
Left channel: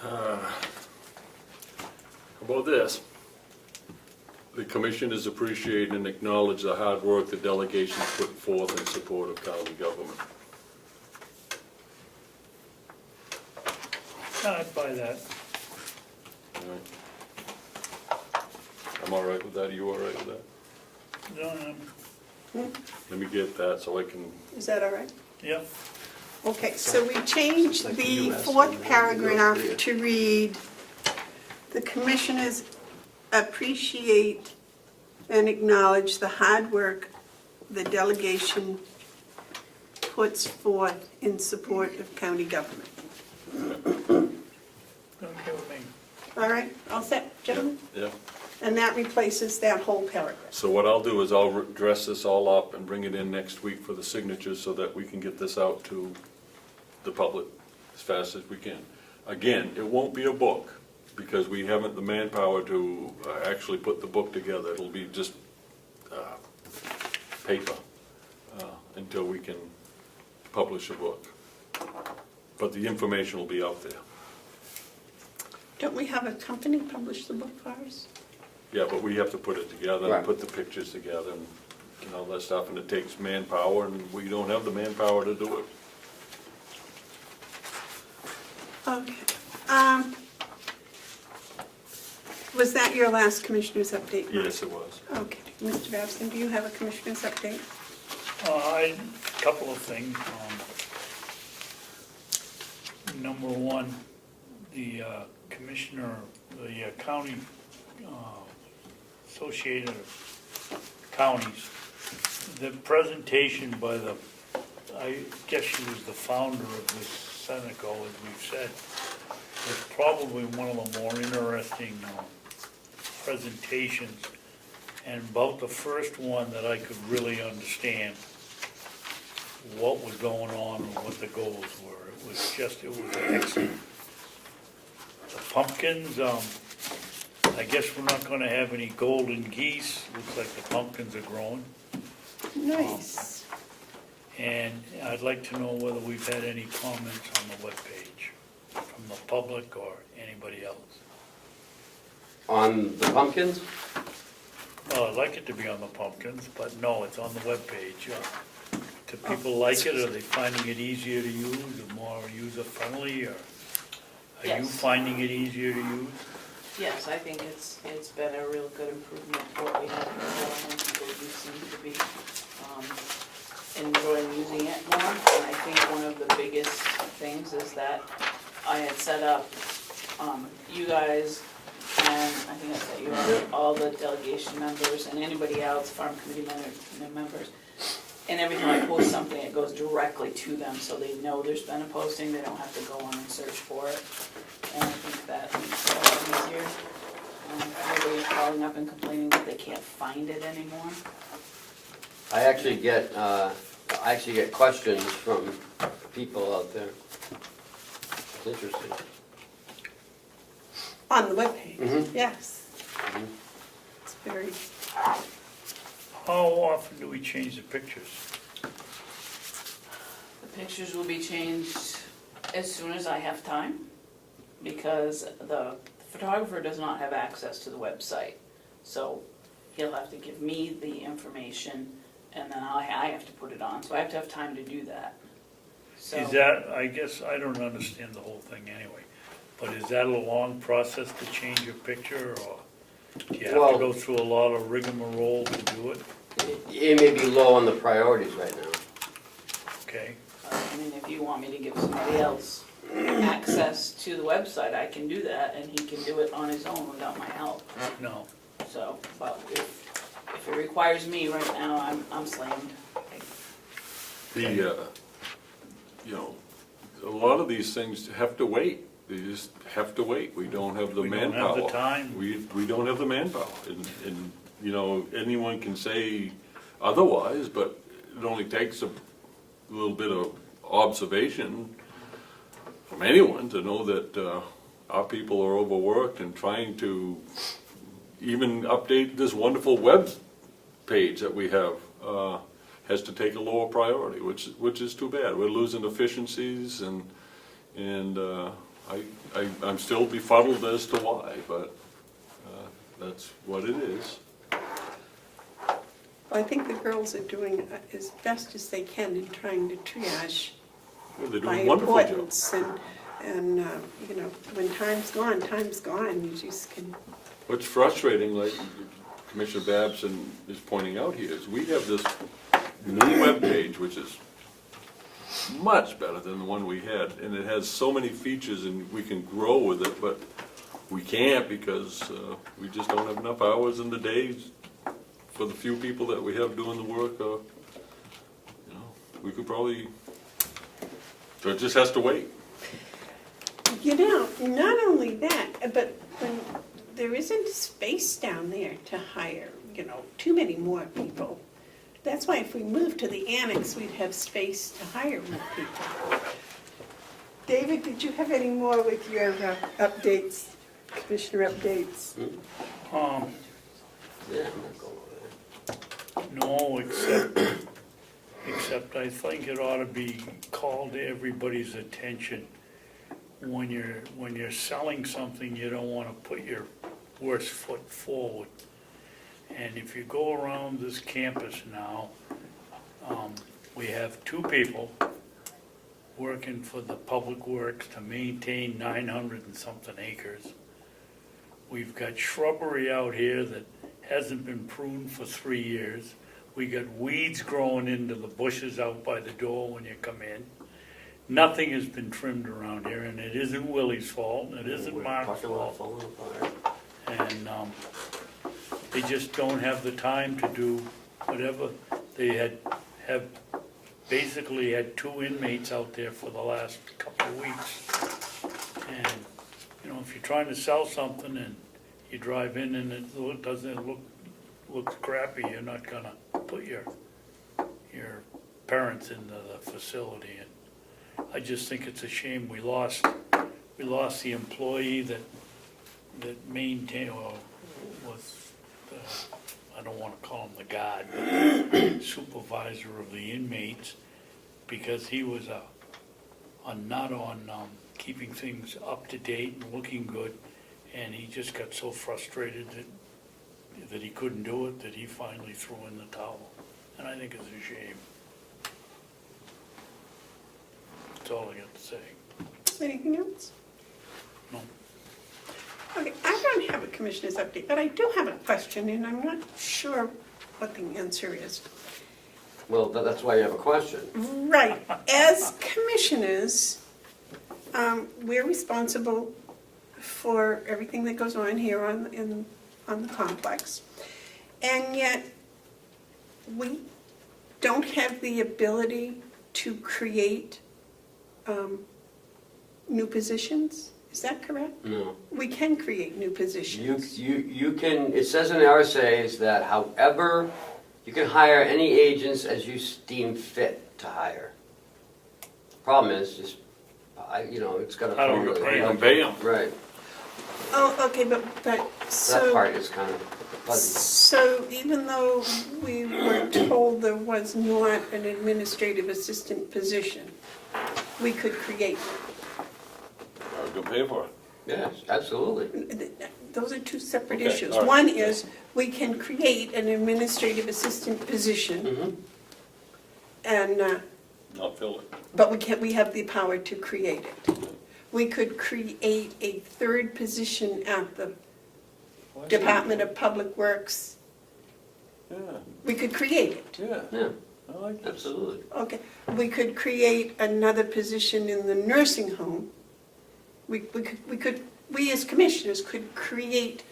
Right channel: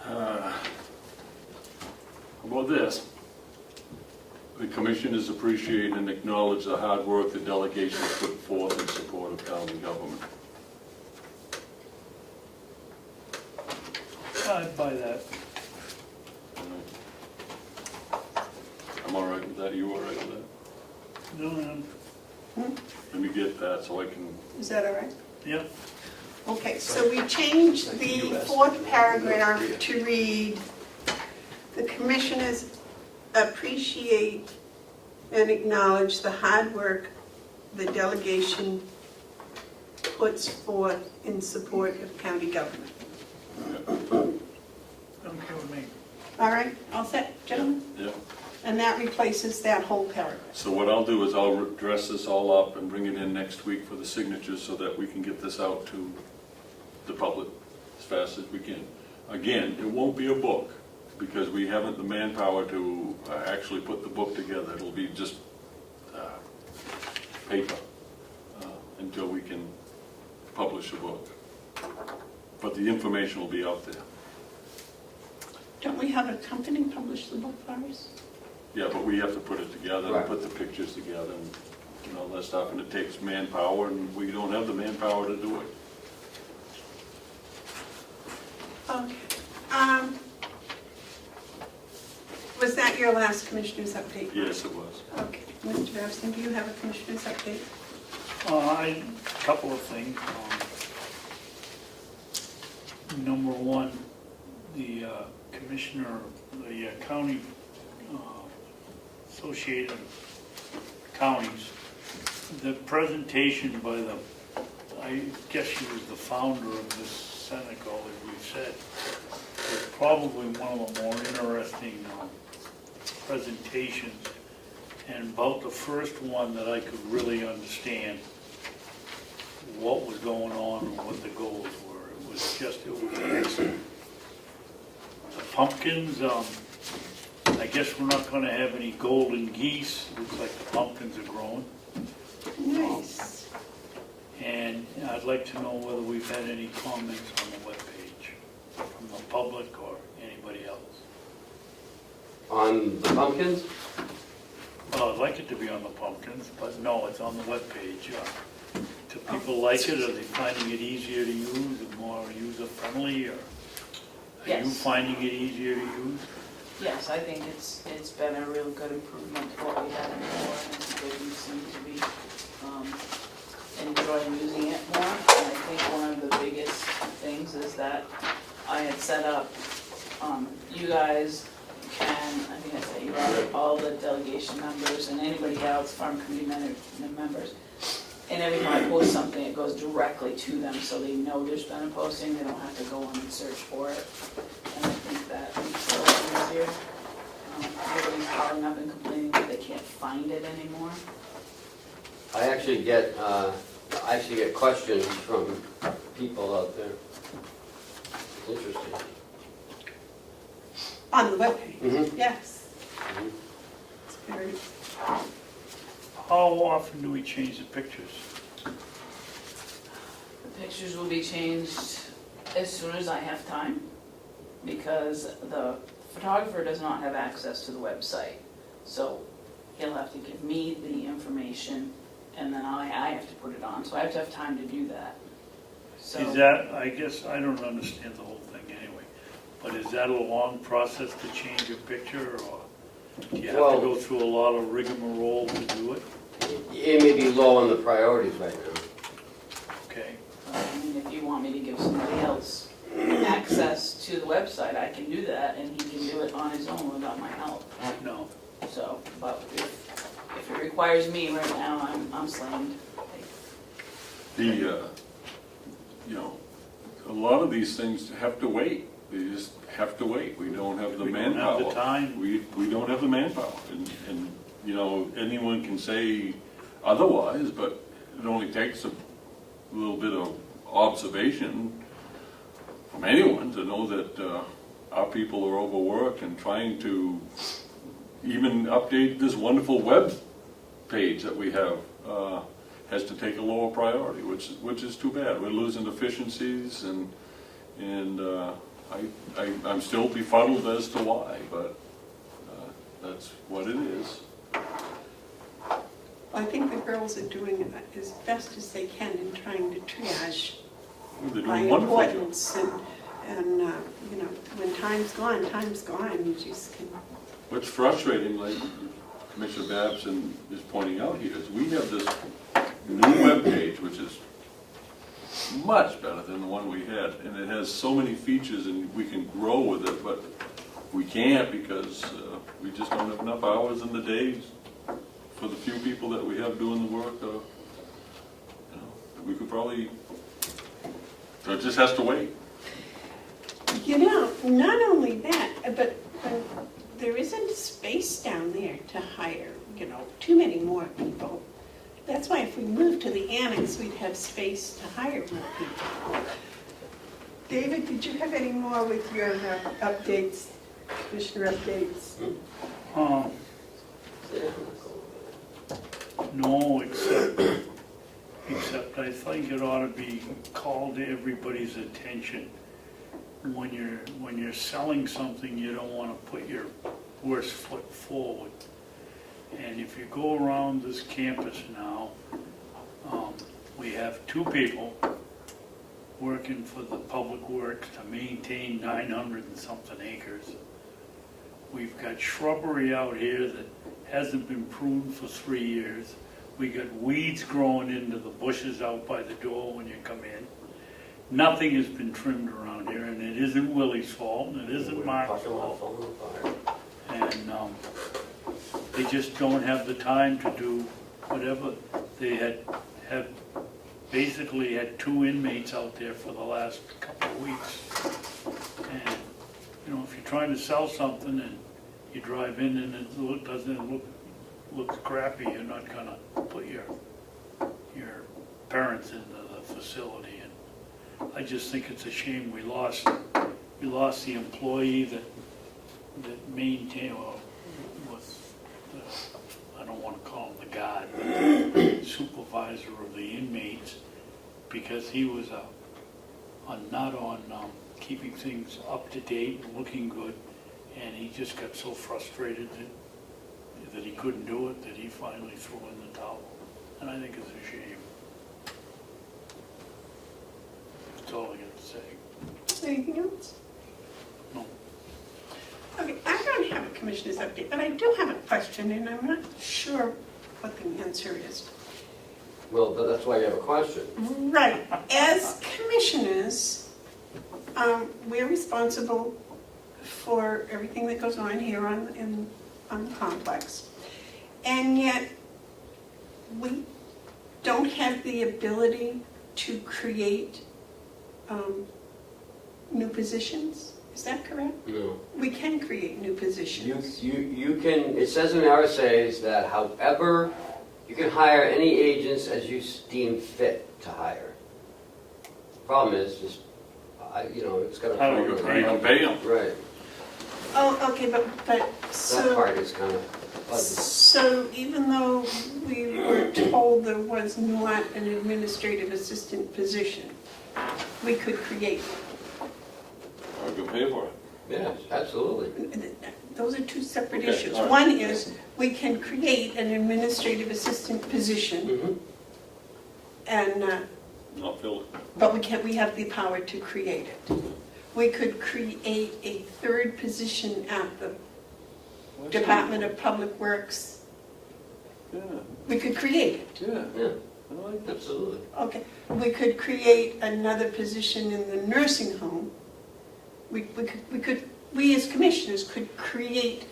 How about this? We commissioners appreciate and acknowledge the hard work the delegation has put forth in support of county government. I'd buy that. All right. I'm all right with that, you all right with that? No, Let me get that so I can, Is that all right? yeah, Okay, so we changed the fourth paragraph to read, "The commissioners appreciate and acknowledge the hard work the delegation puts forth in support of county government." okay with me. All right, all set, gentlemen? yeah. And that replaces that whole paragraph. So what I'll do is I'll dress this all up and bring it in next week for the signatures so that we can get this out to the public as fast as we can. Again, it won't be a book because we haven't the manpower to actually put the book together. It'll be just paper until we can publish a book. But the information will be out there. Don't we have a company publish the book for us? Yeah, but we have to put it together and Right. put the pictures together and, all that stuff, and it takes manpower, and we don't have the manpower to do it. Okay. Was that your last commissioner's update? Yes, it was. Okay, Mr. Babson, do you have a commissioner's update? A couple of things. Number one, the commissioner, the county associated counties, the presentation by the, I guess she was the founder of this Seneca, as we've said, was probably one of the more interesting presentations. And about the first one that I could really understand what was going on and what the goals were. It was excellent. The pumpkins, I guess we're not gonna have any golden geese. Looks like the pumpkins are growing. Nice. And I'd like to know whether we've had any comments on the webpage from the public or anybody else. On the pumpkins? Well, I'd like it to be on the pumpkins, but no, it's on the webpage. Do people like it? Are they finding it easier to use, or more user-friendly, or are you Yes. finding it easier to use? Yes, I think it's been a real good improvement to what we had before, and people do seem to be enjoying using it more. And I think one of the biggest things is that I had set up you guys, and I think I set you up, all the delegation members and anybody else, farm committee members. And every time I post something, it goes directly to them, so they know there's been a posting, they don't have to go on and search for it. And I think that makes it a lot easier. Everybody's calling up and complaining that they can't find it anymore. I actually get questions from people out there. Interesting. On the webpage, Mhm. yes. It's very, How often do we change the pictures? The pictures will be changed as soon as I have time, because the photographer does not have access to the website. So he'll have to give me the information, and then I have to put it on, so I have to have time to do that. So Is that, I guess, I don't understand the whole thing anyway, but is that a long process to change your picture, or do you have Well- to go through a lot of rigmarole to do it? It may be low on the priorities right now. Okay, I mean, if you want me to give somebody else access to the website, I can do that, and he can do it on his own without my help. no. So, but if it requires me right now, I'm slammed. A lot of these things have to wait. They just have to wait. We don't have the We don't manpower. have the time. We don't have the manpower. And anyone can say otherwise, but it only takes a little bit of observation from anyone to know that our people are overworked and trying to even update this wonderful web page that we have has to take a lower priority, which is too bad. We're losing efficiencies, and I'm still befuddled as to why, but that's what it is. I think the girls are doing as best as they can in trying to triage They're by doing wonderful. importance, and you know, when time's gone, you just can. What's frustrating, like Commissioner Babson is pointing out here, is we have this new webpage, which is much better than the one we had, and it has so many features and we can grow with it, but we can't because we just don't have enough hours in the days for the few people that we have doing the work. We could probably, so it just has to wait. You know, not only that, but there isn't space down there to hire, you know, too many more people. That's why if we moved to the annex, we'd have space to hire more people. David, did you have any more with your updates, commissioner updates? No, except I think it ought to be called to everybody's attention. When you're selling something, you don't want to put your worst foot forward. And if you go around this campus now, we have 2 people working for the Public Works to maintain 900 and something acres. We've got shrubbery out here that hasn't been pruned for 3 years. We got weeds growing into the bushes out by the door when you come in. Nothing has been trimmed around here, and it isn't Willie's fault, and it isn't Mark's fault. And they just don't have the time to do whatever. They have basically had 2 inmates out there for the last couple of weeks. And, you know, if you're trying to sell something and you drive in and it doesn't look crappy, you're not gonna put your parents into the facility. And I just think it's a shame we lost the employee that maintained, or was, I don't want to call him the guard, supervisor of the inmates, because he was a nut on keeping things up to date and looking good, and he just got so frustrated that he couldn't do it, that he finally threw in the towel. And I think it's a shame. That's all I got to say. Anything else? No. Okay, I don't have a commissioner's update, but I do have a question, and I'm not sure what the answer is. Well, that's why you have a question. Right, as commissioners, we're responsible for everything that goes on here on the complex. And yet, we don't have the ability to create new positions, is that correct? No. We can create new positions. You can, it says in the RSA's that however, you can hire any agents as you deem fit to hire. Problem is, just, it's gotta How come do you with pay it. them? Pay them. Right, Oh, okay, but that so, part is kind of fuzzy. so even though we were told there was not an administrative assistant position, we could create. I could pay for it. Yes, absolutely. Those are 2 separate Okay, issues. all right. One is, we can create an administrative assistant position, Mm-hmm. and, I'll fill it. but we have the power to create it. We could create a 3rd position at the Department of Public Works. Yeah, We could create it. yeah, Yeah, I like that. absolutely. Okay. We could create another position in the nursing home. We as commissioners could create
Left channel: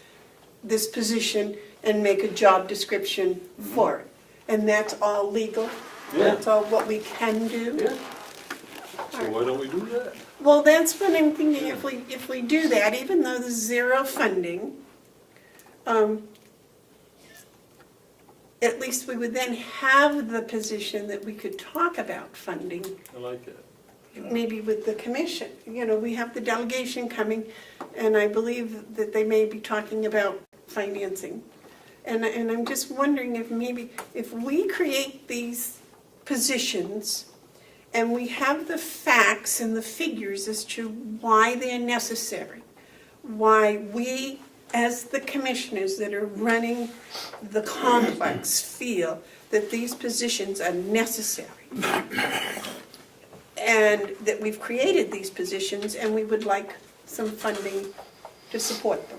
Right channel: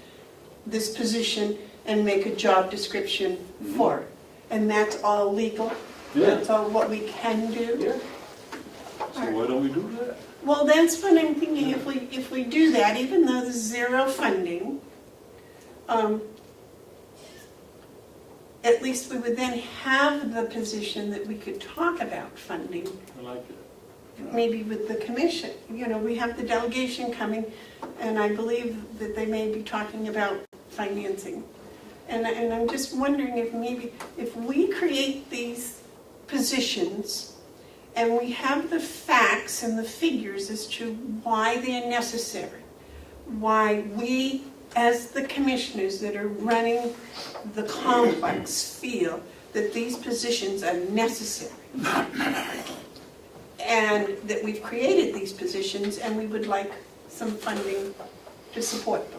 this position and make a job description for it. And that's all legal? Yeah. That's all what we can do? Yeah. So why don't we do that? Well, that's what I'm thinking, if we do that, even though there's 0 funding, at least we would then have the position that we could talk about funding, I like it. maybe with the commission. You know, we have the delegation coming, and I believe that they may be talking about financing. And I'm just wondering if we create these positions, and we have the facts and the figures as to why they're necessary, why we, as the commissioners that are running the complex, feel that these positions are necessary. And that we've created these positions and we would like some funding to support them.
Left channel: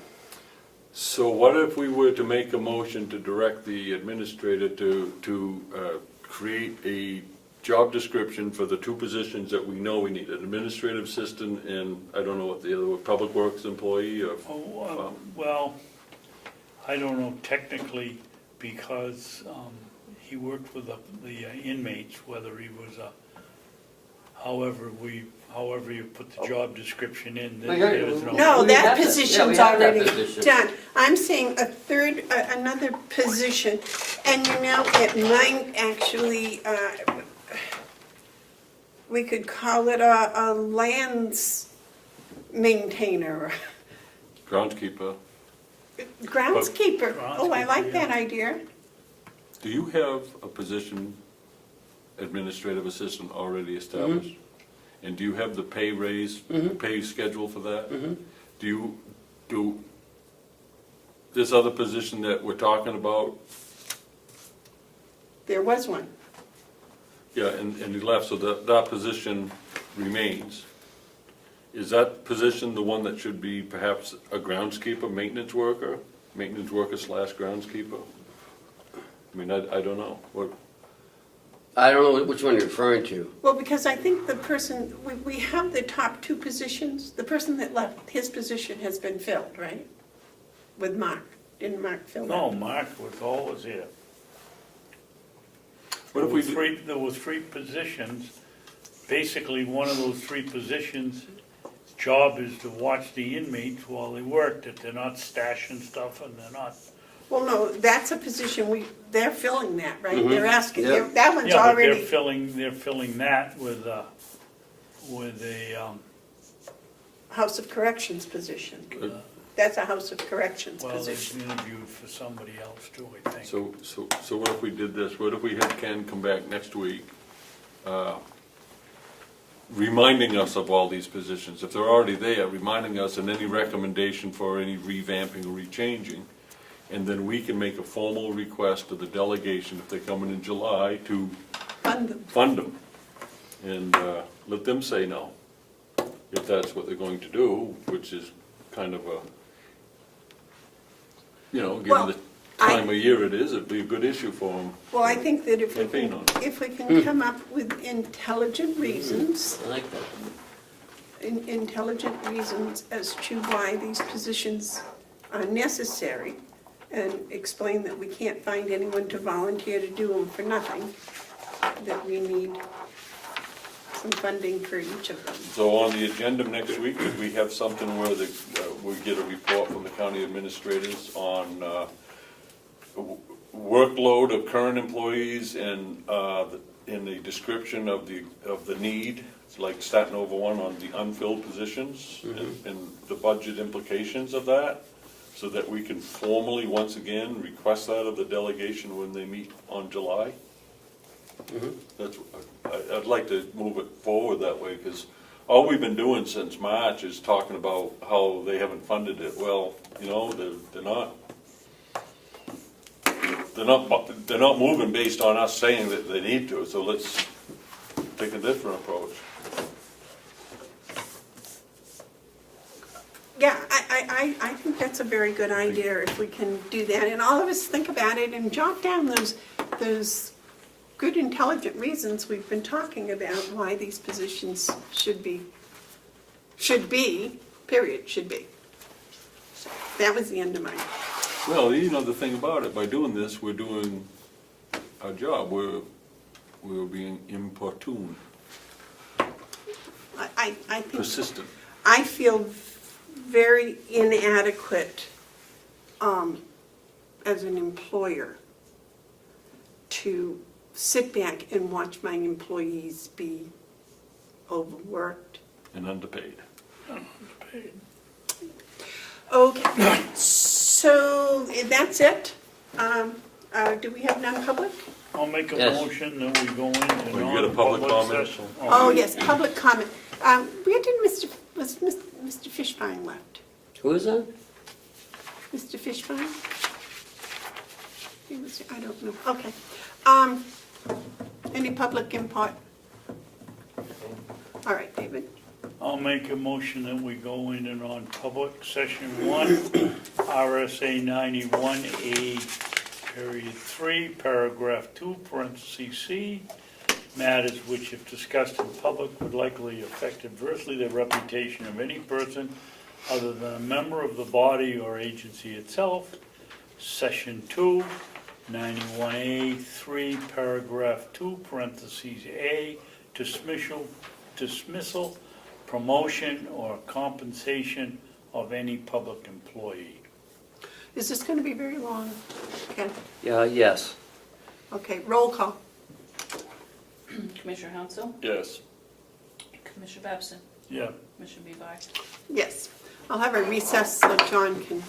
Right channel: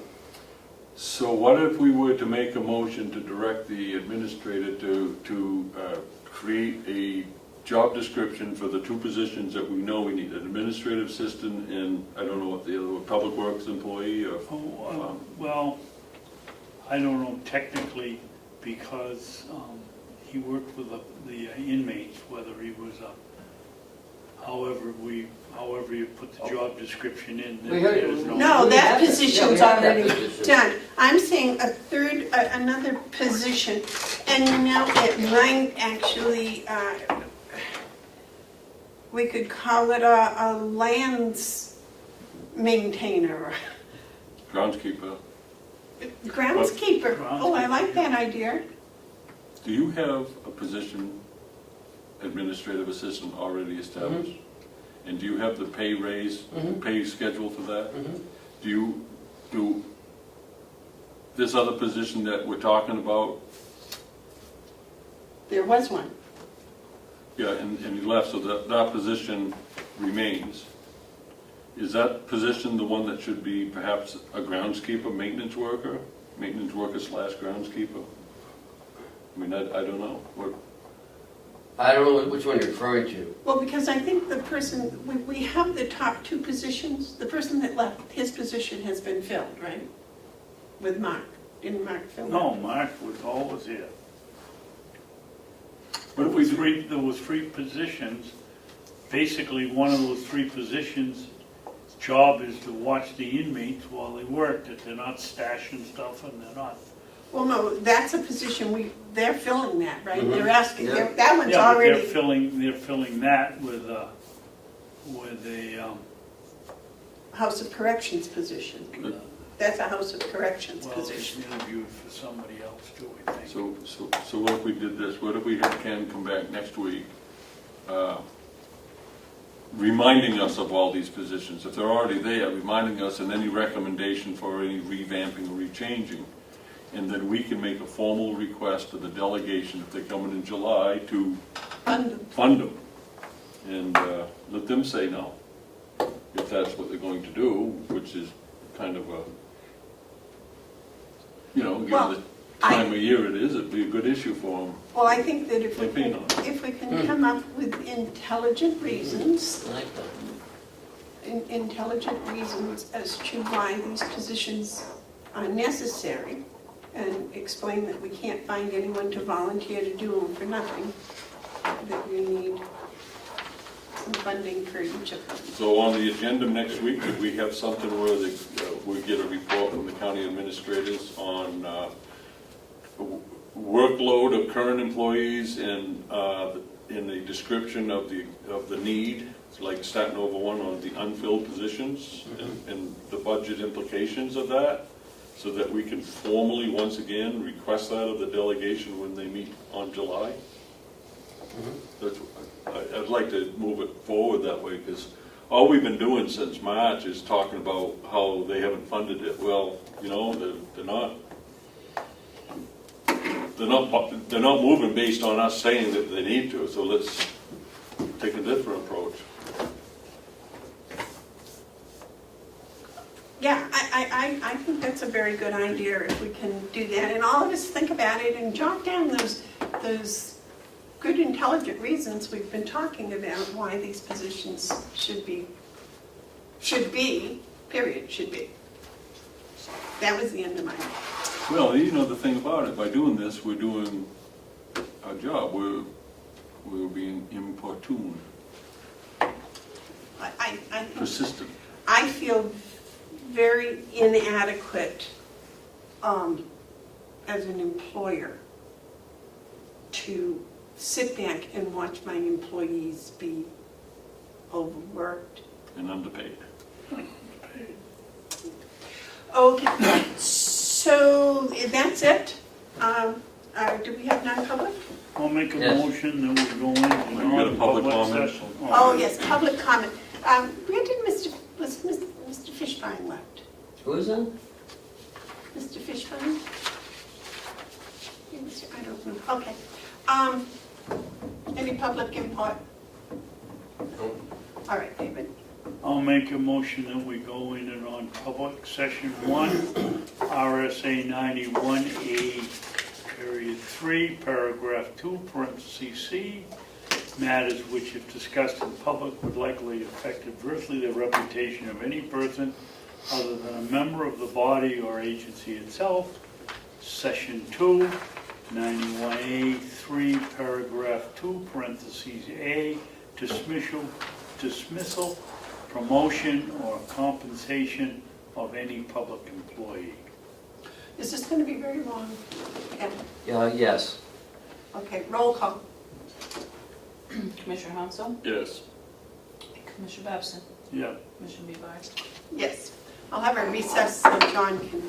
So what if we were to make a motion to direct the administrator to create a job description for the two positions that we know we need, an administrative assistant and, I don't know what the other, were, public works employee or? Well, I don't know technically, because he worked with the inmates, whether he was however you put the job description in, there's no. No, We that have- position's yeah, we have that already position. done. I'm saying another position, and you know, it might actually, we could call it a lands maintainer, Groundskeeper. groundskeeper. Oh, I like that idea. Do you have a position, administrative assistant, already established? And do you have the pay raise, pay schedule for that? Do this other position that we're talking about, There was one. yeah, and he left, so that position remains. Is that position the one that should be perhaps a groundskeeper, maintenance worker slash groundskeeper? I mean, I don't know, what, I don't know which one you're referring to. Well, because I think the person, we have the top two positions. The person that left, his position has been filled, right? With Mark. Didn't Mark fill that? No, Mark was always here. what if we do? There were three positions. Basically, one of those three positions' job is to watch the inmates while they work, that they're not stashing stuff and they're not. Well, no, that's a position they're filling that, right? They're asking, Yeah. that one's Yeah, but already. they're filling that with a House of Corrections position. That's a House of Corrections well, position. they interviewed for somebody else too, I think. So what if we did this, what if we had Ken come back next week, reminding us of all these positions, if they're already there, reminding us and any recommendation for any revamping or rechanging, and then we can make a formal request to the delegation, if they come in July, to fund them. And let them say no, if that's what they're going to do, which is kind of a, given the time of year it is, it'd be a good issue for them. Well, I think that if Campaign on it. we can come up with intelligent reasons, I like that. intelligent reasons as to why these positions are necessary, and explain that we can't find anyone to volunteer to do them for nothing, that we need some funding for each of them. So on the agenda next week, could we have something where we get a report from the county administrators on workload of current employees and a description of the need, like starting over one on the unfilled positions and the budget implications of that, so that we can formally, once again, request that of the delegation when they meet on July? I'd like to move it forward that way, because all we've been doing since March is talking about how they haven't funded it. Well, they're not moving based on us saying that they need to, so let's take a different approach. Yeah, I think that's a very good idea if we can do that, and all of us think about it and jot down those good intelligent reasons we've been talking about why these positions should be, period, should be. That was the end of mine. Well, the thing about it, by doing this, we're doing our job. We're being importuned, I think, persistent. I feel very inadequate as an employer to sit back and watch my employees be overworked. And underpaid. Okay, so that's it. Do we have non-public? I'll make a Yes. motion that we go into you got a public comment? session. Oh, yes, public comment. Where did Mr. Fishbein left? Who is that? Mr. Fishbein? I don't know, okay. Any public input? All right, David. I'll make a motion that we go into non-public, session 1, RSA 91A, period 3, paragraph 2, parentheses C, matters which if discussed in public would likely affect adversely the reputation of any person other than a member of the body or agency itself. Session 2, 91A, 3, paragraph 2, parentheses A, dismissal, promotion, or compensation of any public employee. Is this going to be very long? Okay. Yes. Okay, roll call. Commissioner Hounsell, Yes. Commissioner Babson, Yeah. Commissioner Bevard. Yes. I'll have a recess so John can